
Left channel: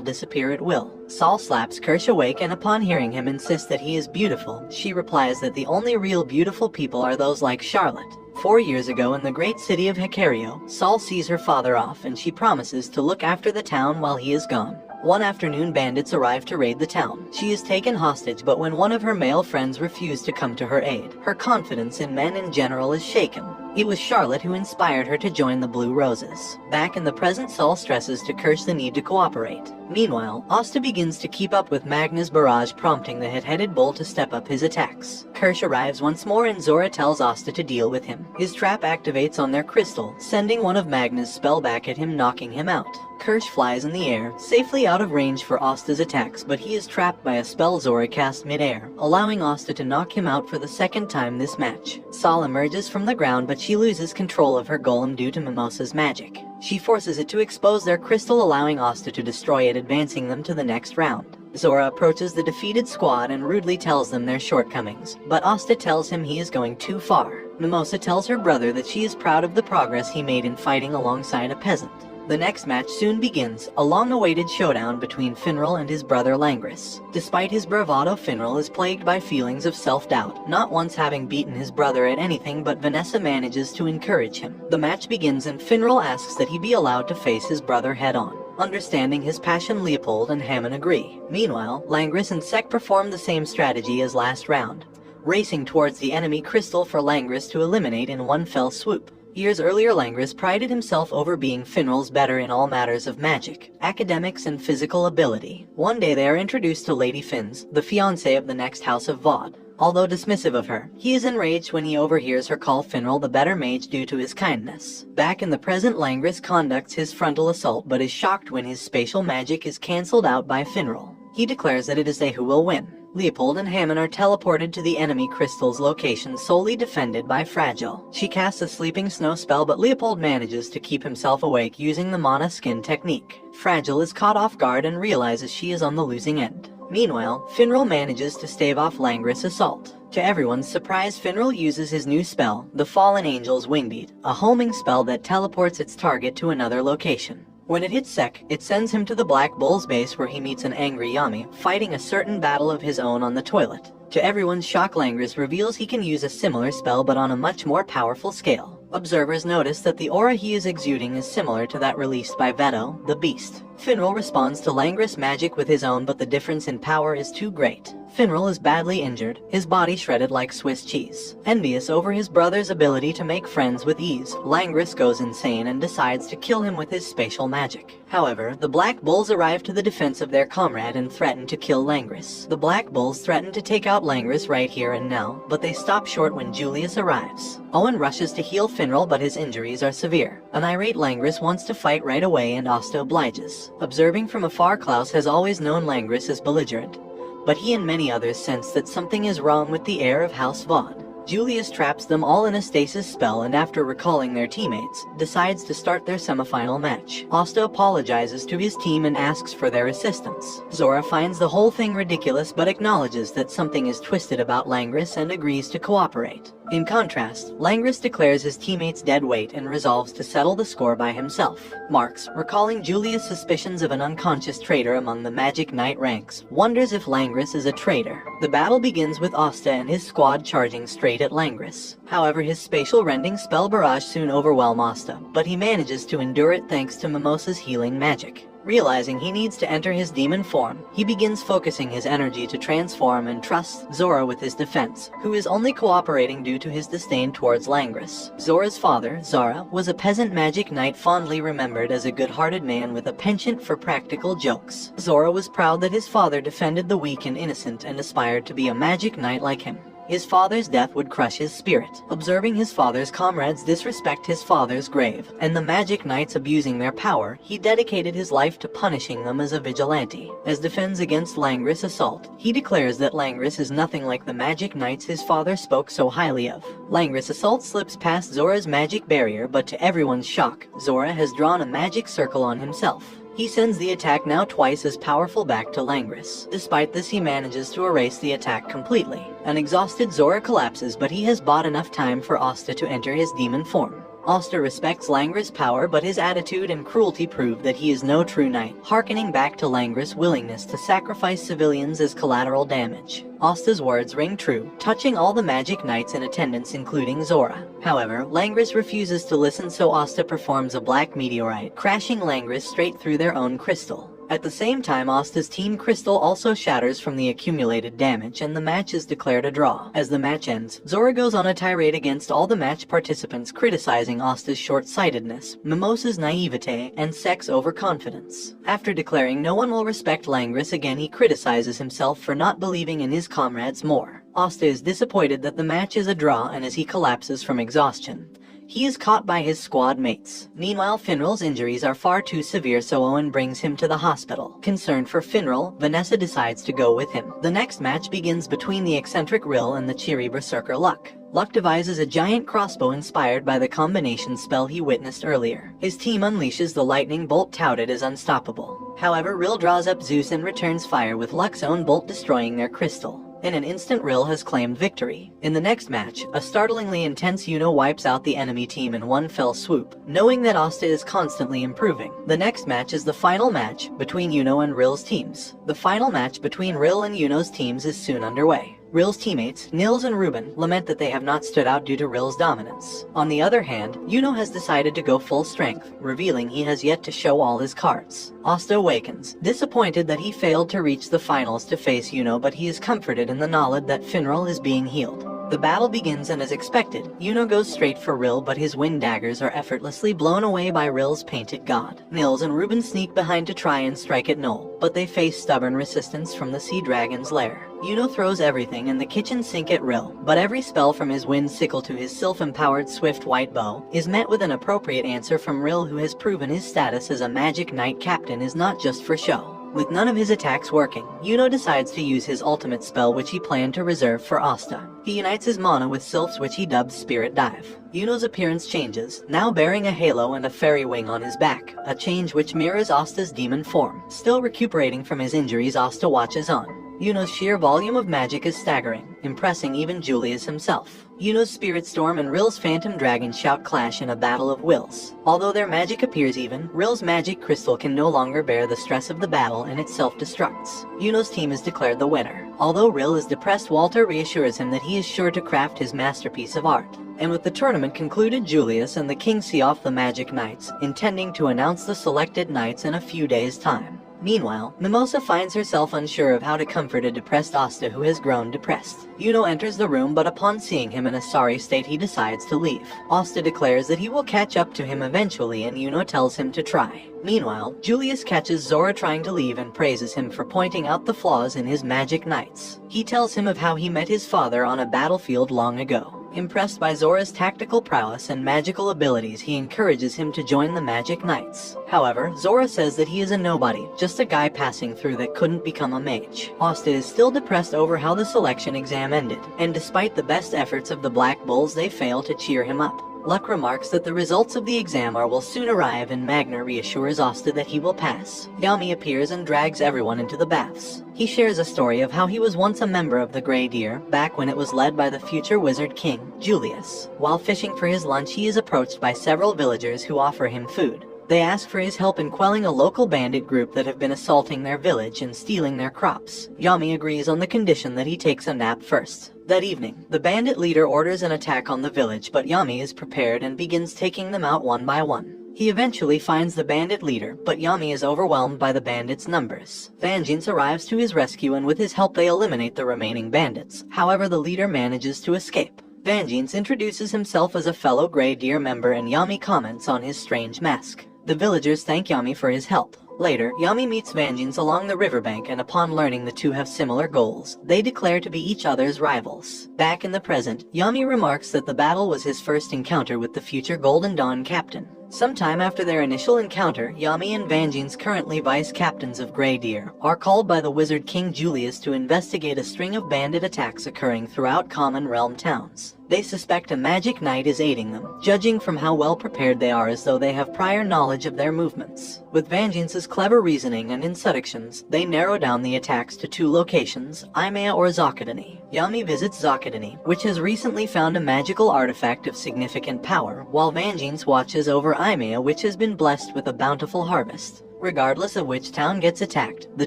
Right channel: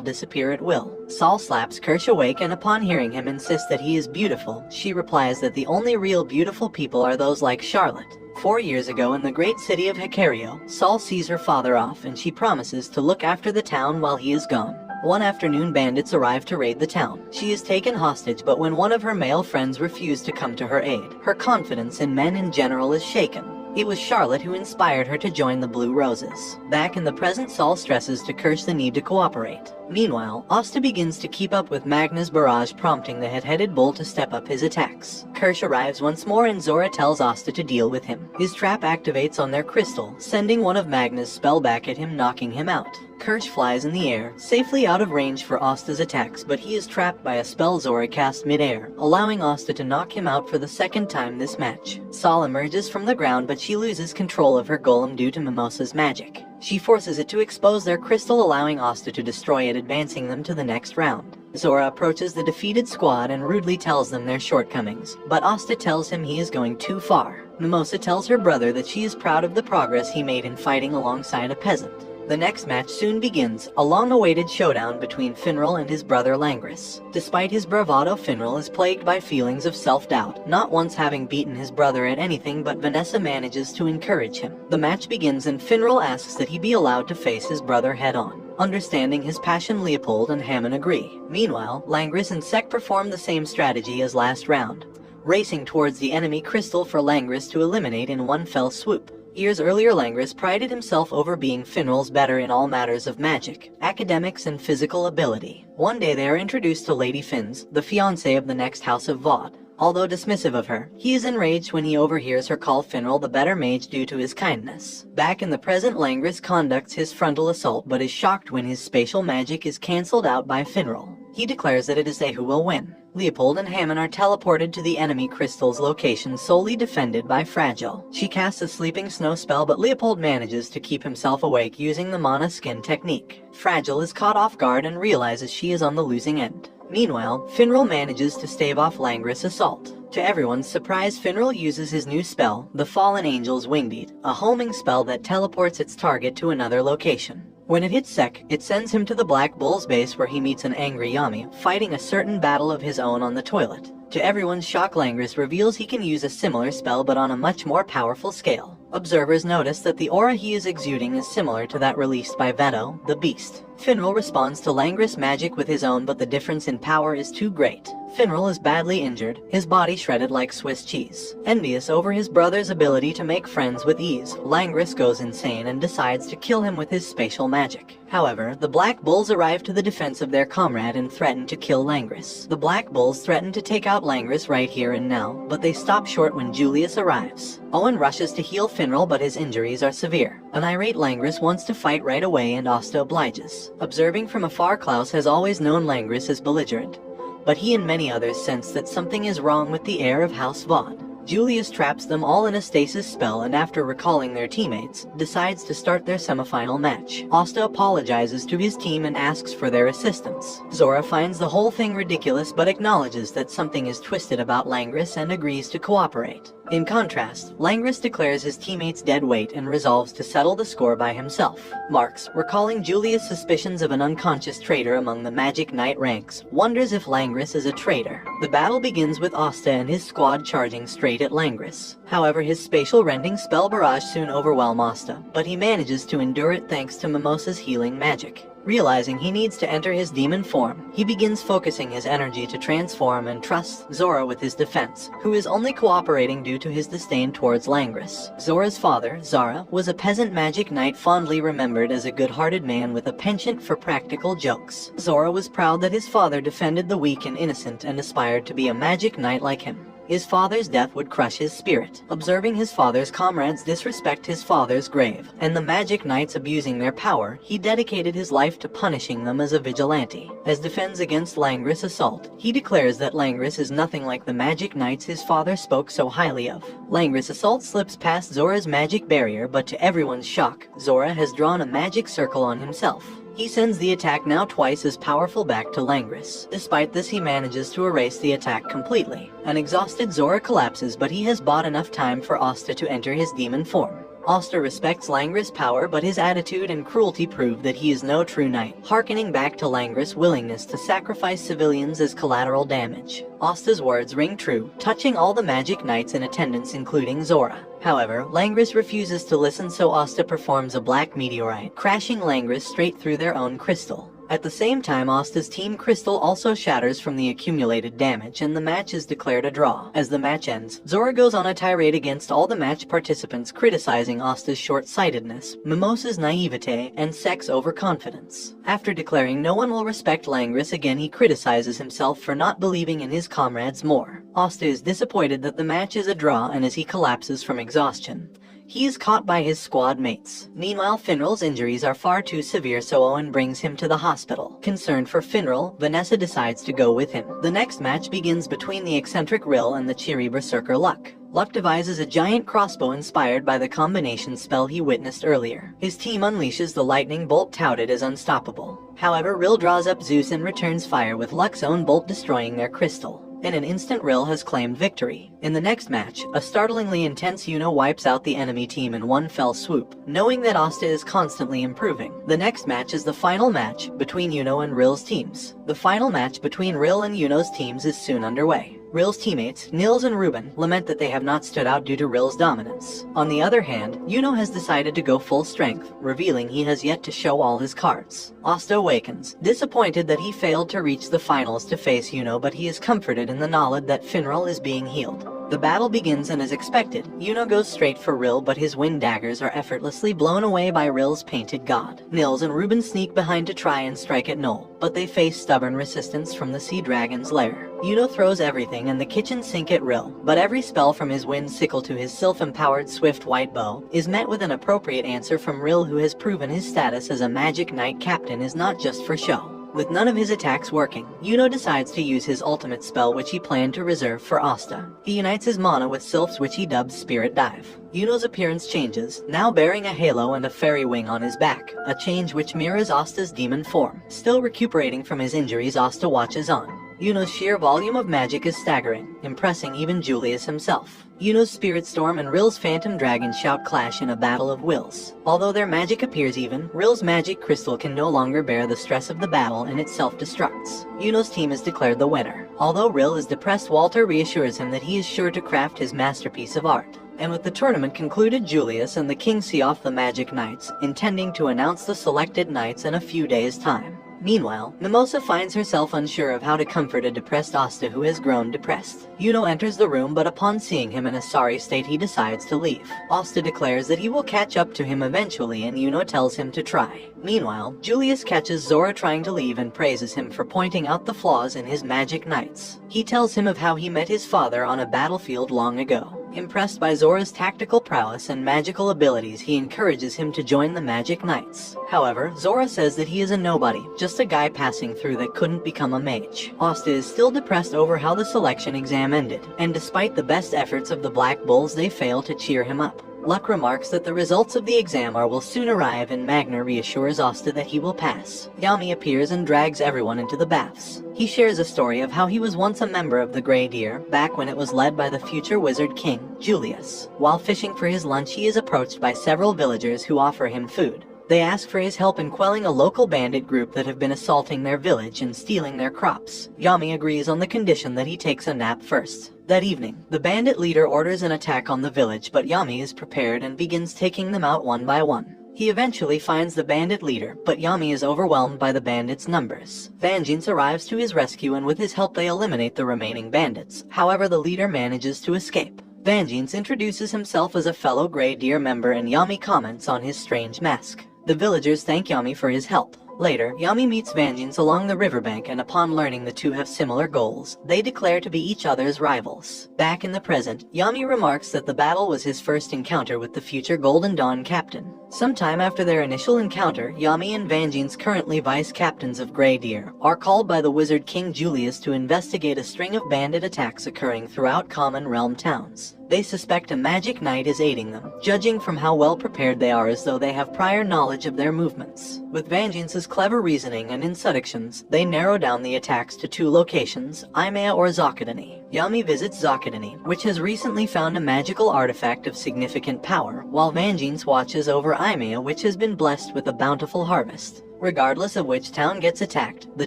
disappear at will. Saul slaps Kirsch awake, and upon hearing him insist that he is beautiful, she replies that the only real beautiful people are those like Charlotte. 4 years ago, in the great city of Hecario, Saul sees her father off, and she promises to look after the town while he is gone. One afternoon, bandits arrive to raid the town. She is taken hostage, but when one of her male friends refuses to come to her aid, her confidence in men in general is shaken. It was Charlotte who inspired her to join the Blue Roses. Back in the present, Saul stresses to Kirsch the need to cooperate. Meanwhile, Asta begins to keep up with Magna's barrage, prompting the hot-headed bull to step up his attacks. Kirsch arrives once more, and Zora tells Asta to deal with him. His trap activates on their crystal, sending one of Magna's spell back at him, knocking him out. Kirsch flies in the air, safely out of range for Asta's attacks, but he is trapped by a spell Zora cast mid-air, allowing Asta to knock him out for the second time this match. Saul emerges from the ground, but she loses control of her golem due to Mimosa's magic. She forces it to expose their crystal, allowing Asta to destroy it, advancing them to the next round. Zora approaches the defeated squad and rudely tells them their shortcomings, but Asta tells him he is going too far. Mimosa tells her brother that she is proud of the progress he made in fighting alongside a peasant. The next match soon begins, a long-awaited showdown between Finral and his brother Langris. Despite his bravado, Finral is plagued by feelings of self-doubt, not once having beaten his brother at anything, but Vanessa manages to encourage him. The match begins, and Finral asks that he be allowed to face his brother head-on. Understanding his passion, Leopold and Hammond agree. Meanwhile, Langris and Sek perform the same strategy as last round, racing towards the enemy crystal for Langris to eliminate in one fell swoop. Years earlier, Langris prided himself over being Finral's better in all matters of magic, academics, and physical ability. One day they are introduced to Lady Finns, the fiancée of the next house of Vaude. Although dismissive of her, he is enraged when he overhears her call Finral the better mage due to his kindness. Back in the present, Langris conducts his frontal assault, but is shocked when his spatial magic is cancelled out by Finral. He declares that it is they who will win. Leopold and Hammond are teleported to the enemy crystal's location, solely defended by Fragile. She casts a sleeping snow spell, but Leopold manages to keep himself awake using the mana skin technique. Fragile is caught off guard and realizes she is on the losing end. Meanwhile, Finral manages to stave off Langris' assault. To everyone's surprise, Finral uses his new spell, the Fallen Angel's Wingbeat, a homing spell that teleports its target to another location. When it hits Sek, it sends him to the Black Bull's base, where he meets an angry Yami, fighting a certain battle of his own on the toilet. To everyone's shock, Langris reveals he can use a similar spell, but on a much more powerful scale. Observers notice that the aura he is exuding is similar to that released by Veto, the Beast. Finral responds to Langris' magic with his own, but the difference in power is too great. Finral is badly injured, his body shredded like Swiss cheese. Envious over his brother's ability to make friends with ease, Langris goes insane and decides to kill him with his spatial magic. However, the Black Bulls arrive to the defense of their comrade and threaten to kill Langris. The Black Bulls threaten to take out Langris right here and now, but they stop short when Julius arrives. Owen rushes to heal Finral, but his injuries are severe. An irate Langris wants to fight right away, and Asta obliges. Observing from afar, Klaus has always known Langris as belligerent, but he and many others sense that something is wrong with the heir of House Vaude. Julius traps them all in a stasis spell, and after recalling their teammates, decides to start their semifinal match. Asta apologizes to his team and asks for their assistance. Zora finds the whole thing ridiculous, but acknowledges that something is twisted about Langris and agrees to cooperate. In contrast, Langris declares his teammates dead weight and resolves to settle the score by himself. Marx, recalling Julius' suspicions of an unconscious traitor among the Magic Knight ranks, wonders if Langris is a traitor. The battle begins with Asta and his squad charging straight at Langris. However, his spatial rending spell barrage soon overwhelms Asta, but he manages to endure it thanks to Mimosa's healing magic. Realizing he needs to enter his demon form, he begins focusing his energy to transform and trusts Zora with his defense, who is only cooperating due to his disdain towards Langris. Zora's father, Zara, was a peasant magic knight fondly remembered as a good-hearted man with a penchant for practical jokes. Zora was proud that his father defended the weak and innocent and aspired to be a magic knight like him. His father's death would crush his spirit. Observing his father's comrades disrespect his father's grave, and the magic knights abusing their power, he dedicated his life to punishing them as a vigilante. As defends against Langris' assault, he declares that Langris is nothing like the magic knights his father spoke so highly of. Langris' assault slips past Zora's magic barrier, but to everyone's shock, Zora has drawn a magic circle on himself. He sends the attack now twice as powerful back to Langris. Despite this, he manages to erase the attack completely. An exhausted Zora collapses, but he has bought enough time for Asta to enter his demon form. Asta respects Langris' power, but his attitude and cruelty prove that he is no true knight, harkening back to Langris' willingness to sacrifice civilians as collateral damage. Asta's words ring true, touching all the magic knights in attendance including Zora. However, Langris refuses to listen, so Asta performs a black meteorite, crashing Langris straight through their own crystal. At the same time, Asta's team crystal also shatters from the accumulated damage, and the match is declared a draw. As the match ends, Zora goes on a tirade against all the match participants, criticizing Asta's short-sightedness, Mimosa's naivete, and sex overconfidence. After declaring no one will respect Langris again, he criticizes himself for not believing in his comrades more. Asta is disappointed that the match is a draw, and as he collapses from exhaustion, he is caught by his squad mates. Meanwhile, Finral's injuries are far too severe, so Owen brings him to the hospital. Concerned for Finral, Vanessa decides to go with him. The next match begins between the eccentric Rill and the cheery berserker Luck. Luck devises a giant crossbow inspired by the combination spell he witnessed earlier. His team unleashes the lightning bolt touted as unstoppable. However, Rill draws up Zeus and returns fire, with Luck's own bolt destroying their crystal. In an instant, Rill has claimed victory. In the next match, a startlingly intense Yuno wipes out the enemy team in one fell swoop, knowing that Asta is constantly improving. The next match is the final match between Yuno and Rill's teams. The final match between Rill and Yuno's teams is soon underway. Rill's teammates, Nils and Ruben, lament that they have not stood out due to Rill's dominance. On the other hand, Yuno has decided to go full strength, revealing he has yet to show all his cards. Asta awakens, disappointed that he failed to reach the finals to face Yuno, but he is comforted in the knowledge that Finral is being healed. The battle begins, and as expected, Yuno goes straight for Rill, but his wind daggers are effortlessly blown away by Rill's painted god. Nils and Ruben sneak behind to try and strike at Noel, but they face stubborn resistance from the sea dragon's lair. Yuno throws everything and the kitchen sink at Rill, but every spell from his wind sickle to his sylph-empowered swift white bow is met with an appropriate answer from Rill, who has proven his status as a magic knight captain is not just for show. With none of his attacks working, Yuno decides to use his ultimate spell, which he planned to reserve for Asta. He unites his mana with Sylph's, which he dubs Spirit Dive. Yuno's appearance changes, now bearing a halo and a fairy wing on his back, a change which mirrors Asta's demon form. Still recuperating from his injuries, Asta watches on. Yuno's sheer volume of magic is staggering, impressing even Julius himself. Yuno's Spirit Storm and Rill's Phantom Dragon shout clash in a battle of wills. Although their magic appears even, Rill's magic crystal can no longer bear the stress of the battle and it self-destructs. Yuno's team is declared the winner. Although Rill is depressed, Walter reassures him that he is sure to craft his masterpiece of art. And with the tournament concluded, Julius and the king see off the Magic Knights, intending to announce the selected knights in a few days' time. Meanwhile, Mimosa finds herself unsure of how to comfort a depressed Asta who has grown depressed. Yuno enters the room, but upon seeing him in a sorry state, he decides to leave. Asta declares that he will catch up to him eventually, and Yuno tells him to try. Meanwhile, Julius catches Zora trying to leave and praises him for pointing out the flaws in his magic knights. He tells him of how he met his father on a battlefield long ago. Impressed by Zora's tactical prowess and magical abilities, he encourages him to join the Magic Knights. However, Zora says that he is a nobody, just a guy passing through that couldn't become a mage. Asta is still depressed over how the selection exam ended, and despite the best efforts of the Black Bulls, they fail to cheer him up. Luck remarks that the results of the exam will soon arrive, and Magna reassures Asta that he will pass. Yami appears and drags everyone into the baths. He shares a story of how he was once a member of the Grey Deer, back when it was led by the future wizard king, Julius. While fishing for his lunch, he is approached by several villagers who offer him food. They ask for his help in quelling a local bandit group that have been assaulting their village and stealing their crops. Yami agrees on the condition that he takes a nap first. That evening, the bandit leader orders an attack on the village, but Yami is prepared and begins taking them out one by one. He eventually finds the bandit leader, but Yami is overwhelmed by the bandits' numbers. Vangeance arrives to his rescue, and with his help they eliminate the remaining bandits. However, the leader manages to escape. Vangeance introduces himself as a fellow Grey Deer member, and Yami comments on his strange mask. The villagers thank Yami for his help. Later, Yami meets Vangeance along the riverbank, and upon learning the two have similar goals, they declare to be each other's rivals. Back in the present, Yami remarks that the battle was his first encounter with the future Golden Dawn captain. Sometime after their initial encounter, Yami and Vangeance, currently vice captains of Grey Deer, are called by the wizard King Julius to investigate a string of bandit attacks occurring throughout Common Realm towns. They suspect a magic knight is aiding them, judging from how well prepared they are as though they have prior knowledge of their movements. With Vengeance's clever reasoning and instructions, they narrow down the attacks to 2 locations, Imea or Zakadani. Yami visits Zakadani, which has recently found a magical artifact of significant power, while Vengeance watches over Imea, which has been blessed with a bountiful harvest. Regardless of which town gets attacked, the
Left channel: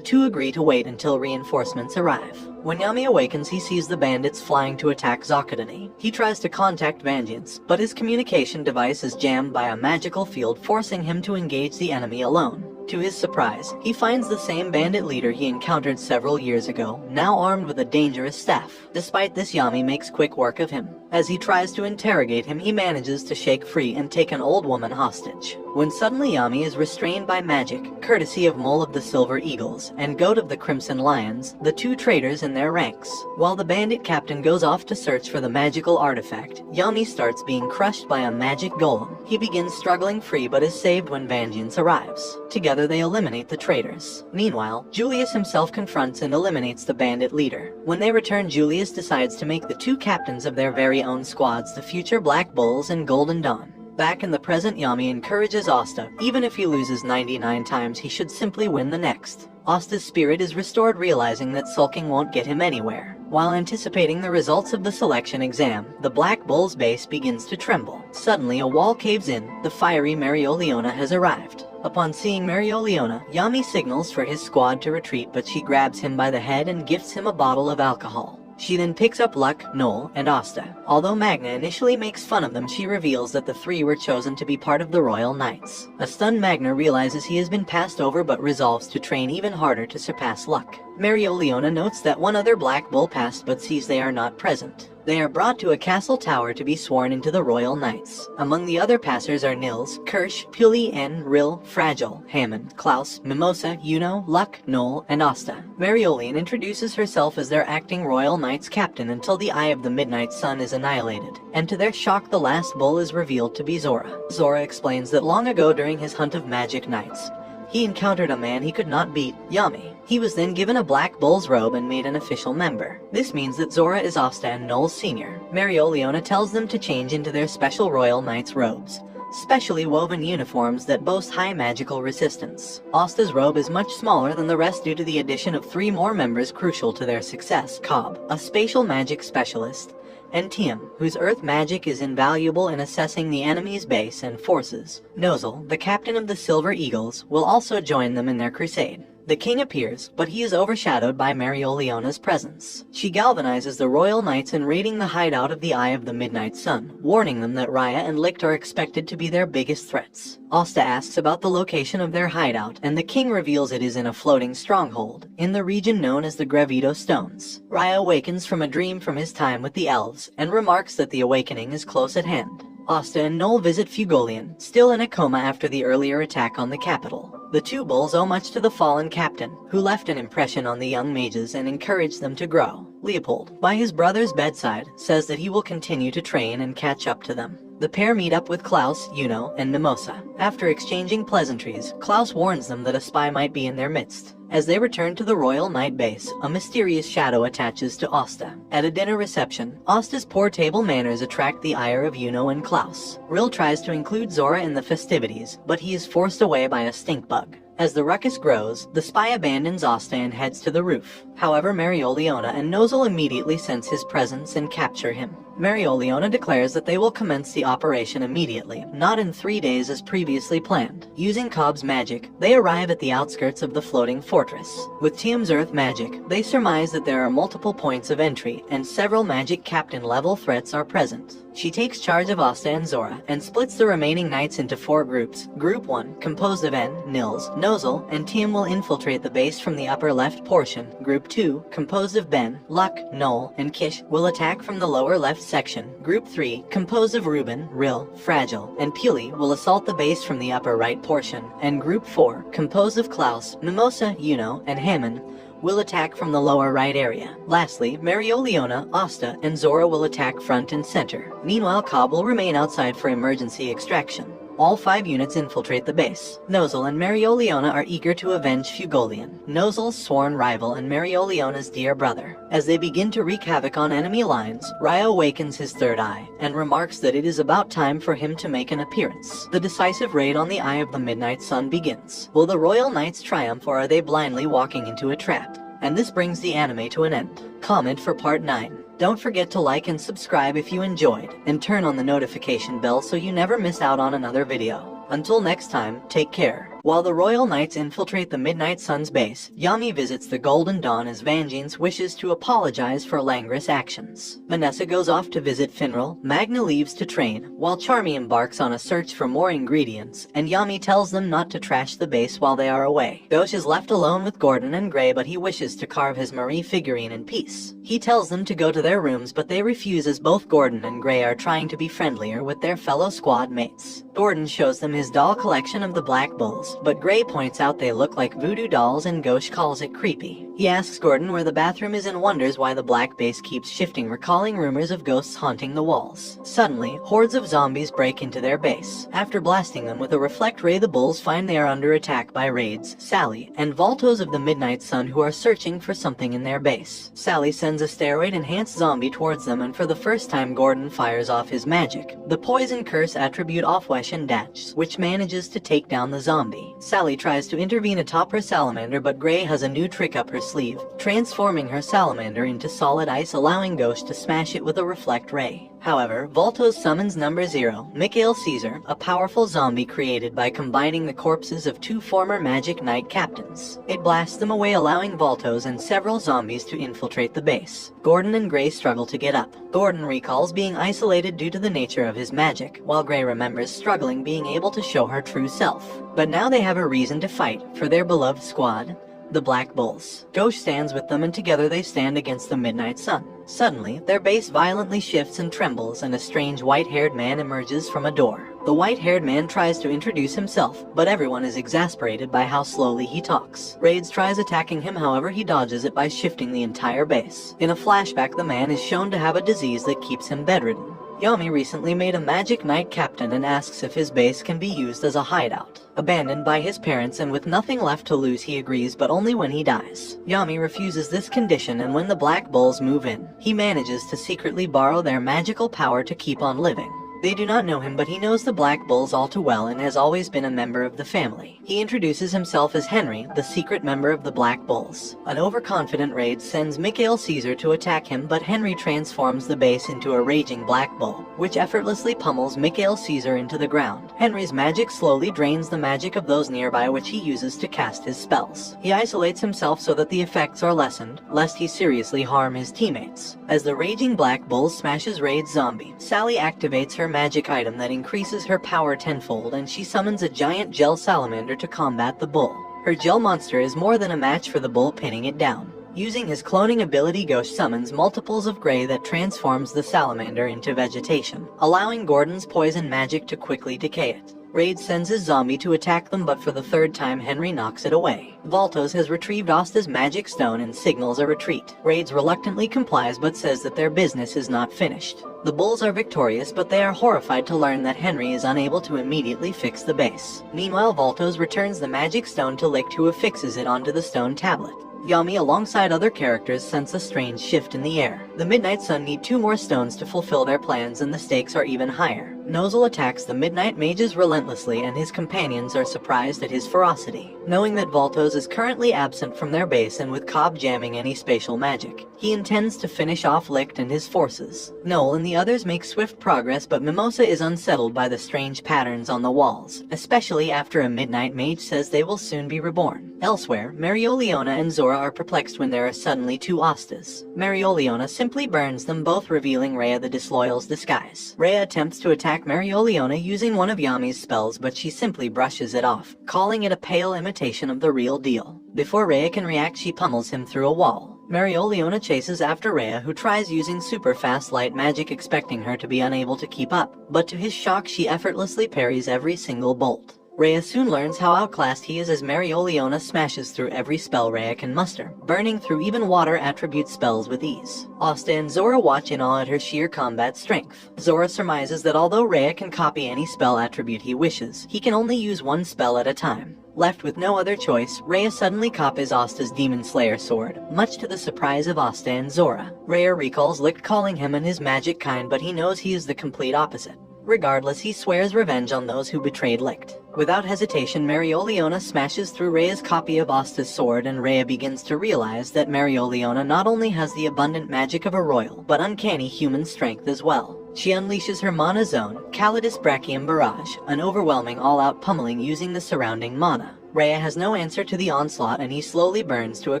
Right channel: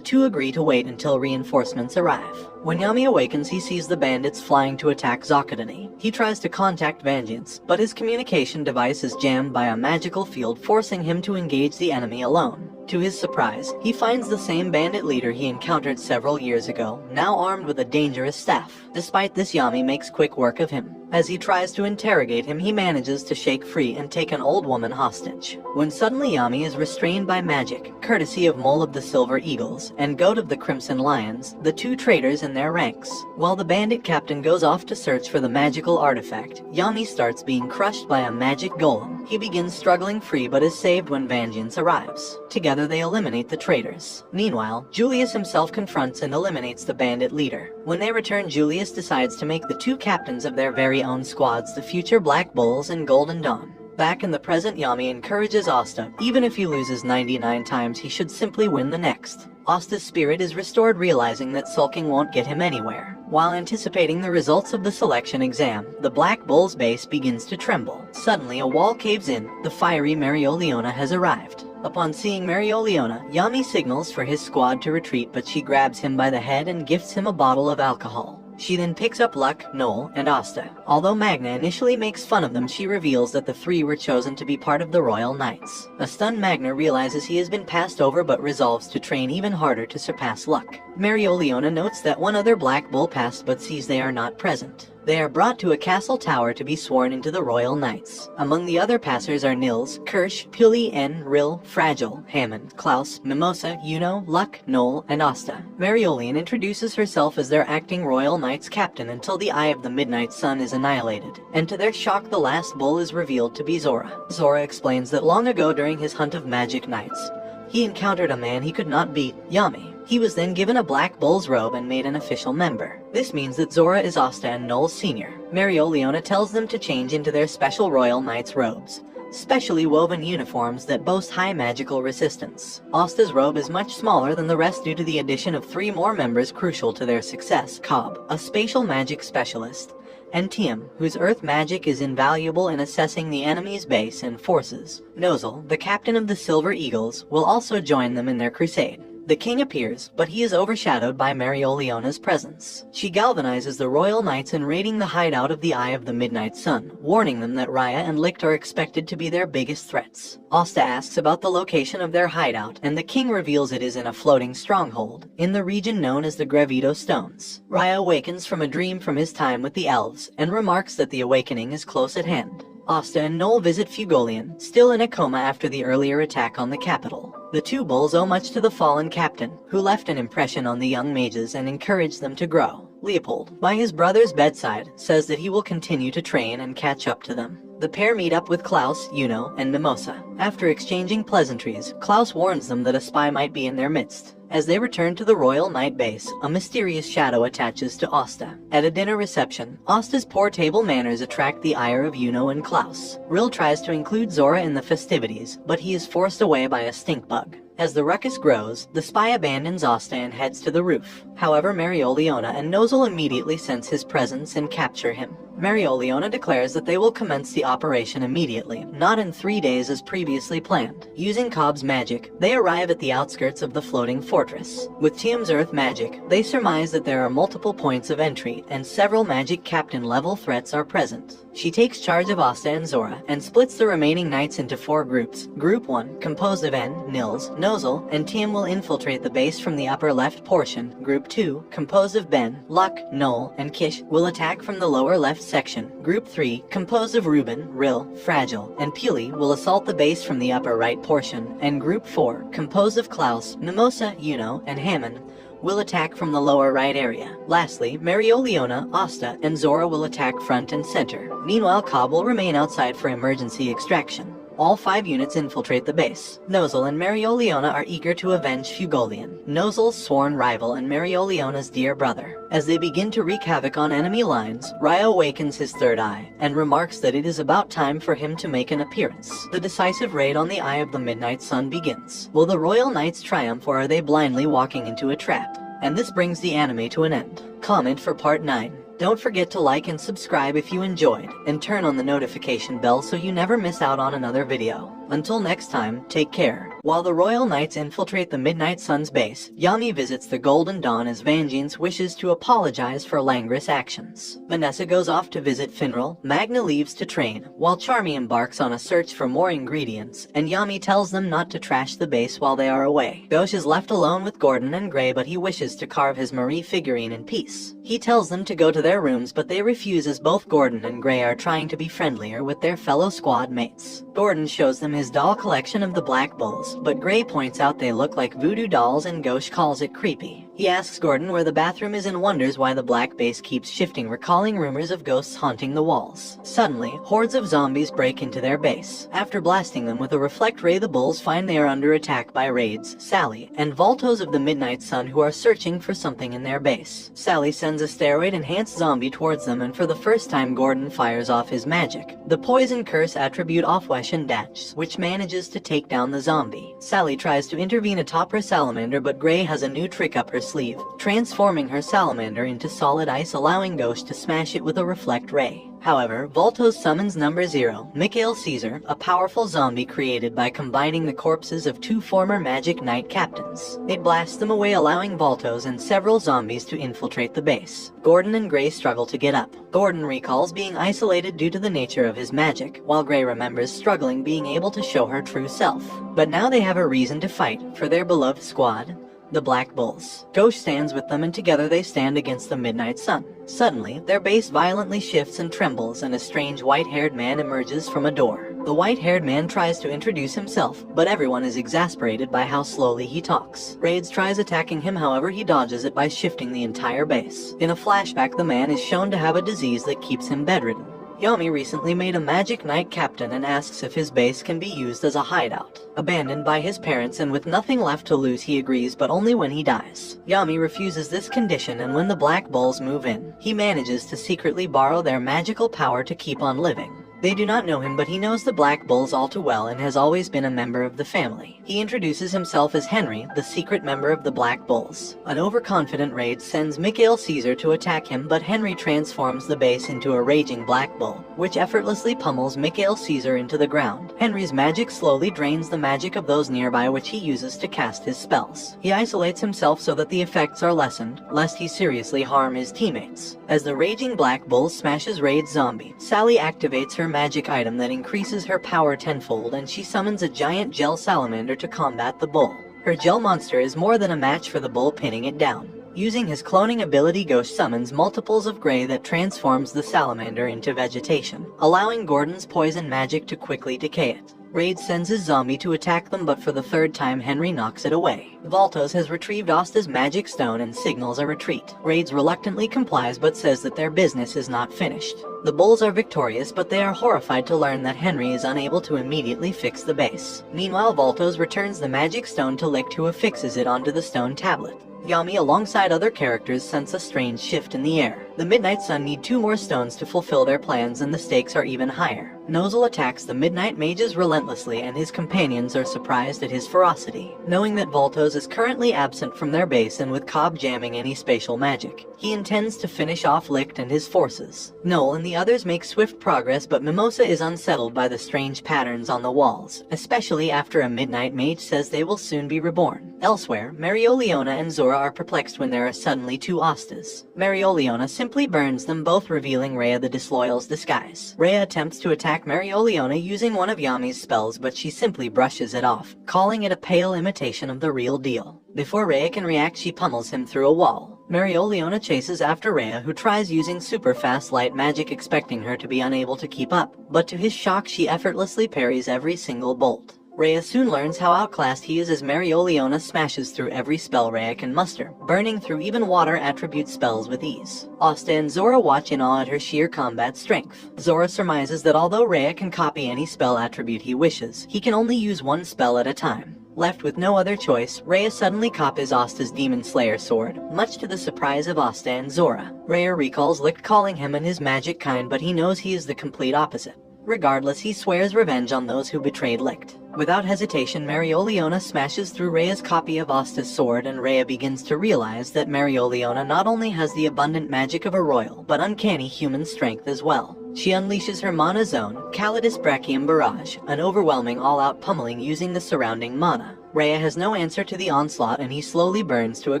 2 agree to wait until reinforcements arrive. When Yami awakens, he sees the bandits flying to attack Zakadani. He tries to contact Vengeance, but his communication device is jammed by a magical field, forcing him to engage the enemy alone. To his surprise, he finds the same bandit leader he encountered several years ago, now armed with a dangerous staff. Despite this, Yami makes quick work of him. As he tries to interrogate him, he manages to shake free and take an old woman hostage. When suddenly Yami is restrained by magic, courtesy of Mole of the Silver Eagles and Goat of the Crimson Lions, the 2 traitors in their ranks. While the bandit captain goes off to search for the magical artifact, Yami starts being crushed by a magic golem. He begins struggling free but is saved when Vengeance arrives. Together they eliminate the traitors. Meanwhile, Julius himself confronts and eliminates the bandit leader. When they return, Julius decides to make the 2 captains of their very own squads, the future Black Bulls and Golden Dawn. Back in the present, Yami encourages Asta. Even if he loses 99 times, he should simply win the next. Asta's spirit is restored, realizing that sulking won't get him anywhere. While anticipating the results of the selection exam, the Black Bull's base begins to tremble. Suddenly, a wall caves in. The fiery Marioliona has arrived. Upon seeing Marioliona, Yami signals for his squad to retreat, but she grabs him by the head and gifts him a bottle of alcohol. She then picks up Luck, Noel, and Asta. Although Magna initially makes fun of them, she reveals that the 3 were chosen to be part of the Royal Knights. A stunned Magna realizes he has been passed over but resolves to train even harder to surpass Luck. Marioliona notes that one other Black Bull passed but sees they are not present. They are brought to a castle tower to be sworn into the Royal Knights. Among the other passers are Nils, Kirsch, Puli, N, Rill, Fragile, Hammond, Klaus, Mimosa, Yuno, Luck, Noel, and Asta. Mariolian introduces herself as their acting Royal Knights captain until the Eye of the Midnight Sun is annihilated, and to their shock the last bull is revealed to be Zora. Zora explains that long ago during his hunt of magic knights, he encountered a man he could not beat, Yami. He was then given a Black Bull's robe and made an official member. This means that Zora is Asta and Noel Sr. Marioliona tells them to change into their special Royal Knights robes, specially woven uniforms that boast high magical resistance. Asta's robe is much smaller than the rest due to the addition of 3 more members crucial to their success: Cobb, a spatial magic specialist, and Tiem, whose earth magic is invaluable in assessing the enemy's base and forces. Nozel, the captain of the Silver Eagles, will also join them in their crusade. The king appears, but he is overshadowed by Marioliona's presence. She galvanizes the Royal Knights in raiding the hideout of the Eye of the Midnight Sun, warning them that Raya and Licht are expected to be their biggest threats. Asta asks about the location of their hideout, and the king reveals it is in a floating stronghold, in the region known as the Gravito Stones. Raya awakens from a dream from his time with the elves, and remarks that the awakening is close at hand. Asta and Noel visit Fugolian, still in a coma after the earlier attack on the capital. The 2 bulls owe much to the fallen captain, who left an impression on the young mages and encouraged them to grow. Leopold, by his brother's bedside, says that he will continue to train and catch up to them. The pair meet up with Klaus, Yuno, and Mimosa. After exchanging pleasantries, Klaus warns them that a spy might be in their midst. As they return to the Royal Knight base, a mysterious shadow attaches to Asta. At a dinner reception, Asta's poor table manners attract the ire of Yuno and Klaus. Rill tries to include Zora in the festivities, but he is forced away by a stink bug. As the ruckus grows, the spy abandons Asta and heads to the roof. However, Marioliona and Nozel immediately sense his presence and capture him. Marioliona declares that they will commence the operation immediately, not in 3 days as previously planned. Using Cobb's magic, they arrive at the outskirts of the floating fortress. With Tiem's earth magic, they surmise that there are multiple points of entry, and several magic captain-level threats are present. She takes charge of Asta and Zora, and splits the remaining knights into 4 groups. Group 1, composed of N, Nils, Nozel, and Tiem will infiltrate the base from the upper left portion. Group 2, composed of Ben, Luck, Noel, and Kish, will attack from the lower left section. Group 3, composed of Ruben, Rill, Fragile, and Puli, will assault the base from the upper right portion. And Group 4, composed of Klaus, Mimosa, Yuno, and Hammond, will attack from the lower right area. Lastly, Marioliona, Asta, and Zora will attack front and center. Meanwhile, Cobb will remain outside for emergency extraction. All 5 units infiltrate the base. Nozel and Mereoleona are eager to avenge Fugolian, Nozel's sworn rival and Mereoleona's dear brother. As they begin to wreak havoc on enemy lines, Raya awakens his third eye, and remarks that it is about time for him to make an appearance. The decisive raid on the Eye of the Midnight Sun begins. Will the Royal Knights triumph, or are they blindly walking into a trap? And this brings the anime to an end. Comment for part 9. Don't forget to like and subscribe if you enjoyed, and turn on the notification bell so you never miss out on another video. Until next time, take care. While the Royal Knights infiltrate the Midnight Sun's base, Yami visits the Golden Dawn as Vangeance wishes to apologize for Langris' actions. Vanessa goes off to visit Finral, Magna leaves to train, while Charmy embarks on a search for more ingredients, and Yami tells them not to trash the base while they are away. Gauche is left alone with Gordon and Gray, but he wishes to carve his Marie figurine in peace. He tells them to go to their rooms, but they refuse as both Gordon and Gray are trying to be friendlier with their fellow squad mates. Gordon shows them his doll collection of the Black Bulls, but Gray points out they look like voodoo dolls and Gauche calls it creepy. He asks Gordon where the bathroom is and wonders why the black base keeps shifting, recalling rumors of ghosts haunting the walls. Suddenly, hordes of zombies break into their base. After blasting them with a reflect ray, the bulls find they are under attack by Raids, Sally, and Voltos of the Midnight Sun, who are searching for something in their base. Sally sends a steroid-enhanced zombie towards them, and for the first time Gordon fires off his magic. The poison curse attribute Offwesh and Datch, which manages to take down the zombie. Sally tries to intervene atop her salamander, but Gray has a new trick up her sleeve, transforming her salamander into solid ice, allowing Ghost to smash it with a reflect ray. However, Voltos summons number 0, Mikhail Caesar, a powerful zombie created by combining the corpses of 2 former Magic Knight captains. It blasts them away, allowing Voltos and several zombies to infiltrate the base. Gordon and Gray struggle to get up. Gordon recalls being isolated due to the nature of his magic, while Gray remembers struggling being able to show her true self. But now they have a reason to fight for their beloved squad, the Black Bulls. Gauche stands with them, and together they stand against the Midnight Sun. Suddenly, their base violently shifts and trembles, and a strange white-haired man emerges from a door. The white-haired man tries to introduce himself, but everyone is exasperated by how slowly he talks. Raids tries attacking him, however he dodges it by shifting the entire base. In a flashback, the man is shown to have a disease that keeps him bedridden. Yami recently made a Magic Knight captain and asks if his base can be used as a hideout. Abandoned by his parents and with nothing left to lose, he agrees, but only when he dies. Yami refuses this condition, and when the Black Bulls move in, he manages to secretly borrow their magical power to keep on living. They do not know him, but he knows the Black Bulls all too well and has always been a member of the family. He introduces himself as Henry, the secret member of the Black Bulls. An overconfident Raid sends Mikhail Caesar to attack him, but Henry transforms the base into a raging Black Bull, which effortlessly pummels Mikhail Caesar into the ground. Henry's magic slowly drains the magic of those nearby, which he uses to cast his spells. He isolates himself so that the effects are lessened, lest he seriously harm his teammates. As the raging Black Bull smashes Raid's zombie, Sally activates her magic item that increases her power tenfold, and she summons a giant gel salamander to combat the bull. Her gel monster is more than a match for the bull, pinning it down. Using his cloning ability, Ghost summons multiples of Gray that transforms the salamander into vegetation, allowing Gordon's poison magic to quickly decay it. Raid sends his zombie to attack them, but for the 3rd time Henry knocks it away. Voltos has retrieved Asta's magic stone and signals a retreat. Raids reluctantly complies, but says that their business is not finished. The Bulls are victorious, but they are horrified to learn that Henry is unable to immediately fix the base. Meanwhile, Voltos returns the magic stone to Licht, who affixes it onto the stone tablet. Yami, alongside other characters, sense a strange shift in the air. The Midnight Sun need 2 more stones to fulfill their plans, and the stakes are even higher. Nozel attacks the Midnight Mages relentlessly, and his companions are surprised at his ferocity. Knowing that Voltos is currently absent from their base and with Cobb jamming any spatial magic, he intends to finish off Licht and his forces. Noel and the others make swift progress, but Mimosa is unsettled by the strange patterns on the walls, especially after a Midnight Mage says they will soon be reborn. Elsewhere, Mereoleona and Zora are perplexed when there are suddenly 2 Astas. Mereoleona simply burns them both, revealing Rhea the Disloyal's disguise. Rhea attempts to attack Mereoleona using one of Yami's spells, but she simply brushes it off, calling it a pale imitation of the real deal. Before Rhea can react, she pummels him through a wall. Mereoleona chases after Rhea, who tries using super fast light magic, expecting her to be unable to keep up, but to his shock she effortlessly parries every single bolt. Rhea soon learns how outclassed he is as Mereoleona smashes through every spell Rhea can muster, burning through even water attribute spells with ease. Asta and Zora watch in awe at her sheer combat strength. Zora surmises that although Rhea can copy any spell attribute he wishes, he can only use one spell at a time. Left with no other choice, Rhea suddenly copies Asta's Demon Slayer sword, much to the surprise of Asta and Zora. Rhea recalls Licht calling him and his magic kind, but he knows he is the complete opposite. Regardless, he swears revenge on those who betrayed Licht. Without hesitation, Mereoleona smashes through Rhea's copy of Asta's sword, and Rhea begins to realize that Mereoleona not only has the abundant magic of a royal, but uncanny human strength as well. She unleashes her mana zone, Calidus Brachium Barrage, an overwhelming all-out pummeling using the surrounding mana. Rhea has no answer to the onslaught and he slowly burns to a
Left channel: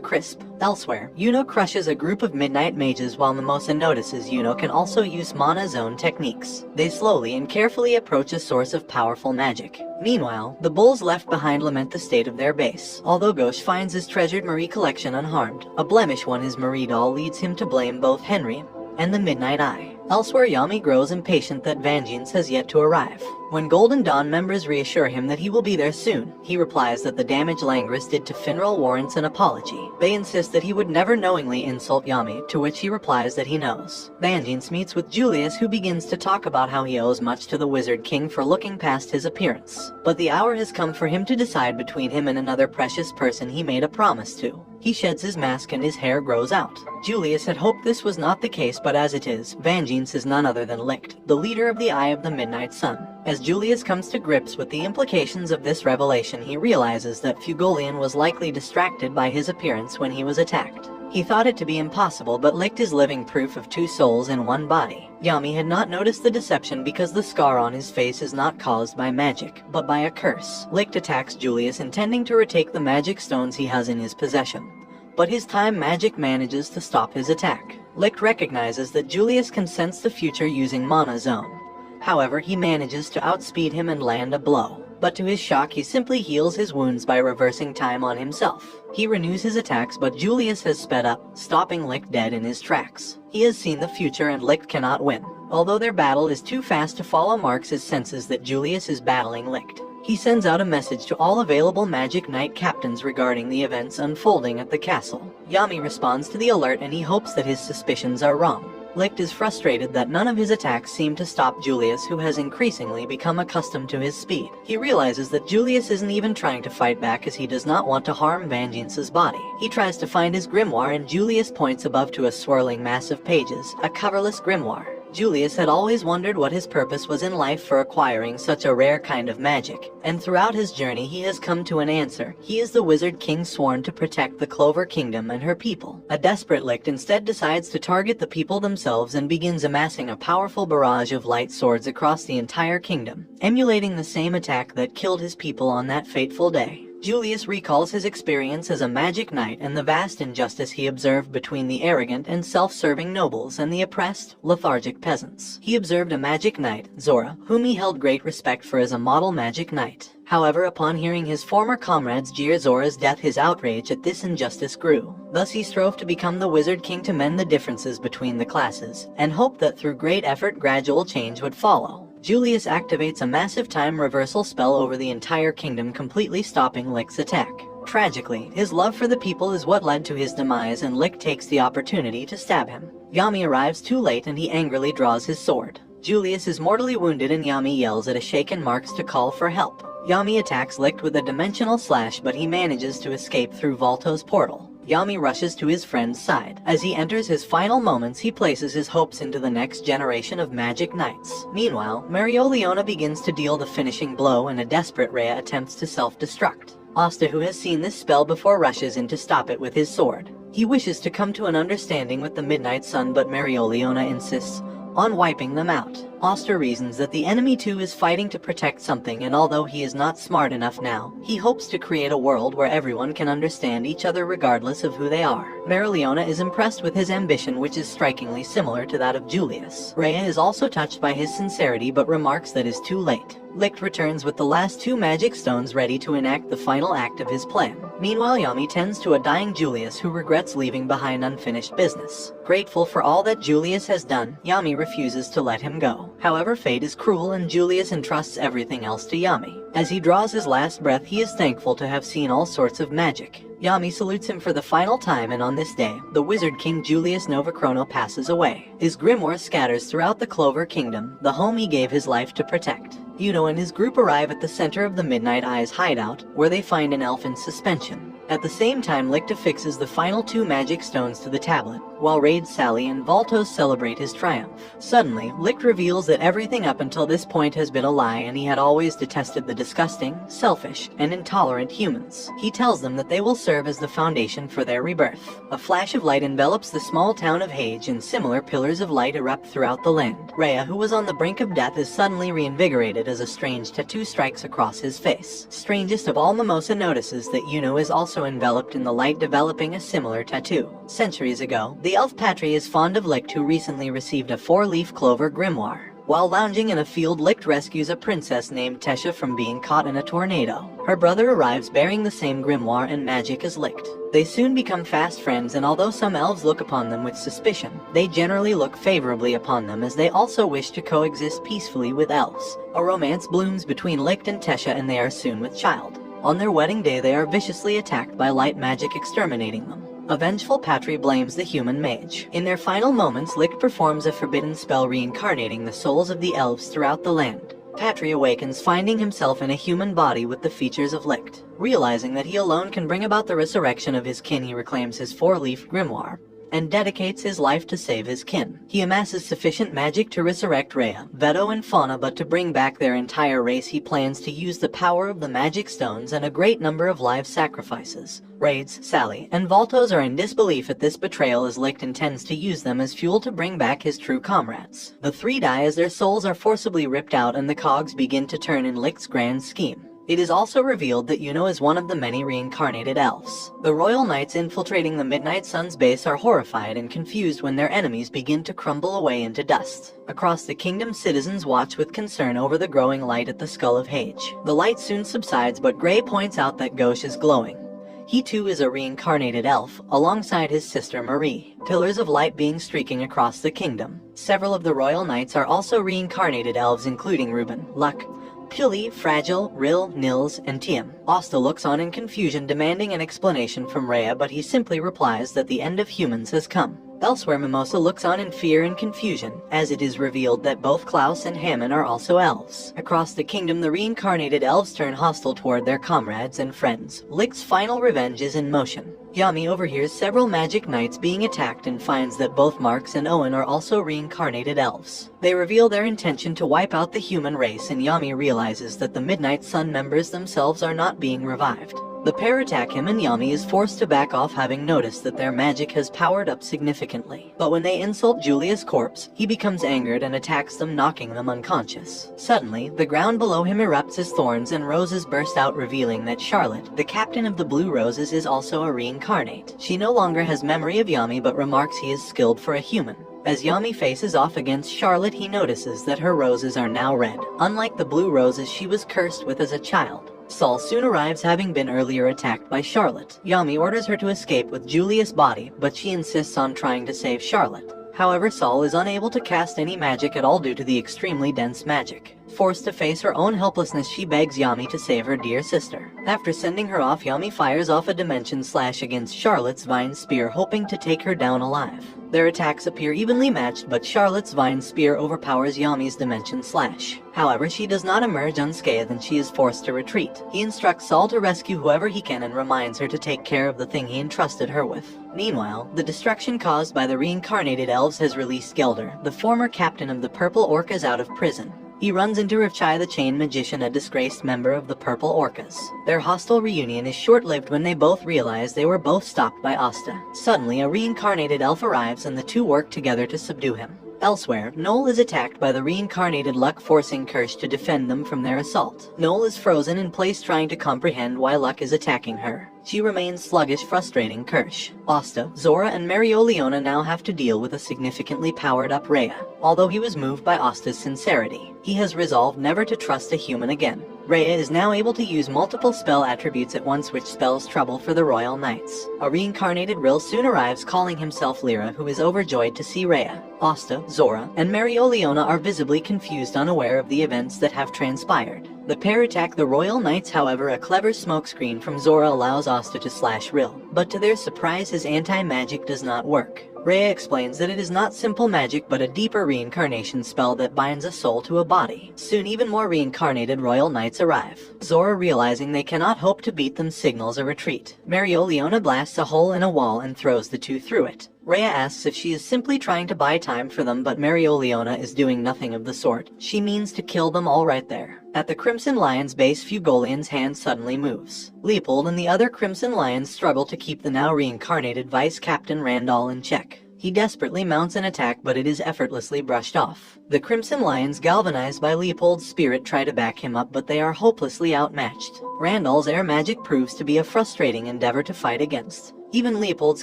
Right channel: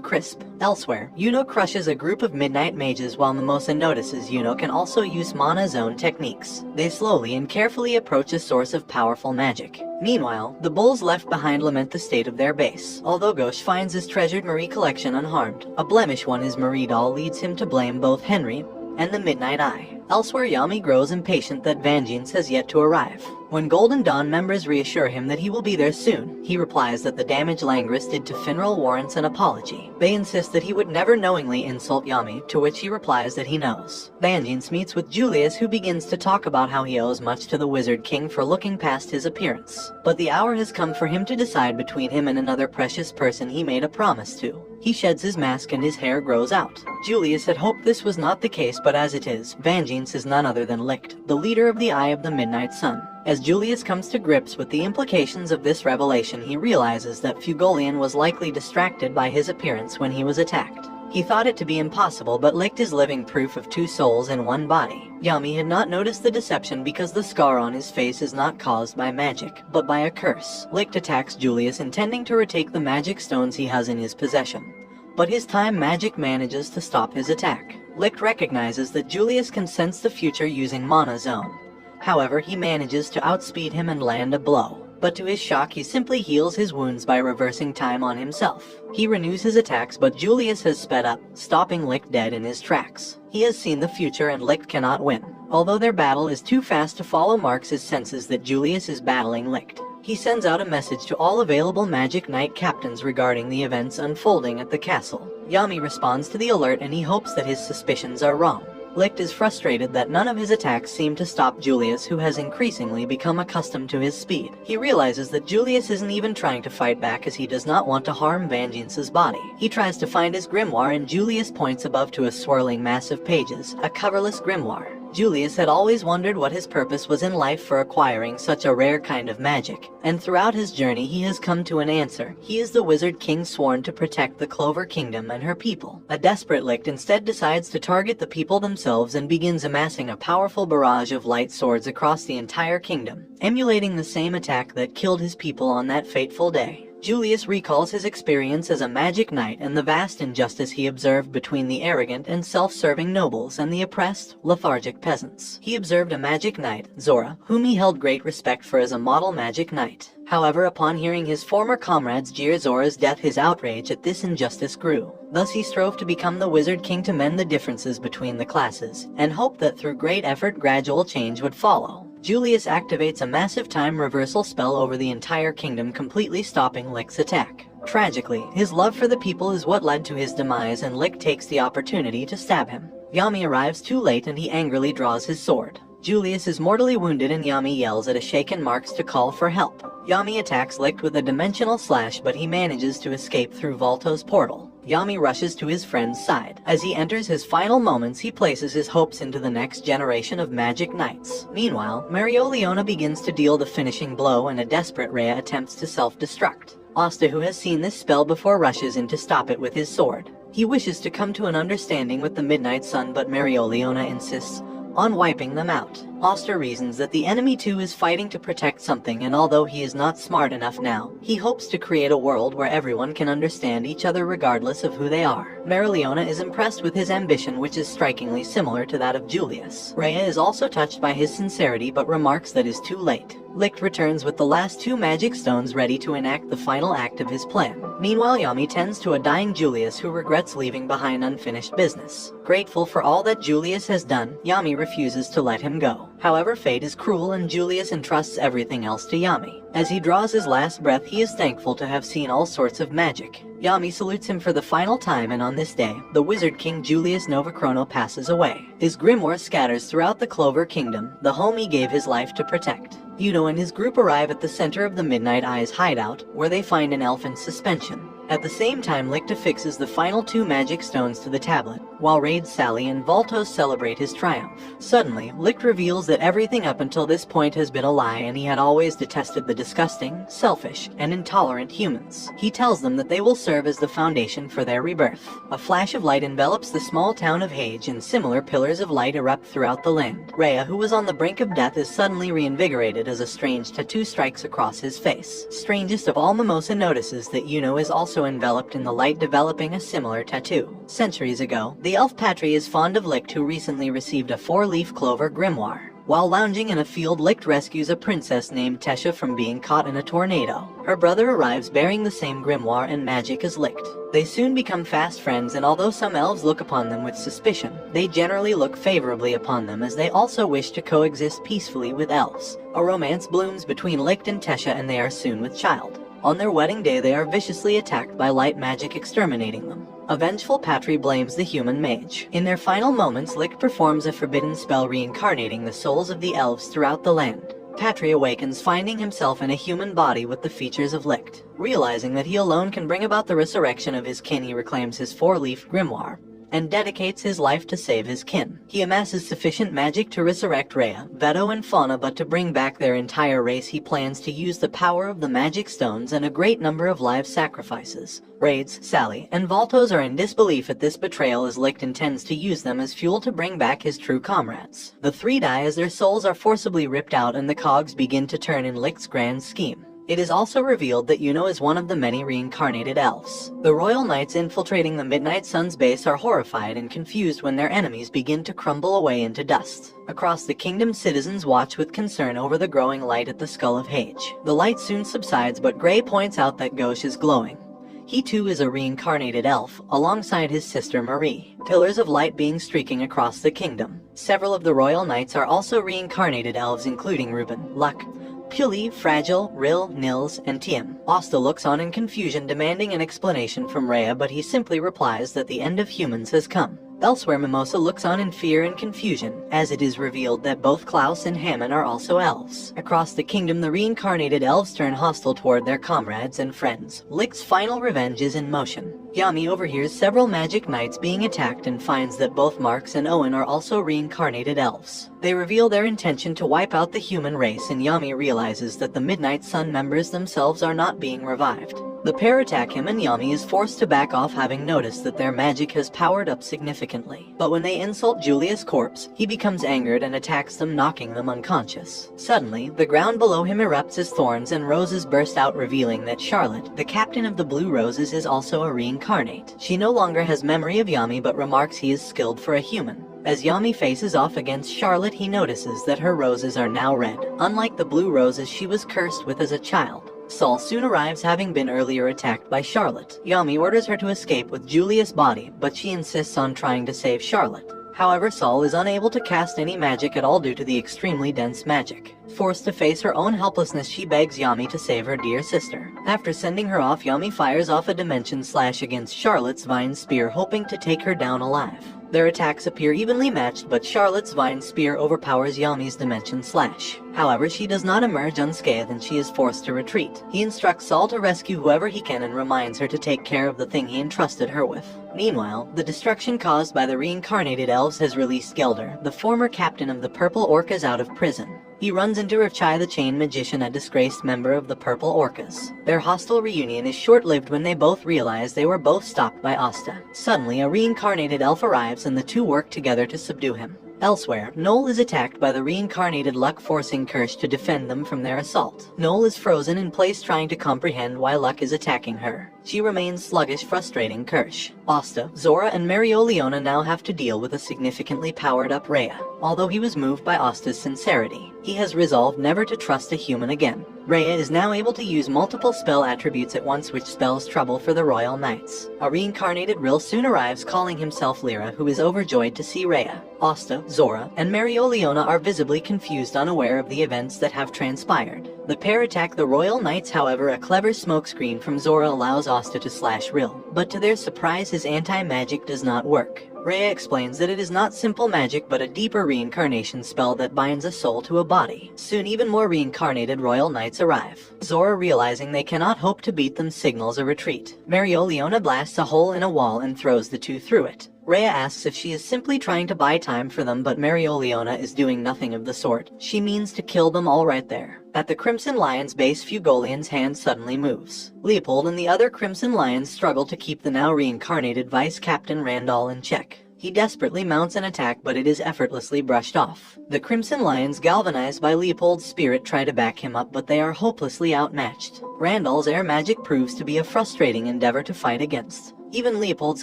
crisp. Elsewhere, Yuno crushes a group of midnight mages while Mimosa notices Yuno can also use mana zone techniques. They slowly and carefully approach a source of powerful magic. Meanwhile, the bulls left behind lament the state of their base. Although Ghosh finds his treasured Marie collection unharmed, a blemish on his Marie doll leads him to blame both Henry and the Midnight Eye. Elsewhere, Yami grows impatient that Vangeance has yet to arrive. When Golden Dawn members reassure him that he will be there soon, he replies that the damage Langris did to Finral warrants an apology. They insist that he would never knowingly insult Yami, to which he replies that he knows. Vangeance meets with Julius, who begins to talk about how he owes much to the Wizard King for looking past his appearance. But the hour has come for him to decide between him and another precious person he made a promise to. He sheds his mask and his hair grows out. Julius had hoped this was not the case, but as it is, Vangeance is none other than Licht, the leader of the Eye of the Midnight Sun. As Julius comes to grips with the implications of this revelation, he realizes that Fugolian was likely distracted by his appearance when he was attacked. He thought it to be impossible, but Licht is living proof of two souls in one body. Yami had not noticed the deception because the scar on his face is not caused by magic, but by a curse. Licht attacks Julius, intending to retake the magic stones he has in his possession. But his time magic manages to stop his attack. Licht recognizes that Julius can sense the future using Mana Zone. However, he manages to outspeed him and land a blow. But to his shock, he simply heals his wounds by reversing time on himself. He renews his attacks, but Julius has sped up, stopping Licht dead in his tracks. He has seen the future and Licht cannot win. Although their battle is too fast to follow, Marks senses that Julius is battling Licht. He sends out a message to all available Magic Knight captains regarding the events unfolding at the castle. Yami responds to the alert and he hopes that his suspicions are wrong. Licht is frustrated that none of his attacks seem to stop Julius, who has increasingly become accustomed to his speed. He realizes that Julius isn't even trying to fight back, as he does not want to harm Vangeance's body. He tries to find his grimoire and Julius points above to a swirling mass of pages, a coverless grimoire. Julius had always wondered what his purpose was in life for acquiring such a rare kind of magic, and throughout his journey he has come to an answer. He is the Wizard King sworn to protect the Clover Kingdom and her people. A desperate Licht instead decides to target the people themselves and begins amassing a powerful barrage of light swords across the entire kingdom, emulating the same attack that killed his people on that fateful day. Julius recalls his experience as a magic knight and the vast injustice he observed between the arrogant and self-serving nobles and the oppressed, lethargic peasants. He observed a magic knight, Zora, whom he held great respect for as a model magic knight. However, upon hearing his former comrades jeer Zora's death, his outrage at this injustice grew. Thus he strove to become the Wizard King to mend the differences between the classes, and hoped that through great effort gradual change would follow. Julius activates a massive time reversal spell over the entire kingdom, completely stopping Licht's attack. Tragically, his love for the people is what led to his demise, and Licht takes the opportunity to stab him. Yami arrives too late and he angrily draws his sword. Julius is mortally wounded and Yami yells at a shaken Marks to call for help. Yami attacks Licht with a dimensional slash, but he manages to escape through Volto's portal. Yami rushes to his friend's side. As he enters his final moments, he places his hopes into the next generation of magic knights. Meanwhile, Mereoleona begins to deal the finishing blow and a desperate Rhea attempts to self-destruct. Asta, who has seen this spell before, rushes in to stop it with his sword. He wishes to come to an understanding with the Midnight Sun, but Mereoleona insists on wiping them out. Asta reasons that the enemy too is fighting to protect something, and although he is not smart enough now, he hopes to create a world where everyone can understand each other regardless of who they are. Mereoleona is impressed with his ambition, which is strikingly similar to that of Julius. Rhea is also touched by his sincerity, but remarks that is too late. Licht returns with the last two magic stones ready to enact the final act of his plan. Meanwhile, Yami tends to a dying Julius who regrets leaving behind unfinished business. Grateful for all that Julius has done, Yami refuses to let him go. However, fate is cruel and Julius entrusts everything else to Yami. As he draws his last breath, he is thankful to have seen all sorts of magic. Yami salutes him for the final time, and on this day, the Wizard King Julius Novachrono passes away. His grimoire scatters throughout the Clover Kingdom, the home he gave his life to protect. Yuno and his group arrive at the center of the Midnight Eye's hideout, where they find an elf in suspension. At the same time, Licht affixes the final 2 magic stones to the tablet, while Raid, Sally, and Voltos celebrate his triumph. Suddenly, Licht reveals that everything up until this point has been a lie, and he had always detested the disgusting, selfish, and intolerant humans. He tells them that they will serve as the foundation for their rebirth. A flash of light envelops the small town of Hage, and similar pillars of light erupt throughout the land. Rhea, who was on the brink of death, is suddenly reinvigorated as a strange tattoo strikes across his face. Strangest of all, Mimosa notices that Yuno is also enveloped in the light, developing a similar tattoo. Centuries ago, the elf Patry is fond of Licht, who recently received a 4-leaf clover grimoire. While lounging in a field, Licht rescues a princess named Tesha from being caught in a tornado. Her brother arrives bearing the same grimoire and magic as Licht. They soon become fast friends, and although some elves look upon them with suspicion, they generally look favorably upon them, as they also wish to coexist peacefully with elves. A romance blooms between Licht and Tesha, and they are soon with child. On their wedding day, they are viciously attacked by light magic, exterminating them. A vengeful Patry blames the human mage. In their final moments, Licht performs a forbidden spell reincarnating the souls of the elves throughout the land. Patry awakens, finding himself in a human body with the features of Licht. Realizing that he alone can bring about the resurrection of his kin, he reclaims his 4-leaf grimoire and dedicates his life to save his kin. He amasses sufficient magic to resurrect Rhea, Veto, and Fauna, but to bring back their entire race, he plans to use the power of the magic stones and a great number of live sacrifices. Raids, Sally, and Voltos are in disbelief at this betrayal, as Licht intends to use them as fuel to bring back his true comrades. The 3 die as their souls are forcibly ripped out, and the cogs begin to turn in Licht's grand scheme. It is also revealed that Yuno is one of the many reincarnated elves. The royal knights infiltrating the Midnight Sun's base are horrified and confused when their enemies begin to crumble away into dust. Across the kingdom, citizens watch with concern over the growing light at the skull of Hage. The light soon subsides, but Gray points out that Gauche is glowing. He too is a reincarnated elf, alongside his sister Marie. Pillars of light being streaking across the kingdom. Several of the royal knights are also reincarnated elves, including Ruben, Luck, Pili, Fragile, Rill, Nils, and Tiem. Asta looks on in confusion, demanding an explanation from Rhea, but he simply replies that the end of humans has come. Elsewhere, Mimosa looks on in fear and confusion, as it is revealed that both Klaus and Hammond are also elves. Across the kingdom, the reincarnated elves turn hostile toward their comrades and friends. Licht's final revenge is in motion. Yami overhears several magic knights being attacked and finds that both Marks and Owen are also reincarnated elves. They reveal their intention to wipe out the human race, and Yami realizes that the Midnight Sun members themselves are not being revived. The pair attack him, and Yami is forced to back off, having noticed that their magic has powered up significantly. But when they insult Julia's corpse, he becomes angered and attacks them, knocking them unconscious. Suddenly, the ground below him erupts as thorns and roses burst out, revealing that Charlotte, the captain of the Blue Roses, is also a reincarnate. She no longer has memory of Yami, but remarks he is skilled for a human. As Yami faces off against Charlotte, he notices that her roses are now red, unlike the blue roses she was cursed with as a child. Saul soon arrives, having been earlier attacked by Charlotte. Yami orders her to escape with Julia's body, but she insists on trying to save Charlotte. However, Saul is unable to cast any magic at all due to the extremely dense magic. Forced to face her own helplessness, she begs Yami to save her dear sister. After sending her off, Yami fires off a dimension slash against Charlotte's vine spear, hoping to take her down alive. Their attacks appear evenly matched, but Charlotte's vine spear overpowers Yami's dimension slash. However, she does not emerge unscathed, and she is forced to retreat. He instructs Saul to rescue whoever he can and reminds her to take care of the thing he entrusted her with. Meanwhile, the destruction caused by the reincarnated elves has released Gelder, the former captain of the Purple Orcas, out of prison. He runs into Rivchai the Chain Magician, a disgraced member of the Purple Orcas. Their hostile reunion is short-lived when they both realize they were both stopped by Asta. Suddenly, a reincarnated elf arrives and the two work together to subdue him. Elsewhere, Noel is attacked by the reincarnated Luck, forcing Kirsch to defend them from their assault. Noel is frozen in place, trying to comprehend why Luck is attacking her. She remains sluggish, frustrating Kirsch. Asta, Zora, and Marioliona now have to deal with a significantly powered-up Rhea. Although he was moved by Asta's sincerity, he has resolved never to trust a human again. Rhea is now able to use multiple spell attributes at once, which spells trouble for the Royal Knights. A reincarnated Rill soon arrives, calling himself Lyra, who is overjoyed to see Rhea. Asta, Zora, and Mereoleona are visibly confused, unaware of the events that have transpired. The pair attack the Royal Knights, however a clever smokescreen from Zora allows Asta to slash Rill, but to their surprise his anti-magic does not work. Rhea explains that it is not simple magic but a deeper reincarnation spell that binds a soul to a body. Soon even more reincarnated Royal Knights arrive. Zora, realizing they cannot hope to beat them, signals a retreat. Mereoleona blasts a hole in a wall and throws the two through it. Rhea asks if she is simply trying to buy time for them, but Mereoleona is doing nothing of the sort. She means to kill them all right there. At the Crimson Lion's base, Fugolian's hand suddenly moves. Leopold and the other Crimson Lions struggle to keep the now reincarnated Vice Captain Randall in check. He desperately mounts an attack, but it is effortlessly brushed off. The Crimson Lions, galvanized by Leopold's spirit, try to back him up, but they are hopelessly outmatched. Randall's air magic proves to be a frustrating endeavor to fight against. Even Leopold's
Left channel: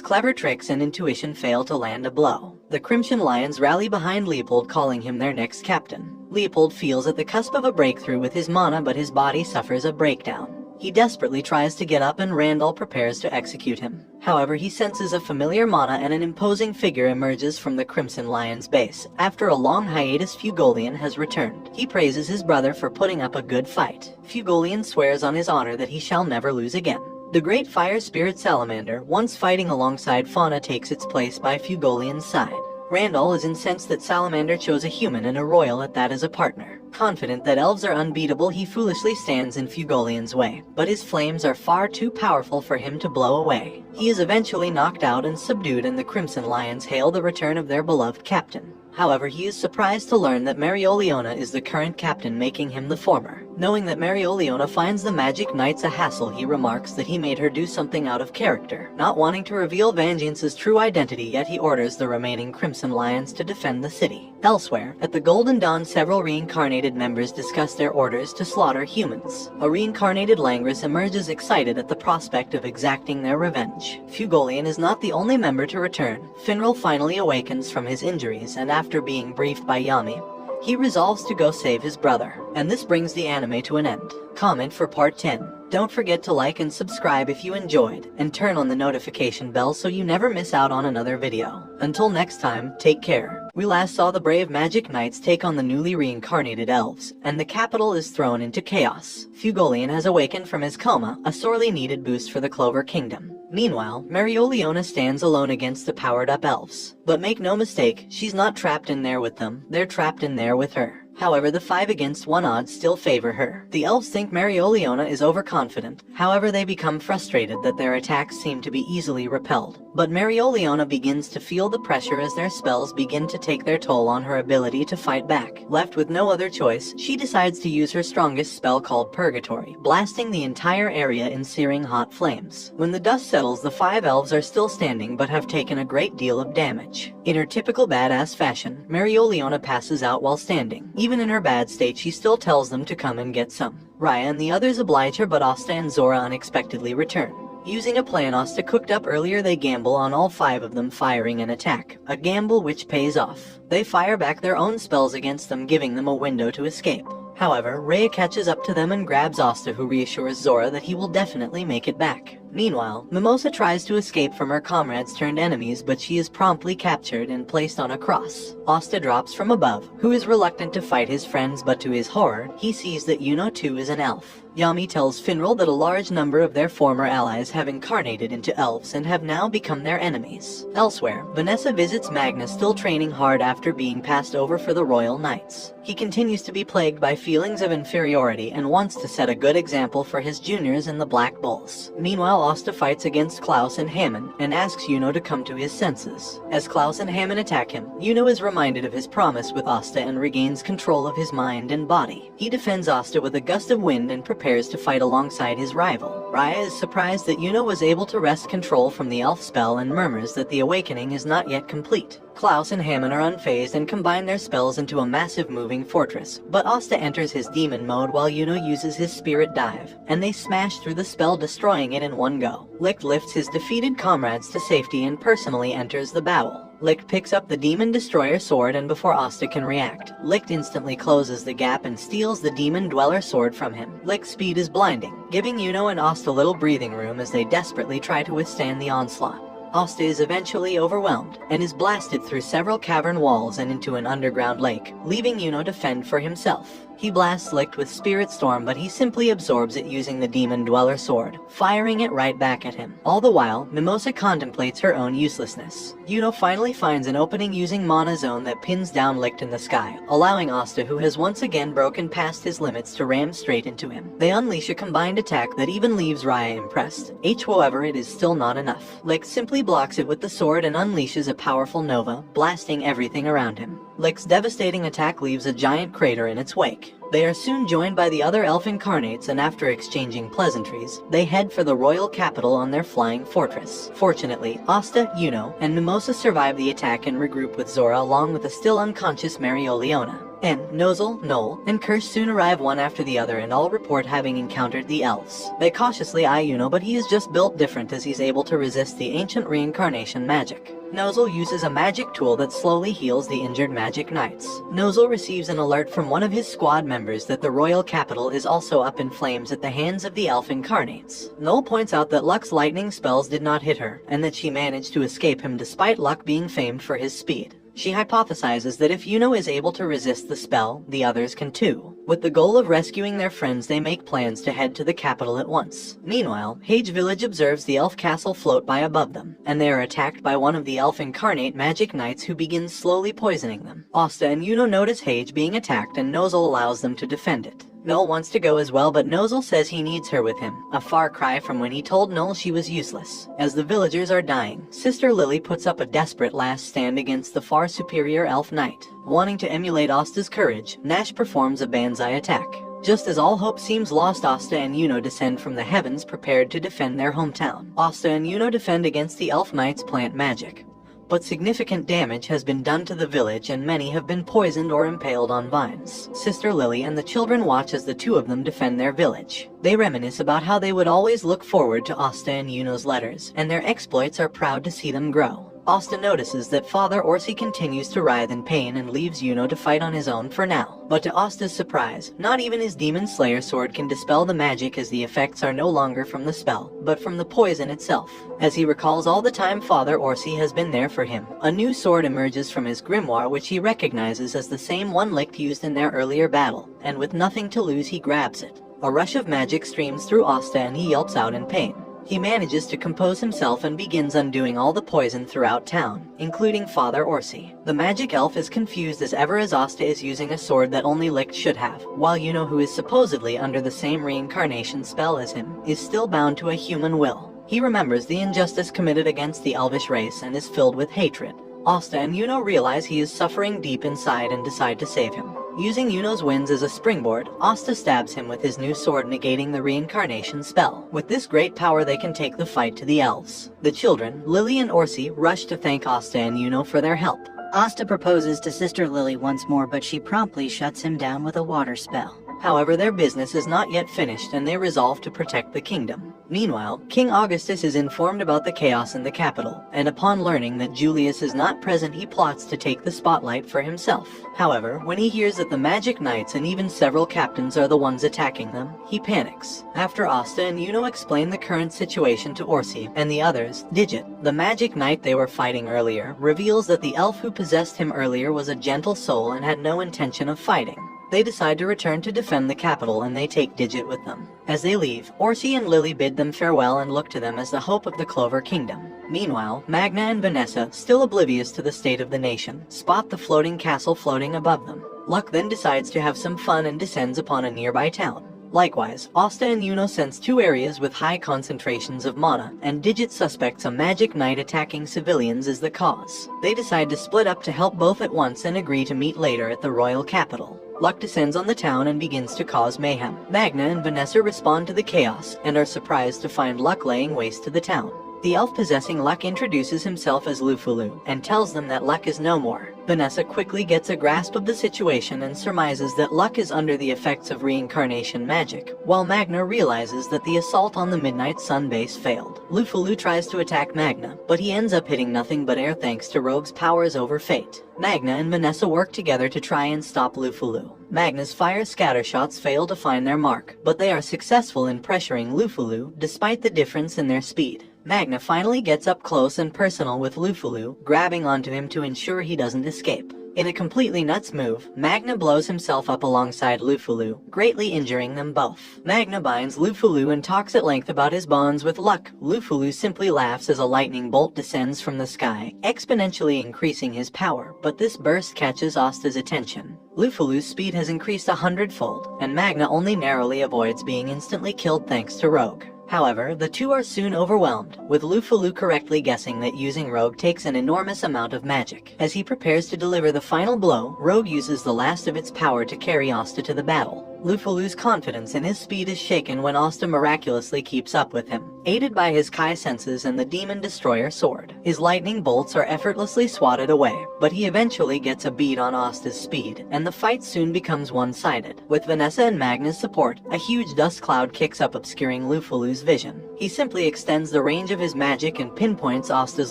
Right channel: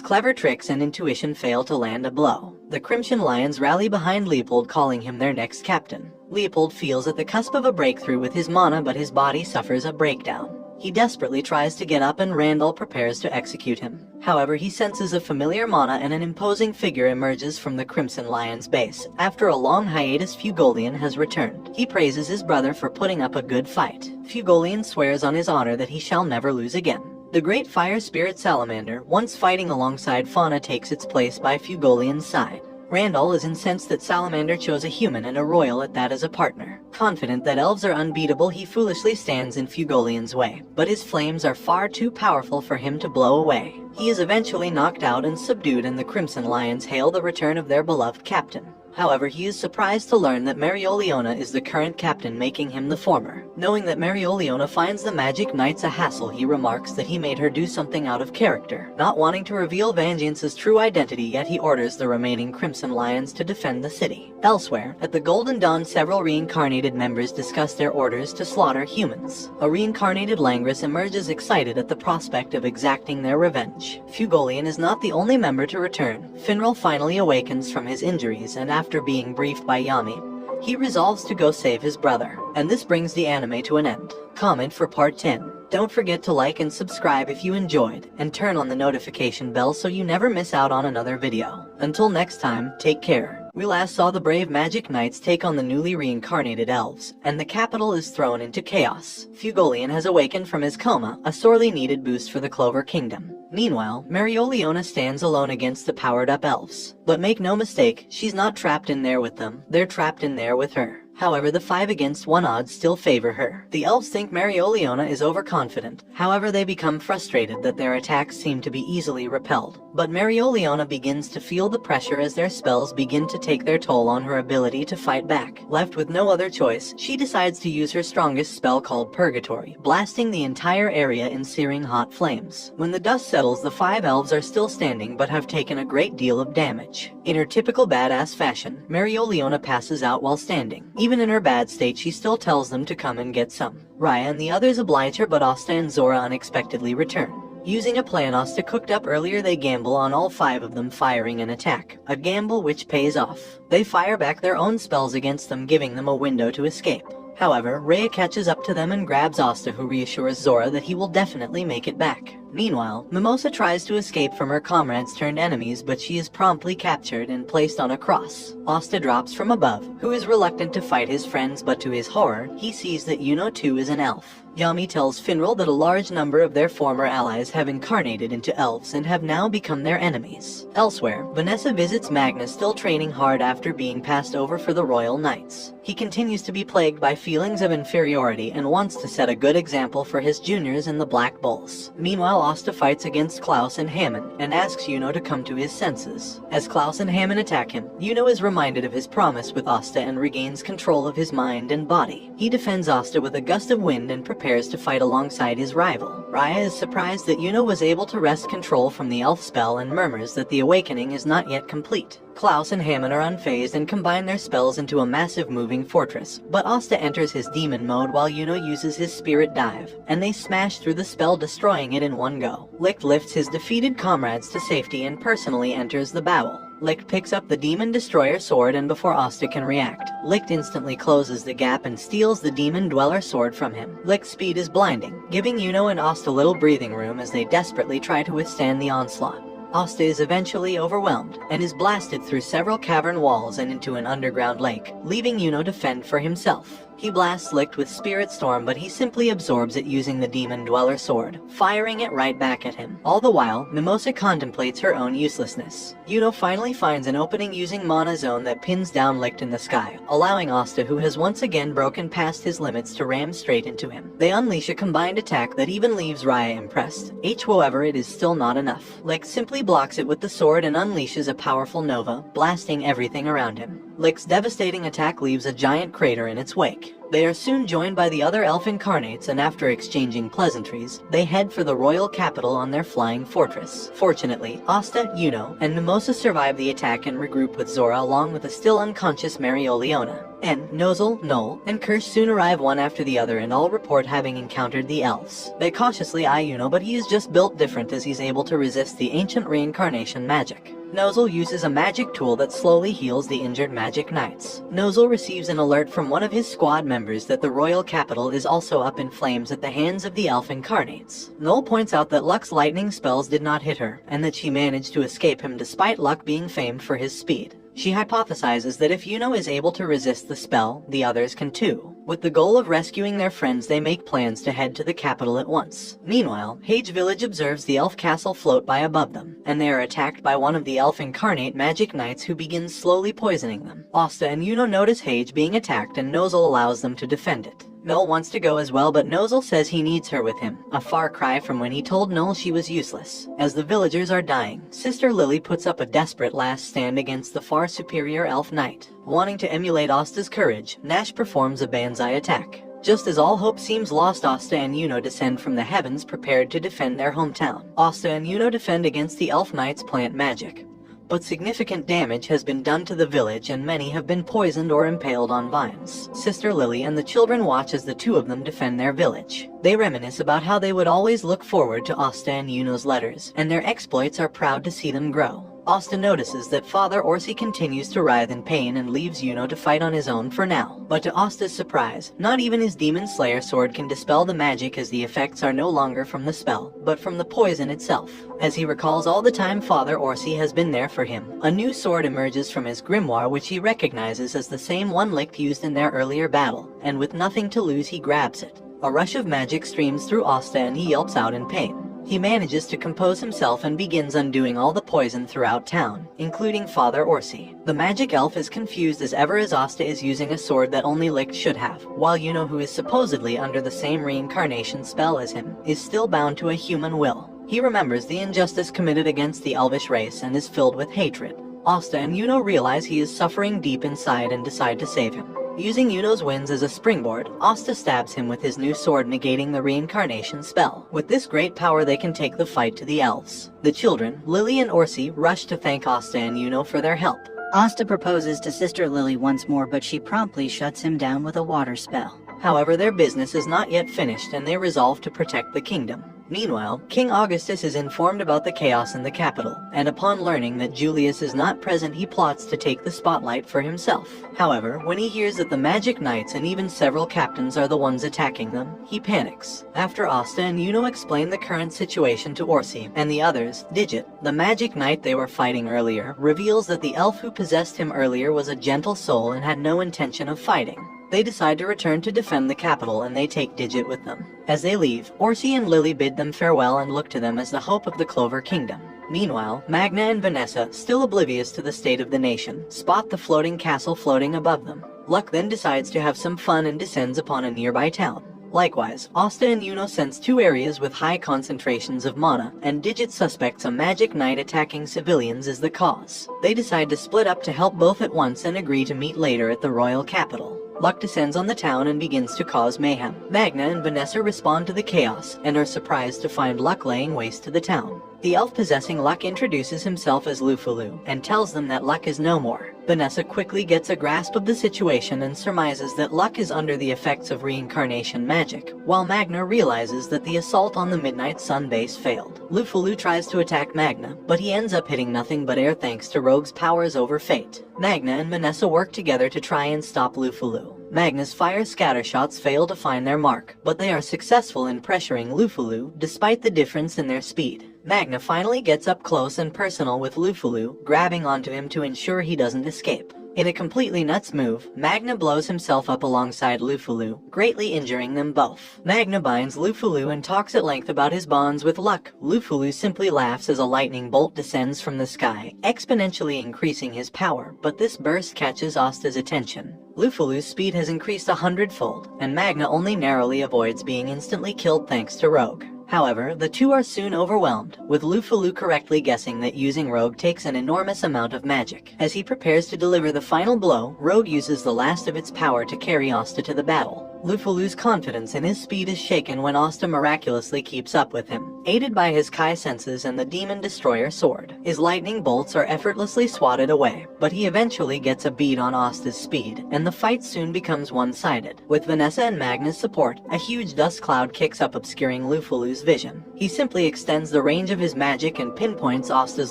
clever tricks and intuition fail to land a blow. The Crimson Lions rally behind Leopold, calling him their next captain. Leopold feels at the cusp of a breakthrough with his mana, but his body suffers a breakdown. He desperately tries to get up and Randall prepares to execute him. However, he senses a familiar mana and an imposing figure emerges from the Crimson Lion's base. After a long hiatus, Fugolian has returned. He praises his brother for putting up a good fight. Fugolian swears on his honor that he shall never lose again. The great fire spirit Salamander, once fighting alongside Fauna, takes its place by Fugolian's side. Randall is incensed that Salamander chose a human and a royal at that as a partner. Confident that elves are unbeatable, he foolishly stands in Fugolian's way. But his flames are far too powerful for him to blow away. He is eventually knocked out and subdued, and the Crimson Lions hail the return of their beloved captain. However, he is surprised to learn that Mereoleona is the current captain, making him the former. Knowing that Mereoleona finds the Magic Knights a hassle, he remarks that he made her do something out of character. Not wanting to reveal Vengeance's true identity yet, he orders the remaining Crimson Lions to defend the city. Elsewhere, at the Golden Dawn, several reincarnated members discuss their orders to slaughter humans. A reincarnated Langris emerges, excited at the prospect of exacting their revenge. Fugolian is not the only member to return. Finral finally awakens from his injuries, and after being briefed by Yami, he resolves to go save his brother. And this brings the anime to an end. Comment for part 10. Don't forget to like and subscribe if you enjoyed, and turn on the notification bell so you never miss out on another video. Until next time, take care. We last saw the brave Magic Knights take on the newly reincarnated elves, and the capital is thrown into chaos. Fugolian has awakened from his coma, a sorely needed boost for the Clover Kingdom. Meanwhile, Mereoleona stands alone against the powered-up elves. But make no mistake, she's not trapped in there with them, they're trapped in there with her. However, the 5-against-1 odds still favor her. The elves think Mereoleona is overconfident. However, they become frustrated that their attacks seem to be easily repelled. But Mereoleona begins to feel the pressure as their spells begin to take their toll on her ability to fight back. Left with no other choice, she decides to use her strongest spell, called Purgatory, blasting the entire area in searing hot flames. When the dust settles, the 5 elves are still standing but have taken a great deal of damage. In her typical badass fashion, Mereoleona passes out while standing. Even in her bad state, she still tells them to come and get some. Raya and the others oblige her, but Asta and Zora unexpectedly return. Using a plan Asta cooked up earlier, they gamble on all 5 of them firing an attack. A gamble which pays off. They fire back their own spells against them, giving them a window to escape. However, Rhea catches up to them and grabs Asta, who reassures Zora that he will definitely make it back. Meanwhile, Mimosa tries to escape from her comrades turned enemies, but she is promptly captured and placed on a cross. Asta drops from above, who is reluctant to fight his friends, but to his horror, he sees that Yuno too is an elf. Yami tells Finral that a large number of their former allies have incarnated into elves and have now become their enemies. Elsewhere, Vanessa visits Magnus, still training hard after being passed over for the Royal Knights. He continues to be plagued by feelings of inferiority and wants to set a good example for his juniors in the Black Bulls. Meanwhile, Asta fights against Klaus and Hammond and asks Yuno to come to his senses. As Klaus and Hammond attack him, Yuno is reminded of his promise with Asta and regains control of his mind and body. He defends Asta with a gust of wind and prepares to fight alongside his rival. Raya is surprised that Yuno was able to wrest control from the elf spell and murmurs that the awakening is not yet complete. Klaus and Hammond are unfazed and combine their spells into a massive moving fortress, but Asta enters his demon mode while Yuno uses his spirit dive, and they smash through the spell, destroying it in one go. Licht lifts his defeated comrades to safety and personally enters the battle. Licht picks up the Demon Destroyer sword, and before Asta can react, Licht instantly closes the gap and steals the Demon Dweller sword from him. Licht's speed is blinding, giving Yuno and Asta little breathing room as they desperately try to withstand the onslaught. Asta is eventually overwhelmed and is blasted through several cavern walls and into an underground lake, leaving Yuno to fend for himself. He blasts Licht with Spirit Storm, but he simply absorbs it using the Demon Dweller sword, firing it right back at him. All the while, Mimosa contemplates her own uselessness. Yuno finally finds an opening using Mana Zone that pins down Licht in the sky, allowing Asta, who has once again broken past his limits, to ram straight into him. They unleash a combined attack that even leaves Raya impressed. However, it is still not enough. Licht simply blocks it with the sword and unleashes a powerful Nova, blasting everything around him. Licht's devastating attack leaves a giant crater in its wake. They are soon joined by the other elf incarnates, and after exchanging pleasantries, they head for the royal capital on their flying fortress. Fortunately, Asta, Yuno, and Mimosa survive the attack and regroup with Zora along with the still unconscious Marioliona. Nozel, Noel, and Kirsch soon arrive one after the other and all report having encountered the elves. They cautiously eye Yuno, but he is just built different as he's able to resist the ancient reincarnation magic. Nozel uses a magic tool that slowly heals the injured magic knights. Nozel receives an alert from one of his squad members that the royal capital is also up in flames at the hands of the elf incarnates. Noel points out that Luck's lightning spells did not hit her, and that she managed to escape him despite Luck being famed for his speed. She hypothesizes that if Yuno is able to resist the spell, the others can too. With the goal of rescuing their friends, they make plans to head to the capital at once. Meanwhile, Hage Village observes the elf castle float by above them, and they are attacked by one of the elf incarnate magic knights who begins slowly poisoning them. Asta and Yuno notice Hage being attacked, and Nozel allows them to defend it. Noel wants to go as well, but Nozel says he needs her with him, a far cry from when he told Noel she was useless. As the villagers are dying, Sister Lily puts up a desperate last stand against the far superior elf knight. Wanting to emulate Asta's courage, Nash performs a banzai attack. Just as all hope seems lost, Asta and Yuno descend from the heavens prepared to defend their hometown. Asta and Yuno defend against the elf knight's plant magic. But significant damage has been done to the village and many have been poisoned or impaled on vines. Sister Lily and the children watch as the two of them defend their village. They reminisce about how they would always look forward to Asta and Yuno's letters, and their exploits are proud to see them grow. Asta notices that Father Orsi continues to writhe in pain and leaves Yuno to fight on his own for now. But to Asta's surprise, not even his Demon Slayer sword can dispel the magic, as the effects are no longer from the spell, but from the poison itself. As he recalls all the time Father Orsi has been there for him, a new sword emerges from his grimoire which he recognizes as the same one Licht used in their earlier battle, and with nothing to lose he grabs it. A rush of magic streams through Asta and he yelps out in pain. He manages to compose himself and begins undoing all the poison throughout town, including Father Orsi. The magic elf is confused as ever as Asta is using a sword that only Licht should have, while Yuno, who is supposedly under the same reincarnation spell as him, is still bound to a human will. He remembers the injustice committed against the elvish race and is filled with hatred. Asta and Yuno realize he is suffering deep inside and decide to save him. Using Yuno's winds as a springboard, Asta stabs him with his new sword, negating the reincarnation spell. With this great power they can take the fight to the elves. The children, Lily and Orsi, rush to thank Asta and Yuno for their help. Asta proposes to Sister Lily once more, but she promptly shuts him down with a water spell. However, their business is not yet finished and they resolve to protect the kingdom. Meanwhile, King Augustus is informed about the chaos in the capital, and upon learning that Julius is not present, he plots to take the spotlight for himself. However, when he hears that the Magic Knights and even several captains are the ones attacking them, he panics. After Asta and Yuno explain the current situation to Orsi and the others, Digit, the Magic Knight they were fighting earlier, reveals that the elf who possessed him earlier was a gentle soul and had no intention of fighting. They decide to return to defend the capital, and they take Digit with them. As they leave, Orsi and Lily bid them farewell and look to them as the hope of the Clover Kingdom. Meanwhile, Magna and Vanessa, still oblivious to the state of the nation, spot the floating castle floating above them. Luck then decides to have some fun and descends upon a nearby town. Likewise, Asta and Yuno sense 2 areas with high concentrations of mana, and Digit suspects a magic knight attacking civilians is the cause. They decide to split up to help both at once and agree to meet later at the royal capital. Luck descends on the town and begins to cause mayhem. Magna and Vanessa respond to the chaos, and are surprised to find Luck laying waste to the town. The elf possessing Luck introduces himself as Lufulu, and tells them that Luck is no more. Vanessa quickly gets a grasp of the situation and surmises that Luck is under the effects of reincarnation magic, while Magna realizes that the assault on the Midnight Sun base failed. Lufulu tries to attack Magna, but he ends up hitting nothing but air thanks to Rogue's powers over fate. Magna and Vanessa work together to try and stop Lufulu. Magna's fire scatter shots fail to find their mark, but they are successful in pressuring Lufulu despite the difference in their speed. Magna finally gets up close and personal with Lufulu, grabbing onto him to ensure he doesn't escape. In a completely nuts move, Magna blows himself up alongside Lufulu, greatly injuring them both. Magna binds Lufulu and talks at length about his bonds with Luck. Lufulu simply laughs as a lightning bolt descends from the sky, exponentially increasing his power, but this burst catches Asta's attention. Lufulu's speed has increased 100-fold, and Magna only narrowly avoids being instantly killed thanks to Rogue. However, the two are soon overwhelmed, with Lufulu correctly guessing that using Rogue takes an enormous amount of magic. As he prepares to deliver the final blow, Rogue uses the last of its power to carry Asta to the battle. Lufulu's confidence in his speed is shaken when Asta miraculously keeps up with him. Aided by his Kai senses and the Demon Destroyer sword, his lightning bolts are effortlessly swatted away, but he eventually gets a bead on Asta's speed, and the fight soon becomes one-sided. With Vanessa and Magna's support, a huge dust cloud kicks up obscuring Lufulu's vision. He simply extends the range of his magic and pinpoints Asta's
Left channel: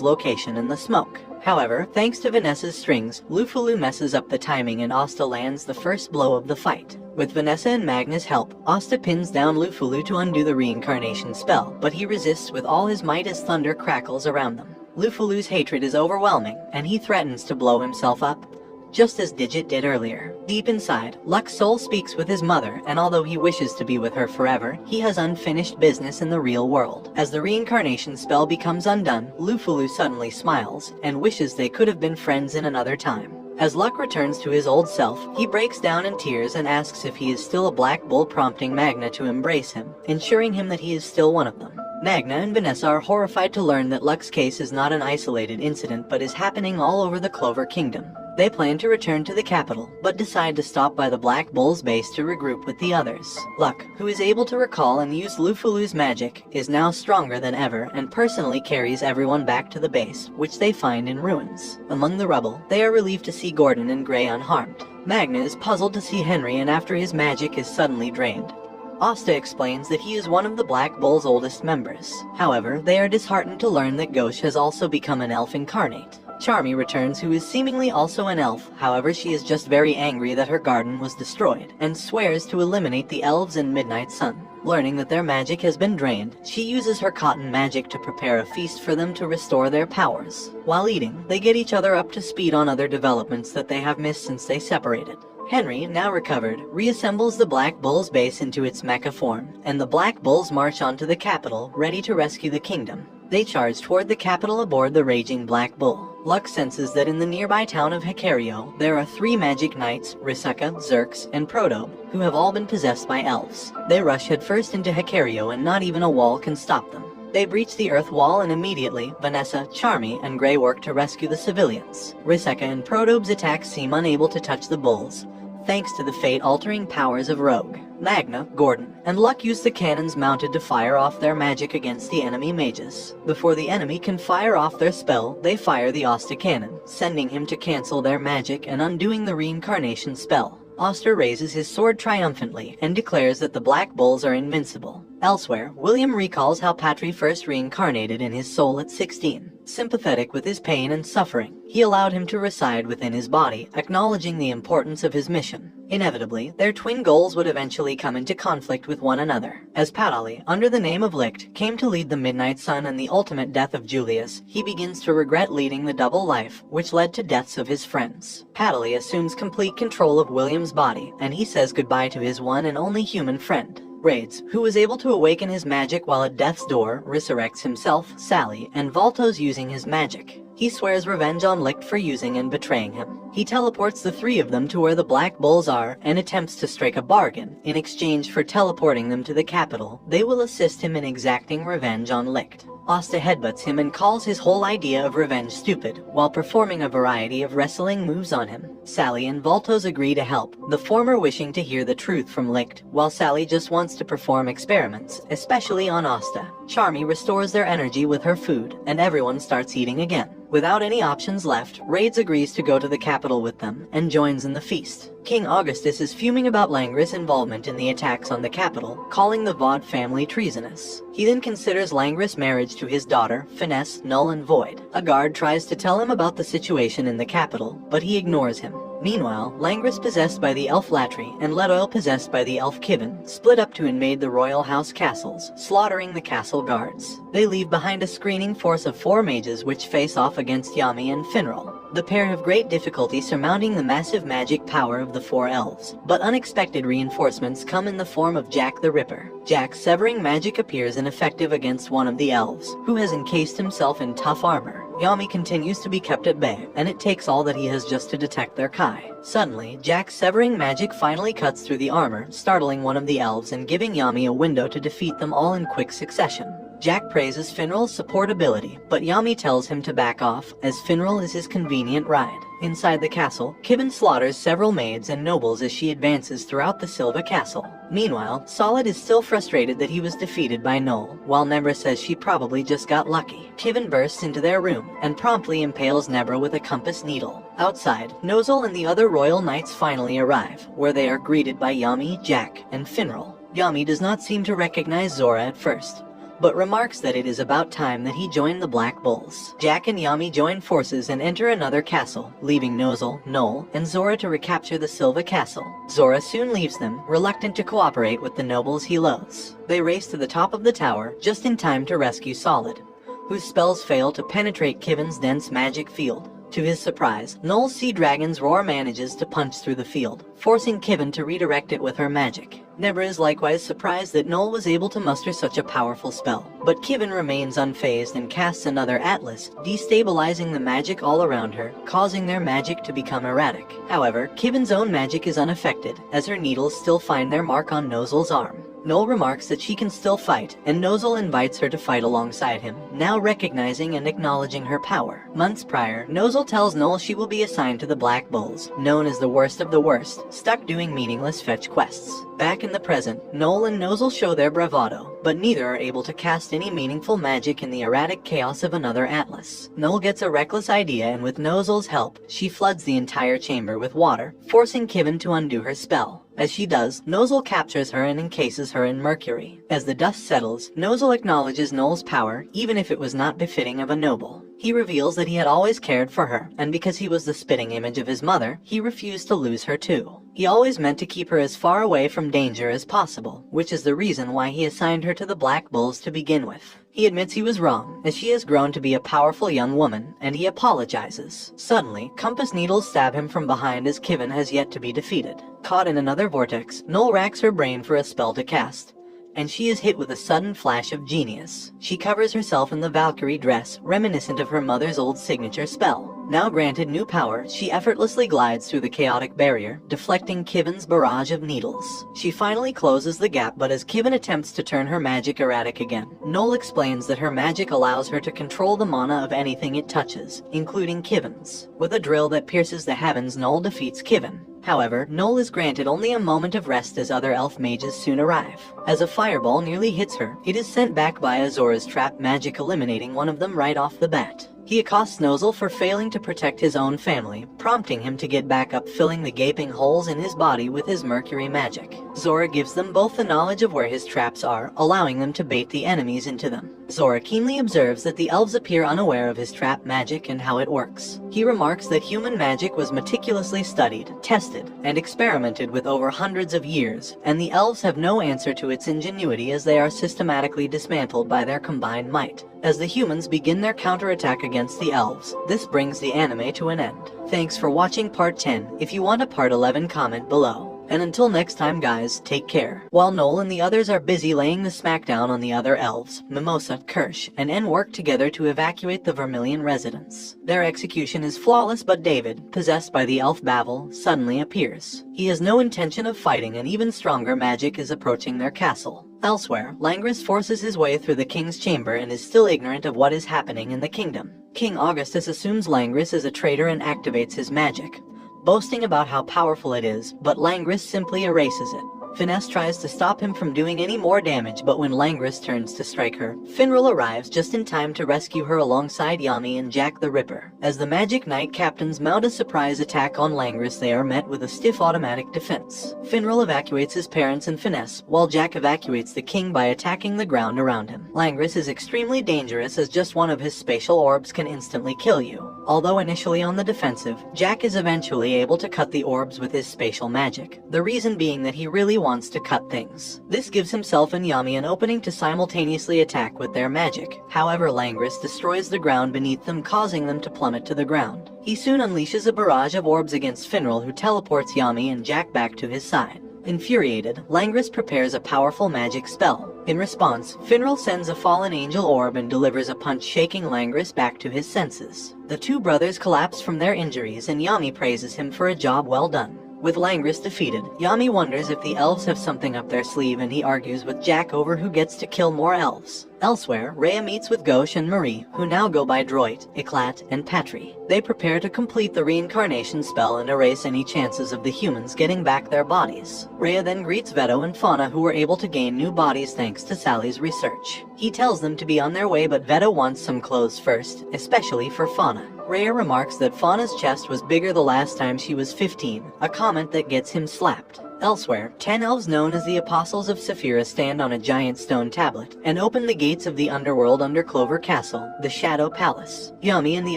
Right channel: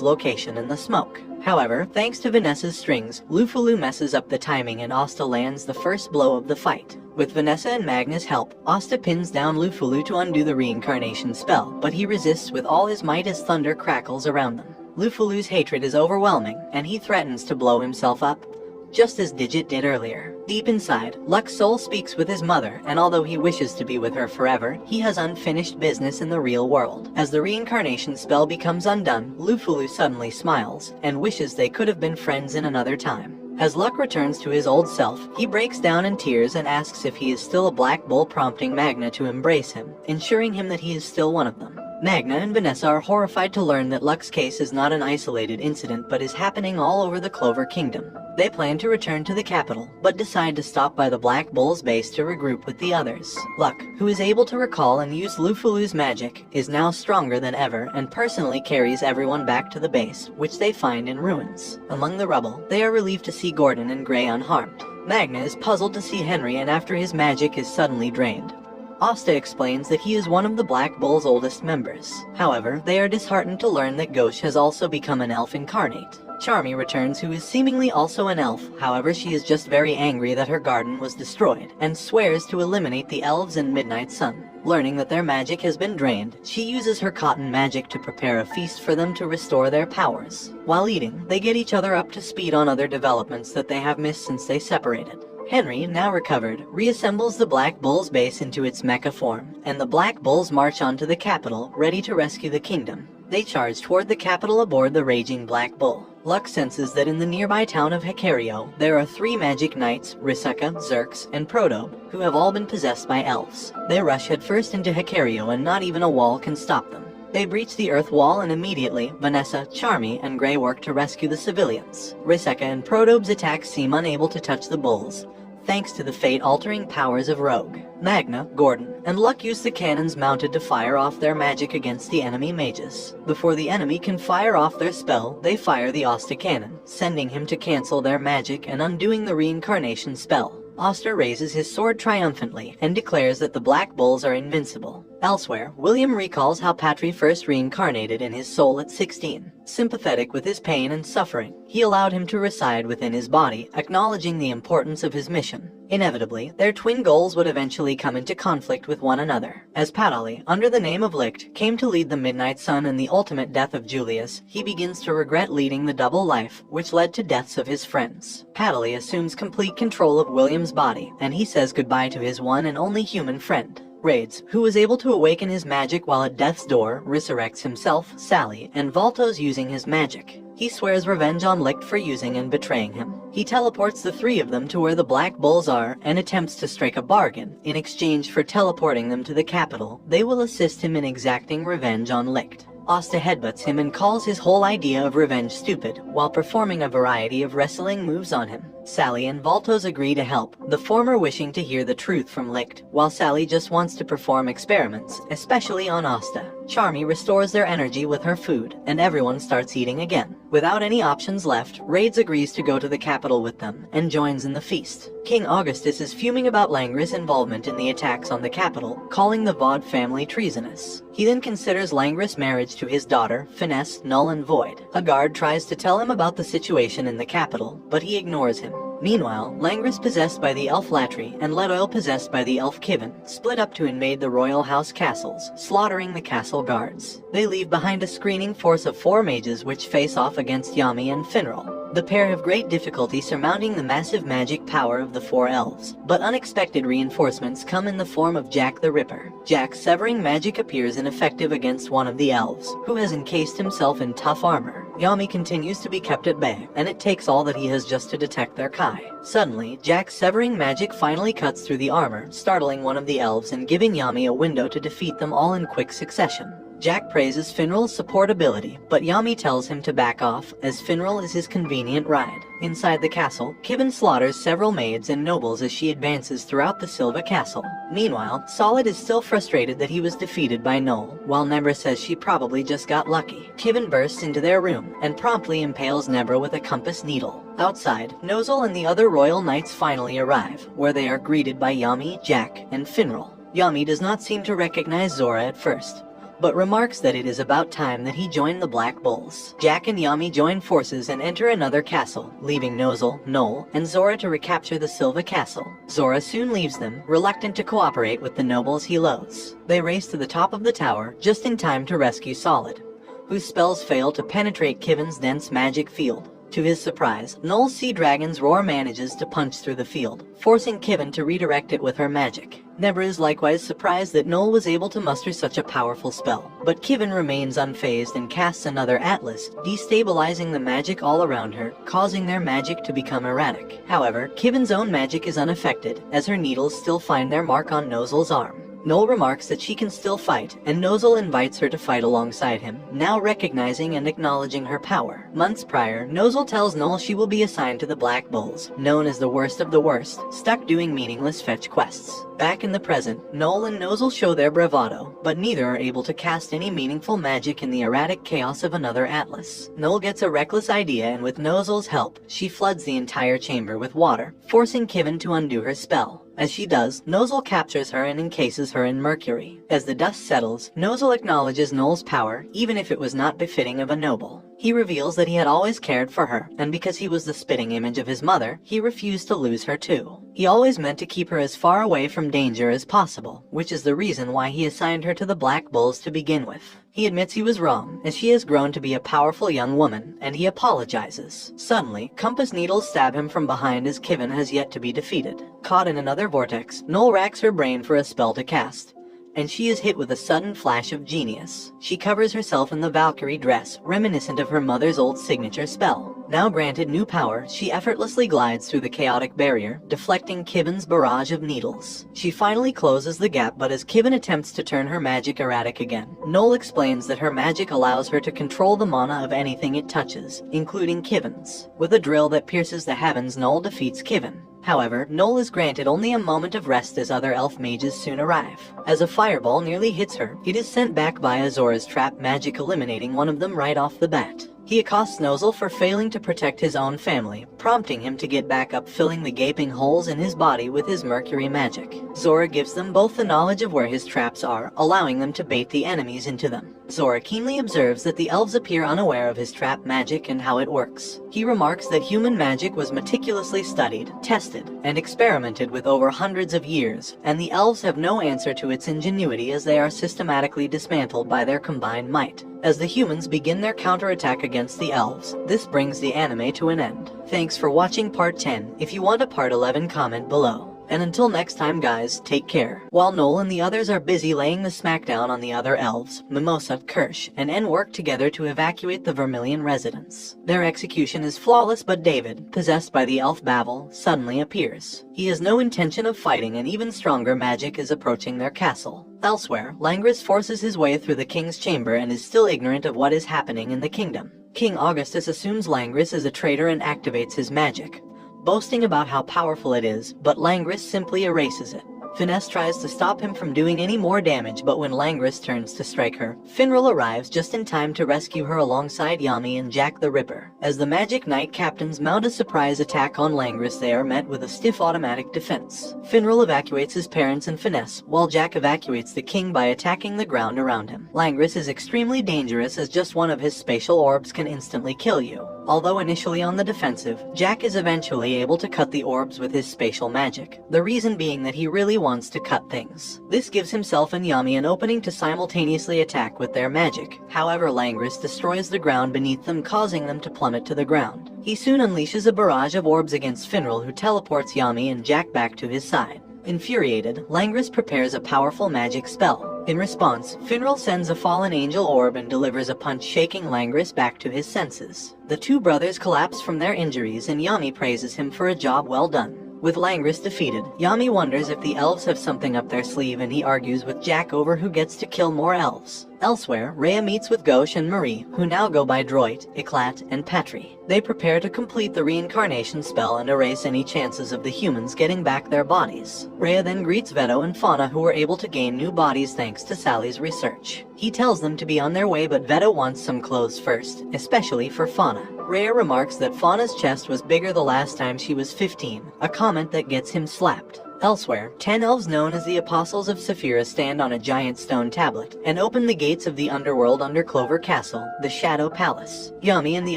location in the smoke. However, thanks to Vanessa's strings, Lufulu messes up the timing and Asta lands the first blow of the fight. With Vanessa and Magna's help, Asta pins down Lufulu to undo the reincarnation spell, but he resists with all his might as thunder crackles around them. Lufulu's hatred is overwhelming, and he threatens to blow himself up, just as Digit did earlier. Deep inside, Luck's soul speaks with his mother, and although he wishes to be with her forever, he has unfinished business in the real world. As the reincarnation spell becomes undone, Lufulu suddenly smiles, and wishes they could have been friends in another time. As Luck returns to his old self, he breaks down in tears and asks if he is still a black bull, prompting Magna to embrace him, ensuring him that he is still one of them. Magna and Vanessa are horrified to learn that Luck's case is not an isolated incident but is happening all over the Clover Kingdom. They plan to return to the capital, but decide to stop by the Black Bull's base to regroup with the others. Luck, who is able to recall and use Lufulu's magic, is now stronger than ever and personally carries everyone back to the base, which they find in ruins. Among the rubble, they are relieved to see Gordon and Gray unharmed. Magna is puzzled to see Henry and after his magic is suddenly drained. Asta explains that he is one of the Black Bull's oldest members. However, they are disheartened to learn that Ghosh has also become an elf incarnate. Charmy returns, who is seemingly also an elf. However, she is just very angry that her garden was destroyed, and swears to eliminate the elves and Midnight Sun. Learning that their magic has been drained, she uses her cotton magic to prepare a feast for them to restore their powers. While eating, they get each other up to speed on other developments that they have missed since they separated. Henry, now recovered, reassembles the Black Bull's base into its mecha form, and the Black Bulls march onto the capital, ready to rescue the kingdom. They charge toward the capital aboard the raging Black Bull. Luck senses that in the nearby town of Hecario, there are 3 magic knights, Riseka, Xerx, and Protobe, who have all been possessed by elves. They rush headfirst into Hecario and not even a wall can stop them. They breach the earth wall and immediately, Vanessa, Charmy, and Gray work to rescue the civilians. Riseka and Protobe's attacks seem unable to touch the bulls, thanks to the fate-altering powers of Rogue. Magna, Gordon, and Luck use the cannons mounted to fire off their magic against the enemy mages. Before the enemy can fire off their spell, they fire the Asta cannon, sending him to cancel their magic and undoing the reincarnation spell. Asta raises his sword triumphantly and declares that the Black Bulls are invincible. Elsewhere, William recalls how Patry first reincarnated in his soul at 16. Sympathetic with his pain and suffering, he allowed him to reside within his body, acknowledging the importance of his mission. Inevitably, their twin goals would eventually come into conflict with one another. As Patali, under the name of Licht, came to lead the Midnight Sun and the ultimate death of Julius, he begins to regret leading the double life, which led to deaths of his friends. Patali assumes complete control of William's body, and he says goodbye to his one and only human friend. Raids, who was able to awaken his magic while at death's door, resurrects himself, Sally, and Voltos using his magic. He swears revenge on Licht for using and betraying him. He teleports the three of them to where the Black Bulls are and attempts to strike a bargain. In exchange for teleporting them to the capital, they will assist him in exacting revenge on Licht. Asta headbutts him and calls his whole idea of revenge stupid, while performing a variety of wrestling moves on him. Sally and Voltos agree to help, the former wishing to hear the truth from Licht, while Sally just wants to perform experiments, especially on Asta. Charmy restores their energy with her food, and everyone starts eating again. Without any options left, Raids agrees to go to the capital with them, and joins in the feast. King Augustus is fuming about Langris' involvement in the attacks on the capital, calling the Vaude family treasonous. He then considers Langris' marriage to his daughter, Finesse, null and void. A guard tries to tell him about the situation in the capital, but he ignores him. Meanwhile, Langris possessed by the elf Latry and Ledoil possessed by the elf Kivin split up to invade the royal house castles, slaughtering the castle guards. They leave behind a screening force of 4 mages which face off against Yami and Finral. The pair have great difficulty surmounting the massive magic power of the 4 elves, but unexpected reinforcements come in the form of Jack the Ripper. Jack's severing magic appears ineffective against one of the elves, who has encased himself in tough armor. Yami continues to be kept at bay, and it takes all that he has just to detect their Kai. Suddenly, Jack's severing magic finally cuts through the armor, startling one of the elves and giving Yami a window to defeat them all in quick succession. Jack praises Finral's support ability, but Yami tells him to back off, as Finral is his convenient ride. Inside the castle, Kivin slaughters several maids and nobles as she advances throughout the Silva castle. Meanwhile, Solid is still frustrated that he was defeated by Noel, while Nebra says she probably just got lucky. Kivin bursts into their room, and promptly impales Nebra with a compass needle. Outside, Nozel and the other royal knights finally arrive, where they are greeted by Yami, Jack, and Finral. Yami does not seem to recognize Zora at first, but remarks that it is about time that he join the Black Bulls. Jack and Yami join forces and enter another castle, leaving Nozel, Noel, and Zora to recapture the Silva castle. Zora soon leaves them, reluctant to cooperate with the nobles he loathes. They race to the top of the tower, just in time to rescue Solid, whose spells fail to penetrate Kivin's dense magic field. To his surprise, Noel's Sea Dragon's roar manages to punch through the field, forcing Kivin to redirect it with her magic. Nebra is likewise surprised that Noel was able to muster such a powerful spell, but Kivin remains unfazed and casts another Atlas, destabilizing the magic all around her, causing their magic to become erratic. However, Kivin's own magic is unaffected, as her needles still find their mark on Nozel's arm. Noel remarks that she can still fight, and Nozel invites her to fight alongside him, now recognizing and acknowledging her power. Months prior, Nozel tells Noel she will be assigned to the Black Bulls, known as the worst of the worst, stuck doing meaningless fetch quests. Back in the present, Noel and Nozel show their bravado, but neither are able to cast any meaningful magic in the erratic chaos of another Atlas. Noel gets a reckless idea, and with Nozel's help, she floods the entire chamber with water, forcing Kivin to undo her spell. As she does, Nozel captures her and encases her in mercury. As the dust settles, Nozel acknowledges Noel's power, even if it was not befitting of a noble. He reveals that he had always cared for her, and because he was the spitting image of his mother, he refused to lose her too. He always meant to keep her as far away from danger as possible, which is the reason why he assigned her to the Black Bulls to begin with. He admits he was wrong, as she has grown to be a powerful young woman, and he apologizes. Suddenly, compass needles stab him from behind as Kivin has yet to be defeated. Caught in another vortex, Noel racks her brain for a spell to cast, and she is hit with a sudden flash of genius. She covers herself in the Valkyrie dress, reminiscent of her mother's old signature spell. Now granted new power, she effortlessly glides through the chaotic barrier, deflecting Kivin's barrage of needles. She finally closes the gap, but as Kivin attempts to turn her magic erratic again, Noel explains that her magic allows her to control the mana of anything it touches, including Kivin's. With a drill that pierces the heavens, Noel defeats Kivin. However, Noel is granted only a moment of rest as other elf mages soon arrive. As a fireball nearly hits her, it is sent back by Azora's trap magic, eliminating one of them right off the bat. He accosts Nozel for failing to protect his own family, prompting him to get back up, filling the gaping holes in his body with his mercury magic. Zora gives them both the knowledge of where his traps are, allowing them to bait the enemies into them. Zora keenly observes that the elves appear unaware of his trap magic and how it works. He remarks that human magic was meticulously studied, tested, and experimented with over hundreds of years, and the elves have no answer to its ingenuity as they are systematically dismantled by their combined might. As the humans begin their counterattack against the elves, this brings the anime to an end. Thanks for watching part 10. If you want a part 11, comment below. And until next time guys, take care. While Noel and the others are busy laying the smackdown on the other elves, Mimosa, Kirsch, and En work together to evacuate the Vermilion residence. Their execution is flawless, but David, possessed by the elf Babel, suddenly appears. He has no intention of fighting, and even stronger magic is approaching their castle. Elsewhere, Langris forces his way through the king's chamber and is still ignorant of what is happening in the kingdom. King Augustus assumes Langris is a traitor and activates his magic, boasting about how powerful it is, but Langris simply erases it. Finesse tries to stop him from doing any more damage, but when Langris turns to strike her, Finral arrives just in time to rescue her alongside Yami and Jack the Ripper. As the Magic Knight captains mount a surprise attack on Langris, they are met with a stiff automatic defense. Finral evacuates his parents and Finesse, while Jack evacuates the king by attacking the ground around him. Langris is extremely dangerous as just one of his spatial orbs can instantly kill you. Although initially on the defensive, Jack is eventually able to cut the orbs with his spatial magic, the reason being that he really wants to cut things. This gives himself and Yami an opening to simultaneously attack with their magic. However, Langris destroys the ground beneath them, causing them to plummet to the ground. He soon unleashes a barrage of orbs against Finral, who teleports Yami and Jack back to his side. Infuriated, Langris prepares a powerful magic spell. In response, Finral sends a fallen angel orb and delivers a punch, shaking Langris back to his senses. The two brothers collapse from their injuries and Yami praises him for a job well done. With Langris defeated, Yami wonders if the elves have something up their sleeve, and he argues with Jack over who gets to kill more elves. Elsewhere, Rhea meets with Gauche and Marie, who now go by Droit, Eclat, and Patry. They prepare to complete the reincarnation spell and erase any chances of the humans getting back their bodies. Rhea then greets Veto and Fauna, who were able to gain new bodies thanks to Sally's research. He tells them to be on their way, but Veto wants some clothes first, especially for Fauna. Rhea remarks that Fauna's chest was bigger the last time she was 15, a comment that gets him slapped. Elsewhere, 10 elves known as the Apostles of Saphira stand on a giant stone tablet and open the gates of the underworld under Clover Castle, the Shadow Palace. Yami and the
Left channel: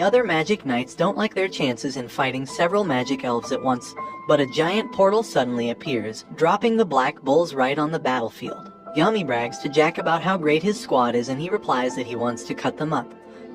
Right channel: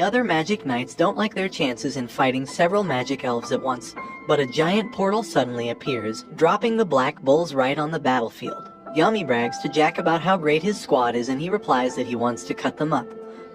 other magic knights don't like their chances in fighting several magic elves at once, but a giant portal suddenly appears, dropping the black bulls right on the battlefield. Yami brags to Jack about how great his squad is, and he replies that he wants to cut them up.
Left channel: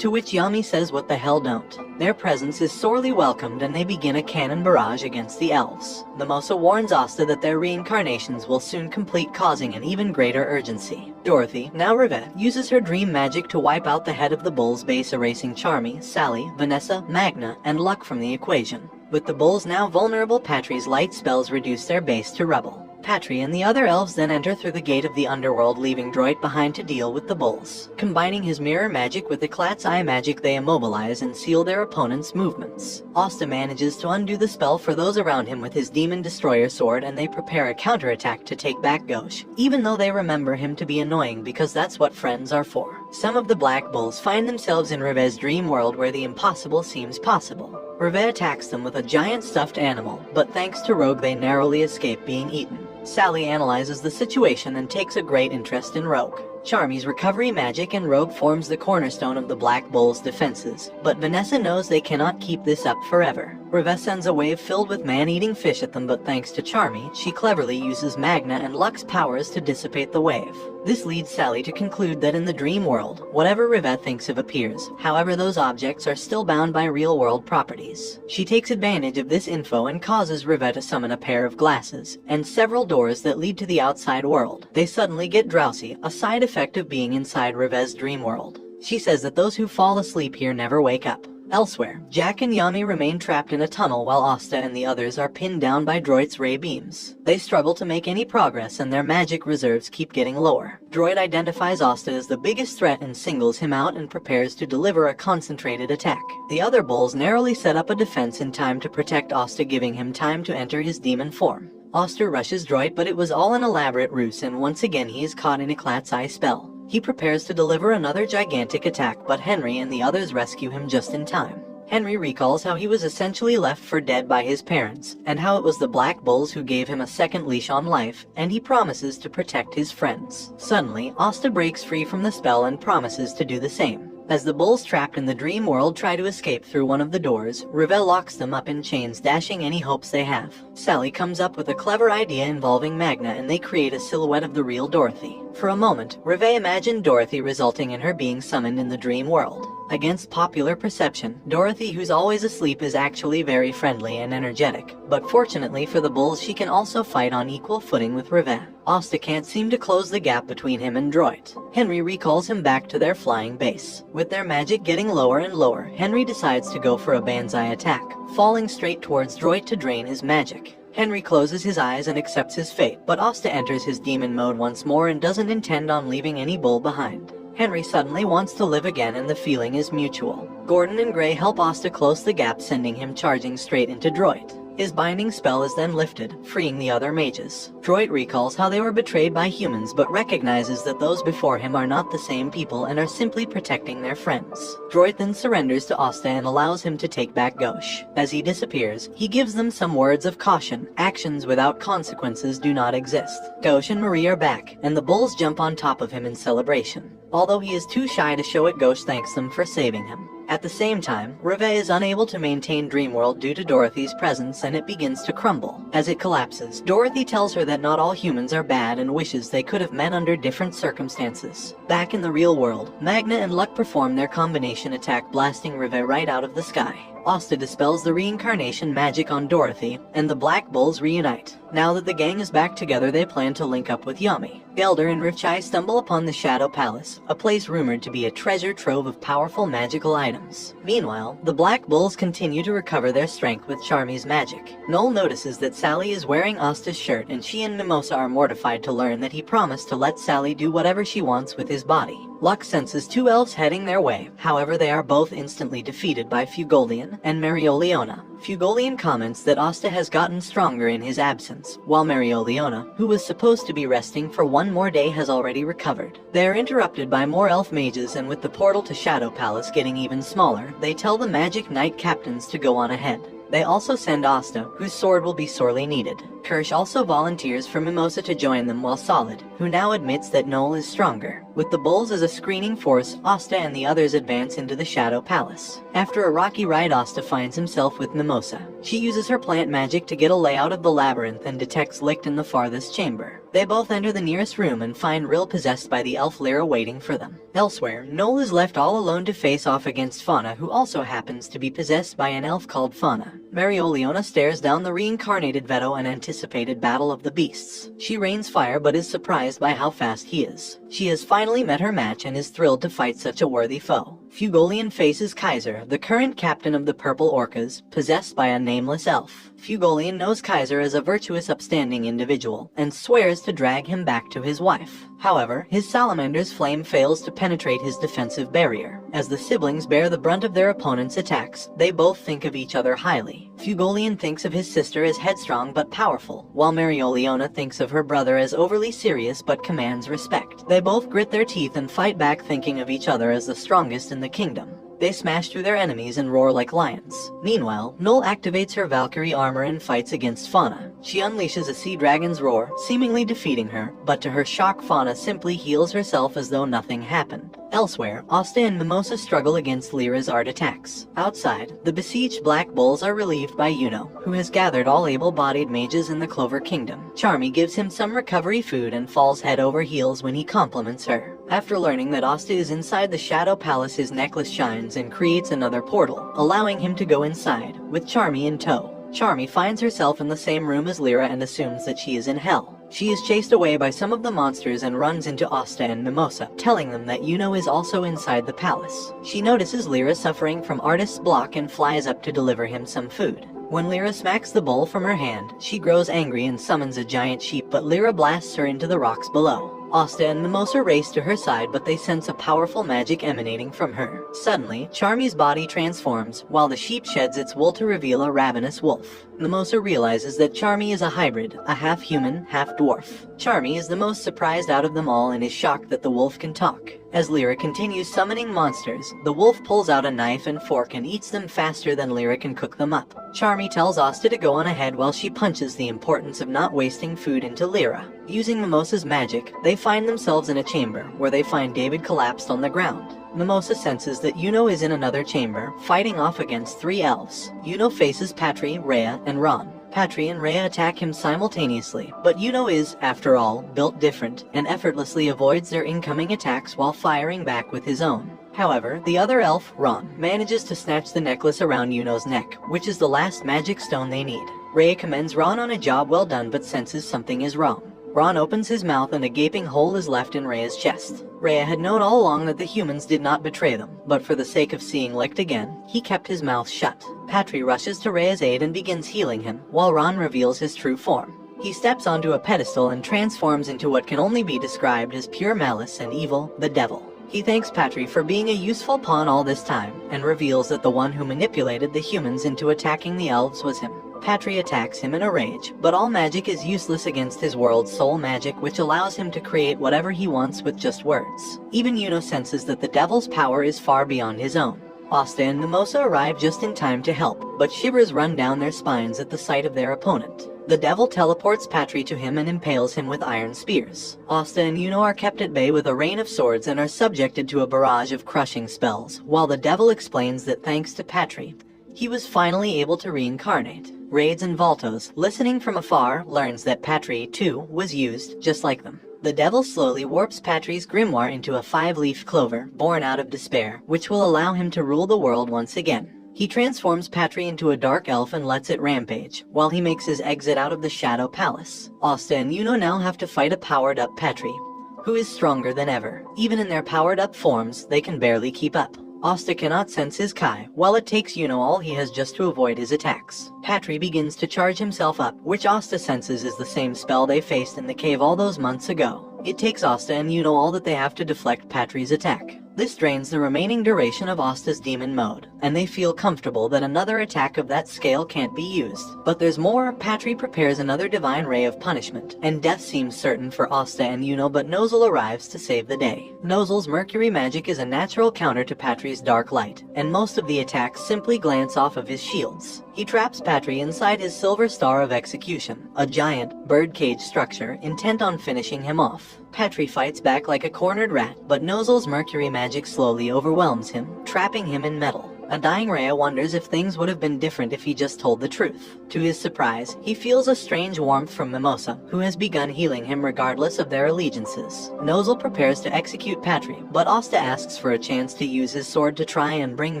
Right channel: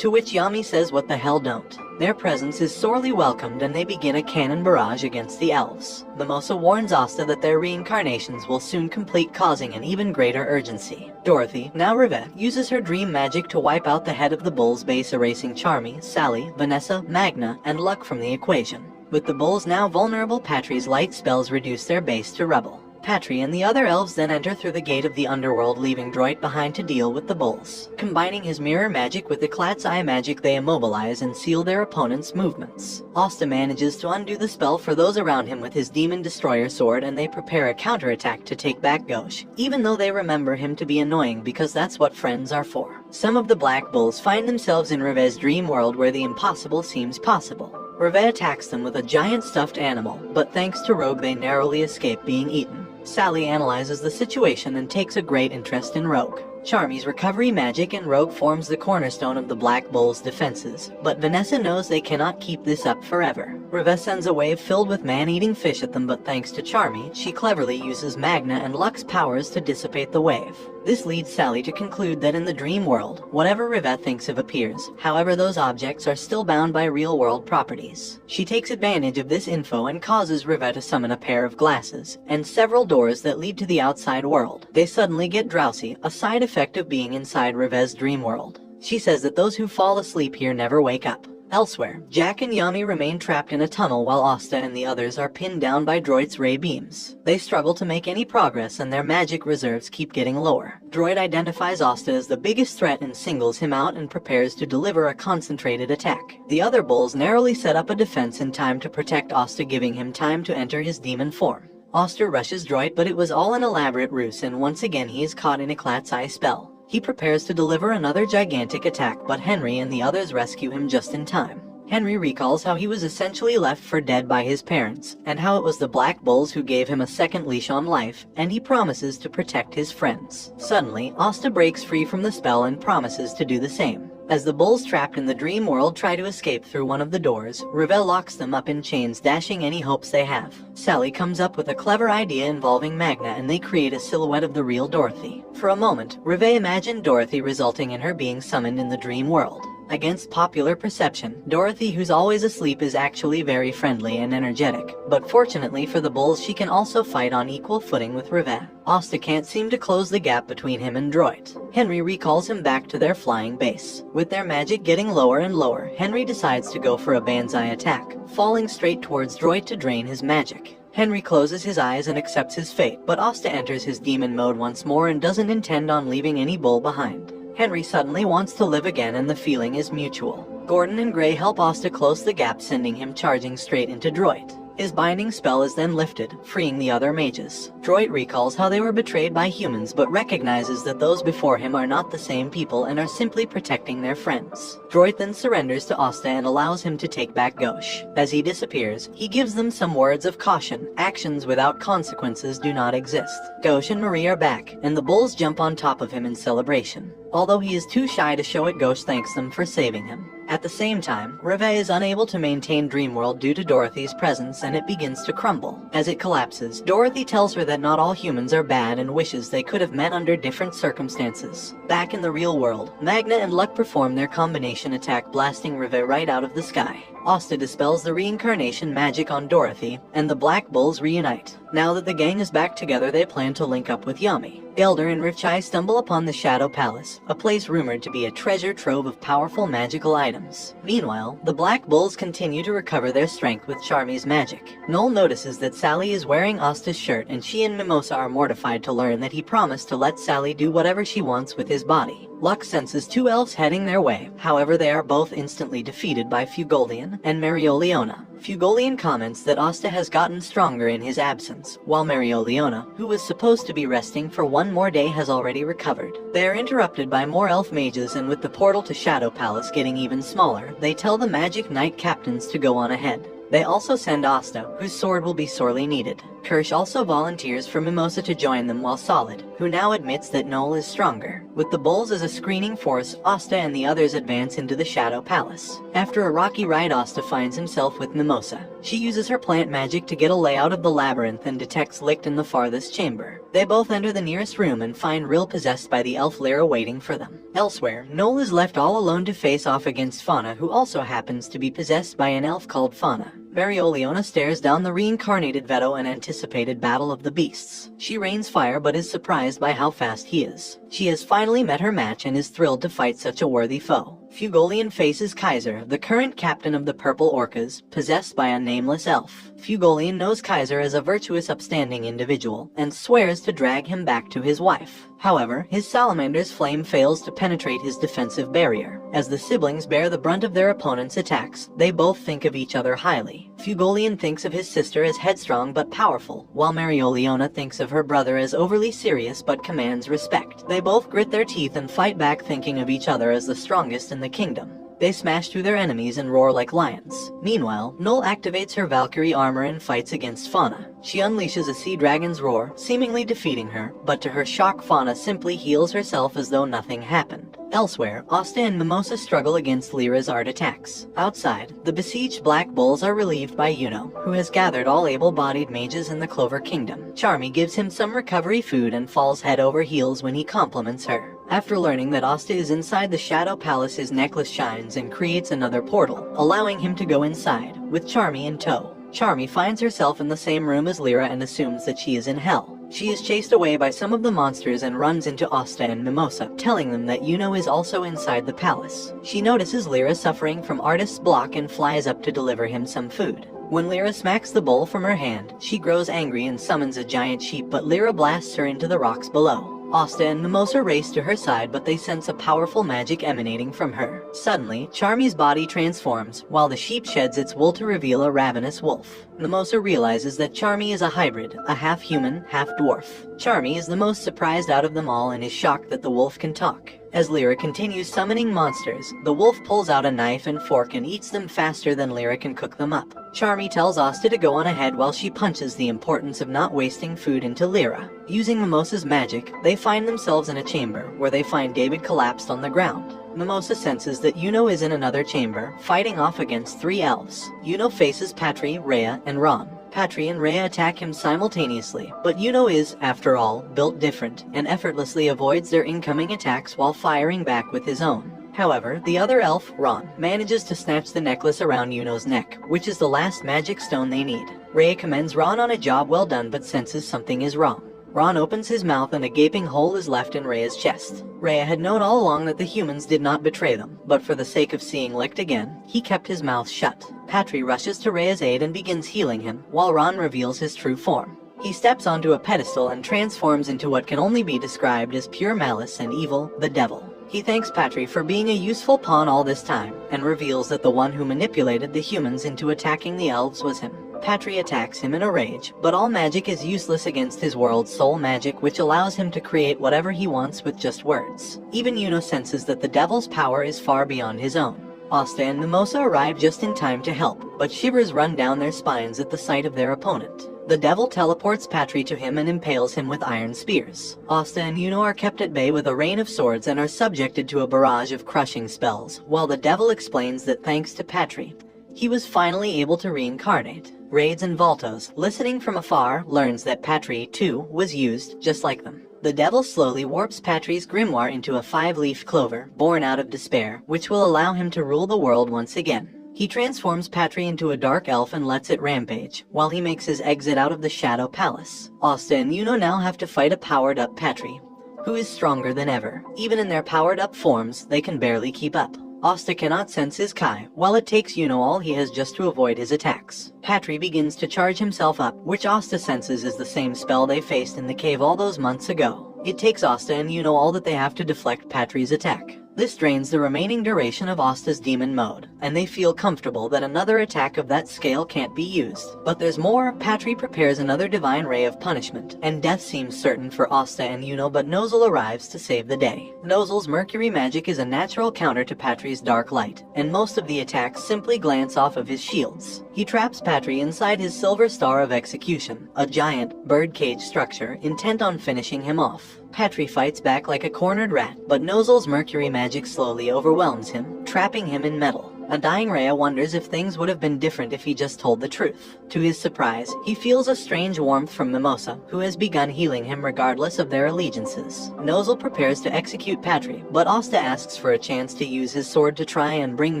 To which Yami says what the hell don't. Their presence is sorely welcomed and they begin a cannon barrage against the elves. Mimosa warns Asta that their reincarnations will soon complete, causing an even greater urgency. Dorothy, now Rivette, uses her dream magic to wipe out the head of the Bulls base, erasing Charmy, Sally, Vanessa, Magna, and Luck from the equation. With the Bulls now vulnerable, Patry's light spells reduce their base to rubble. Patry and the other elves then enter through the gate of the underworld, leaving Droit behind to deal with the Bulls. Combining his mirror magic with Eclat's eye magic, they immobilize and seal their opponent's movements. Asta manages to undo the spell for those around him with his Demon Destroyer sword, and they prepare a counterattack to take back Gauche, even though they remember him to be annoying because that's what friends are for. Some of the Black Bulls find themselves in Reve's dream world where the impossible seems possible. Reve attacks them with a giant stuffed animal, but thanks to Rogue they narrowly escape being eaten. Sally analyzes the situation and takes a great interest in Rogue. Charmy's recovery magic and Rogue forms the cornerstone of the Black Bull's defenses, but Vanessa knows they cannot keep this up forever. Reve sends a wave filled with man-eating fish at them, but thanks to Charmy, she cleverly uses Magna and Luck's powers to dissipate the wave. This leads Sally to conclude that in the dream world, whatever Reve thinks of appears. However, those objects are still bound by real-world properties. She takes advantage of this info and causes Reve to summon a pair of glasses and several doors that lead to the outside world. They suddenly get drowsy, a side effect of being inside Reve's dream world. She says that those who fall asleep here never wake up. Elsewhere, Jack and Yami remain trapped in a tunnel while Asta and the others are pinned down by Droid's ray beams. They struggle to make any progress and their magic reserves keep getting lower. Droid identifies Asta as the biggest threat and singles him out and prepares to deliver a concentrated attack. The other bulls narrowly set up a defense in time to protect Asta, giving him time to enter his demon form. Asta rushes Droid, but it was all an elaborate ruse, and once again he is caught in Eclat's eye spell. He prepares to deliver another gigantic attack, but Henry and the others rescue him just in time. Henry recalls how he was essentially left for dead by his parents, and how it was the Black Bulls who gave him a second leash on life, and he promises to protect his friends. Suddenly, Asta breaks free from the spell and promises to do the same. As the bulls trapped in the dream world try to escape through one of the doors, Reve locks them up in chains, dashing any hopes they have. Sally comes up with a clever idea involving Magna, and they create a silhouette of the real Dorothy. For a moment, Reve imagined Dorothy, resulting in her being summoned in the dream world. Against popular perception, Dorothy, who's always asleep, is actually very friendly and energetic, but fortunately for the bulls, she can also fight on equal footing with Rivet. Asta can't seem to close the gap between him and Droid. Henry recalls him back to their flying base. With their magic getting lower and lower, Henry decides to go for a banzai attack, falling straight towards Droid to drain his magic. Henry closes his eyes and accepts his fate, but Asta enters his demon mode once more and doesn't intend on leaving any bull behind. Henry suddenly wants to live again, and the feeling is mutual. Gordon and Gray help Asta close the gap, sending him charging straight into Droid. His binding spell is then lifted, freeing the other mages. Droid recalls how they were betrayed by humans, but recognizes that those before him are not the same people and are simply protecting their friends. Droid then surrenders to Asta and allows him to take back Gauche. As he disappears, he gives them some words of caution. Actions without consequences do not exist. Gauche and Marie are back, and the bulls jump on top of him in celebration. Although he is too shy to show it, Gauche thanks them for saving him. At the same time, Rivet is unable to maintain Dreamworld due to Dorothy's presence, and it begins to crumble. As it collapses, Dorothy tells her that not all humans are bad and wishes they could have met under different circumstances. Back in the real world, Magna and Luck perform their combination attack, blasting Rivet right out of the sky. Asta dispels the reincarnation magic on Dorothy, and the Black Bulls reunite. Now that the gang is back together, they plan to link up with Yami. Elder and Rivchai stumble upon the Shadow Palace, a place rumored to be a treasure trove of powerful magical items. Meanwhile, the Black Bulls continue to recover their strength with Charmy's magic. Noel notices that Sally is wearing Asta's shirt, and she and Mimosa are mortified to learn that he promised to let Sally do whatever she wants with his body. Luck senses two elves heading their way. However, they are both instantly defeated by Fugolian and Marioliona. Fugolian comments that Asta has gotten stronger in his absence, while Marioliona, who was supposed to be resting for one more day, has already recovered. They are interrupted by more elf mages, and with the portal to Shadow Palace getting even smaller, they tell the Magic Knight captains to go on ahead. They also send Asta, whose sword will be sorely needed. Kirsch also volunteers for Mimosa to join them, while Solid, who now admits that Noel is stronger. With the bulls as a screening force, Asta and the others advance into the Shadow Palace. After a rocky ride, Asta finds himself with Mimosa. She uses her plant magic to get a layout of the labyrinth and detects Licht in the farthest chamber. They both enter the nearest room and find Rill possessed by the elf Lyra waiting for them. Elsewhere, Noel is left all alone to face off against Fauna, who also happens to be possessed by an elf called Fauna. Marioliona stares down the reincarnated Veto and anticipated battle of the beasts. She rains fire but is surprised by how fast he is. She has finally met her match and is thrilled to fight such a worthy foe. Fugolian faces Kaiser, the current captain of the Purple Orcas, possessed by a nameless elf. Fugolian knows Kaiser as a virtuous, upstanding individual, and swears to drag him back to his wife. However, his salamander's flame fails to penetrate his defensive barrier. As the siblings bear the brunt of their opponent's attacks, they both think of each other highly. Fugolian thinks of his sister as headstrong but powerful, while Marioliona thinks of her brother as overly serious but commands respect. They both grit their teeth and fight back, thinking of each other as the strongest in the kingdom. They smash through their enemies and roar like lions. Meanwhile, Noel activates her Valkyrie armor and fights against Fauna. She unleashes a sea dragon's roar, seemingly defeating her, but to her shock, Fauna simply heals herself as though nothing happened. Elsewhere, Asta and Mimosa struggle against Lyra's art attacks. Outside, the besieged Black Bulls are relieved by Yuno, who has gathered all able-bodied mages in the Clover Kingdom. Charmy gives him some recovery food and falls head over heels when he compliments her. After learning that Asta is inside the Shadow Palace, his necklace shines and creates another portal, allowing him to go inside, with Charmy in tow. Charmy finds herself in the same room as Lyra and assumes that she is in hell. She is chased away by some of the monsters and runs into Asta and Mimosa, telling them that Yuno is also inside the palace. She notices Lyra suffering from artist's block and flies up to deliver him some food. When Lyra smacks the bowl from her hand, she grows angry and summons a giant sheep, but Lyra blasts her into the rocks below. Asta and Mimosa race to her side, but they sense a powerful magic emanating from her. Suddenly, Charmy's body transforms, while the sheep sheds its wool to reveal a ravenous wolf. Mimosa realizes that Charmy is a hybrid, a half-human, half-dwarf. Charmy is the most surprised out of them all and is shocked that the wolf can talk. As Lyra continues summoning monsters, the wolf pulls out a knife and fork and eats them faster than Lyra can cook them up. Charmy tells Asta to go on ahead while she punches the importance of not wasting food into Lyra. Using Mimosa's magic, they find themselves in a chamber, where they find David collapsed on the ground. Mimosa senses that Yuno is in another chamber, fighting off against 3 elves. Yuno faces Patri, Rhea, and Ron. Patri and Rhea attack him simultaneously, but Yuno is, after all, built different, and effortlessly avoids their incoming attacks while firing back with his own. However, the other elf, Ron, manages to snatch the necklace around Yuno's neck, which is the last magic stone they need. Rhea commends Ron on a job well done but senses something is wrong. Ron opens his mouth and a gaping hole is left in Rhea's chest. Rhea had known all along that the humans did not betray them, but for the sake of seeing Licht again, he kept his mouth shut. Patry rushes to Rhea's aid and begins healing him, while Ron reveals his true form. He steps onto a pedestal and transforms into what can only be described as pure malice and evil, the devil. He thanks Patry for being a useful pawn all this time, and reveals that the one who manipulated the humans into attacking the elves was him. Patry attacks him in a rage, but all magic is useless against his world's soul magic, which allows him to create whatever he wants with just words. Even Yuno senses that the devil's power is far beyond his own. Asta and Mimosa arrive just in time to help, but shivers run down their spines at the sight of their opponent. The devil teleports Patry to him and impales him with iron spears. Asta and Yuno are kept at bay with a rain of swords and are subjected to a barrage of crushing spells, while the devil explains that thanks to Patry, he was finally able to reincarnate. Raids and Valtos, listening from afar, learns that Patry, too, was used just like them. The devil slowly warps Patry's grimoire into a 5-leaf clover, born out of despair, which will allow him to rule the world once again. He transforms Patry into a dark elf and lets it rampage, while he makes his exit out of the Shadow Palace. Asta and Yuno now have to fight a powered-up Patry, who is stronger than ever. Even in their powered-up forms, they can barely keep up. Asta cannot sense his Kai, while it takes Yuno all he has just to avoid his attacks. Patry begins to charge himself up, which Asta senses is the same spell they faced in the cave all those months ago. It takes Asta and Yuno all that they have to deflect Patry's attack. This drains the remaining duration of Asta's demon mode, and they feel comfortable that another attack of that scale can't be used. But there's more. Patry prepares another divine ray of punishment, and death seems certain for Asta and Yuno, but Nozel arrives to save the day. Nozel's mercury magic is a natural counter to Patry's dark light, and most of the attacks simply glance off of his shields. He traps Patry inside his silver star of execution, a giant, birdcage structure intent on finishing him off. Patry fights back like a cornered rat, but Nozel's mercury magic slowly overwhelms him, trapping him in metal. A dying Rhea wonders if things would have been different if he just told the truth. To his surprise, he feels a strange warmth from Mimosa, who has begun healing him regardless of their allegiances. Nozel prepares to execute Patry, but Asta asks for a chance to use his sword to try and bring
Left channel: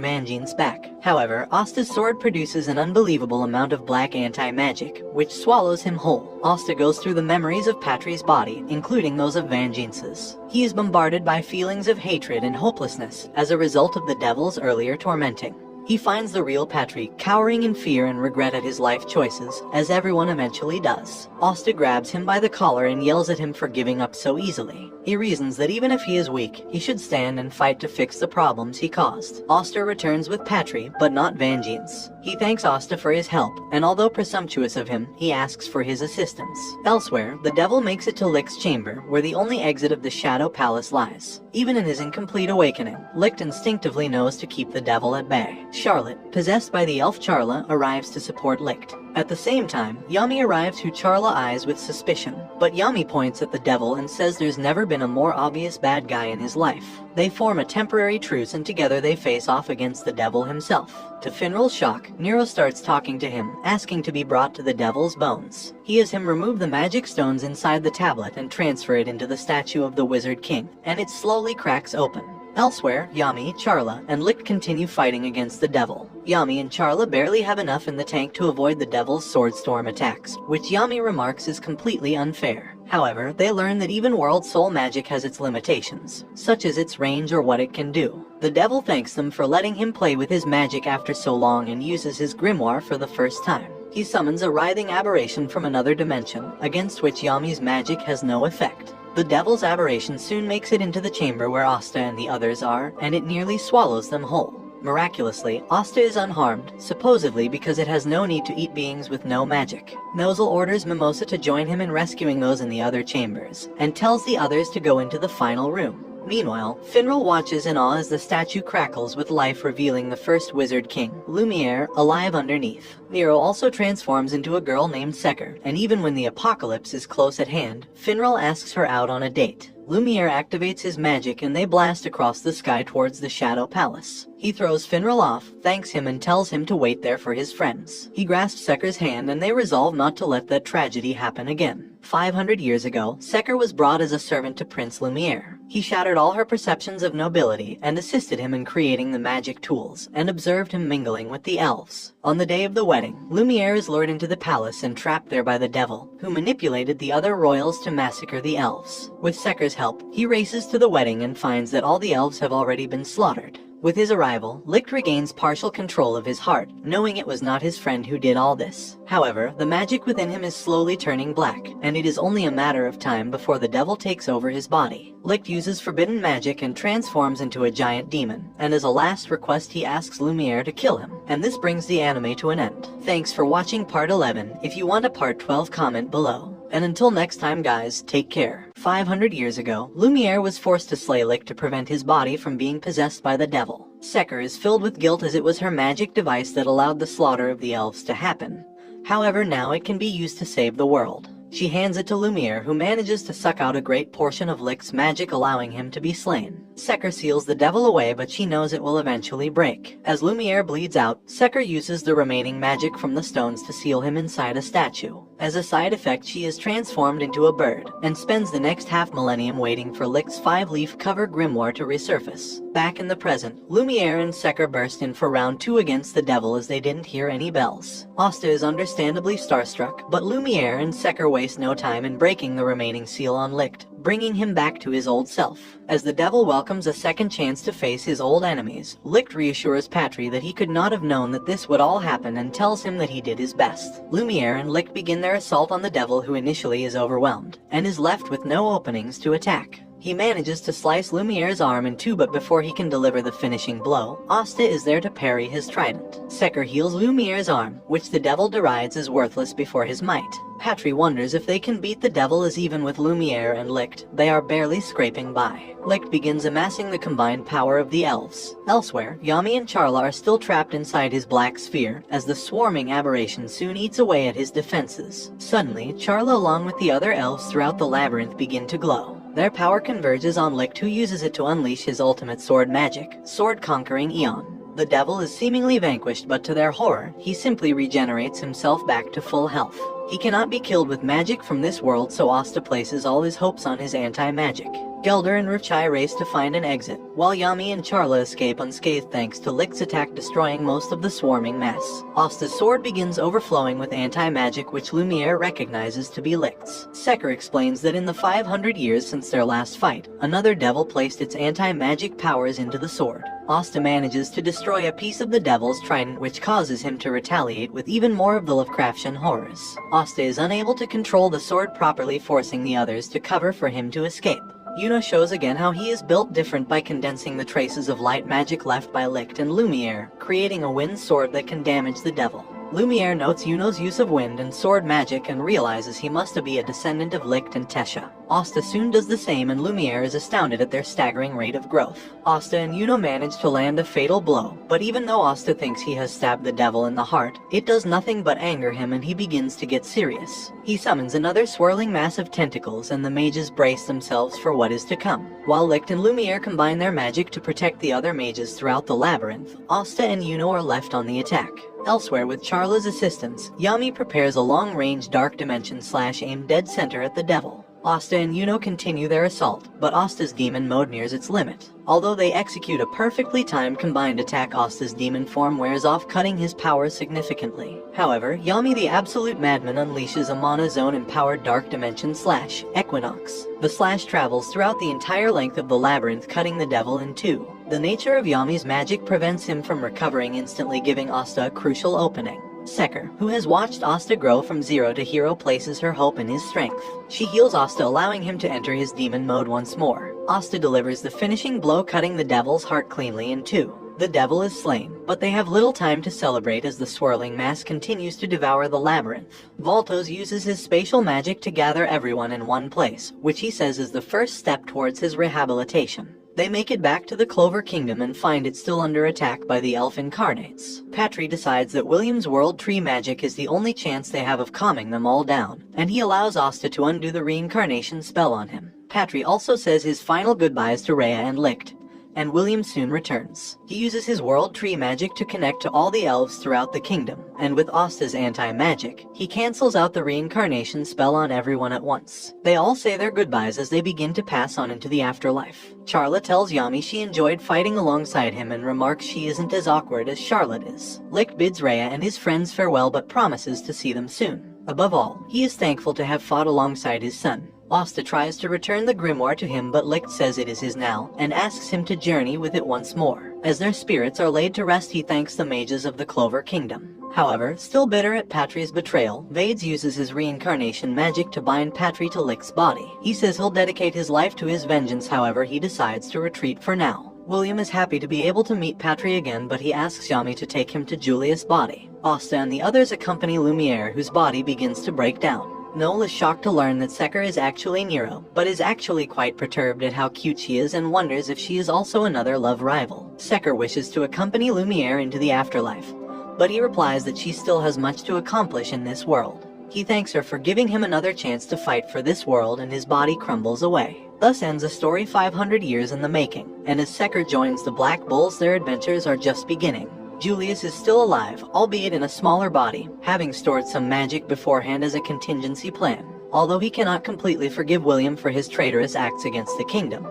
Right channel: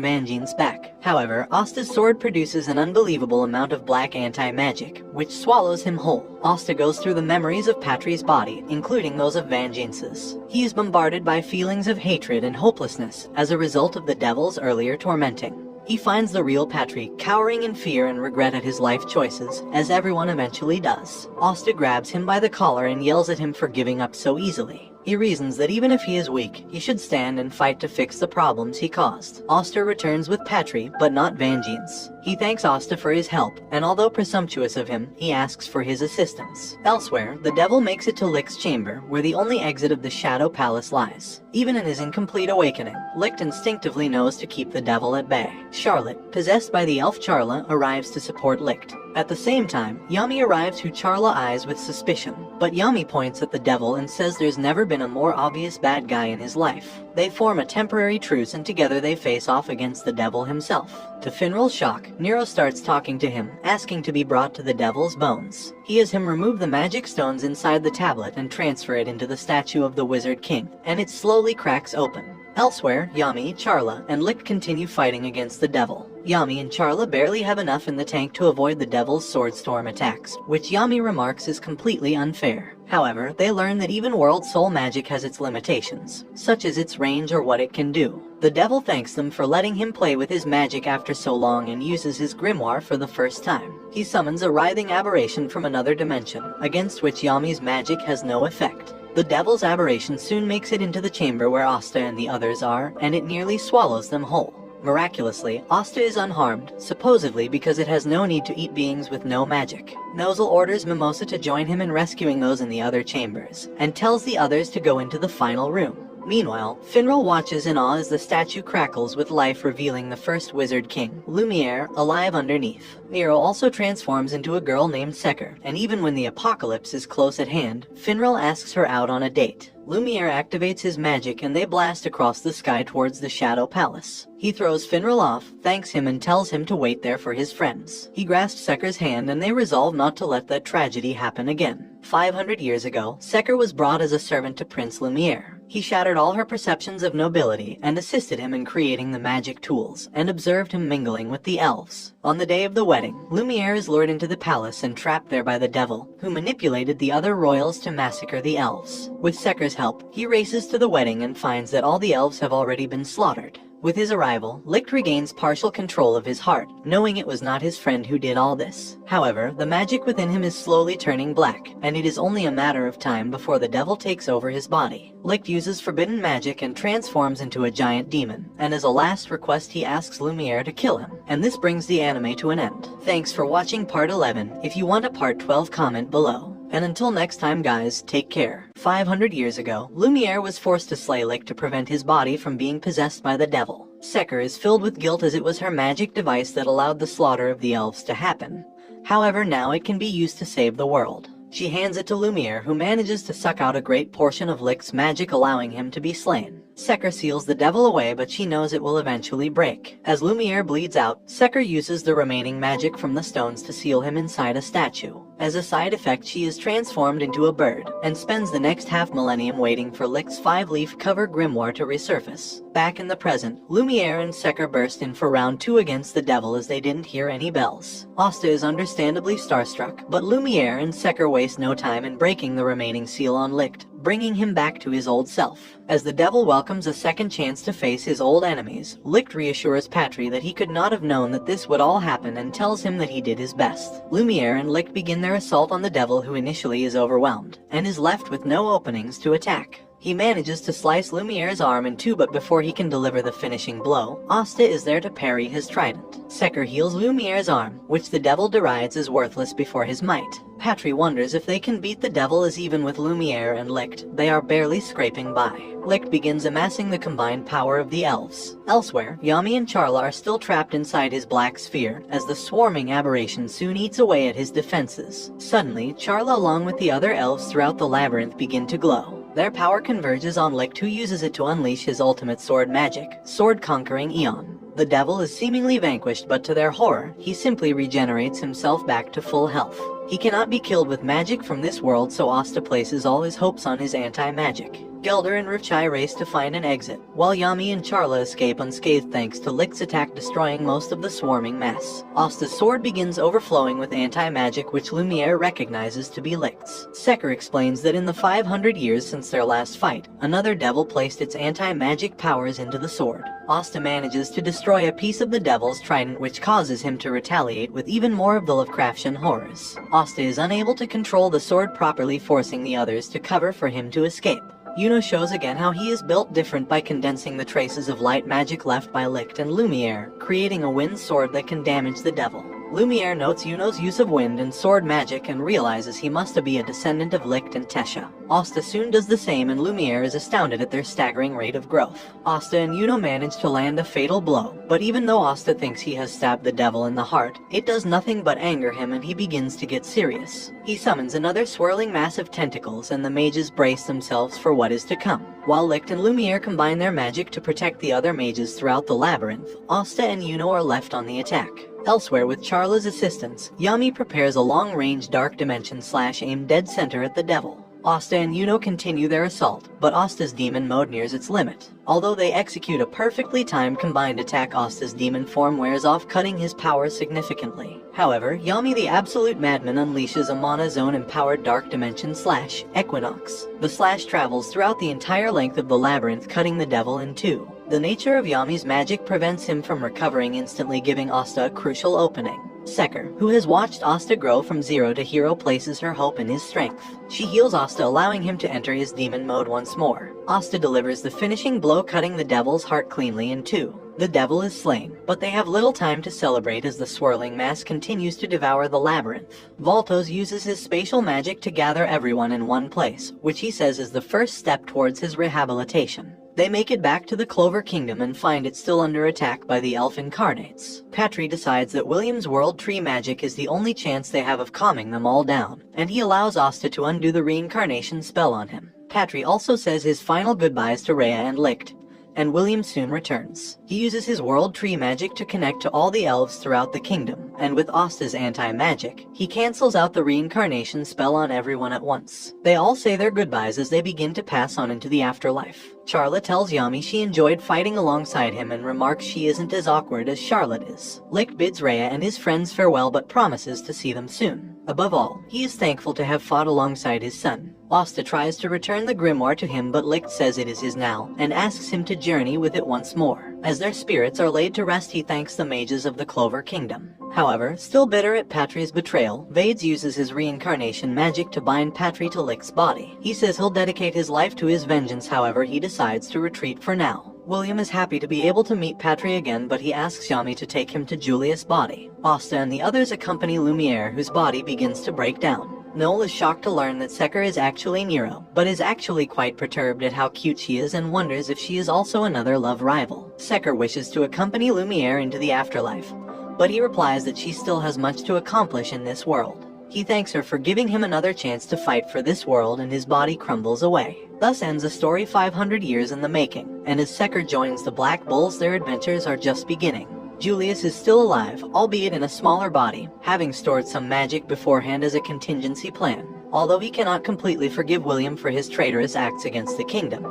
Vangeance back. However, Asta's sword produces an unbelievable amount of black anti-magic, which swallows him whole. Asta goes through the memories of Patry's body, including those of Vangeance's. He is bombarded by feelings of hatred and hopelessness as a result of the devil's earlier tormenting. He finds the real Patry, cowering in fear and regret at his life choices, as everyone eventually does. Asta grabs him by the collar and yells at him for giving up so easily. He reasons that even if he is weak, he should stand and fight to fix the problems he caused. Asta returns with Patry, but not Vangeance. He thanks Asta for his help, and although presumptuous of him, he asks for his assistance. Elsewhere, the devil makes it to Licht's chamber, where the only exit of the Shadow Palace lies. Even in his incomplete awakening, Licht instinctively knows to keep the devil at bay. Charlotte, possessed by the elf Charla, arrives to support Licht. At the same time, Yami arrives, who Charla eyes with suspicion, but Yami points at the devil and says there's never been a more obvious bad guy in his life. They form a temporary truce and together they face off against the devil himself. To Finral's shock, Nero starts talking to him, asking to be brought to the devil's bones. He has him remove the magic stones inside the tablet and transfer it into the statue of the Wizard King, and it slowly cracks open. Elsewhere, Yami, Charla, and Licht continue fighting against the devil. Yami and Charla barely have enough in the tank to avoid the devil's sword storm attacks, which Yami remarks is completely unfair. However, they learn that even world soul magic has its limitations, such as its range or what it can do. The devil thanks them for letting him play with his magic after so long and uses his grimoire for the first time. He summons a writhing aberration from another dimension, against which Yami's magic has no effect. The devil's aberration soon makes it into the chamber where Asta and the others are, and it nearly swallows them whole. Miraculously, Asta is unharmed, supposedly because it has no need to eat beings with no magic. Nozel orders Mimosa to join him in rescuing those in the other chambers, and tells the others to go into the final room. Meanwhile, Finral watches in awe as the statue crackles with life, revealing the first Wizard King, Lumiere, alive underneath. Nero also transforms into a girl named Seker, and even when the apocalypse is close at hand, Finral asks her out on a date. Lumiere activates his magic and they blast across the sky towards the Shadow Palace. He throws Finral off, thanks him and tells him to wait there for his friends. He grasps Seker's hand and they resolve not to let that tragedy happen again. 500 years ago, Seker was brought as a servant to Prince Lumiere. He shattered all her perceptions of nobility and assisted him in creating the magic tools, and observed him mingling with the elves. On the day of the wedding, Lumiere is lured into the palace and trapped there by the devil, who manipulated the other royals to massacre the elves. With Seker's help, he races to the wedding and finds that all the elves have already been slaughtered. With his arrival, Licht regains partial control of his heart, knowing it was not his friend who did all this. However, the magic within him is slowly turning black, and it is only a matter of time before the devil takes over his body. Licht uses forbidden magic and transforms into a giant demon, and as a last request he asks Lumiere to kill him, and this brings the anime to an end. Thanks for watching part 11. If you want a part 12, comment below. And until next time guys, take care. 500 years ago, Lumiere was forced to slay Licht to prevent his body from being possessed by the devil. Seker is filled with guilt as it was her magic device that allowed the slaughter of the elves to happen. However, now it can be used to save the world. She hands it to Lumiere, who manages to suck out a great portion of Licht's magic, allowing him to be slain. Seker seals the devil away, but she knows it will eventually break. As Lumiere bleeds out, Seker uses the remaining magic from the stones to seal him inside a statue. As a side effect, she is transformed into a bird, and spends the next half-millennium waiting for Licht's 5-leaf cover grimoire to resurface. Back in the present, Lumiere and Seker burst in for round 2 against the devil as they didn't hear any bells. Asta is understandably starstruck, but Lumiere and Seker waste no time in breaking the remaining seal on Licht, bringing him back to his old self. As the devil welcomes a second chance to face his old enemies, Licht reassures Patry that he could not have known that this would all happen and tells him that he did his best. Lumiere and Licht begin their assault on the devil, who initially is overwhelmed, and is left with no openings to attack. He manages to slice Lumiere's arm in two, but before he can deliver the finishing blow, Asta is there to parry his trident. Seker heals Lumiere's arm, which the devil derides as worthless before his might. Patry wonders if they can beat the devil, as even with Lumiere and Licht, they are barely scraping by. Licht begins amassing the combined power of the elves. Elsewhere, Yami and Charla are still trapped inside his black sphere, as the swarming aberration soon eats away at his defenses. Suddenly, Charla along with the other elves throughout the labyrinth begin to glow. Their power converges on Licht, who uses it to unleash his ultimate sword magic, sword-conquering Eon. The devil is seemingly vanquished, but to their horror, he simply regenerates himself back to full health. He cannot be killed with magic from this world, so Asta places all his hopes on his anti-magic. Gelder and Ruchai race to find an exit, while Yami and Charla escape unscathed thanks to Licht's attack, destroying most of the swarming mess. Asta's sword begins overflowing with anti-magic, which Lumiere recognizes to be Licht's. Seker explains that in the 500 years since their last fight, another devil placed its anti-magic powers into the sword. Asta manages to destroy a piece of the devil's trident, which causes him to retaliate with even more of the Lovecraftian horrors. Asta is unable to control the sword properly, forcing the others to cover for him to escape. Yuno shows again how he is built different by condensing the traces of light magic left by Licht and Lumiere, creating a wind sword that can damage the devil. Lumiere notes Yuno's use of wind and sword magic and realizes he must be a descendant of Licht and Tesha. Asta soon does the same, and Lumiere is astounded at their staggering rate of growth. Asta and Yuno manage to land a fatal blow, but even though Asta thinks he has stabbed the devil in the heart, it does nothing but anger him, and he begins to get serious. He summons another swirling mass of tentacles, and the mages brace themselves for what is to come. While Licht and Lumiere combine their magic to protect the other mages throughout the labyrinth, Asta and Yuno are left on the attack. Elsewhere, with Charla's assistance, Yami prepares a long-range dark dimension/aim dead center at the devil. Asta and Yuno continue their assault, but Asta's demon mode nears its limit. Although they execute a perfectly timed combined attack, Asta's demon form wears off, cutting his powers significantly. However, Yami the Absolute Madman unleashes a Mana Zone-empowered dark dimension/Equinox. The slash travels throughout the entire length of the labyrinth, cutting the devil in two. The nature of Yami's magic prevents him from recovering instantly, giving Asta a crucial opening. Seker, who has watched Asta grow from zero to hero, places her hope in his strength. She heals Asta, allowing him to enter his demon mode once more. Asta delivers the finishing blow, cutting the devil's heart cleanly in two. The devil is slain, but they have little time to celebrate as the swirling mass continues to devour the labyrinth. Voltos uses his spatial magic to gather everyone in one place, which he says is the first step towards his rehabilitation. They make it back to the Clover Kingdom and find it still under attack by the elf incarnates. Patry decides that William's world tree magic is the only chance they have of calming them all down, and he allows Asta to undo the reincarnation spell on him. Patry also says his final goodbyes to Rhea and Licht, and William soon returns. He uses his world tree magic to connect to all the elves throughout the kingdom, and with Asta's anti-magic, he cancels out the reincarnation spell on everyone at once. They all say their goodbyes as they begin to pass on into the afterlife. Charlotte tells Yami she enjoyed fighting alongside him and remarks she isn't as awkward as Charlotte is. Licht bids Rhea and his friends farewell but promises to see them soon. Above all, he is thankful to have fought alongside his son. Asta tries to return the grimoire to him, but Licht says it is his now, and asks him to journey with it once more. As their spirits are laid to rest, he thanks the mages of the Clover Kingdom. However, still bitter at Patri's betrayal, Vades uses his reincarnation magic to bind Patri to Licht's body. He says he'll dedicate his life to his vengeance, however, he decides to retreat for now. William is happy to be able to meet Patri again, but he asks Yami to take him to Julius' body. Asta and the others accompany Lumiere, whose body begins to break down. Noel is shocked to learn that Secker is actually Nero, but is actually quite perturbed at how cute she is and wonders if she is also another love rival. Secker wishes to accompany Lumiere into the afterlife, but he replies that she still has much to accomplish in this world. He thanks her for giving him another chance to fight for this world, and his body crumbles away. Thus ends a story 500 years in the making, and as Secker joins the Black Bulls, their adventures are just beginning. Julius is still alive, albeit in a smaller body, having stored some magic beforehand as a contingency plan. Although he cannot completely forgive William for his traitorous acts against the kingdom,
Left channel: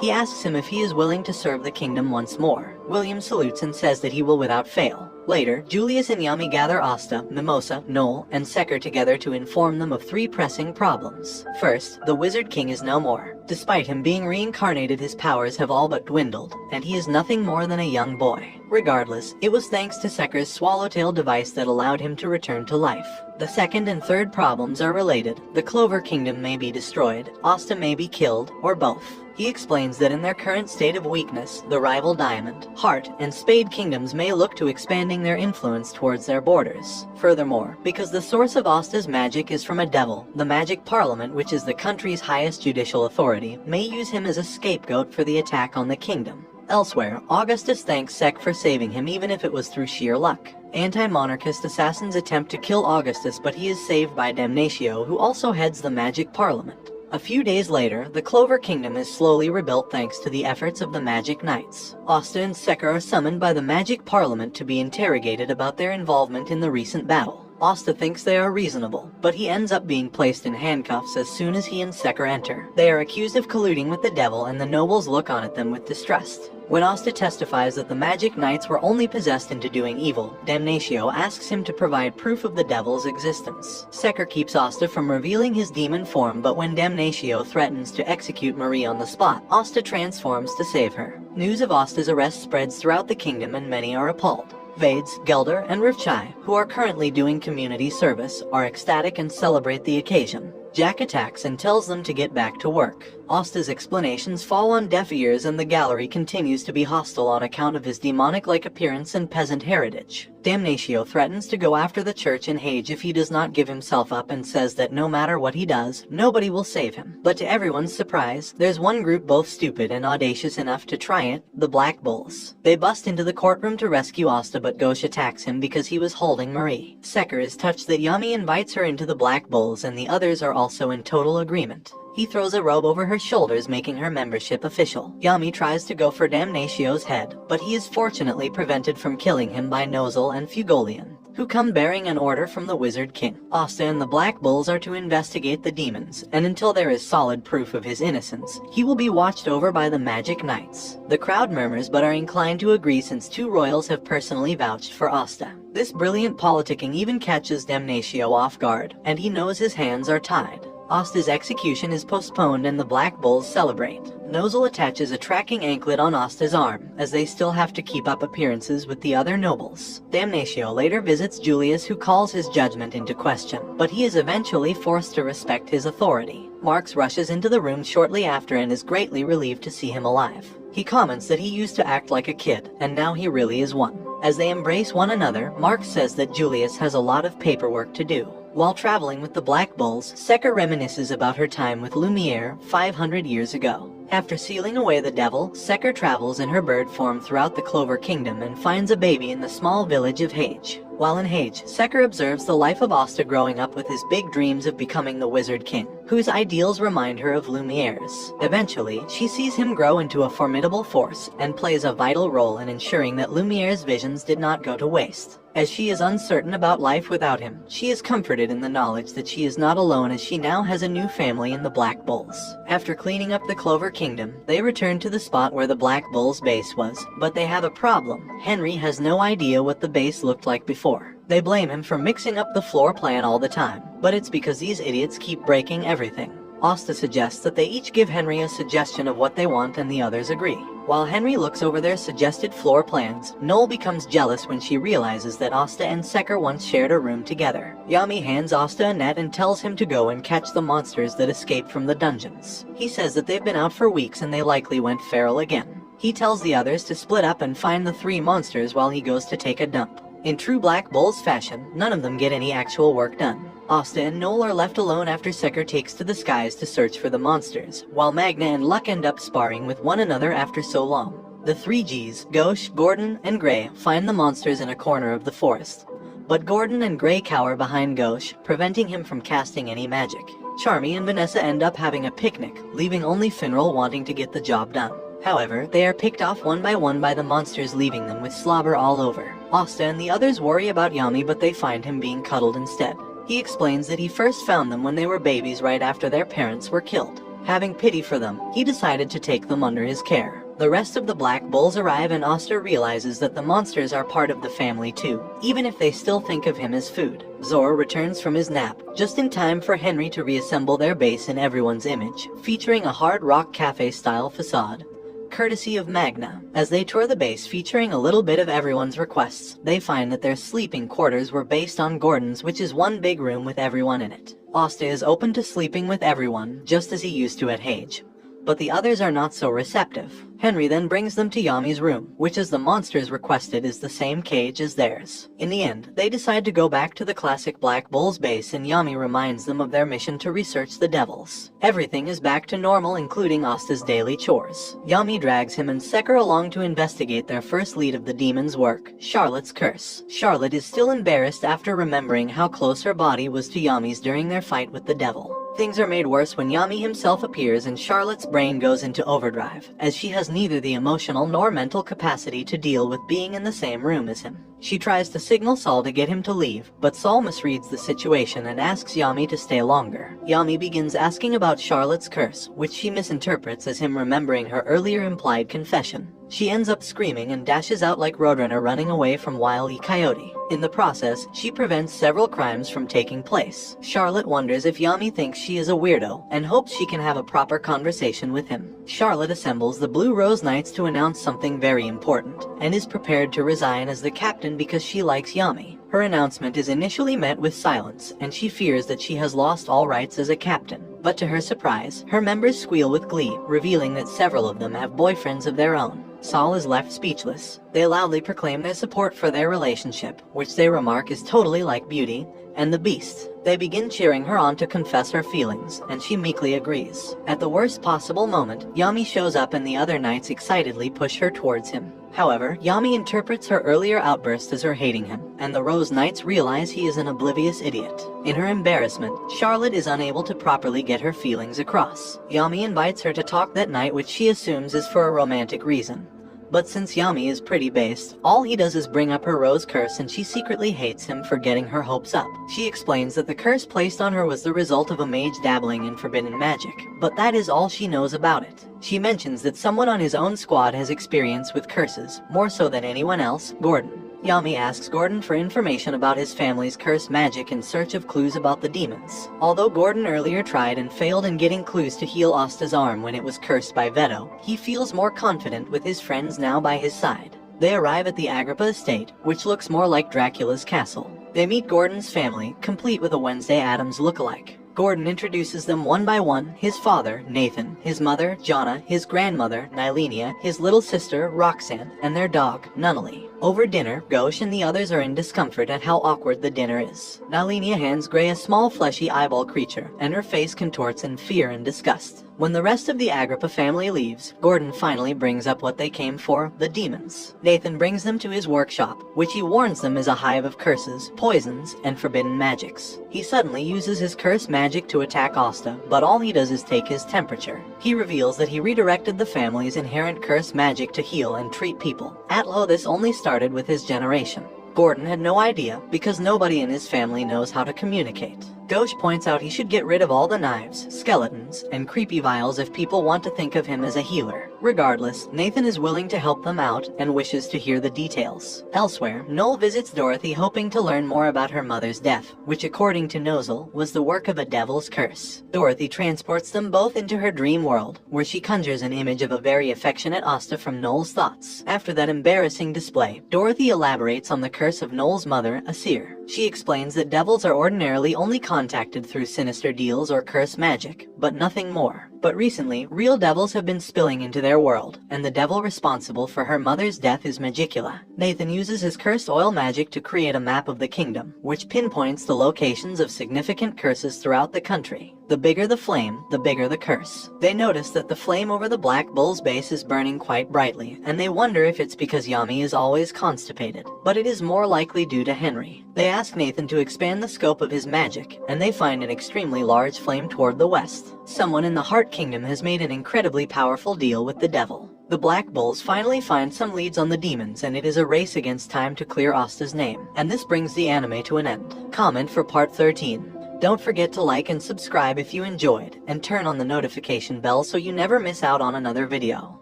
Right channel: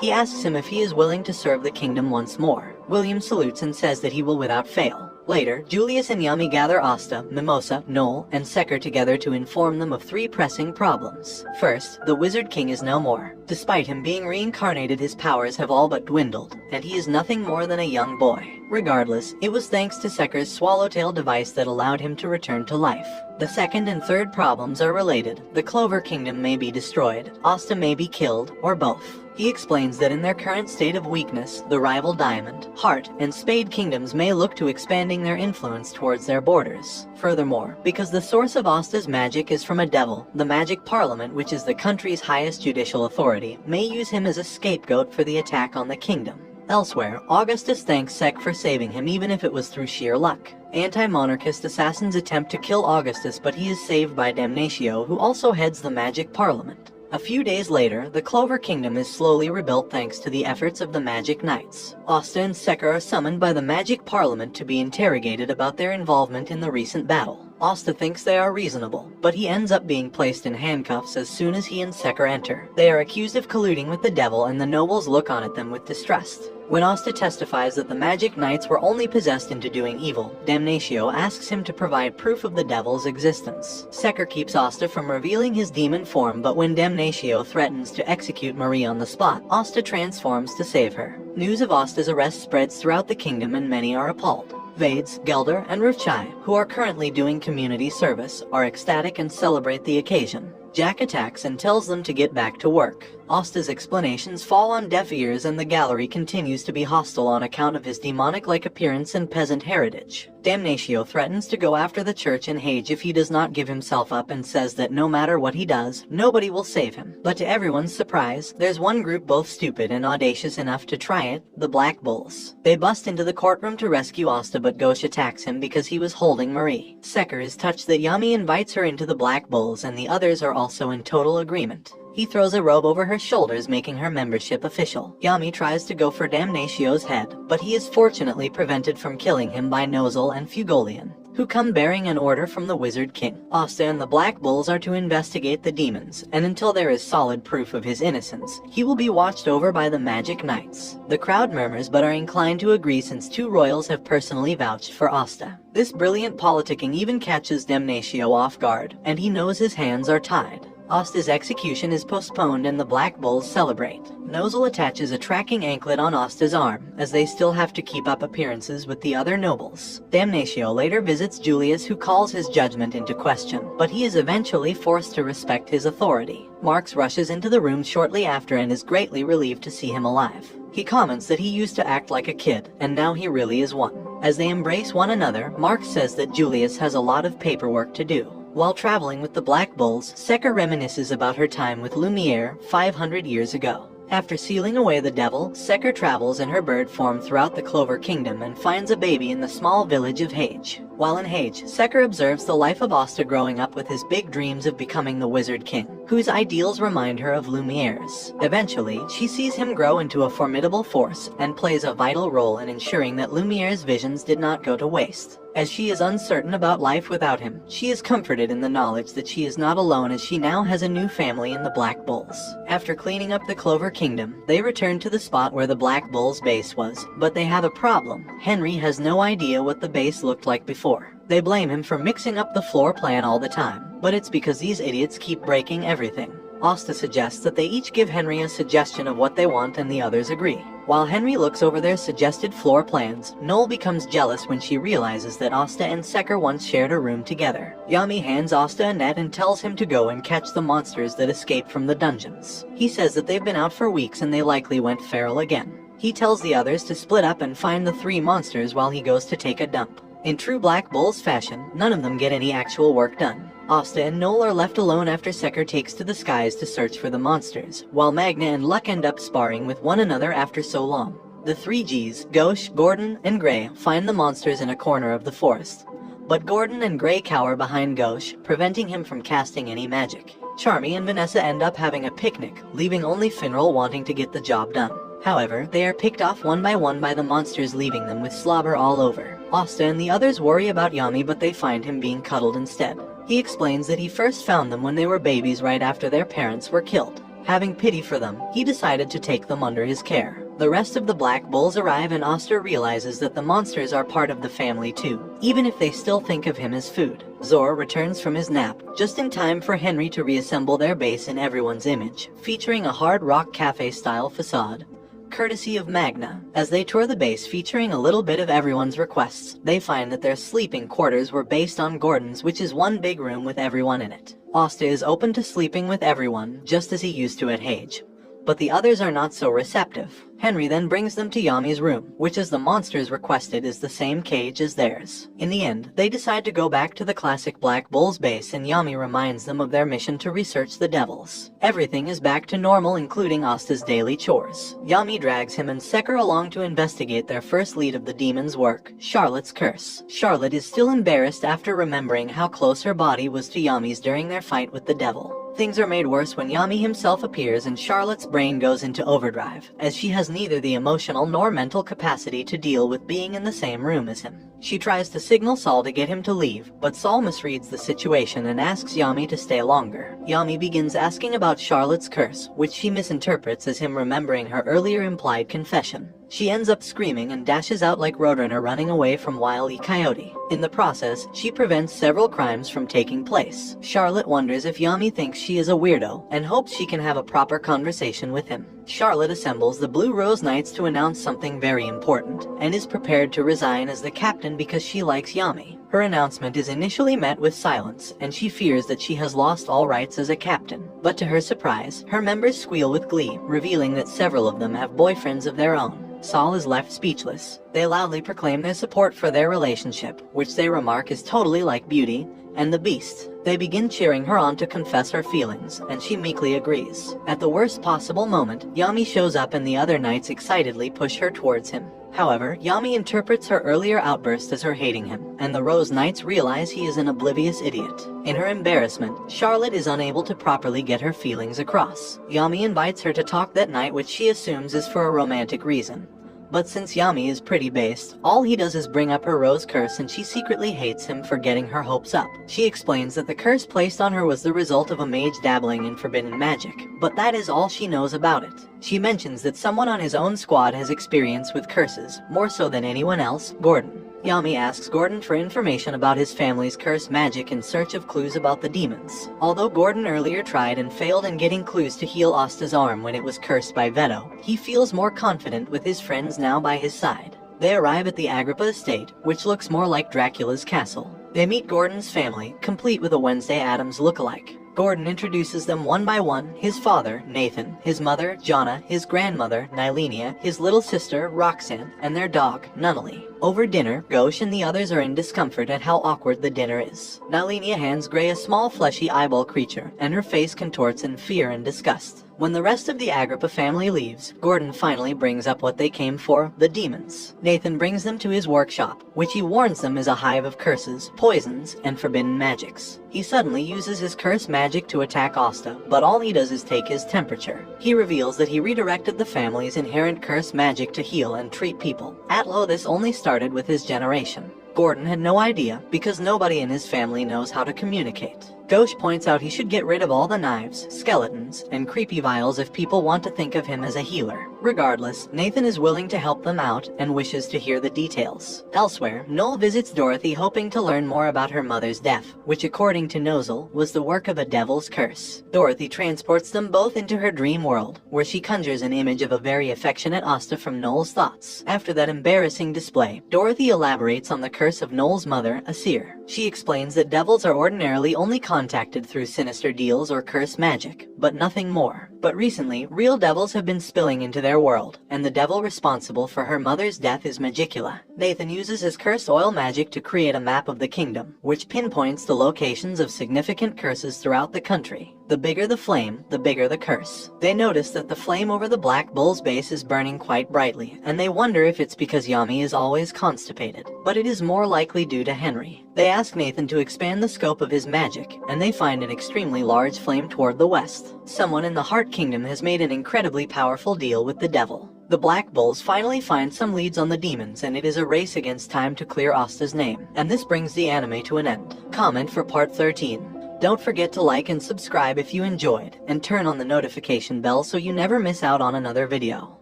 he asks him if he is willing to serve the kingdom once more. William salutes and says that he will without fail. Later, Julius and Yami gather Asta, Mimosa, Noel, and Secker together to inform them of 3 pressing problems. First, the Wizard King is no more. Despite him being reincarnated, his powers have all but dwindled, and he is nothing more than a young boy. Regardless, it was thanks to Secker's swallowtail device that allowed him to return to life. The second and third problems are related. The Clover Kingdom may be destroyed, Asta may be killed, or both. He explains that in their current state of weakness, the rival Diamond, Heart, and Spade kingdoms may look to expanding their influence towards their borders. Furthermore, because the source of Asta's magic is from a devil, the Magic Parliament, which is the country's highest judicial authority, may use him as a scapegoat for the attack on the kingdom. Elsewhere, Augustus thanks Sec for saving him, even if it was through sheer luck. Anti-monarchist assassins attempt to kill Augustus, but he is saved by Damnatio, who also heads the Magic Parliament. A few days later, the Clover Kingdom is slowly rebuilt thanks to the efforts of the Magic Knights. Asta and Secker are summoned by the Magic Parliament to be interrogated about their involvement in the recent battle. Asta thinks they are reasonable, but he ends up being placed in handcuffs as soon as he and Secker enter. They are accused of colluding with the devil, and the nobles look on at them with distrust. When Asta testifies that the Magic Knights were only possessed into doing evil, Damnatio asks him to provide proof of the devil's existence. Secker keeps Asta from revealing his demon form, but when Damnatio threatens to execute Marie on the spot, Asta transforms to save her. News of Asta's arrest spreads throughout the kingdom, and many are appalled. Vades, Gelder, and Rufchai, who are currently doing community service, are ecstatic and celebrate the occasion. Jack attacks and tells them to get back to work. Asta's explanations fall on deaf ears, and the gallery continues to be hostile on account of his demonic-like appearance and peasant heritage. Damnatio threatens to go after the church in Hage if he does not give himself up, and says that no matter what he does, nobody will save him. But to everyone's surprise, there's one group both stupid and audacious enough to try it, the Black Bulls. They bust into the courtroom to rescue Asta, but Gauche attacks him because he was holding Marie. Secker is touched that Yami invites her into the Black Bulls, and the others are also in total agreement. He throws a robe over her shoulders, making her membership official. Yami tries to go for Damnatio's head, but he is fortunately prevented from killing him by Nozel and Fugolian, who come bearing an order from the Wizard King. Asta and the Black Bulls are to investigate the demons, and until there is solid proof of his innocence, he will be watched over by the Magic Knights. The crowd murmurs but are inclined to agree since 2 royals have personally vouched for Asta. This brilliant politicking even catches Damnatio off guard, and he knows his hands are tied. Asta's execution is postponed and the Black Bulls celebrate. Nozel attaches a tracking anklet on Asta's arm, as they still have to keep up appearances with the other nobles. Damnatio later visits Julius, who calls his judgment into question, but he is eventually forced to respect his authority. Marx rushes into the room shortly after and is greatly relieved to see him alive. He comments that he used to act like a kid, and now he really is one. As they embrace one another, Marx says that Julius has a lot of paperwork to do. While traveling with the Black Bulls, Secker reminisces about her time with Lumiere 500 years ago. After sealing away the devil, Secker travels in her bird form throughout the Clover Kingdom and finds a baby in the small village of Hage. While in Hage, Secker observes the life of Asta growing up with his big dreams of becoming the Wizard King, whose ideals remind her of Lumiere's. Eventually, she sees him grow into a formidable force and plays a vital role in ensuring that Lumiere's visions did not go to waste. As she is uncertain about life without him, she is comforted in the knowledge that she is not alone as she now has a new family in the Black Bulls. After cleaning up the Clover Kingdom, they return to the spot where the Black Bulls' base was, but they have a problem. Henry has no idea what the base looked like before. They blame him for mixing up the floor plan all the time, but it's because these idiots keep breaking everything. Asta suggests that they each give Henry a suggestion of what they want and the others agree. While Henry looks over their suggested floor plans, Noel becomes jealous when she realizes that Asta and Secker once shared a room together. Yami hands Asta a net and tells him to go and catch the monsters that escaped from the dungeons. He says that they've been out for weeks and they likely went feral again. He tells the others to split up and find the 3 monsters while he goes to take a dump. In true Black Bulls fashion, none of them get any actual work done. Asta and Noel are left alone after Secker takes to the skies to search for the monsters, while Magna and Luck end up sparring with one another after so long. The 3 Gs, Gauche, Gordon, and Gray, find the monsters in a corner of the forest. But Gordon and Gray cower behind Gauche, preventing him from casting any magic. Charmy and Vanessa end up having a picnic, leaving only Finral wanting to get the job done. However, they are picked off one by the monsters, leaving them with slobber all over. Asta and the others worry about Yami, but they find him being cuddled instead. He explains that he first found them when they were babies right after their parents were killed. Having pity for them, he decided to take them under his care. The rest of the Black Bulls arrive and Asta realizes that the monsters are part of the family too, even if they still think of him as food. Zor returns from his nap, just in time for Henry to reassemble their base in everyone's image, featuring a hard rock cafe-style facade, courtesy of Magna. As they tour the base featuring a little bit of everyone's requests, they find that their sleeping quarters were based on Gordon's, which is one big room with everyone in it. Asta is open to sleeping with everyone, just as he used to at Hage. But the others are not so receptive. Henry then brings them to Yami's room, which as the monsters requested is the same cage as theirs. In the end, they decide to go back to the classic Black Bulls base and Yami reminds them of their mission to research the devils. Everything is back to normal, including Asta's daily chores. Yami drags him and Secker along to investigate their first lead of the demon's work, Charlotte's curse. Charlotte is still embarrassed after remembering how close her body was to Yami's during their fight with the devil. Things are made worse when Yami himself appears and Charlotte's brain goes into overdrive, as she has neither the emotional nor mental capacity to deal with being in the same room as him. She tries to signal Saul to get him to leave, but Saul misreads the situation and asks Yami to stay longer. Yami begins asking about Charlotte's curse, which she misinterprets as him remembering her earlier implied confession. She ends up screaming and dashes out like Roadrunner running away from Wile E. Coyote. In the process, she prevents several crimes from taking place. Charlotte wonders if Yami thinks she is a weirdo and hopes she can have a proper conversation with him. Charlotte assembles the Blue Rose Knights to announce something very important and is prepared to resign as the captain because she likes Yami. Her announcement is initially met with silence, and she fears that she has lost all rights as a captain. But to her surprise, her members squeal with glee, revealing that several of them have boyfriends of their own. Saul is left speechless. They loudly proclaim their support for their relationship, which they remark is totally like Beauty and the Beast. They begin cheering her on to confess her feelings, and she meekly agrees. At the worst possible moment, Yami shows up and the other knights excitedly push her towards him. However, Yami interprets her earlier outburst as her hating him, and the Rose Knights realize he is an oblivious idiot. In her embarrassment, Charlotte is unable to properly get her feelings across. Yami invites her to talk that night, which she assumes is for a romantic reason. But since Yami is pretty based, all he does is bring up her rose curse and she secretly hates him for getting her hopes up. She explains that the curse placed on her was the result of a mage dabbling in forbidden magic, but that is all she knows about it. She mentions that someone on his own squad has experience with curses, more so than anyone else, Gordon. Yami asks Gordon for information about his family's cursed magic in search of clues about the demons. Although Gordon earlier tried and failed in getting clues to heal Asta's arm when it was cursed by Veto, he feels more confident with his friends now by his side. They arrive at the Agrippa estate, which looks more like Dracula's castle. They meet Gordon's family, complete with a Wednesday Addams look-alike. Gordon introduces them one by one, his father, Nathan, his mother, Jonna, his grandmother, Nylenia, his little sister, Roxanne, and their dog, Nunnally. Over dinner, Gauche and the others are in discomfort at how awkward the dinner is. Nylenia hands Gray a small fleshy eyeball creature, and her face contorts in fear and disgust. When the rest of the Agrippa family leaves, Gordon finally brings up what they came for, the demons. Nathan brings them to his workshop, which he warns them is a hive of curses, poisons, and forbidden magics. He suddenly uses his cursed magic to attack Asta, but all he does is take his temperature. He reveals that he redirected the family's inherent cursed magic to heal and treat people. At low, this only started with his generation. Gordon had no idea because nobody in his family knows how to communicate. Gauche points out he should get rid of all the knives, skeletons, and creepy vials if people want to think of him as a healer. Regardless, Nathan is willing to help them out and wishes to hear the details. Elsewhere, Noel visits Dorothy hoping to learn more about her mother's death, which according to Nozel was the work of a devil's curse. Dorothy transports them both into her dream world, where she conjures an image of a very affectionate Asta from Noel's thoughts. After that embarrassing display, Dorothy elaborates on the curse of Noel's mother, Asir. She explains that devils are ordinarily only contacted through sinister deals or curse magic, but nothing more. But recently, real devils have been spilling into their world, and the devil responsible for her mother's death is Magicula. Nathan uses his cursed oil magic to create a map of the kingdom, which pinpoints the locations of significant curses throughout the country. The bigger the flame, the bigger the curse. They notice that the flame over the Black Bull's base is burning quite brightly, and they wonder if it's because Yami is always constipated. But it is more likely due to Henry. They ask Nathan to expand the scope of his magic, and they find an extremely large flame toward the west. Someone in the Heart Kingdom has made an incredibly powerful deal with the devil. The Black Bulls finally find some leads on the demons, and it is a race against time to clear Asta's name. And this brings the anime to an end. Comment for part 13. Don't forget to like and subscribe if you enjoyed, and turn on the notification bell so you never miss out on another video.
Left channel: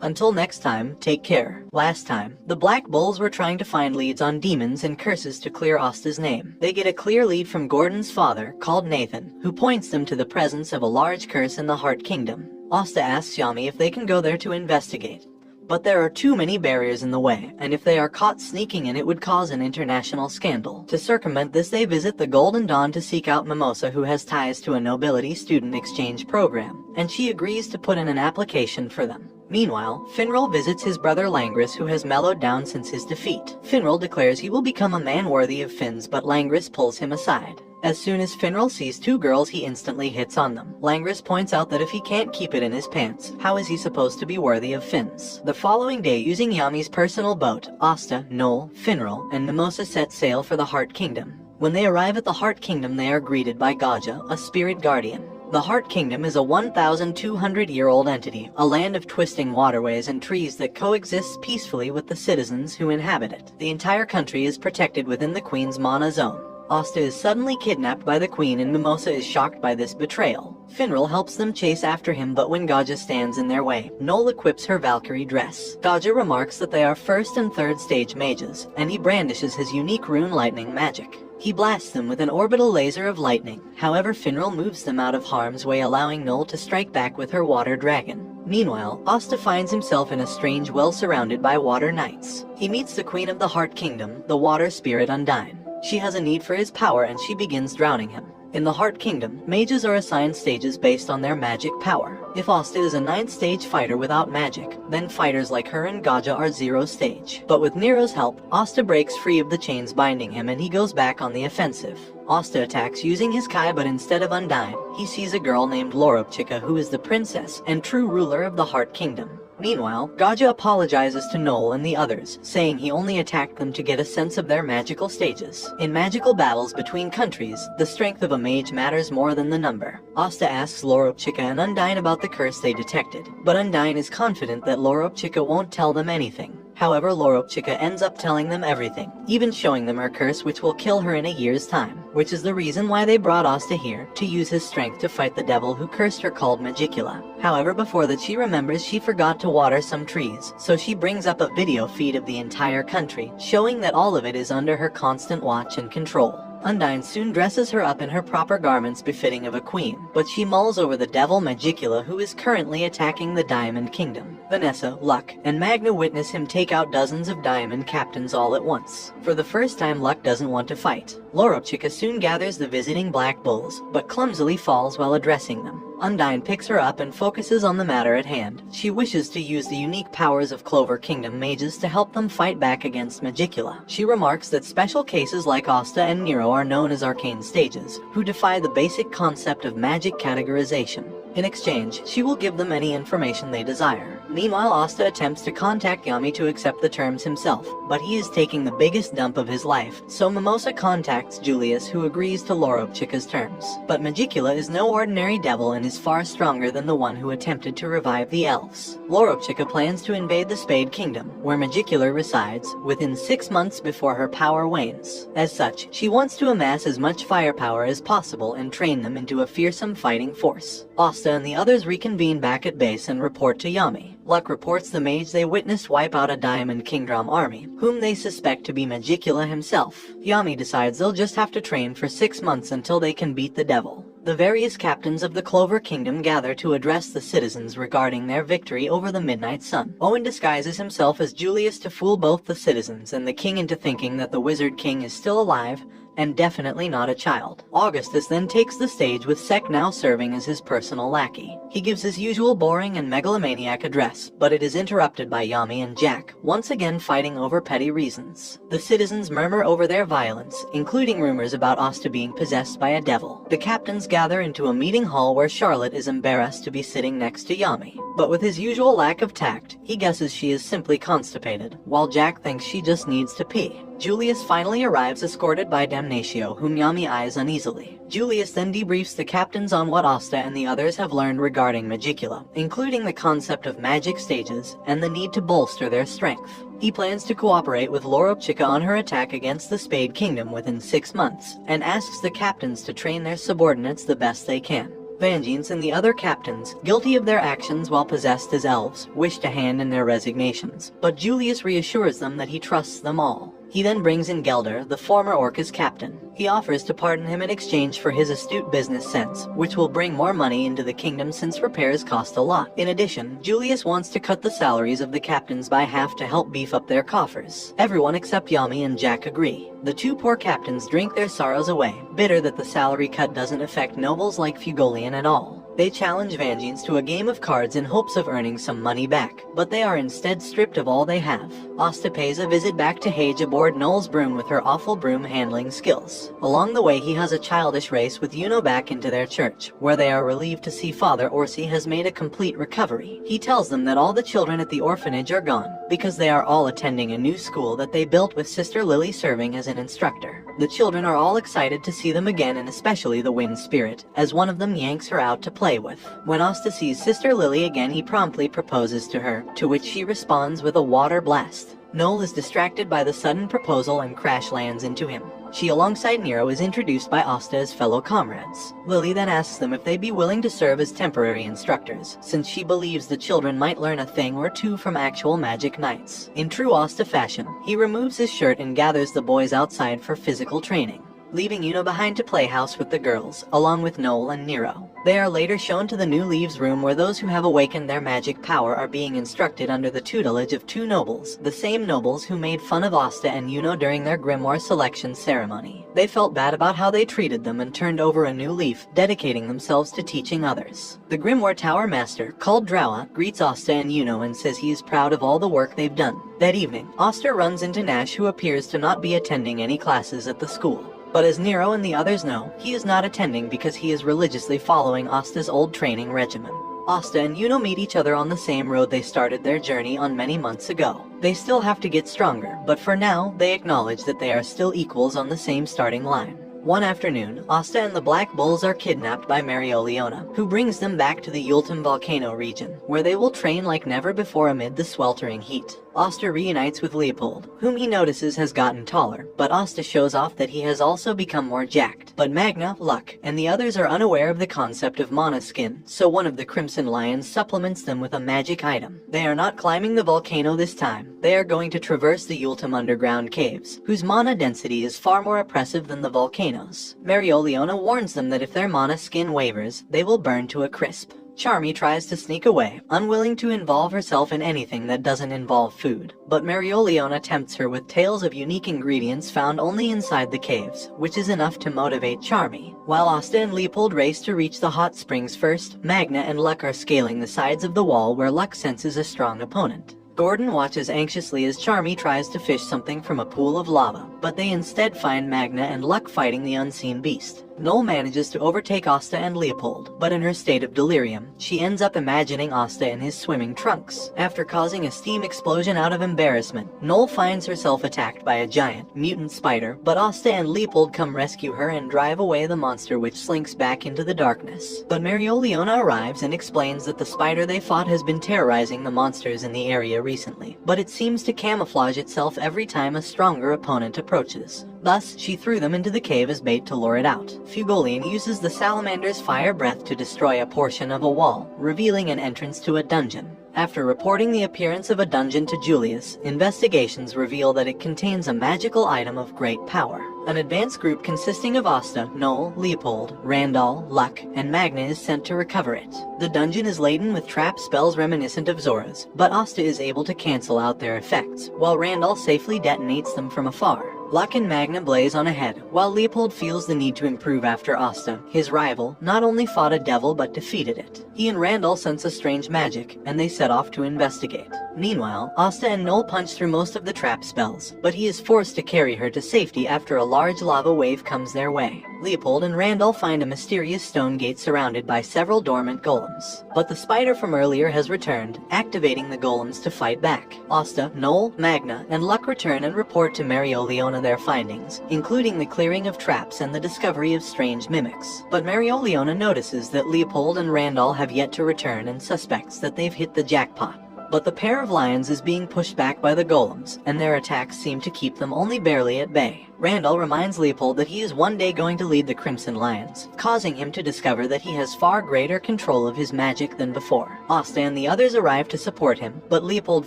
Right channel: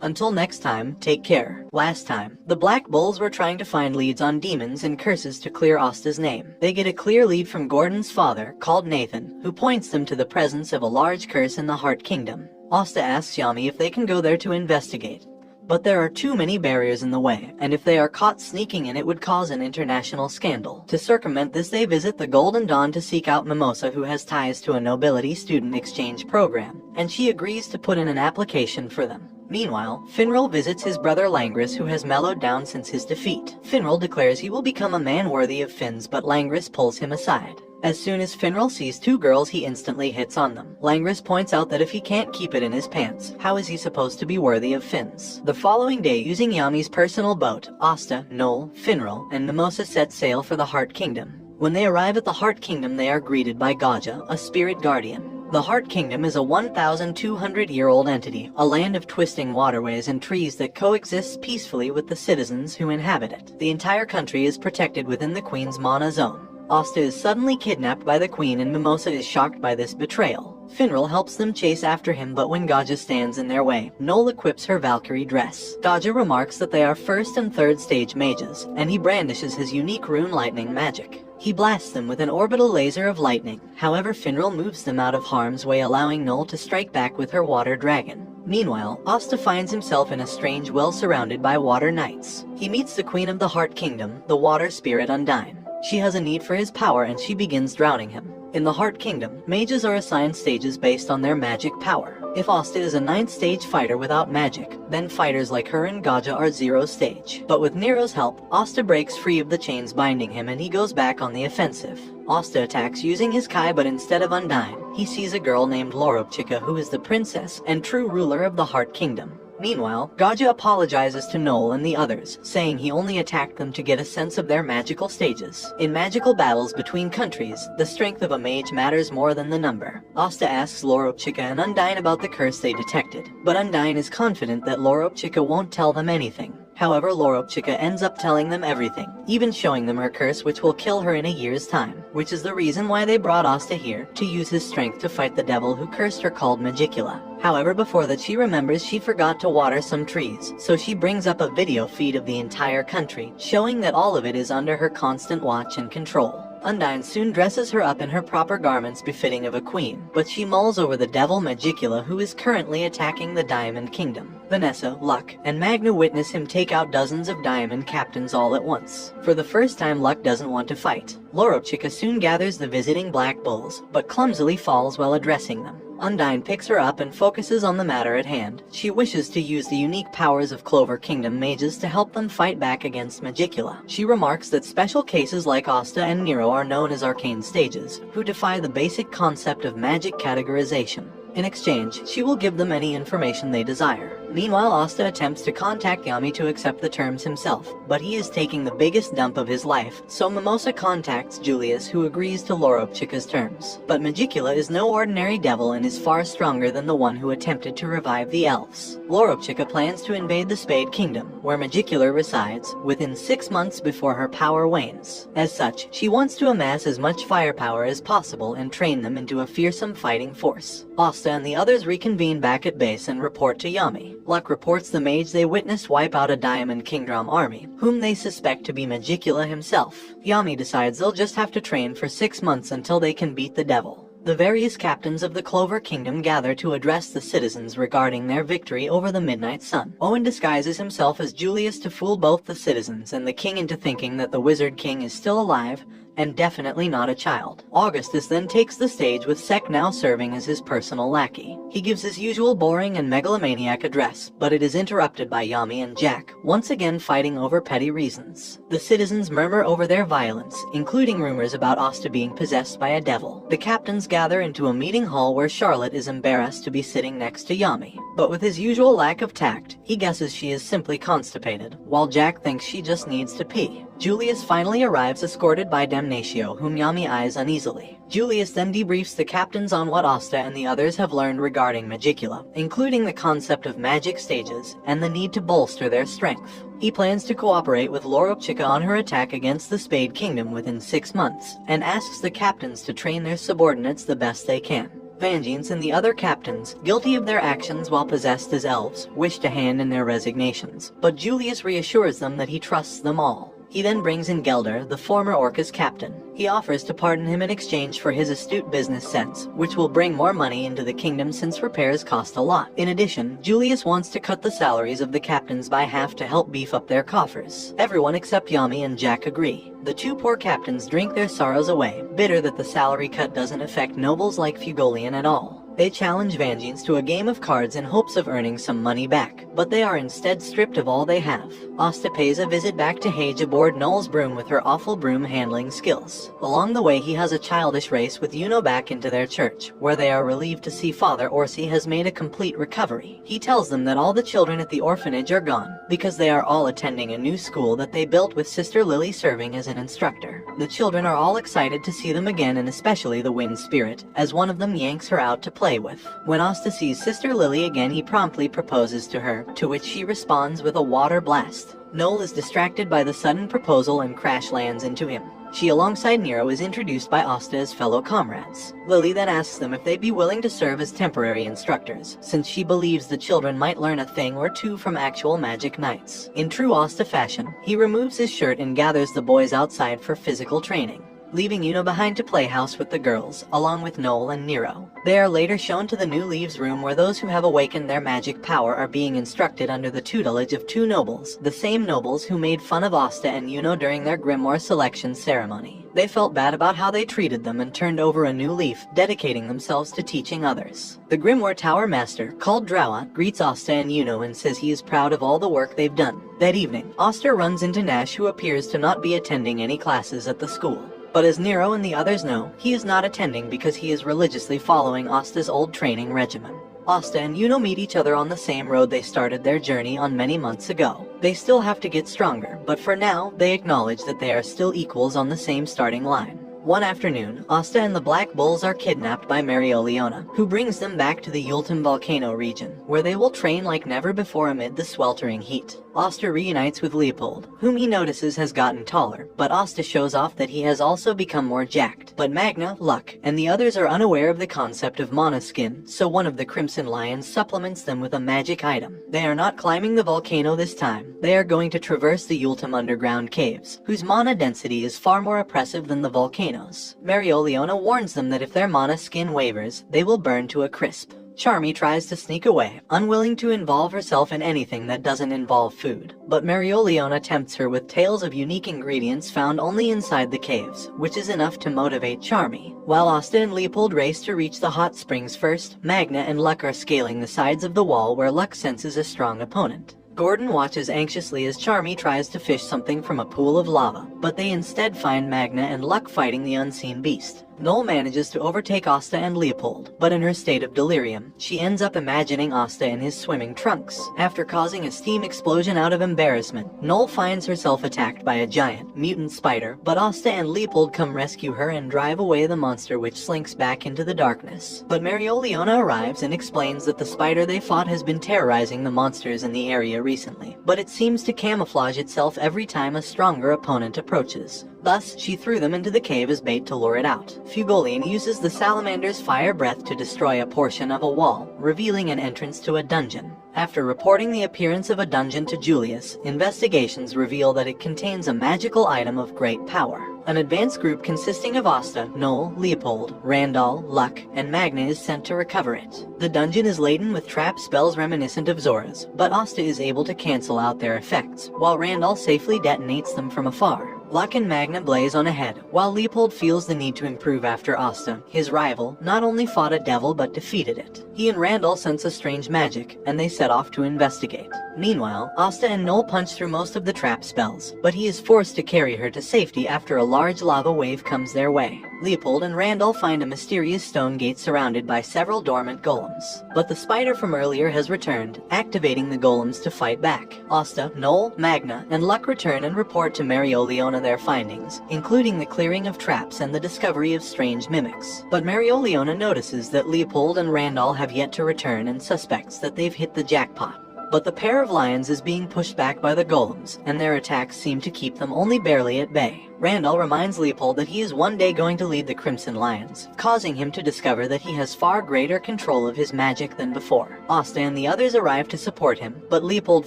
Until next time, take care. Last time, the Black Bulls were trying to find leads on demons and curses to clear Asta's name. They get a clear lead from Gordon's father, called Nathan, who points them to the presence of a large curse in the Heart Kingdom. Asta asks Yami if they can go there to investigate. But there are too many barriers in the way, and if they are caught sneaking in, it would cause an international scandal. To circumvent this, they visit the Golden Dawn to seek out Mimosa, who has ties to a nobility student exchange program, and she agrees to put in an application for them. Meanwhile, Finral visits his brother Langris, who has mellowed down since his defeat. Finral declares he will become a man worthy of Finn's, but Langris pulls him aside. As soon as Finral sees two girls, he instantly hits on them. Langris points out that if he can't keep it in his pants, how is he supposed to be worthy of Finn's? The following day, using Yami's personal boat, Asta, Noel, Finral, and Mimosa set sail for the Heart Kingdom. When they arrive at the Heart Kingdom, they are greeted by Gaja, a spirit guardian. The Heart Kingdom is a 1,200-year-old entity, a land of twisting waterways and trees that coexists peacefully with the citizens who inhabit it. The entire country is protected within the Queen's Mana Zone. Asta is suddenly kidnapped by the Queen and Mimosa is shocked by this betrayal. Finral helps them chase after him, but when Gaja stands in their way, Noel equips her Valkyrie dress. Gaja remarks that they are 1st and 3rd stage mages, and he brandishes his unique rune lightning magic. He blasts them with an orbital laser of lightning. However, Finral moves them out of harm's way, allowing Noel to strike back with her water dragon. Meanwhile, Asta finds himself in a strange well surrounded by water knights. He meets the Queen of the Heart Kingdom, the water spirit Undyne. She has a need for his power and she begins drowning him. In the Heart Kingdom, mages are assigned stages based on their magic power. If Asta is a 9th stage fighter without magic, then fighters like her and Gaja are 0 stage. But with Nero's help, Asta breaks free of the chains binding him and he goes back on the offensive. Asta attacks using his Kai, but instead of Undyne, he sees a girl named Lorobchika, who is the princess and true ruler of the Heart Kingdom. Meanwhile, Gaja apologizes to Noel and the others, saying he only attacked them to get a sense of their magical stages. In magical battles between countries, the strength of a mage matters more than the number. Asta asks Lorobchika and Undyne about the curse they detected, but Undyne is confident that Lorobchika won't tell them anything. However, Lorobchika ends up telling them everything, even showing them her curse, which will kill her in a year's time, which is the reason why they brought Asta here, to use his strength to fight the devil who cursed her, called Magicula. However, before that, she remembers she forgot to water some trees, so she brings up a video feed of the entire country, showing that all of it is under her constant watch and control. Undyne soon dresses her up in her proper garments befitting of a queen, but she mulls over the devil Magicula, who is currently attacking the Diamond Kingdom. Vanessa, Luck, and Magna witness him take out dozens of diamond captains all at once. For the first time, Luck doesn't want to fight. Lorobchika soon gathers the visiting Black Bulls, but clumsily falls while addressing them. Undyne picks her up and focuses on the matter at hand. She wishes to use the unique powers of Clover Kingdom mages to help them fight back against Magicula. She remarks that special cases like Asta and Nero are known as arcane stages, who defy the basic concept of magic categorization. In exchange, she will give them any information they desire. Meanwhile, Asta attempts to contact Yami to accept the terms himself, but he is taking the biggest dump of his life, so Mimosa contacts Julius, who agrees to Lorobchika's terms. But Magicula is no ordinary devil and is far stronger than the one who attempted to revive the elves. Lorobchika plans to invade the Spade Kingdom, where Magicula resides, within 6 months before her power wanes. As such, she wants to amass as much firepower as possible and train them into a fearsome fighting force. Asta and the others reconvene back at base and report to Yami. Luck reports the mage they witnessed wipe out a Diamond Kingdom army, whom they suspect to be Magicula himself. Yami decides they'll just have to train for 6 months until they can beat the devil. The various captains of the Clover Kingdom gather to address the citizens regarding their victory over the Midnight Sun. Owen disguises himself as Julius to fool both the citizens and the king into thinking that the Wizard King is still alive and definitely not a child. Augustus then takes the stage with Sek now serving as his personal lackey. He gives his usual boring and megalomaniac address, but it is interrupted by Yami and Jack, once again fighting over petty reasons. The citizens murmur over their violence, including rumors about Asta being possessed by a devil. The captains gather into a meeting hall where Charlotte is embarrassed to be sitting next to Yami. But with his usual lack of tact, he guesses she is simply constipated, while Jack thinks she just needs to pee. Julius finally arrives escorted by Damnatio, whom Yami eyes uneasily. Julius then debriefs the captains on what Asta and the others have learned regarding Magicula, including the concept of magic stages and the need to bolster their strength. He plans to cooperate with Lorobchika on her attack against the Spade Kingdom within 6 months, and asks the captains to train their subordinates the best they can. Vangeance and the other captains, guilty of their actions while possessed as elves, wish to hand in their resignations, but Julius reassures them that he trusts them all. He then brings in Gelder, the former Orca's captain. He offers to pardon him in exchange for his astute business sense, which will bring more money into the kingdom since repairs cost a lot. In addition, Julius wants to cut the salaries of the captains by half to help beef up their coffers. Everyone except Yami and Jack agree. The two poor captains drink their sorrows away, bitter that the salary cut doesn't affect nobles like Fugolian at all. They challenge Vangeance to a game of cards in hopes of earning some money back, but they are instead stripped of all they have. Asta pays a visit back to Hage aboard Noel's broom with her awful broom handling skills. Along the way, he has a childish race with Yuno back into their church, where they are relieved to see Father Orsi has made a complete recovery. He tells them that all the children at the orphanage are gone, because they are all attending a new school that they built with Sister Lily serving as an instructor. The children are all excited to see them again, and especially the Wind Spirit, as one of them yanks her out to play with. When Asta sees Sister Lily again, he promptly proposes to her, to which she responds with a water blast. Noel is distracted by the sudden proposal and crash lands into him. She, alongside Nero, is introduced by Asta as fellow comrades. Lily then asks them if they'd be willing to serve as temporary instructors, since she believes the children might learn a thing or two from actual magic knights. In true Asta fashion, he removes his shirt and gathers the boys outside for physical training, leaving Yuno behind to play house with the girls, along with Noel and Nero. They are later shown to the New Leaves room where those who have awakened their magic power are being instructed under the tutelage of two nobles, the same nobles who made fun of Asta and Yuno during their grimoire selection ceremony. They felt bad about how they treated them and turned over a new leaf, dedicating themselves to teaching others. The grimoire tower master, called Draua, greets Asta and Yuno and says he is proud of all the work they've done. That evening, Asta runs into Nash, who appears to not be attending any classes at the school. But as Nero and the others know, he is not attending because he is religiously following Asta's old training regimen. Asta and Yuno meet each other on the same road they started their journey on many months ago. They still have to get stronger, but for now, they acknowledge that they are still equals on the same starting line. One afternoon, Asta and the Black Bulls are kidnapped by Marioliona, who brings them back to the Yultum volcano region, where they will train like never before amid the sweltering heat. Asta reunites with Leopold, whom he notices has gotten taller, but Asta shows off that he has also become more jacked. But Magna, Luck, and the others are unaware of the concept of mana skin, so one of the Crimson Lions supplements them with a magic item. They are not climbing the volcano this time. They are going to traverse the Yultum underground caves, whose mana density is far more oppressive than the volcanoes. Marioliona warns them that if their mana skin wavers, they will burn to a crisp. Charmy tries to sneak away, unwilling to involve herself in anything that doesn't involve food. But Marioliona tempts her with tales of unique ingredients found only inside the caves, which is enough to motivate Charmy. While Asta and Leopold race to reach the hot springs first, Magna and Luck are scaling the sides of the wall where Luck senses a strong opponent. Gordon watches anxiously as Charmy tries to fish something from a pool of lava, but they instead find Magna and Luck fighting the unseen beast. Noel manages to overtake Asta and Leopold, but in her state of delirium, she ends up imagining Asta in his swimming trunks. After causing a steam explosion out of embarrassment, Noel finds herself attacked by a giant, mutant spider, but Asta and Leopold come rescue her and drive away the monster, which slinks back into the darkness. But Marioliona arrives and explains that the spider they fought has been terrorizing the monsters in the area recently, but it seems to camouflage itself every time a stronger opponent approaches. Thus, she threw them into the cave as bait to lure it out. Fugolian uses the salamander's fire breath to destroy a portion of a wall, revealing an entrance to a dungeon. After reporting the appearance of a dungeon to Julius, investigations reveal that it contains a magical item of great power. An advanced group consisting of Asta, Noel, Leopold, Randall, Luck, and Magna is sent to recover it. The dungeon is laden with trap spells reminiscent of Zora's, but Asta is able to cancel out their effects, while Randall safely detonates them from afar. Luck and Magna blaze on ahead, while Leopold feels the need to improve after Asta, his rival, not only fought a devil but defeated it. He and Randall sense a strange magic, and they set off to investigate. Meanwhile, Asta and Noel punch through most of the trap spells, but he is forced to carry her to safety after a large lava wave comes their way. Leopold and Randall find a mysterious stone gate surrounded by several dormant golems. But the spider from earlier has returned, activating the golems to fight back. Asta, Noel, Magna, and Luck return and report to Marioliona their findings, including the clearing of traps and the discovery of strange mimics. But Marioliona notices that Leopold and Randall have yet to return and suspects that they've hit the jackpot. But the pair of lions is being pushed back by the golems, and their attacks seem to keep them only barely at bay. Randall reminds Leopold that he is one day going to lead the Crimson Lions, causing him to discover that he has far greater control of his magic than before. Asta and the others arrive to support him, but Leopold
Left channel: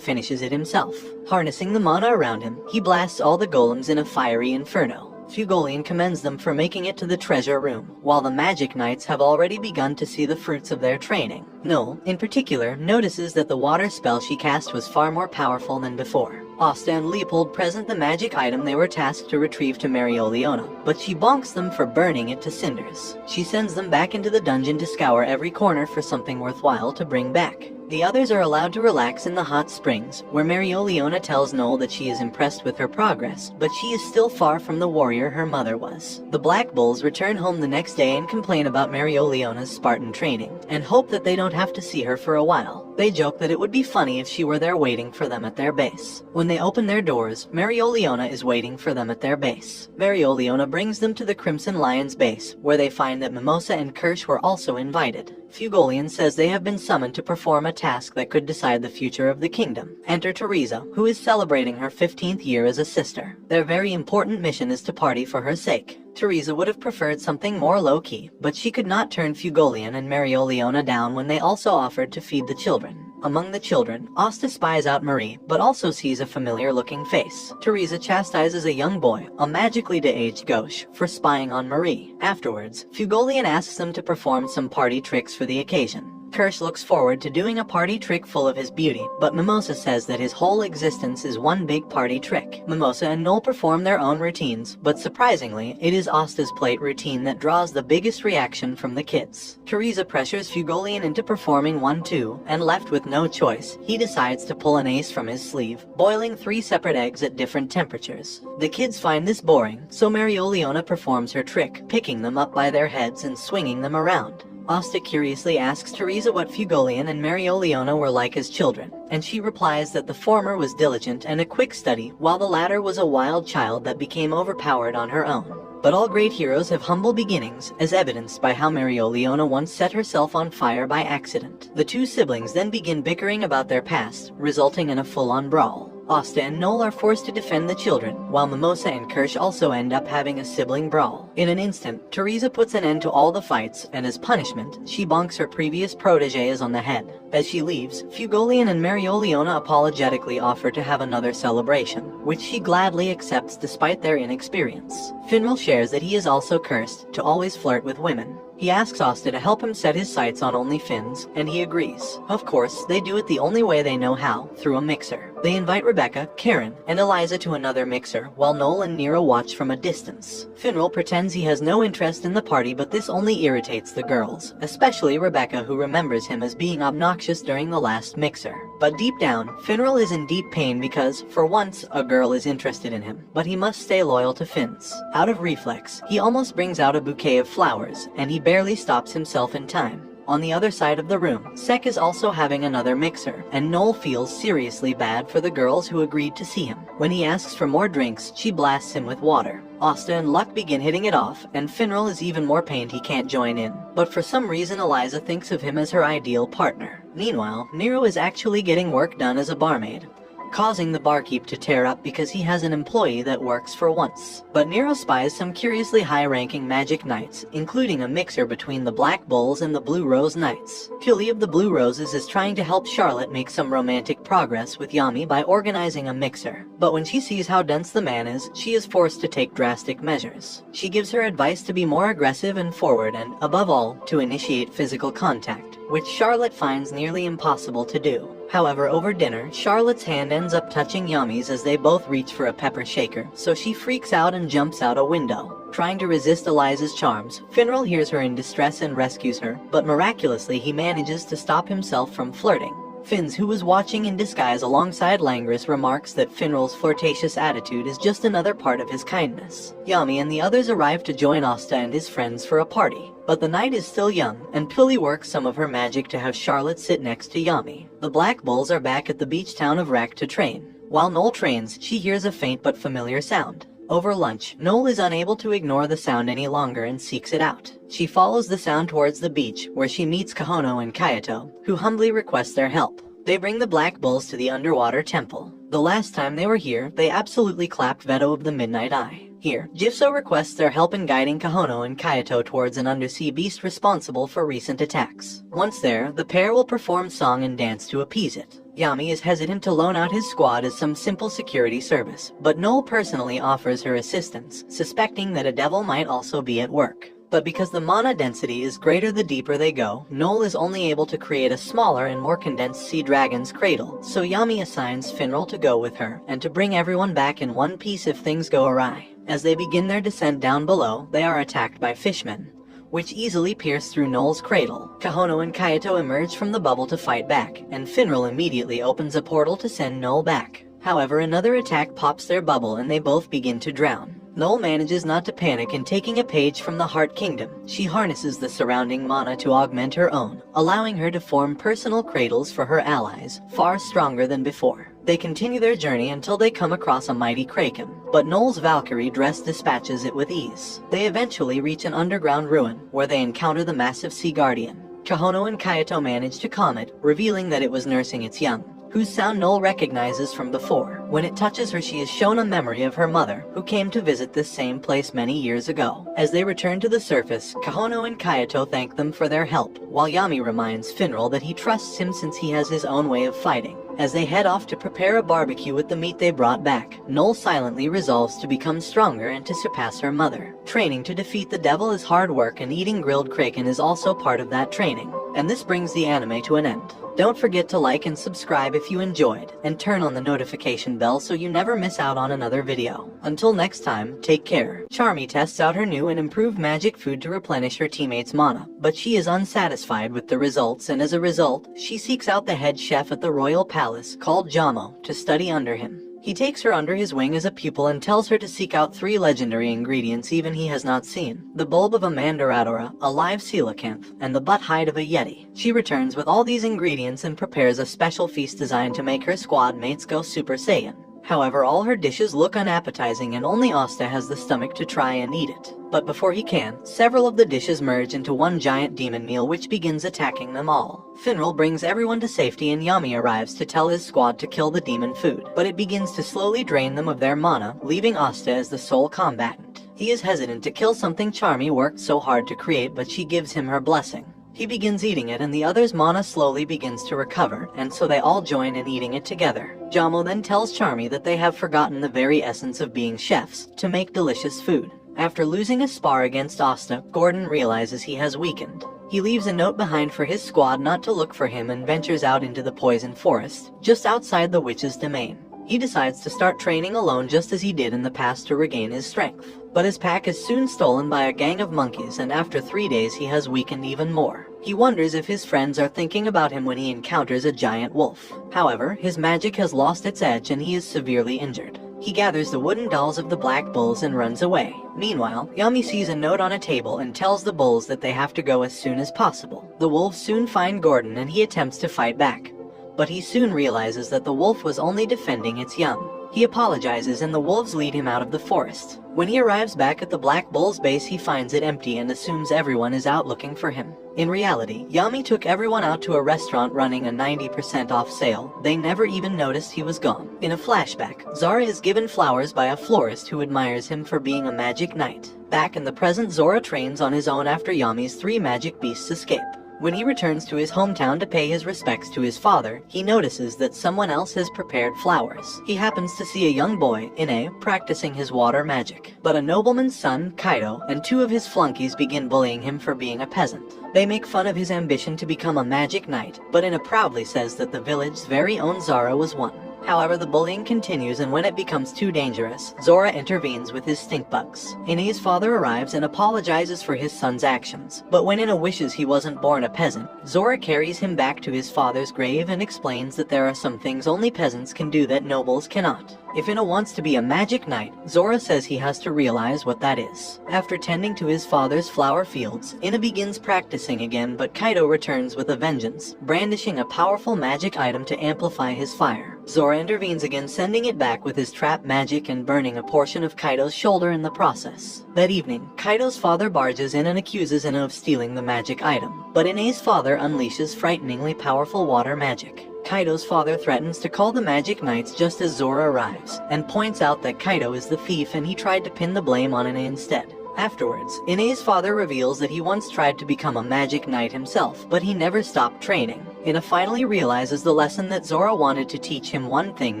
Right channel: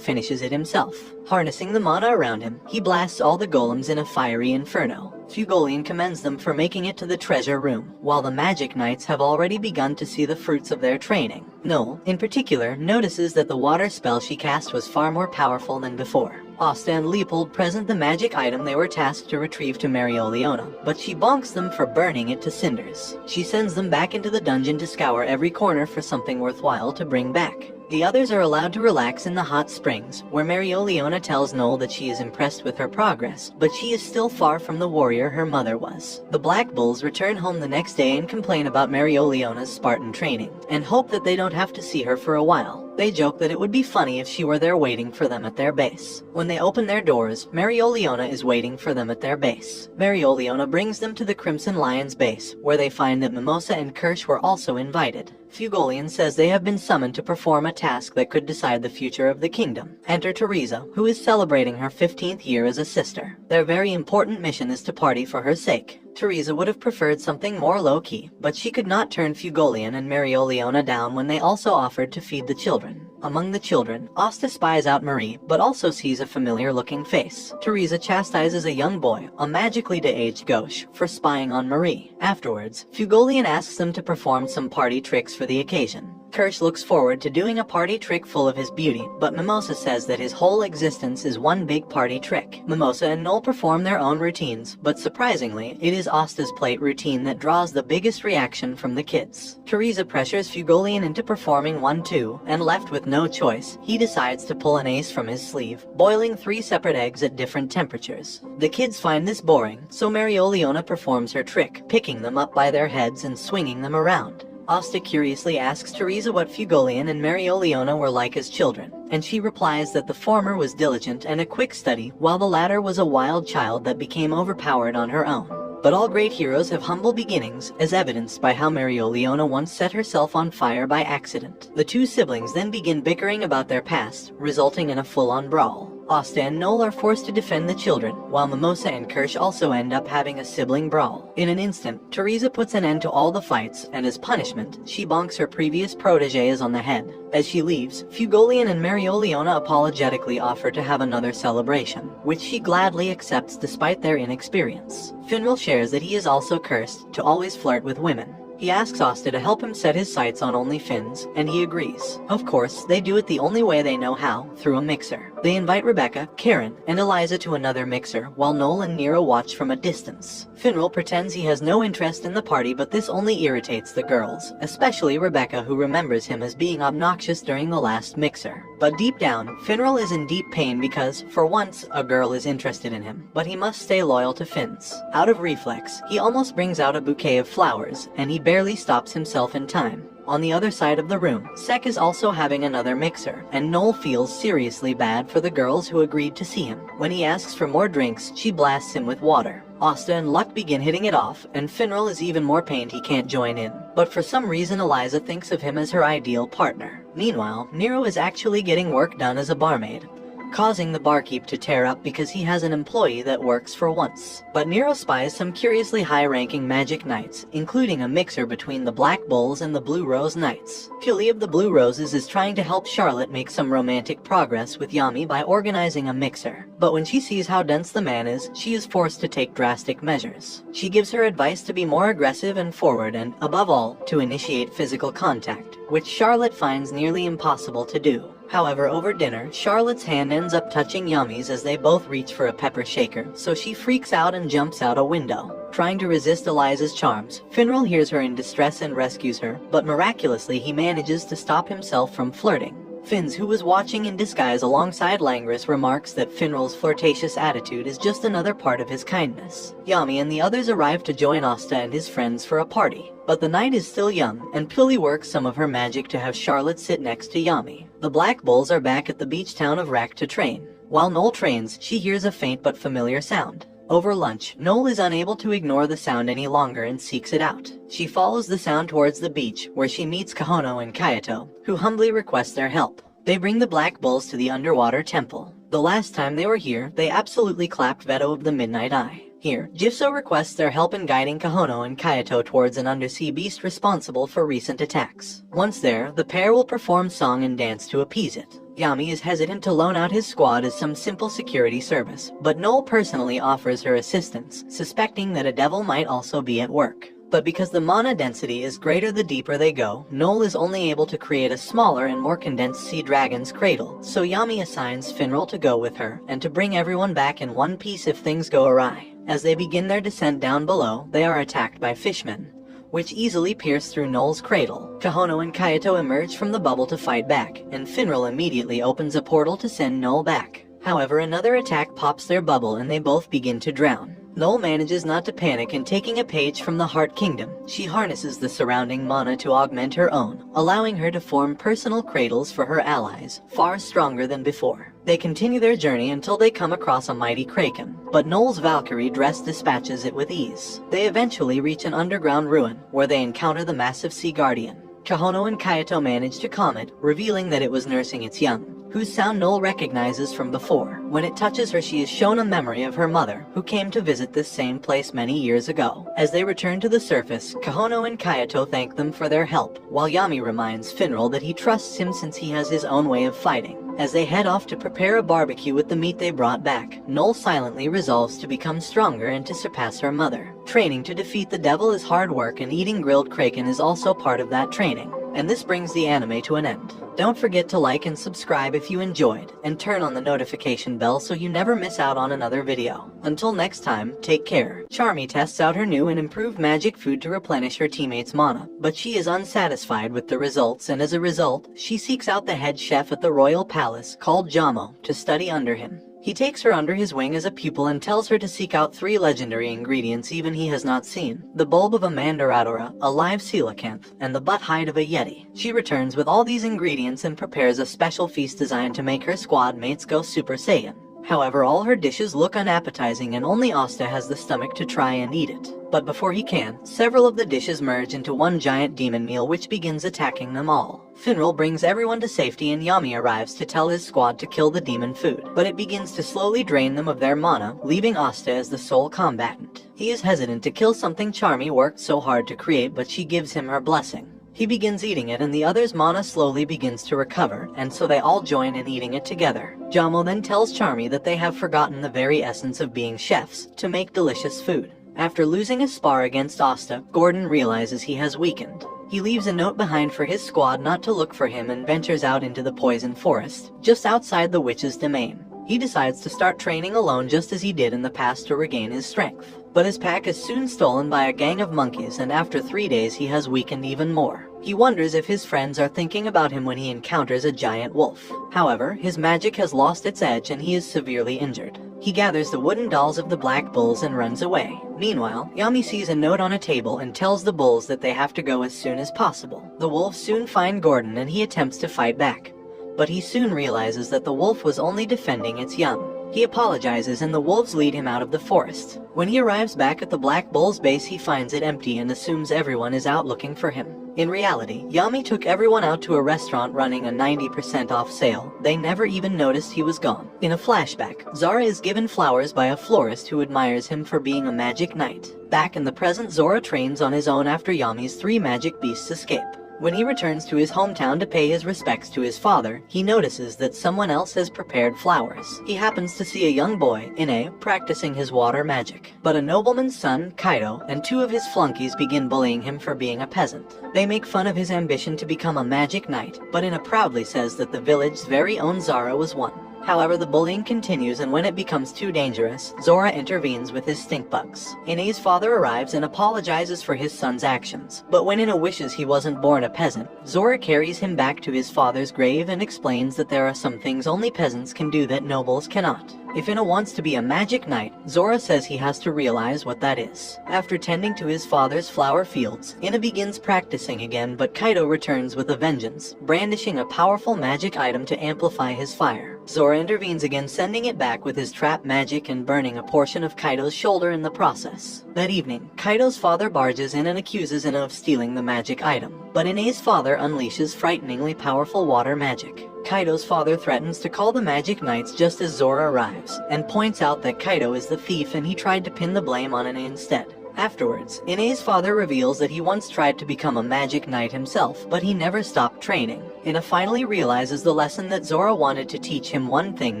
finishes it himself. Harnessing the mana around him, he blasts all the golems in a fiery inferno. Fugolian commends them for making it to the treasure room, while the Magic Knights have already begun to see the fruits of their training. Noel, in particular, notices that the water spell she cast was far more powerful than before. Asta and Leopold present the magic item they were tasked to retrieve to Marioliona, but she bonks them for burning it to cinders. She sends them back into the dungeon to scour every corner for something worthwhile to bring back. The others are allowed to relax in the hot springs, where Marioliona tells Noel that she is impressed with her progress, but she is still far from the warrior her mother was. The Black Bulls return home the next day and complain about Marioliona's Spartan training, and hope that they don't have to see her for a while. They joke that it would be funny if she were there waiting for them at their base. When they open their doors, Marioliona is waiting for them at their base. Marioliona brings them to the Crimson Lion's base, where they find that Mimosa and Kirsch were also invited. Fugolian says they have been summoned to perform a task that could decide the future of the kingdom. Enter Teresa, who is celebrating her 15th year as a sister. Their very important mission is to party for her sake. Teresa would have preferred something more low-key, but she could not turn Fugolian and Marioliona down when they also offered to feed the children. Among the children, Asta spies out Marie, but also sees a familiar-looking face. Teresa chastises a young boy, a magically de-aged gauche, for spying on Marie. Afterwards, Fugolian asks them to perform some party tricks for the occasion. Kirsch looks forward to doing a party trick full of his beauty, but Mimosa says that his whole existence is one big party trick. Mimosa and Noel perform their own routines, but surprisingly, it is Asta's plate routine that draws the biggest reaction from the kids. Teresa pressures Fugolian into performing one too, and left with no choice, he decides to pull an ace from his sleeve, boiling 3 separate eggs at different temperatures. The kids find this boring, so Marioliona performs her trick, picking them up by their heads and swinging them around. Asta curiously asks Teresa what Fugolian and Marioliona were like as children, and she replies that the former was diligent and a quick study, while the latter was a wild child that became overpowered on her own. But all great heroes have humble beginnings, as evidenced by how Marioliona once set herself on fire by accident. The two siblings then begin bickering about their past, resulting in a full-on brawl. Asta and Noel are forced to defend the children, while Mimosa and Kirsch also end up having a sibling brawl. In an instant, Teresa puts an end to all the fights, and as punishment, she bonks her previous proteges on the head. As she leaves, Fugolian and Marioliona apologetically offer to have another celebration, which she gladly accepts despite their inexperience. Finral shares that he is also cursed to always flirt with women. He asks Asta to help him set his sights on only Finns, and he agrees. Of course, they do it the only way they know how, through a mixer. They invite Rebecca, Karen, and Eliza to another mixer, while Noel and Nero watch from a distance. Finral pretends he has no interest in the party, but this only irritates the girls, especially Rebecca, who remembers him as being obnoxious during the last mixer. But deep down, Finral is in deep pain because, for once, a girl is interested in him, but he must stay loyal to Finns. Out of reflex, he almost brings out a bouquet of flowers, and he barely stops himself in time. On the other side of the room, Sek is also having another mixer, and Noel feels seriously bad for the girls who agreed to see him. When he asks for more drinks, she blasts him with water. Asta and Luck begin hitting it off, and Finral is even more pained he can't join in. But for some reason Eliza thinks of him as her ideal partner. Meanwhile, Nero is actually getting work done as a barmaid, causing the barkeep to tear up because he has an employee that works for once. But Nero spies some curiously high-ranking magic knights, including a mixer between the Black Bulls and the Blue Rose Knights. Killy of the Blue Roses is trying to help Charlotte make some romantic progress with Yami by organizing a mixer. But when she sees how dense the man is, she is forced to take drastic measures. She gives her advice to be more aggressive and forward and, above all, to initiate physical contact, which Charlotte finds nearly impossible to do. However, over dinner, Charlotte's hand ends up touching Yami's as they both reach for a pepper shaker, so she freaks out and jumps out a window. Trying to resist Eliza's charms, Finral hears her in distress and rescues her, but miraculously he manages to stop himself from flirting. Finns, who was watching in disguise alongside Langris, remarks that Finral's flirtatious attitude is just another part of his kindness. Yami and the others arrive to join Asta and his friends for a party. But the night is still young, and Pilly works some of her magic to have Charlotte sit next to Yami. The Black Bulls are back at the beach town of Rack to train. While Noel trains, she hears a faint but familiar sound. Over lunch, Noel is unable to ignore the sound any longer and seeks it out. She follows the sound towards the beach, where she meets Kahono and Kayato, who humbly request their help. They bring the Black Bulls to the underwater temple. The last time they were here, they absolutely clapped Veto of the Midnight Eye. Here, Jifso requests their help in guiding Kahono and Kayato towards an undersea beast responsible for recent attacks. Once there, the pair will perform song and dance to appease it. Yami is hesitant to loan out his squad as some simple security service, but Noel personally offers her assistance, suspecting that a devil might also be at work. But because the mana density is greater the deeper they go, Noel is only able to create a smaller and more condensed sea dragon's cradle, so Yami assigns Finral to go with her, and to bring everyone back in one piece if things go awry. As they begin their descent down below, they are attacked by fishmen, which easily pierce through Noel's cradle. Kahono and Kayato emerge from the bubble to fight back, and Finral immediately opens a portal to send Noel back. However, another attack pops their bubble and they both begin to drown. Noel manages not to panic, and taking a page from the Heart Kingdom, she harnesses the surrounding mana to augment her own, allowing her to form personal cradles for her allies, far stronger than before. They continue their journey until they come across a mighty kraken, but Noel's Valkyrie dress dispatches it with ease. They eventually reach an underground ruin, where they encounter the massive Sea Guardian. Kahono and Kayato manage to calm it, revealing that it was nursing its young, whose sound Noel recognizes from before. When it touches her, she is shown a memory of her mother, who came to visit this same place many years ago. As they return to the surface, Kahono and Kayato thank them for their help, while Yami reminds Finral that he trusts him since he has his own way of fighting. As they head off to prepare a barbecue with the meat they brought back, Noel silently resolves to become stronger and to surpass her mother. Training to defeat the devil is hard work, and eating grilled kraken is also part of that training. And this brings the anime to an end. Don't forget to like and subscribe if you enjoyed, and turn on the notification bell so you never miss out on another video. Until next time, take care. Charmy tests out her new and improved magic food to replenish her teammates' mana, but she is unsatisfied with the results, and as a result, she seeks out the head chef at the royal palace, called Jamo, to study under him. He takes her under his wing as a pupil and tells her to seek out 3 legendary ingredients even he has not seen: the bulb of a mandaradora, a live coelacanth, and the butt hide of a yeti. She returns with all these ingredients and prepares a special feast designed to make her squad mates go Super Saiyan. However, all her dishes look unappetizing and only Asta has the stomach to try and eat it. But before he can, several of the dishes merge into one giant demon meal which begins attacking them all. Finral brings everyone to safety and Yami arrives to tell his squad to kill the demon food, but it begins to slowly drain them of their mana, leaving Asta as the sole combatant. He is hesitant to kill something Charmy worked so hard to create, but she gives him her blessing. He begins eating it, and the others' mana slowly begins to recover, and so they all join in eating it together. Jamo then tells Charmy that they have forgotten the very essence of being chefs, to make delicious food. After losing a spar against Asta, Gordon realizes he has weakened. He leaves a note behind for his squad not to look for him and ventures out into the poison forest, just outside the witch's domain. He decides to start training alone just as he did in the past to regain his strength. But his pack is soon stolen by a gang of monkeys, and after 3 days he has weakened even more. He wonders if his friends are thinking about him when he encounters a giant wolf. However, his magic has lost its edge and he is severely injured. He gathers the wooden dolls of the black bulls and runs away. Meanwhile, Yami sees a note on a table and tells the bulls that they have to go as soon as possible. The wolves soon find Gordon and he attempts to fight back. But he soon realizes that the wolf was only defending its young. He apologizes and the wolves lead him out of the forest. When he arrives back at the Black Bull's base, he finds it empty and assumes everyone is out looking for him. In reality, Yami took everyone out to a restaurant running a 90% off sale. They never even noticed he was gone. In a flashback, Zora is given flowers by a florist who admires him for being a magic knight. Back in the present, Zora trains on his own after Yami's 3 magic beasts escape. When he returns to his hometown to pay his respects to his father, he notices that someone else has prepared flowers. He happens to see a young boy, Ine, practicing his water magic. But a nobleman's son, Kaido, and 2 of his flunkies begin bullying him for being a peasant. They make fun of his ambition to become a magic knight, but Ine proudly says that the village's very own Zara was one. However, the bullying continues, and when it becomes too dangerous, Zora intervenes with his stink bugs. Ine's father arrives and apologizes for his son's actions. But when Ine wishes he wasn't born a peasant, Zora carries him back to his father's grave and explains that there are some things only peasants can do that nobles cannot. If Ine wants to be a magic knight, Zora says he has to realize what that is. After tending to his father's flower fields, Ine begins practicing again, but Kaido returns with a vengeance, brandishing a powerful magic item to amplify his fire. Zora intervenes again, sending it back with his trap magic and burning a portion of Kaido's shoulder in the process. That evening, Kaido's father barges in and accuses Ine of stealing the magic item. But Ine's father unleashes frighteningly powerful water magic. Kaido's father threatens to call the Magic Knights just as Zora arrives, and points out that Kaido is the thief and he tried to pin the blame on Ine instead. Afterwards, Ine's father reveals that he once tried to become a magic knight himself, but he never stopped training. Ine finally realizes the lesson that Zora wanted to teach him: one thing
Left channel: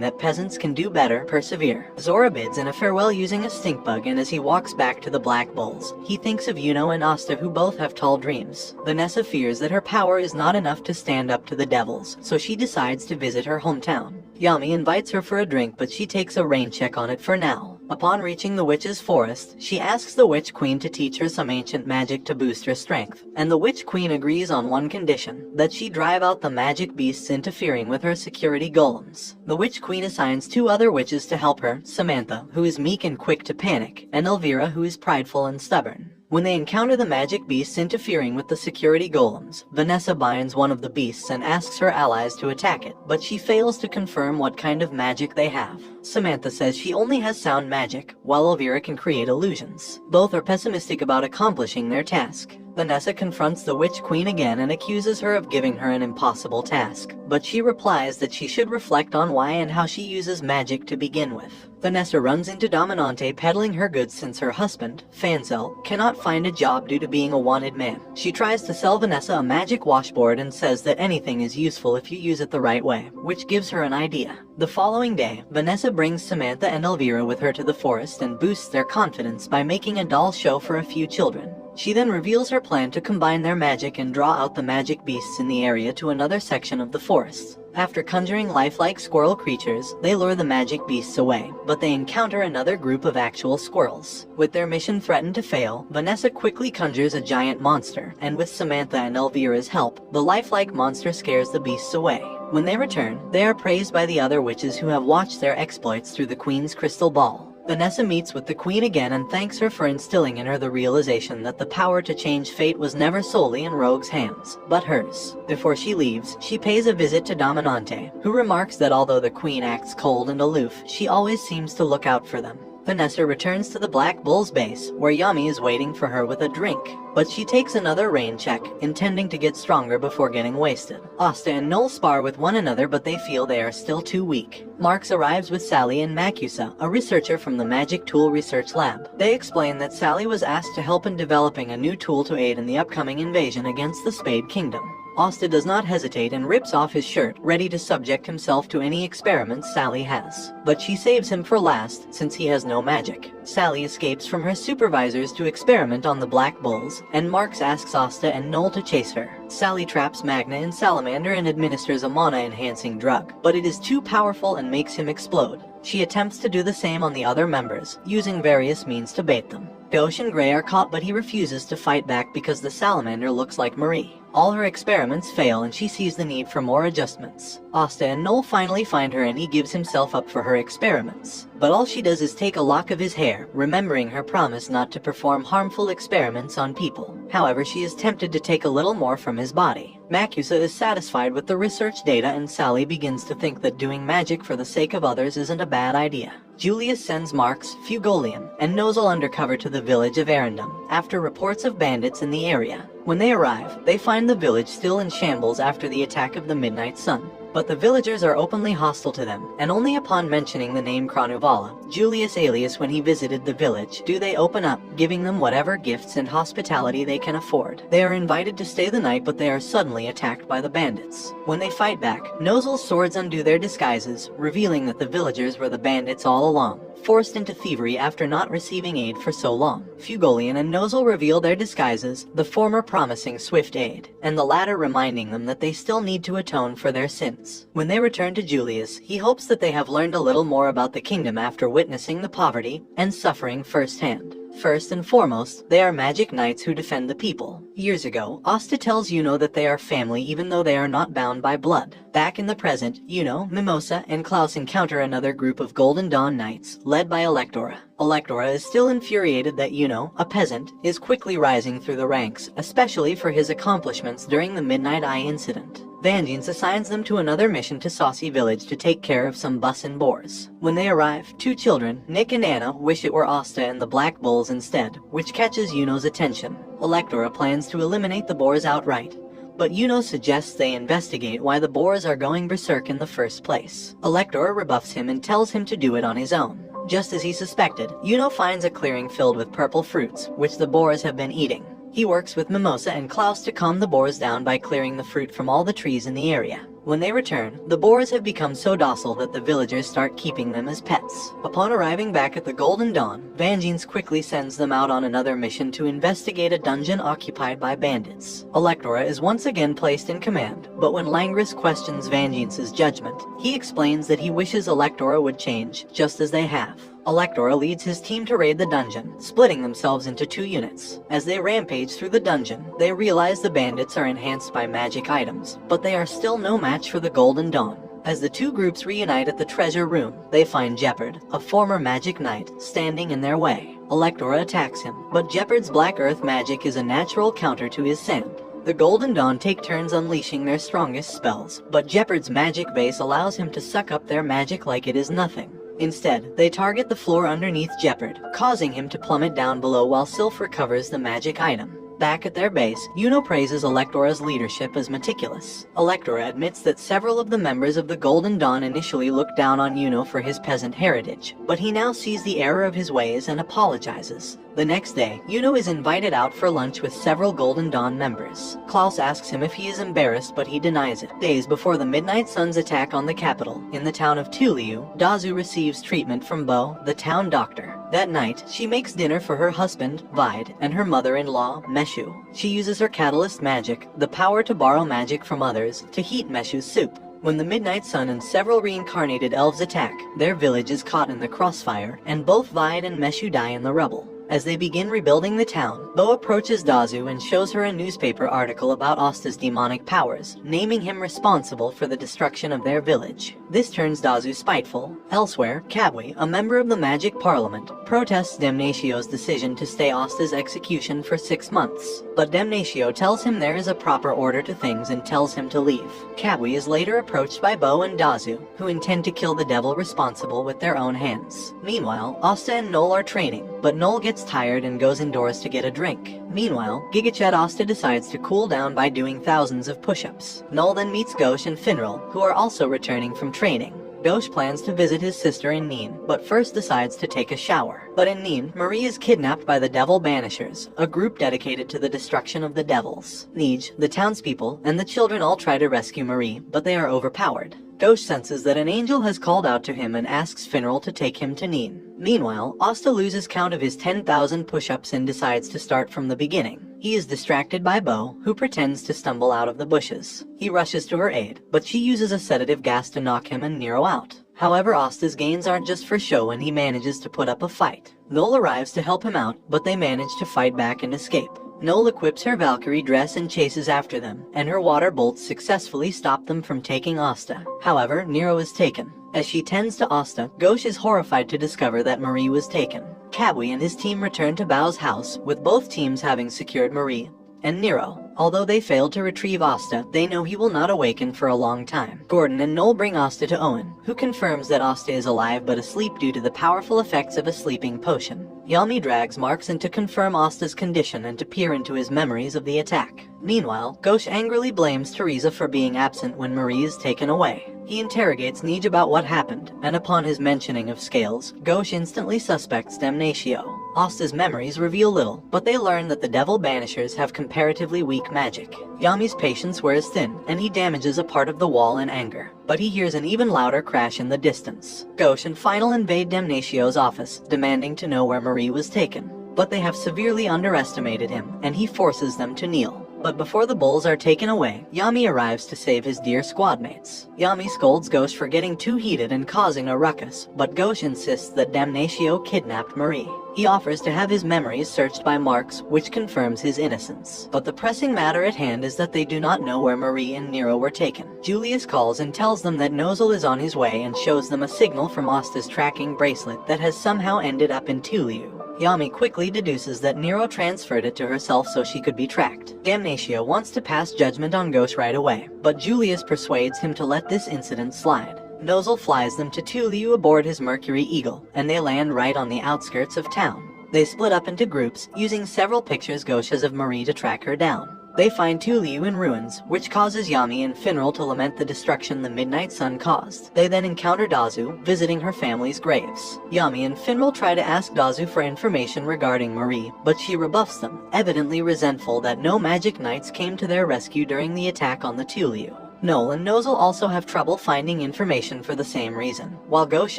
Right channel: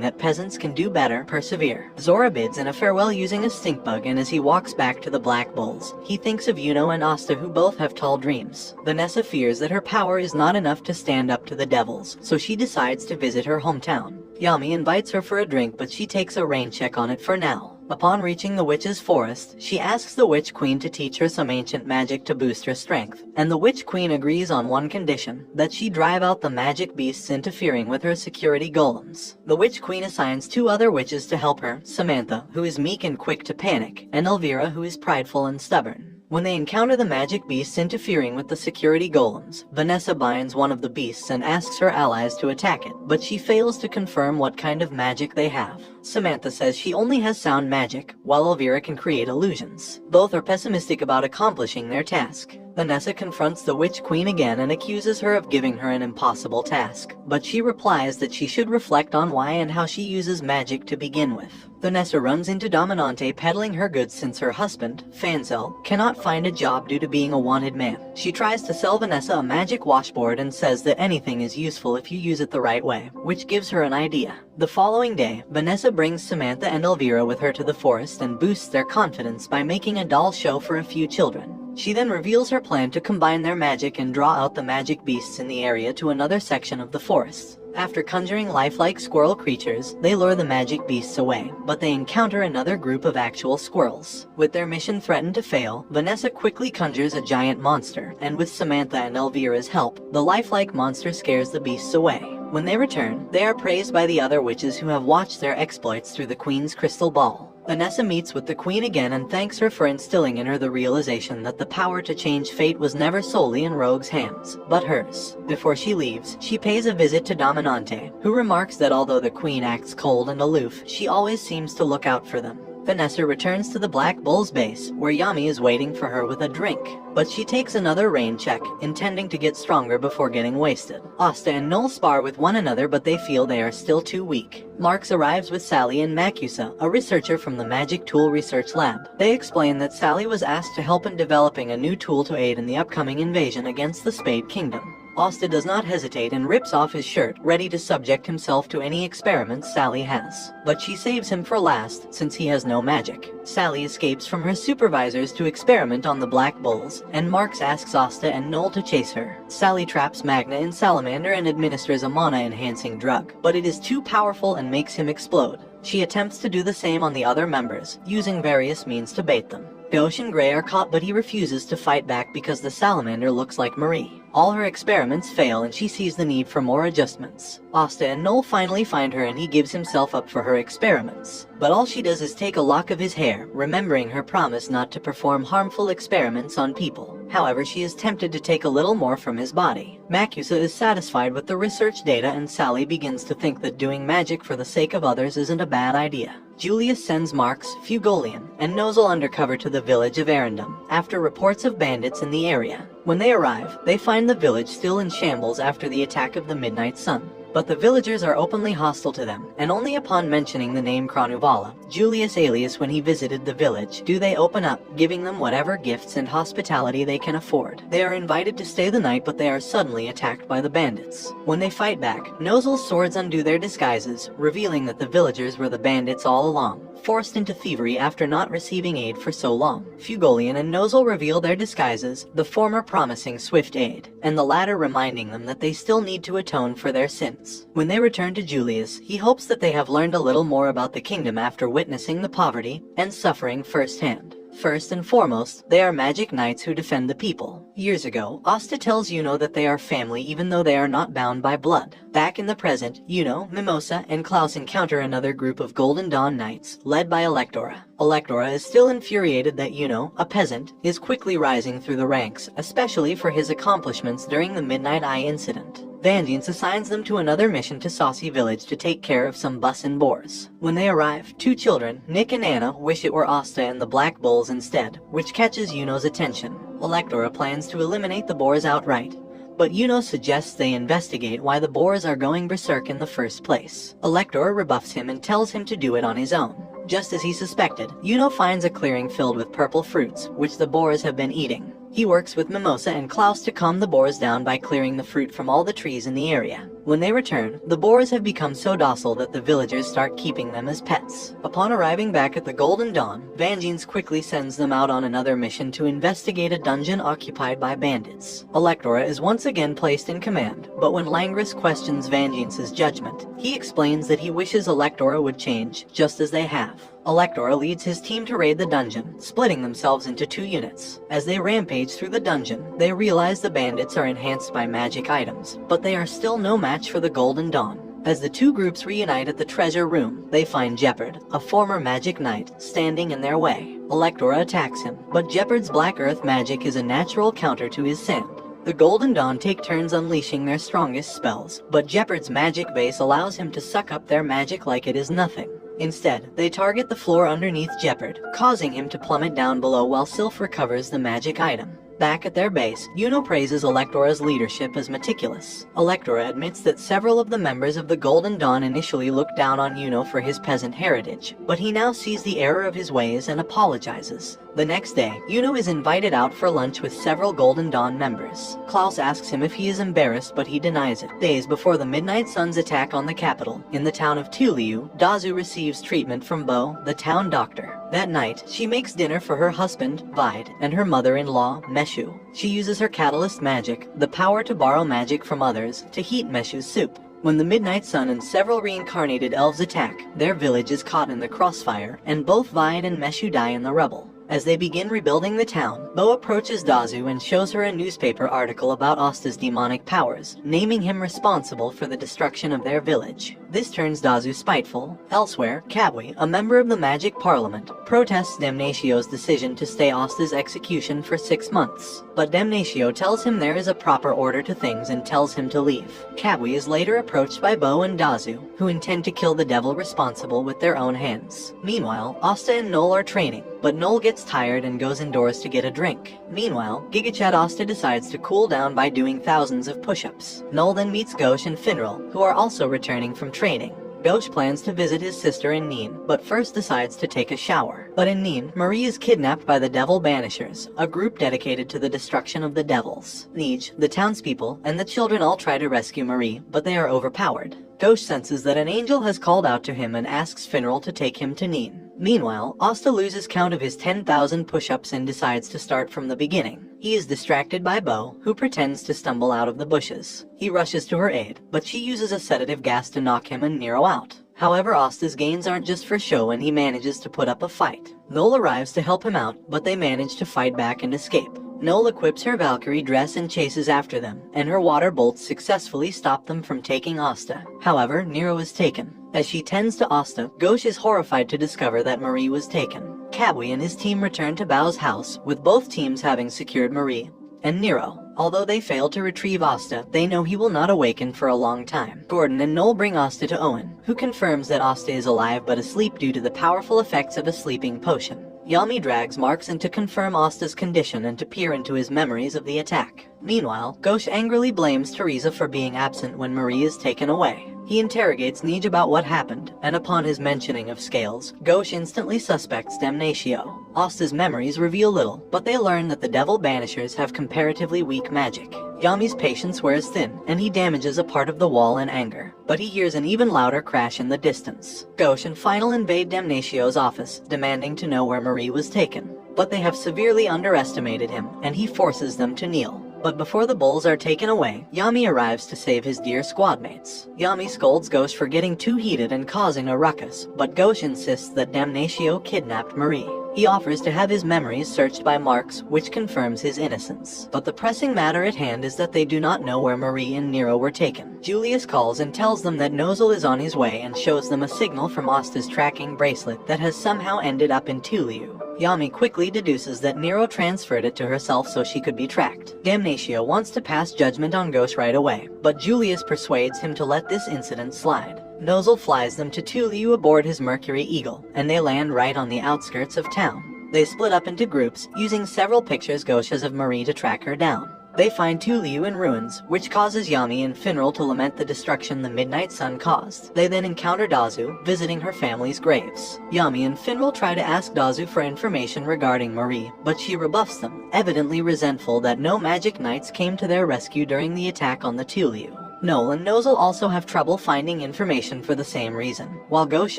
that peasants can do better: persevere. Zora bids Ine farewell using a stink bug, and as he walks back to the Black Bulls, he thinks of Yuno and Asta, who both have tall dreams. Vanessa fears that her power is not enough to stand up to the devils, so she decides to visit her hometown. Yami invites her for a drink, but she takes a rain check on it for now. Upon reaching the witch's forest, she asks the Witch Queen to teach her some ancient magic to boost her strength, and the Witch Queen agrees on one condition: that she drive out the magic beasts interfering with her security golems. The Witch Queen assigns 2 other witches to help her: Samantha, who is meek and quick to panic, and Elvira, who is prideful and stubborn. When they encounter the magic beasts interfering with the security golems, Vanessa binds one of the beasts and asks her allies to attack it, but she fails to confirm what kind of magic they have. Samantha says she only has sound magic, while Elvira can create illusions. Both are pessimistic about accomplishing their task. Vanessa confronts the Witch Queen again and accuses her of giving her an impossible task, but she replies that she should reflect on why and how she uses magic to begin with. Vanessa runs into Dominante peddling her goods since her husband, Fanzel, cannot find a job due to being a wanted man. She tries to sell Vanessa a magic washboard and says that anything is useful if you use it the right way, which gives her an idea. The following day, Vanessa brings Samantha and Elvira with her to the forest and boosts their confidence by making a doll show for a few children. She then reveals her plan to combine their magic and draw out the magic beasts in the area to another section of the forest. After conjuring lifelike squirrel creatures, they lure the magic beasts away, but they encounter another group of actual squirrels. With their mission threatened to fail, Vanessa quickly conjures a giant monster, and with Samantha and Elvira's help, the lifelike monster scares the beasts away. When they return, they are praised by the other witches who have watched their exploits through the Queen's crystal ball. Vanessa meets with the Queen again and thanks her for instilling in her the realization that the power to change fate was never solely in Rogue's hands, but hers. Before she leaves, she pays a visit to Dominante, who remarks that although the Queen acts cold and aloof, she always seems to look out for them. Vanessa returns to the Black Bull's base, where Yami is waiting for her with a drink. But she takes another rain check, intending to get stronger before getting wasted. Asta and Noel spar with one another, but they feel they are still too weak. Marks arrives with Sally and Makusa, a researcher from the Magic Tool Research Lab. They explain that Sally was asked to help in developing a new tool to aid in the upcoming invasion against the Spade Kingdom. Asta does not hesitate and rips off his shirt, ready to subject himself to any experiments Sally has. But she saves him for last, since he has no magic. Sally escapes from her supervisors to experiment on the black bulls, and Marks asks Asta and Noel to chase her. Sally traps Magna in Salamander and administers a mana-enhancing drug, but it is too powerful and makes him explode. She attempts to do the same on the other members, using various means to bait them. Gauche and Gray are caught, but he refuses to fight back because the Salamander looks like Marie. All her experiments fail and she sees the need for more adjustments. Asta and Noel finally find her and he gives himself up for her experiments. But all she does is take a lock of his hair, remembering her promise not to perform harmful experiments on people. However, she is tempted to take a little more from his body. Macusa is satisfied with the research data and Sally begins to think that doing magic for the sake of others isn't a bad idea. Julius sends Marks, Fugolian, and Nozel undercover to the village of Arendum, after reports of bandits in the area. When they arrive, they find the village still in shambles after the attack of the Midnight Sun. But the villagers are openly hostile to them, and only upon mentioning the name Kranuvala, Julius alias when he visited the village, do they open up, giving them whatever gifts and hospitality they can afford. They are invited to stay the night, but they are suddenly attacked by the bandits. When they fight back, Nozel's swords undo their disguises, revealing that the villagers were the bandits all along, forced into thievery after not receiving aid for so long. Fugolian and Nozel reveal their disguises, the former promising swift aid, and the latter reminding them that they still need to atone for their sins. When they return to Julius, he hopes that they have learned a little more about the kingdom after witnessing the poverty and suffering firsthand. First and foremost, they are magic knights who defend the people. Years ago, Asta tells Yuno that they are family even though they are not bound by blood. Back in the present, Yuno, Mimosa, and Klaus encounter another group of Golden Dawn knights, led by Electora. Electora is still infuriated that Yuno, a peasant, is quickly rising through the ranks, especially for his accomplishments during the Midnight Eye incident. Vangeance assigns them to another mission to Saucy Village to take care of some bussin' boars. When they arrive, two children, Nick and Anna, wish it were Asta and the Black Bulls instead, which catches Yuno's attention. Electora plans to eliminate the boars outright, but Yuno suggests they investigate why the boars are going berserk in the first place. Electora rebuffs him and tells him to do it on his own. Just as he suspected, Yuno finds a clearing filled with purple fruits, which the boars have been eating. He works with Mimosa and Klaus to calm the boars down by clearing the fruit from all the trees in the area. When they return, the boars have become so docile that the villagers start keeping them as pets. Upon arriving back at the Golden Dawn, Vangeance quickly sends them out on another mission to investigate a dungeon occupied by bandits. Electora is once again placed in command, but when Langris questions Vangeance's judgment, he explains that he wishes Electora would change, just as they have. Electora leads his team to raid the dungeon, splitting themselves into two units. As they rampage through the dungeon, they realize the bandits are enhanced by magic items, but they are still no match for the Golden Dawn. As the two groups reunite at the treasure room, they find Jeopard, a former magic knight, standing in their way. Electora attacks him, but Jeopard's black earth magic is a natural counter to his sand. The Golden Dawn take turns unleashing their strongest spells, but Jeopard's magic base allows him to suck up their magic like it is nothing. Instead, they target the floor underneath Jeopard, causing him to plummet down below while Sylph recovers the magic item. Back at their base, Yuno praises Electora's leadership as meticulous. Electora admits that several of the members of the Golden Dawn initially looked down on Yuno for his peasant heritage, but he now sees the error of his ways and apologizes. The next day, Yuno is invited out for lunch with several Golden Dawn members. Klaus asks him if he is embarrassed, but he denies it. Days before the Midnight Sun's attack on the capital, in the town of Tuliu, Dazu receives treatment from Bo, the town doctor. That night, she makes dinner for her husband, Vide, and her mother-in-law, Meshu. She uses her catalyst magic, the power to borrow magic from others, to heat Meshu's soup. When the Midnight Sun and several reincarnated elves attack, their village is caught in the crossfire, and both Vide and Meshu die in the rubble. As they begin rebuilding the town, Bo approaches Dazu and shows her a newspaper article about Asta's demonic powers, naming him responsible for the destruction of their village. This turns Dazu spiteful. Elsewhere, Kabwe, a member of the Magic Parliament, protests Damnatio's decision to stay Asta's execution for 6 months. But Damnatio tells him there is a proper order to things and tells him to leave. Kabwe is later approached by Bo and Dazu, who intend to kill the devil responsible with their own hands. Meanwhile, Asta and Noel are training, but Noel gets tired and goes indoors to get a drink. Meanwhile, Gigachet Asta decides to cool down by doing thousands of push-ups. Noel then meets Gauche and Finral, who are also returning from training. Dosh plans to visit his sister in Neen, but first decides to take a shower. But in Neen, Marie is kidnapped by the Devil Banishers, a group dedicated to the destruction of the devils. Nej, the townspeople, and the children all try to rescue Marie, but they are overpowered. Dosh senses that an angel has called out to him and asks Finral to take him to Neen. Meanwhile, Asta loses count of his 10,000 push-ups and decides to start from the beginning. He is distracted by Bo, who pretends to stumble out of the bushes. He rushes to her aid, but she uses a sedative gas to knock him and Nero out. However, Asta's gains aren't just for show and he manages to put up a fight. Noel arrives to help him out, but they manage to fight back and escape. Noel equips her Valkyrie dress and chases after them, and her water bolts successfully stop them from taking Asta. However, Nero is taken. As she tends to Asta, Ghosh is horrified to discover that Marie was taken. Kabwe and his team return to Bao's house, with both teams having secured Marie and Nero. Although they failed to retrieve Asta, they know he will not awaken for a long time. Gordon and Noel bring Asta to Owen, who confirms that Asta is alive but asleep due to the powerful effects of a sleeping potion. Yami drags Marks in to confirm Asta's condition and to peer into his memories of the attack. Meanwhile, Ghosh angrily blames Teresa for being absent when Marie is taken away. He interrogates Nej about what happened, and upon his mentioning of scales, Ghosh instantly suspects Damnatio. Asta's memories reveal little, but they learn that the Devil Banishers have comparatively weak magic. Yami's patience wears thin, and he damages a part of the wall in anger. But he hears an even louder crash in the distance. Ghosh and Final invade Damnatio's office, demanding to know where Marie was taken. But they have severely underestimated him, and he forces them to kneel. But before the bulls are taken away, Yami arrives to save his dear squadmates. Yami scolds Ghosh for getting too heated and causing a ruckus, but Ghosh insists that Damnatio kidnapped Marie. He offers to have his memories searched by Marks, which confirms his innocence. But the pressing matter at hand is that they do not know where Marie and Nero were taken. Julius calls and tells them that Nozel is on his way and shows them a signal from Asta's tracking bracelet that has somehow ended up in Tuliu. Yami quickly deduces that Nero transferred it to herself so she could be tracked. Damnatio wants to pass judgment on Ghosh right away, but Julius persuades him to let this incident slide. Nozel flies them to Tuliu aboard his Mercury Eagle, and they land right on the outskirts of town. They split up into groups, using several pictures Ghosh has of Marie to track her down. They find Tuliu in ruins, which causes Yami and Finral to lament the destruction the Midnight Sun caused. They then encounter Dazu, visiting her family's graves. Yami and Finral try to ask Dazu for information regarding Marie, but she rebuffs them, evidently resentful that no magic knights came to their rescue during the attack on the Tuliu. Noel and Nozel also have trouble finding information for the same reason, while Ghosh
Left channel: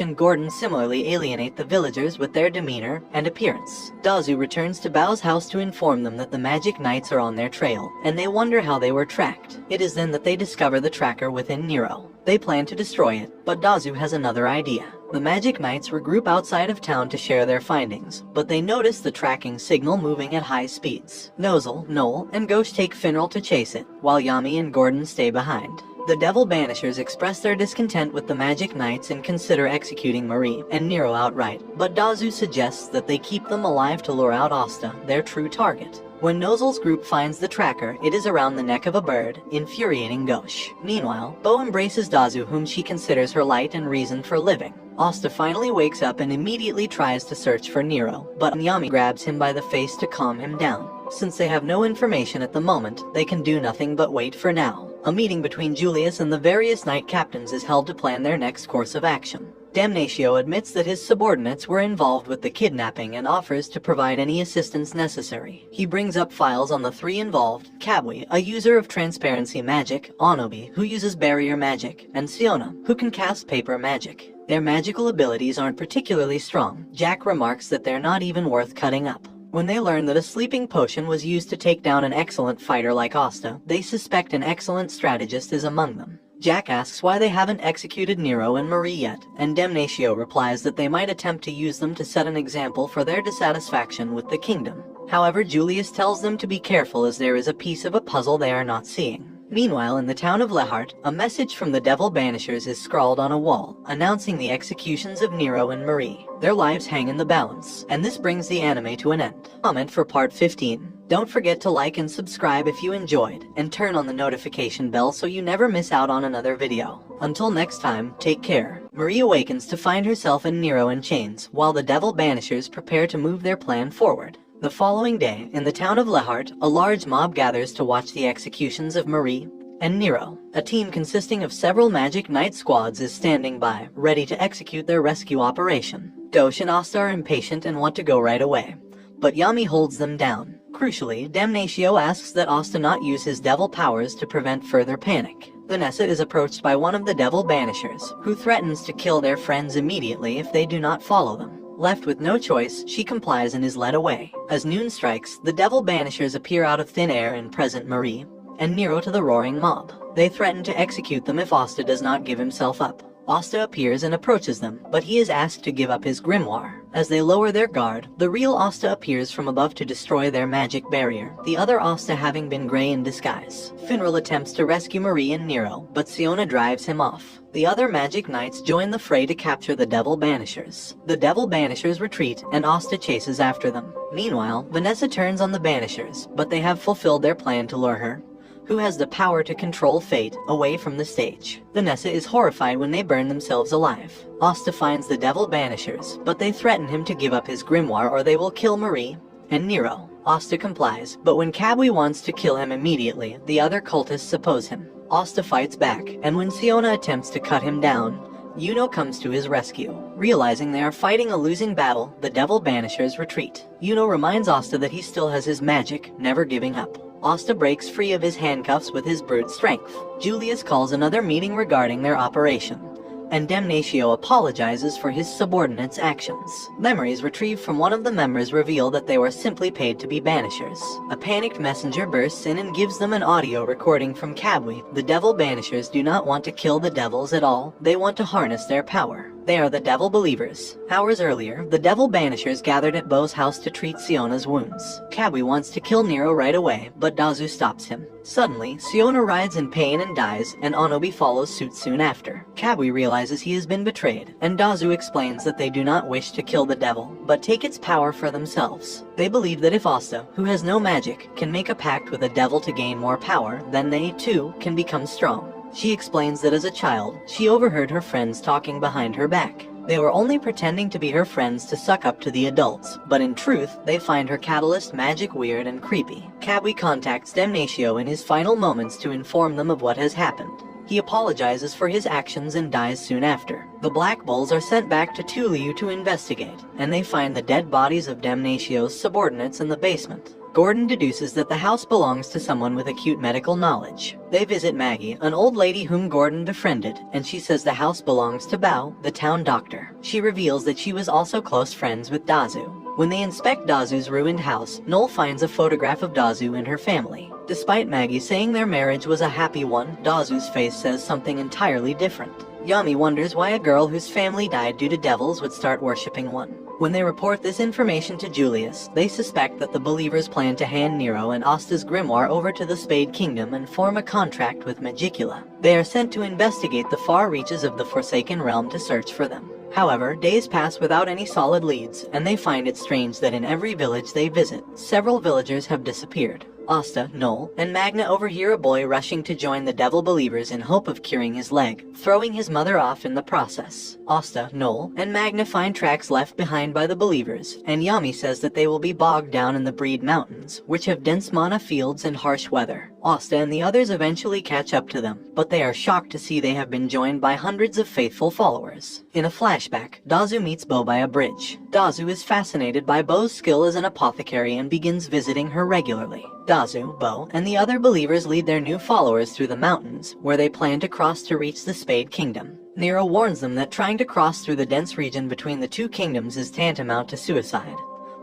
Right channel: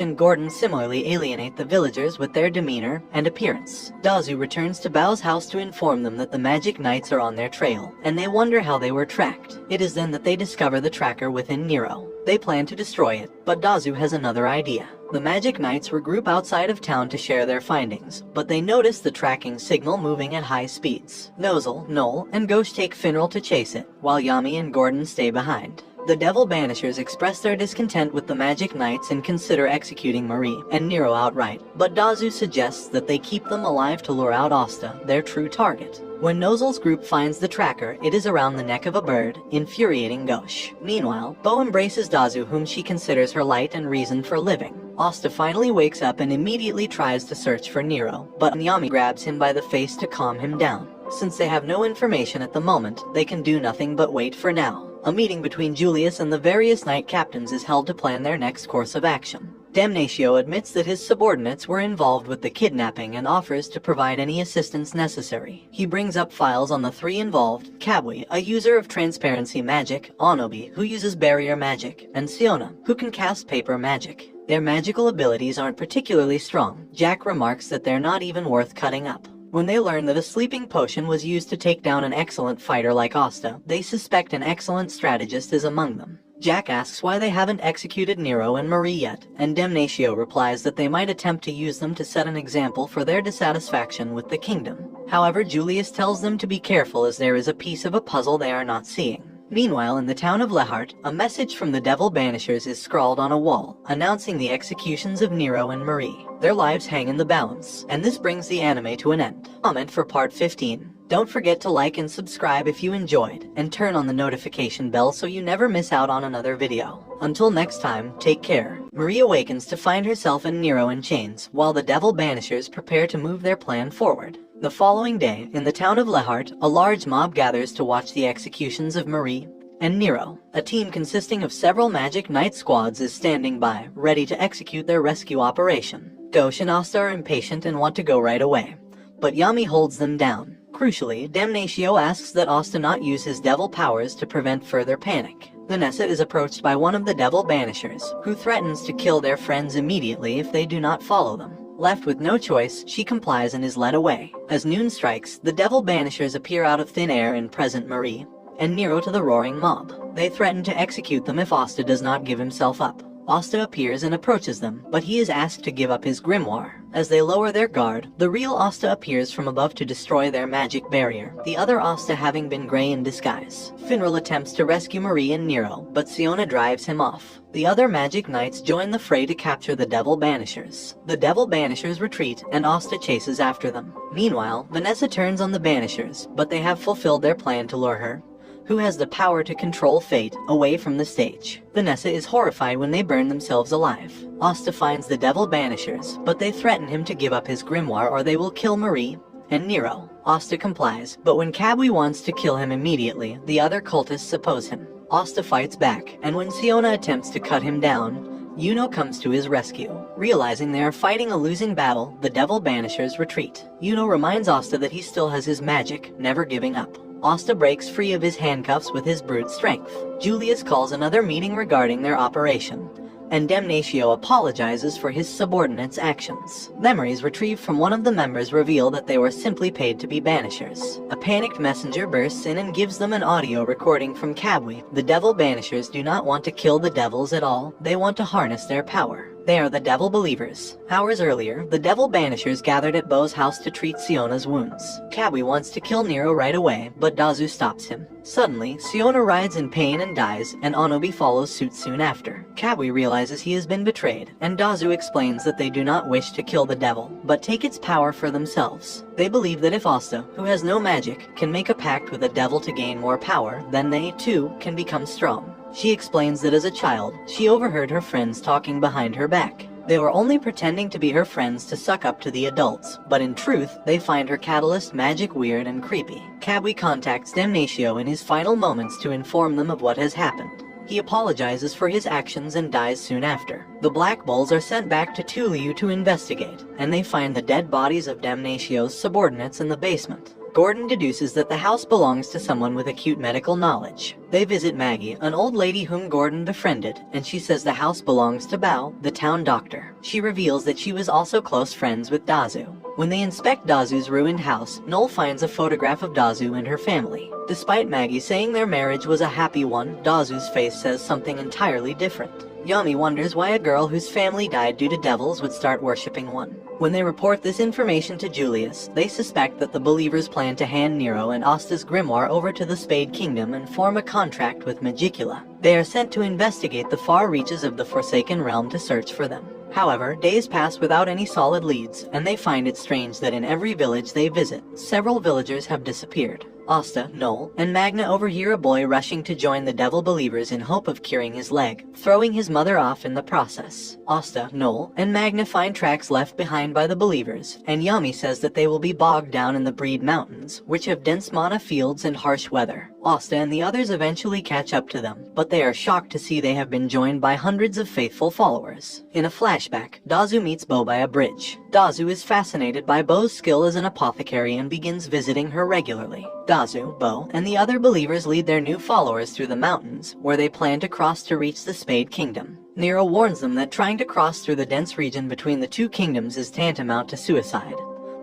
and Gordon similarly alienate the villagers with their demeanor and appearance. Dazu returns to Bao's house to inform them that the magic knights are on their trail, and they wonder how they were tracked. It is then that they discover the tracker within Nero. They plan to destroy it, but Dazu has another idea. The Magic Knights regroup outside of town to share their findings, but they notice the tracking signal moving at high speeds. Nozel, Noel, and Ghosh take Finral to chase it, while Yami and Gordon stay behind. The Devil Banishers express their discontent with the Magic Knights and consider executing Marie and Nero outright, but Dazu suggests that they keep them alive to lure out Asta, their true target. When Nozel's group finds the tracker, it is around the neck of a bird, infuriating Ghosh. Meanwhile, Bo embraces Dazu, whom she considers her light and reason for living. Asta finally wakes up and immediately tries to search for Nero, but Yami grabs him by the face to calm him down. Since they have no information at the moment, they can do nothing but wait for now. A meeting between Julius and the various knight captains is held to plan their next course of action. Damnatio admits that his subordinates were involved with the kidnapping and offers to provide any assistance necessary. He brings up files on the three involved: Kabwe, a user of transparency magic, Onobi, who uses barrier magic, and Siona, who can cast paper magic. Their magical abilities aren't particularly strong. Jack remarks that they're not even worth cutting up. When they learn that a sleeping potion was used to take down an excellent fighter like Asta, they suspect an excellent strategist is among them. Jack asks why they haven't executed Nero and Marie yet, and Damnatio replies that they might attempt to use them to set an example for their dissatisfaction with the kingdom. However, Julius tells them to be careful as there is a piece of a puzzle they are not seeing. Meanwhile, in the town of Lehart, a message from the Devil Banishers is scrawled on a wall, announcing the executions of Nero and Marie. Their lives hang in the balance, and this brings the anime to an end. Comment for part 15. Don't forget to like and subscribe if you enjoyed, and turn on the notification bell so you never miss out on another video. Until next time, take care. Marie awakens to find herself and Nero in chains, while the Devil Banishers prepare to move their plan forward. The following day, in the town of Lehart, a large mob gathers to watch the executions of Marie and Nero. A team consisting of several magic knight squads is standing by, ready to execute their rescue operation. Dosh and Asta are impatient and want to go right away, but Yami holds them down. Crucially, Damnatio asks that Asta not use his devil powers to prevent further panic. Vanessa is approached by one of the devil banishers, who threatens to kill their friends immediately if they do not follow them. Left with no choice, she complies and is led away. As noon strikes, the devil banishers appear out of thin air and present Marie and Nero to the roaring mob. They threaten to execute them if Asta does not give himself up. Asta appears and approaches them, but he is asked to give up his grimoire. As they lower their guard, the real Asta appears from above to destroy their magic barrier, the other Asta having been Grey in disguise. Finral attempts to rescue Marie and Nero, but Siona drives him off. The other magic knights join the fray to capture the devil banishers. The devil banishers retreat, and Asta chases after them. Meanwhile, Vanessa turns on the banishers, but they have fulfilled their plan to lure her, who has the power to control fate, away from the stage. Vanessa is horrified when they burn themselves alive. Asta finds the devil banishers, but they threaten him to give up his grimoire or they will kill Marie and Nero. Asta complies, but when Kabui wants to kill him immediately, the other cultists oppose him. Asta fights back, and when Siona attempts to cut him down, Yuno comes to his rescue. Realizing they are fighting a losing battle, the devil banishers retreat. Yuno reminds Asta that he still has his magic, never giving up. Asta breaks free of his handcuffs with his brute strength. Julius calls another meeting regarding their operation, and Damnatio apologizes for his subordinates' actions. Memories retrieved from one of the members reveal that they were simply paid to be banishers. A panicked messenger bursts in and gives them an audio recording from Kabui. The devil banishers do not want to kill the devils at all, they want to harness their power. They are the devil believers. Hours earlier, the devil banishers gathered at Bo's house to treat Siona's wounds. Kabui wants to kill Nero right away, but Dazu stops him. Suddenly, Siona writhes in pain and dies, and Onobi follows suit soon after. Kabui realizes he has been betrayed, and Dazu explains that they do not wish to kill the devil, but take its power for themselves. They believe that if Asta, who has no magic, can make a pact with a devil to gain more power, then they, too, can become strong. She explains that as a child, she overheard her friends talking behind her back. They were only pretending to be her friends to suck up to the adults, but in truth, they find her catalyst magic weird and creepy. Kabui contacts Damnatio in his final moments to inform them of what has happened. He apologizes for his actions and dies soon after. The Black Bulls are sent back to Tuliu to investigate, and they find the dead bodies of Damnatio's subordinates in the basement. Gordon deduces that the house belongs to someone with acute medical knowledge. They visit Maggie, an old lady whom Gordon befriended, and she says the house belongs to Bao, the town doctor. She reveals that she was also close friends with Dazu. When they inspect Dazu's ruined house, Noel finds a photograph of Dazu and her family. Despite Maggie saying their marriage was a happy one, Dazu's face says something entirely different. Yami wonders why a girl whose family died due to devils would start worshipping one. When they report this information to Julius, they suspect that the believers plan to hand Nero and Asta's grimoire over to the Spade Kingdom and form a contract with Magicula. They are sent to investigate the far reaches of the Forsaken Realm to search for them. However, days pass without any solid leads, and they find it strange that in every village they visit, several villagers have disappeared. Asta, Noel, and Magna overhear a boy rushing to join the devil believers in hope of curing his leg, throwing his mother off in the process. Asta, Noel, and Magna find tracks left behind by the believers, and Yami says that they will be bogged down in the Breed Mountains, which have dense mana fields and harsh weather. Asta and the others eventually catch up to them, but they are shocked to see they have been joined by hundreds of faithful followers. In a flashback, Dazu meets Bo by a bridge. Dazu is fascinated by Bo's skill as an apothecary and begins visiting her regularly. Dazu, Bo, and the other believers lead their new followers through the mountains, where they plan to cross to reach the Spade Kingdom. Nero warns them that trying to cross through the dense region between the two kingdoms is tantamount to suicide,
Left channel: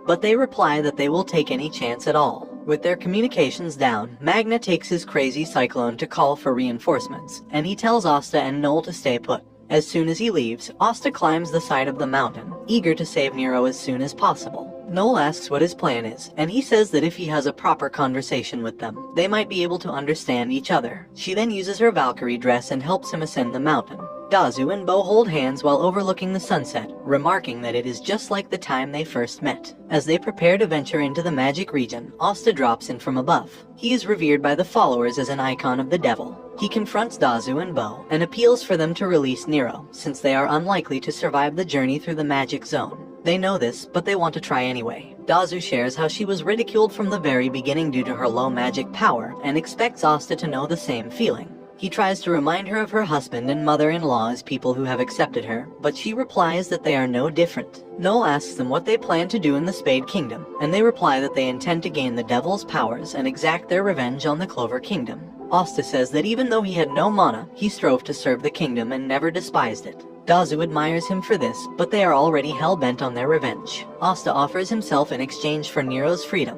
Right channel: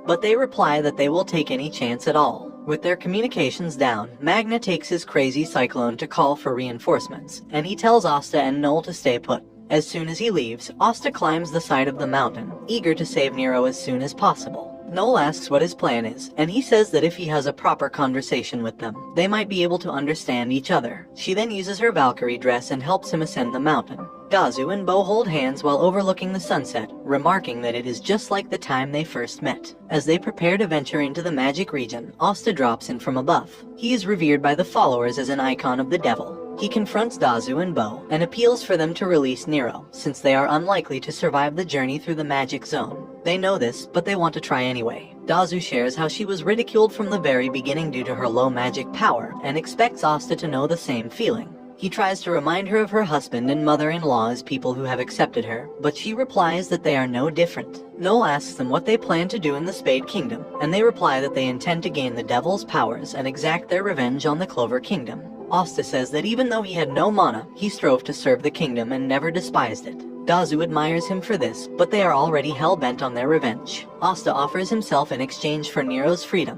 but they reply that they will take any chance at all. With their communications down, Magna takes his crazy cyclone to call for reinforcements, and he tells Asta and Noel to stay put. As soon as he leaves, Asta climbs the side of the mountain, eager to save Nero as soon as possible. Noel asks what his plan is, and he says that if he has a proper conversation with them, they might be able to understand each other. She then uses her Valkyrie dress and helps him ascend the mountain. Dazu and Bo hold hands while overlooking the sunset, remarking that it is just like the time they first met. As they prepare to venture into the magic region, Asta drops in from above. He is revered by the followers as an icon of the devil. He confronts Dazu and Bo and appeals for them to release Nero, since they are unlikely to survive the journey through the magic zone. They know this, but they want to try anyway. Dazu shares how she was ridiculed from the very beginning due to her low magic power and expects Asta to know the same feeling. He tries to remind her of her husband and mother-in-law as people who have accepted her, but she replies that they are no different. Noel asks them what they plan to do in the Spade Kingdom, and they reply that they intend to gain the devil's powers and exact their revenge on the Clover Kingdom. Asta says that even though he had no mana, he strove to serve the kingdom and never despised it. Dazu admires him for this, but they are already hell-bent on their revenge. Asta offers himself in exchange for Nero's freedom,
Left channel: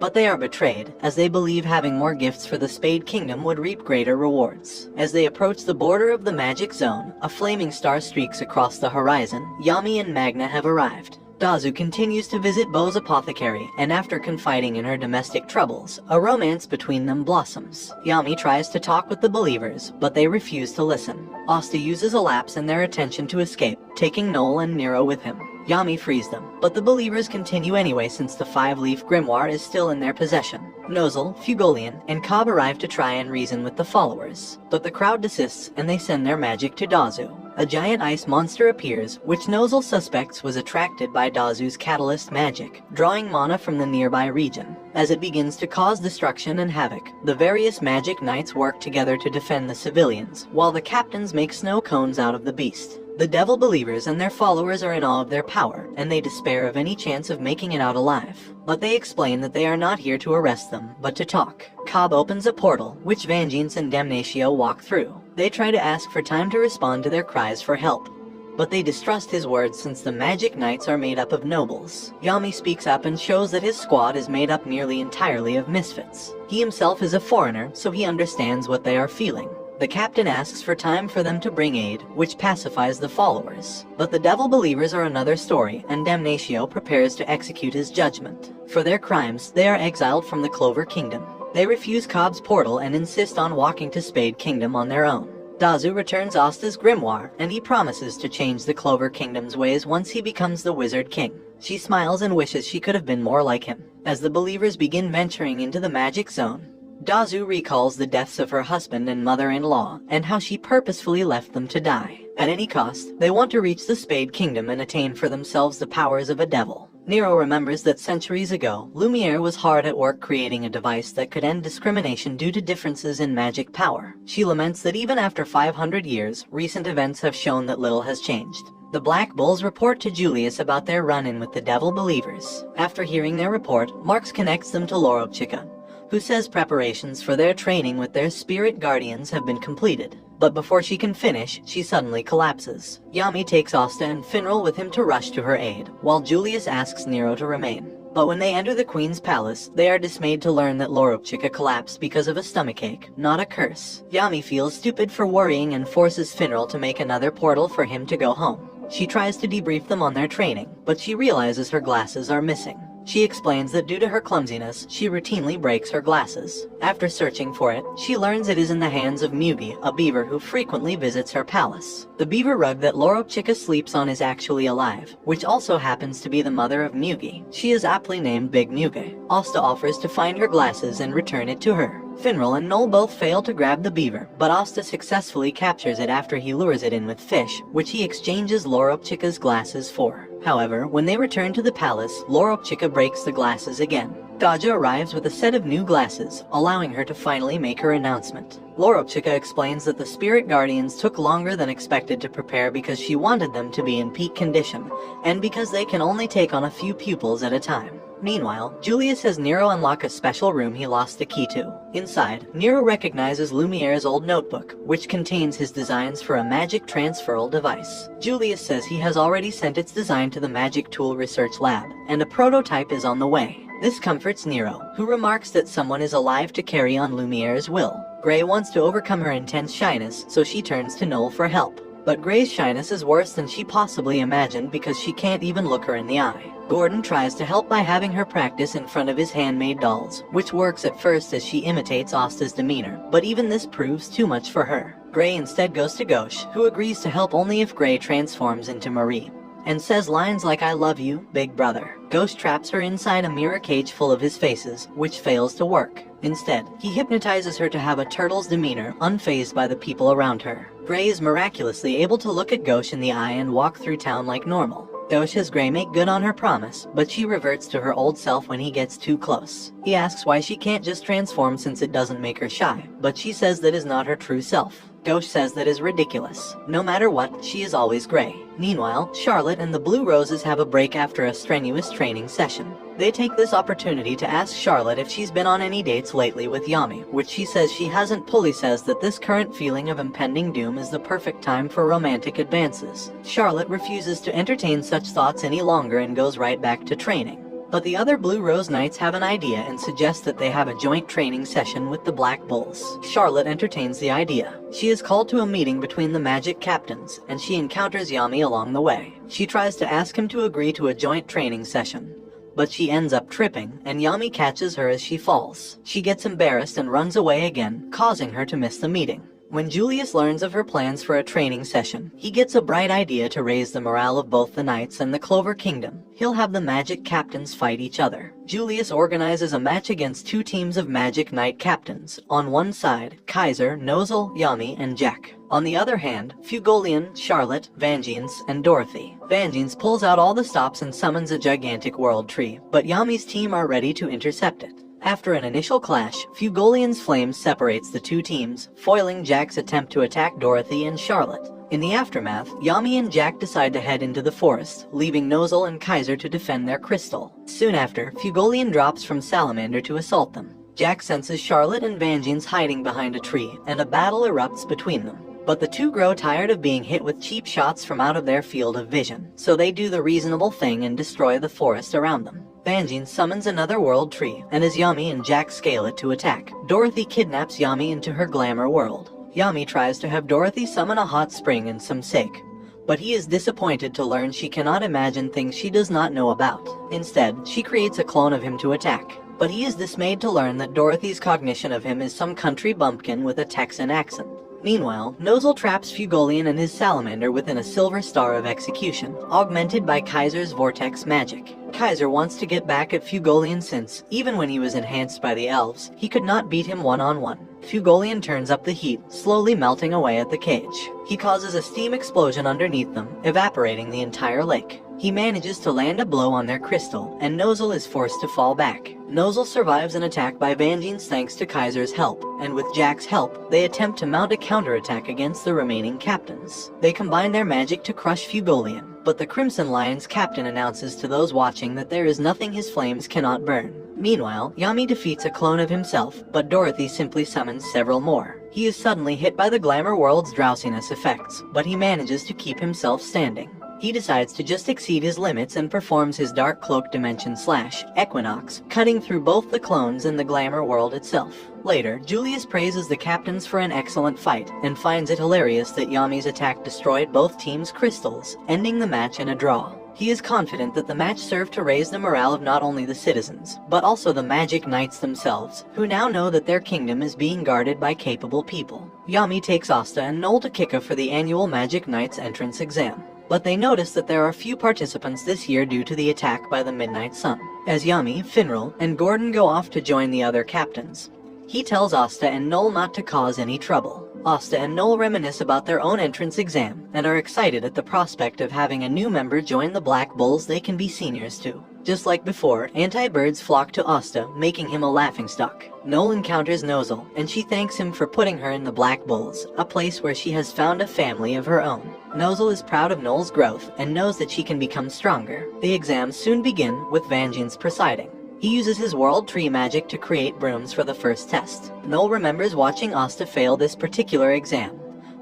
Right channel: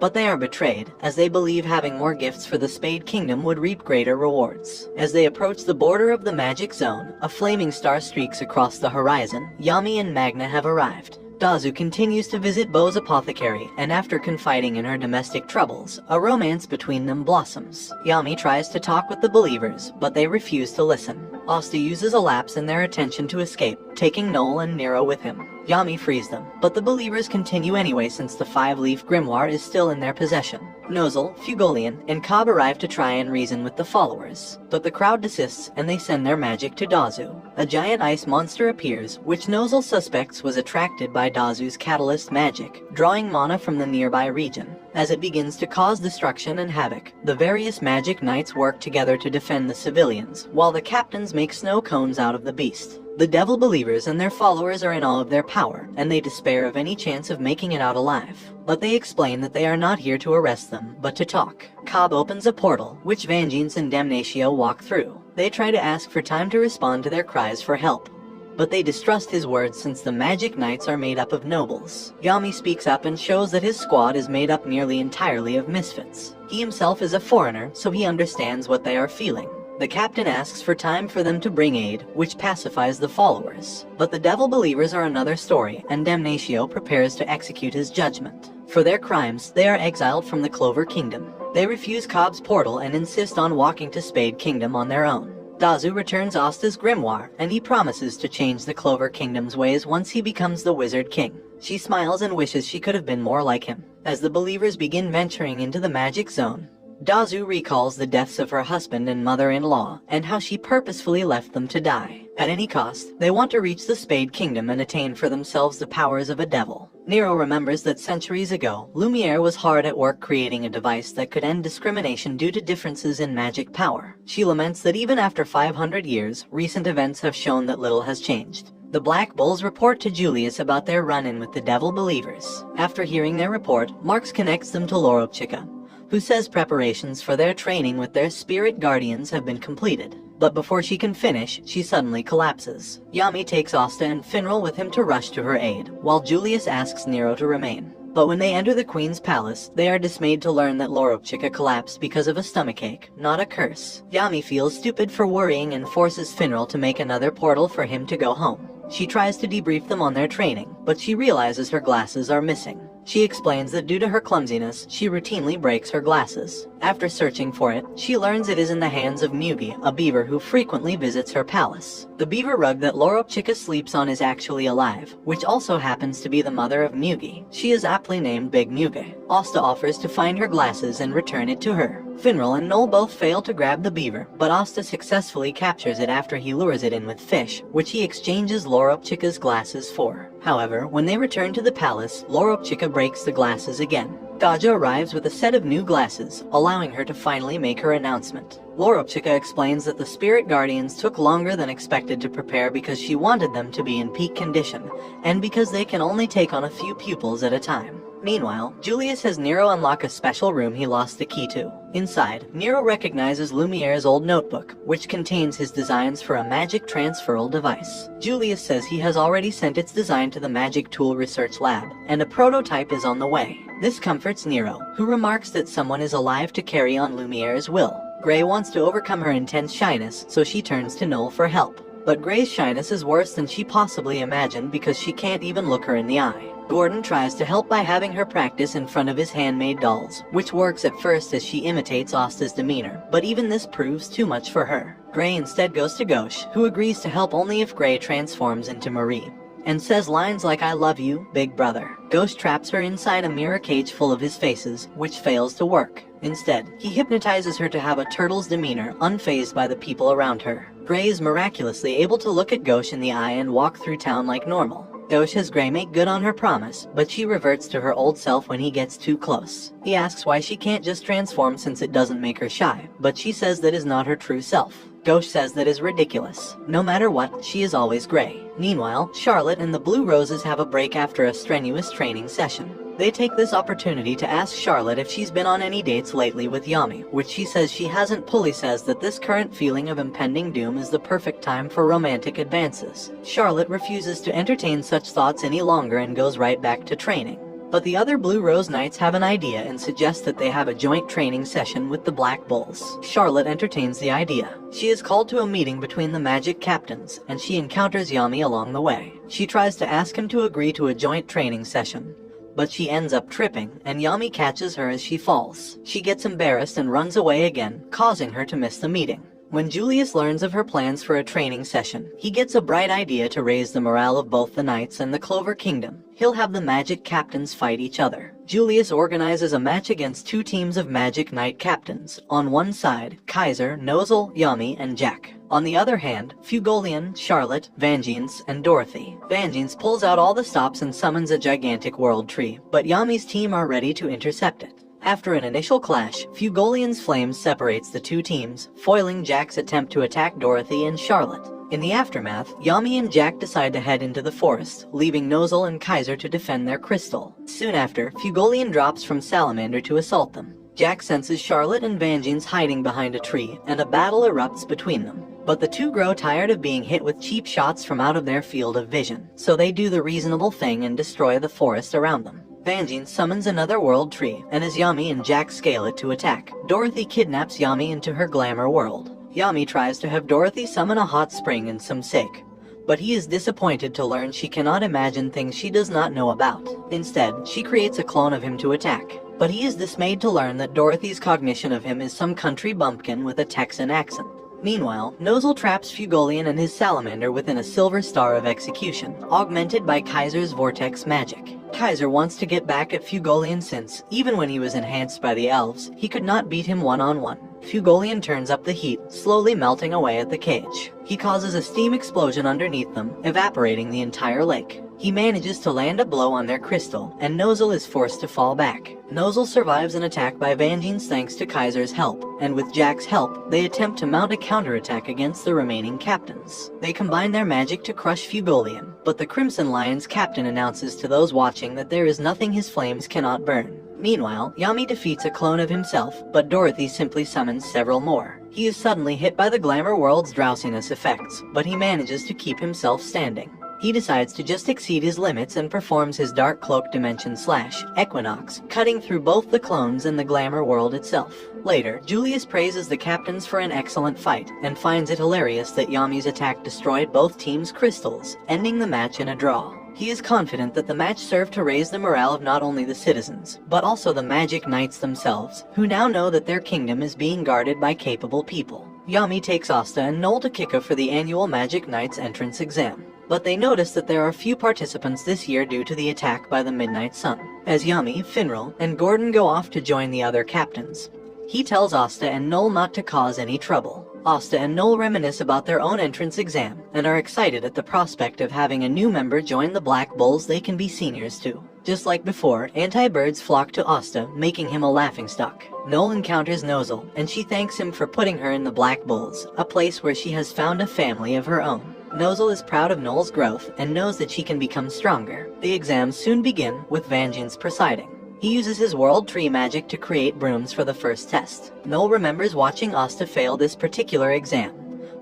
but they are betrayed, as they believe having more gifts for the Spade Kingdom would reap greater rewards. As they approach the border of the magic zone, a flaming star streaks across the horizon. Yami and Magna have arrived. Dazu continues to visit Bo's apothecary, and after confiding in her domestic troubles, a romance between them blossoms. Yami tries to talk with the believers, but they refuse to listen. Asta uses a lapse in their attention to escape, taking Noel and Nero with him. Yami frees them, but the believers continue anyway since the 5-leaf grimoire is still in their possession. Nozel, Fugolian, and Cobb arrive to try and reason with the followers, but the crowd desists and they send their magic to Dazu. A giant ice monster appears, which Nozel suspects was attracted by Dazu's catalyst magic, drawing mana from the nearby region. As it begins to cause destruction and havoc, the various magic knights work together to defend the civilians, while the captains make snow cones out of the beast. The devil believers and their followers are in awe of their power, and they despair of any chance of making it out alive. But they explain that they are not here to arrest them, but to talk. Cobb opens a portal, which Vengeance and Damnatio walk through. They try to ask for time to respond to their cries for help, but they distrust his words since the magic knights are made up of nobles. Yami speaks up and shows that his squad is made up nearly entirely of misfits. He himself is a foreigner, so he understands what they are feeling. The captain asks for time for them to bring aid, which pacifies the followers. But the devil believers are another story, and Damnatio prepares to execute his judgment. For their crimes, they are exiled from the Clover Kingdom. They refuse Cobb's portal and insist on walking to Spade Kingdom on their own. Dazu returns Asta's grimoire, and he promises to change the Clover Kingdom's ways once he becomes the Wizard King. She smiles and wishes she could have been more like him. As the believers begin venturing into the magic zone, Dazu recalls the deaths of her husband and mother-in-law, and how she purposefully left them to die. At any cost, they want to reach the Spade Kingdom and attain for themselves the powers of a devil. Nero remembers that centuries ago, Lumiere was hard at work creating a device that could end discrimination due to differences in magic power. She laments that even after 500 years, recent events have shown that little has changed. The Black Bulls report to Julius about their run-in with the devil believers. After hearing their report, Marx connects them to Loropchika, who says preparations for their training with their spirit guardians have been completed. But before she can finish, she suddenly collapses. Yami takes Asta and Finral with him to rush to her aid, while Julius asks Nero to remain. But when they enter the Queen's palace, they are dismayed to learn that Loropchika collapsed because of a stomachache, not a curse. Yami feels stupid for worrying and forces Finral to make another portal for him to go home. She tries to debrief them on their training, but she realizes her glasses are missing. She explains that due to her clumsiness, she routinely breaks her glasses. After searching for it, she learns it is in the hands of Mugi, a beaver who frequently visits her palace. The beaver rug that Loropchika sleeps on is actually alive, which also happens to be the mother of Mugi. She is aptly named Big Mugi. Asta offers to find her glasses and return it to her. Finral and Noel both fail to grab the beaver, but Asta successfully captures it after he lures it in with fish, which he exchanges Loropchika's glasses for. However, when they return to the palace, Loropchika breaks the glasses again. Gaja arrives with a set of new glasses, allowing her to finally make her announcement. Loropchika explains that the spirit guardians took longer than expected to prepare because she wanted them to be in peak condition, and because they can only take on a few pupils at a time. Meanwhile, Julius has Nero unlock a special room he lost the key to. Inside, Nero recognizes Lumiere's old notebook, which contains his designs for a magic transferal device. Julius says he has already sent its design to the Magic Tool Research Lab, and a prototype is on the way. This comforts Nero, who remarks that someone is alive to carry on Lumiere's will. Gray wants to overcome her intense shyness, so she turns to Noel for help. But Gray's shyness is worse than she possibly imagined because she can't even look her in the eye. Gordon tries to help by having her practice in front of his handmade dolls, which works at first as she imitates Asta's demeanor, but even this proves too much for her. Gray instead goes to Gauche, who agrees to help only if Gray transforms into Marie. and says lines like "I love you, big brother." Ghost traps her inside a mirror cage full of his faces, which fails to work. Instead, he hypnotizes her to have a turtle's demeanor, unfazed by the people around her. Grey is miraculously able to look at Ghost in the eye and walk through town like normal. Ghost has Grey make good on her promise, but she reverts to her old self when he gets too close. He asks why she can't just transform since it doesn't make her shy, but she says that is not her true self. Ghost says that is ridiculous. No matter what, she is always Grey. Meanwhile, Charlotte and the Blue Roses have a break after a strenuous training session. They take this opportunity to ask Charlotte if she's been on any dates lately with Yami, which she says she hasn't. Pulley says that this current feeling of impending doom is the perfect time for romantic advances. Charlotte refuses to entertain such thoughts any longer and goes right back to training. But the other Blue Rose Knights have an idea and suggest that they have a joint training session with the Black Bulls. Charlotte entertains the idea. She is called to a meeting between the magic captains, and she encounters Yami along the way. She tries to ask him to agree to a joint training session, but she ends up tripping, and Yami catches her as she falls. She gets embarrassed and runs away again, causing her to miss the meeting. When Julius learns of her plans for a training session, he gets a bright idea to raise the morale of both the Knights and the Clover Kingdom. He'll have the magic captains fight each other. Julius organizes a match against two teams of magic knight captains. On one side, Kaiser, Nozel, Yami, and Jack. On the other hand, Fugolian, Charlotte, Vangeance, and Dorothy. Vangeance pulls out all the stops and summons a gigantic world tree, but Yami's team are ready to intercept it. After an initial clash, Fugolian's flames separates the two teams, foiling Jack's attempt to attack Dorothy and Charlotte. In the aftermath, Yami and Jack decide to head into the forest, leaving Nozel and Kaiser to defend their crystal. Soon after, Fugolian drops from Salamander to assault them. Jack senses Charlotte and Vangeance hiding behind a tree, and a battle erupts between them. But the two grow tired of being hit with cheap shots from out of their field of vision, so they do the reasonable thing and destroy the forest around them. Vangeance summons another world tree, and as Yami and Jack scale it to attack, Dorothy kidnaps Yami into her glamour world. Yami tries to have Dorothy summon a hot spring and some sake, but he is disappointed to learn she cannot imagine things she does not know about. Instead, she creates a clone of him to attack, but he is dismayed to learn that Dorothy's cognition of him is some country bumpkin with a Texan accent. Meanwhile, Nozel traps Fugolian and his salamander within a silver star of execution, augmented by Kaiser's vortex magic. Kaiser wants to get back at Fugolian since, even when he was enhanced by the elves, he could not beat him one-on-one. Fugolian turns up the heat, slowly melting away at the cage. He causes a steam explosion underneath them, evaporating the entire lake. He manages to land a blow on their crystal, and Nozel is forced to fall back. Nozel survives an attack by Vangeance thanks to Kaiser's help, and with Jack's help, they attempt to mount a counterattack against the remaining captains. They combine their magic to crush Fugolian, but the Crimson Lion's captain announces to those watching that there is nothing his flames cannot burn. Meanwhile, Yami defeats a clone of himself, but Dorothy simply summons several more. He is suddenly hit by the glamour world's drowsiness effects, but he manages to keep himself standing. He decides to just exceed his limits and performs his Dark Cloak Dimension / Equinox, cutting through both the clones and the glamour world itself. Later, Julius praises the captains for an excellent fight, and finds it hilarious that Yami's attack destroyed both teams' crystals, ending the match in a draw. He is confident that the match served to raise the morale of not only the citizens, but also the magic knights themselves, who now know that their kingdom is being guarded by capable people. Yami takes Asta and Noel to Kika for the annual Magic Knights entrance exam, but they notice that there are few participants this year due to the attack by the Midnight Sun. As Yami, Finral, and Gordon go off to join the other captains, he tells Asta and Noel not to cause any trouble. Asta and Noel reminisce about their own entrance exam, and are excited at the prospect of having a new member join the Black Bulls they can be seniors to. Just like before, anti-birds flock to Asta, making him a laughingstock. Noel encounters Nozel, and she thanks him for putting her in the Black Bulls, a place where she has found a family of her own. Nozel is proud of Noel's growth, and knows that she can become stronger. The exams soon begin, with Vangeance presiding. He uses his World Tree magic to create brooms for the first test. Noel remembers watching Asta fail this particular exam,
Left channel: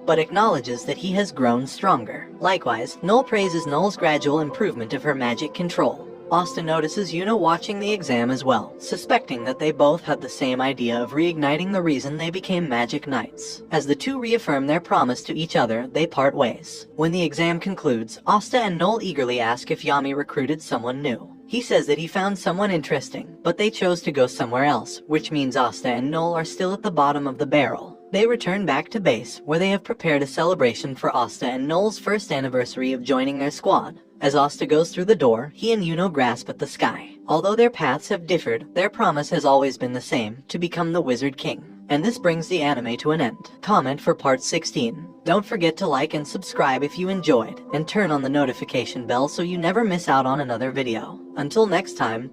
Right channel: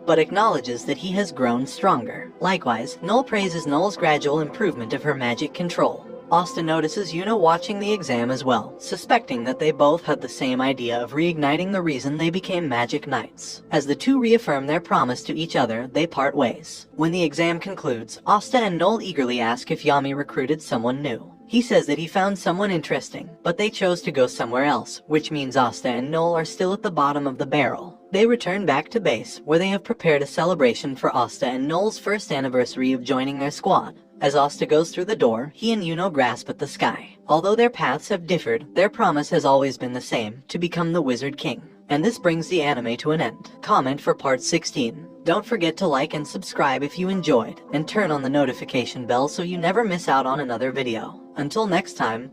but acknowledges that he has grown stronger. Likewise, Noel praises Noel's gradual improvement of her magic control. Asta notices Yuno watching the exam as well, suspecting that they both had the same idea of reigniting the reason they became Magic Knights. As the two reaffirm their promise to each other, they part ways. When the exam concludes, Asta and Noel eagerly ask if Yami recruited someone new. He says that he found someone interesting, but they chose to go somewhere else, which means Asta and Noel are still at the bottom of the barrel. They return back to base, where they have prepared a celebration for Asta and Noel's first anniversary of joining their squad. As Asta goes through the door, he and Yuno grasp at the sky. Although their paths have differed, their promise has always been the same, to become the Wizard King. And this brings the anime to an end. Comment for part 16. Don't forget to like and subscribe if you enjoyed, and turn on the notification bell so you never miss out on another video. Until next time.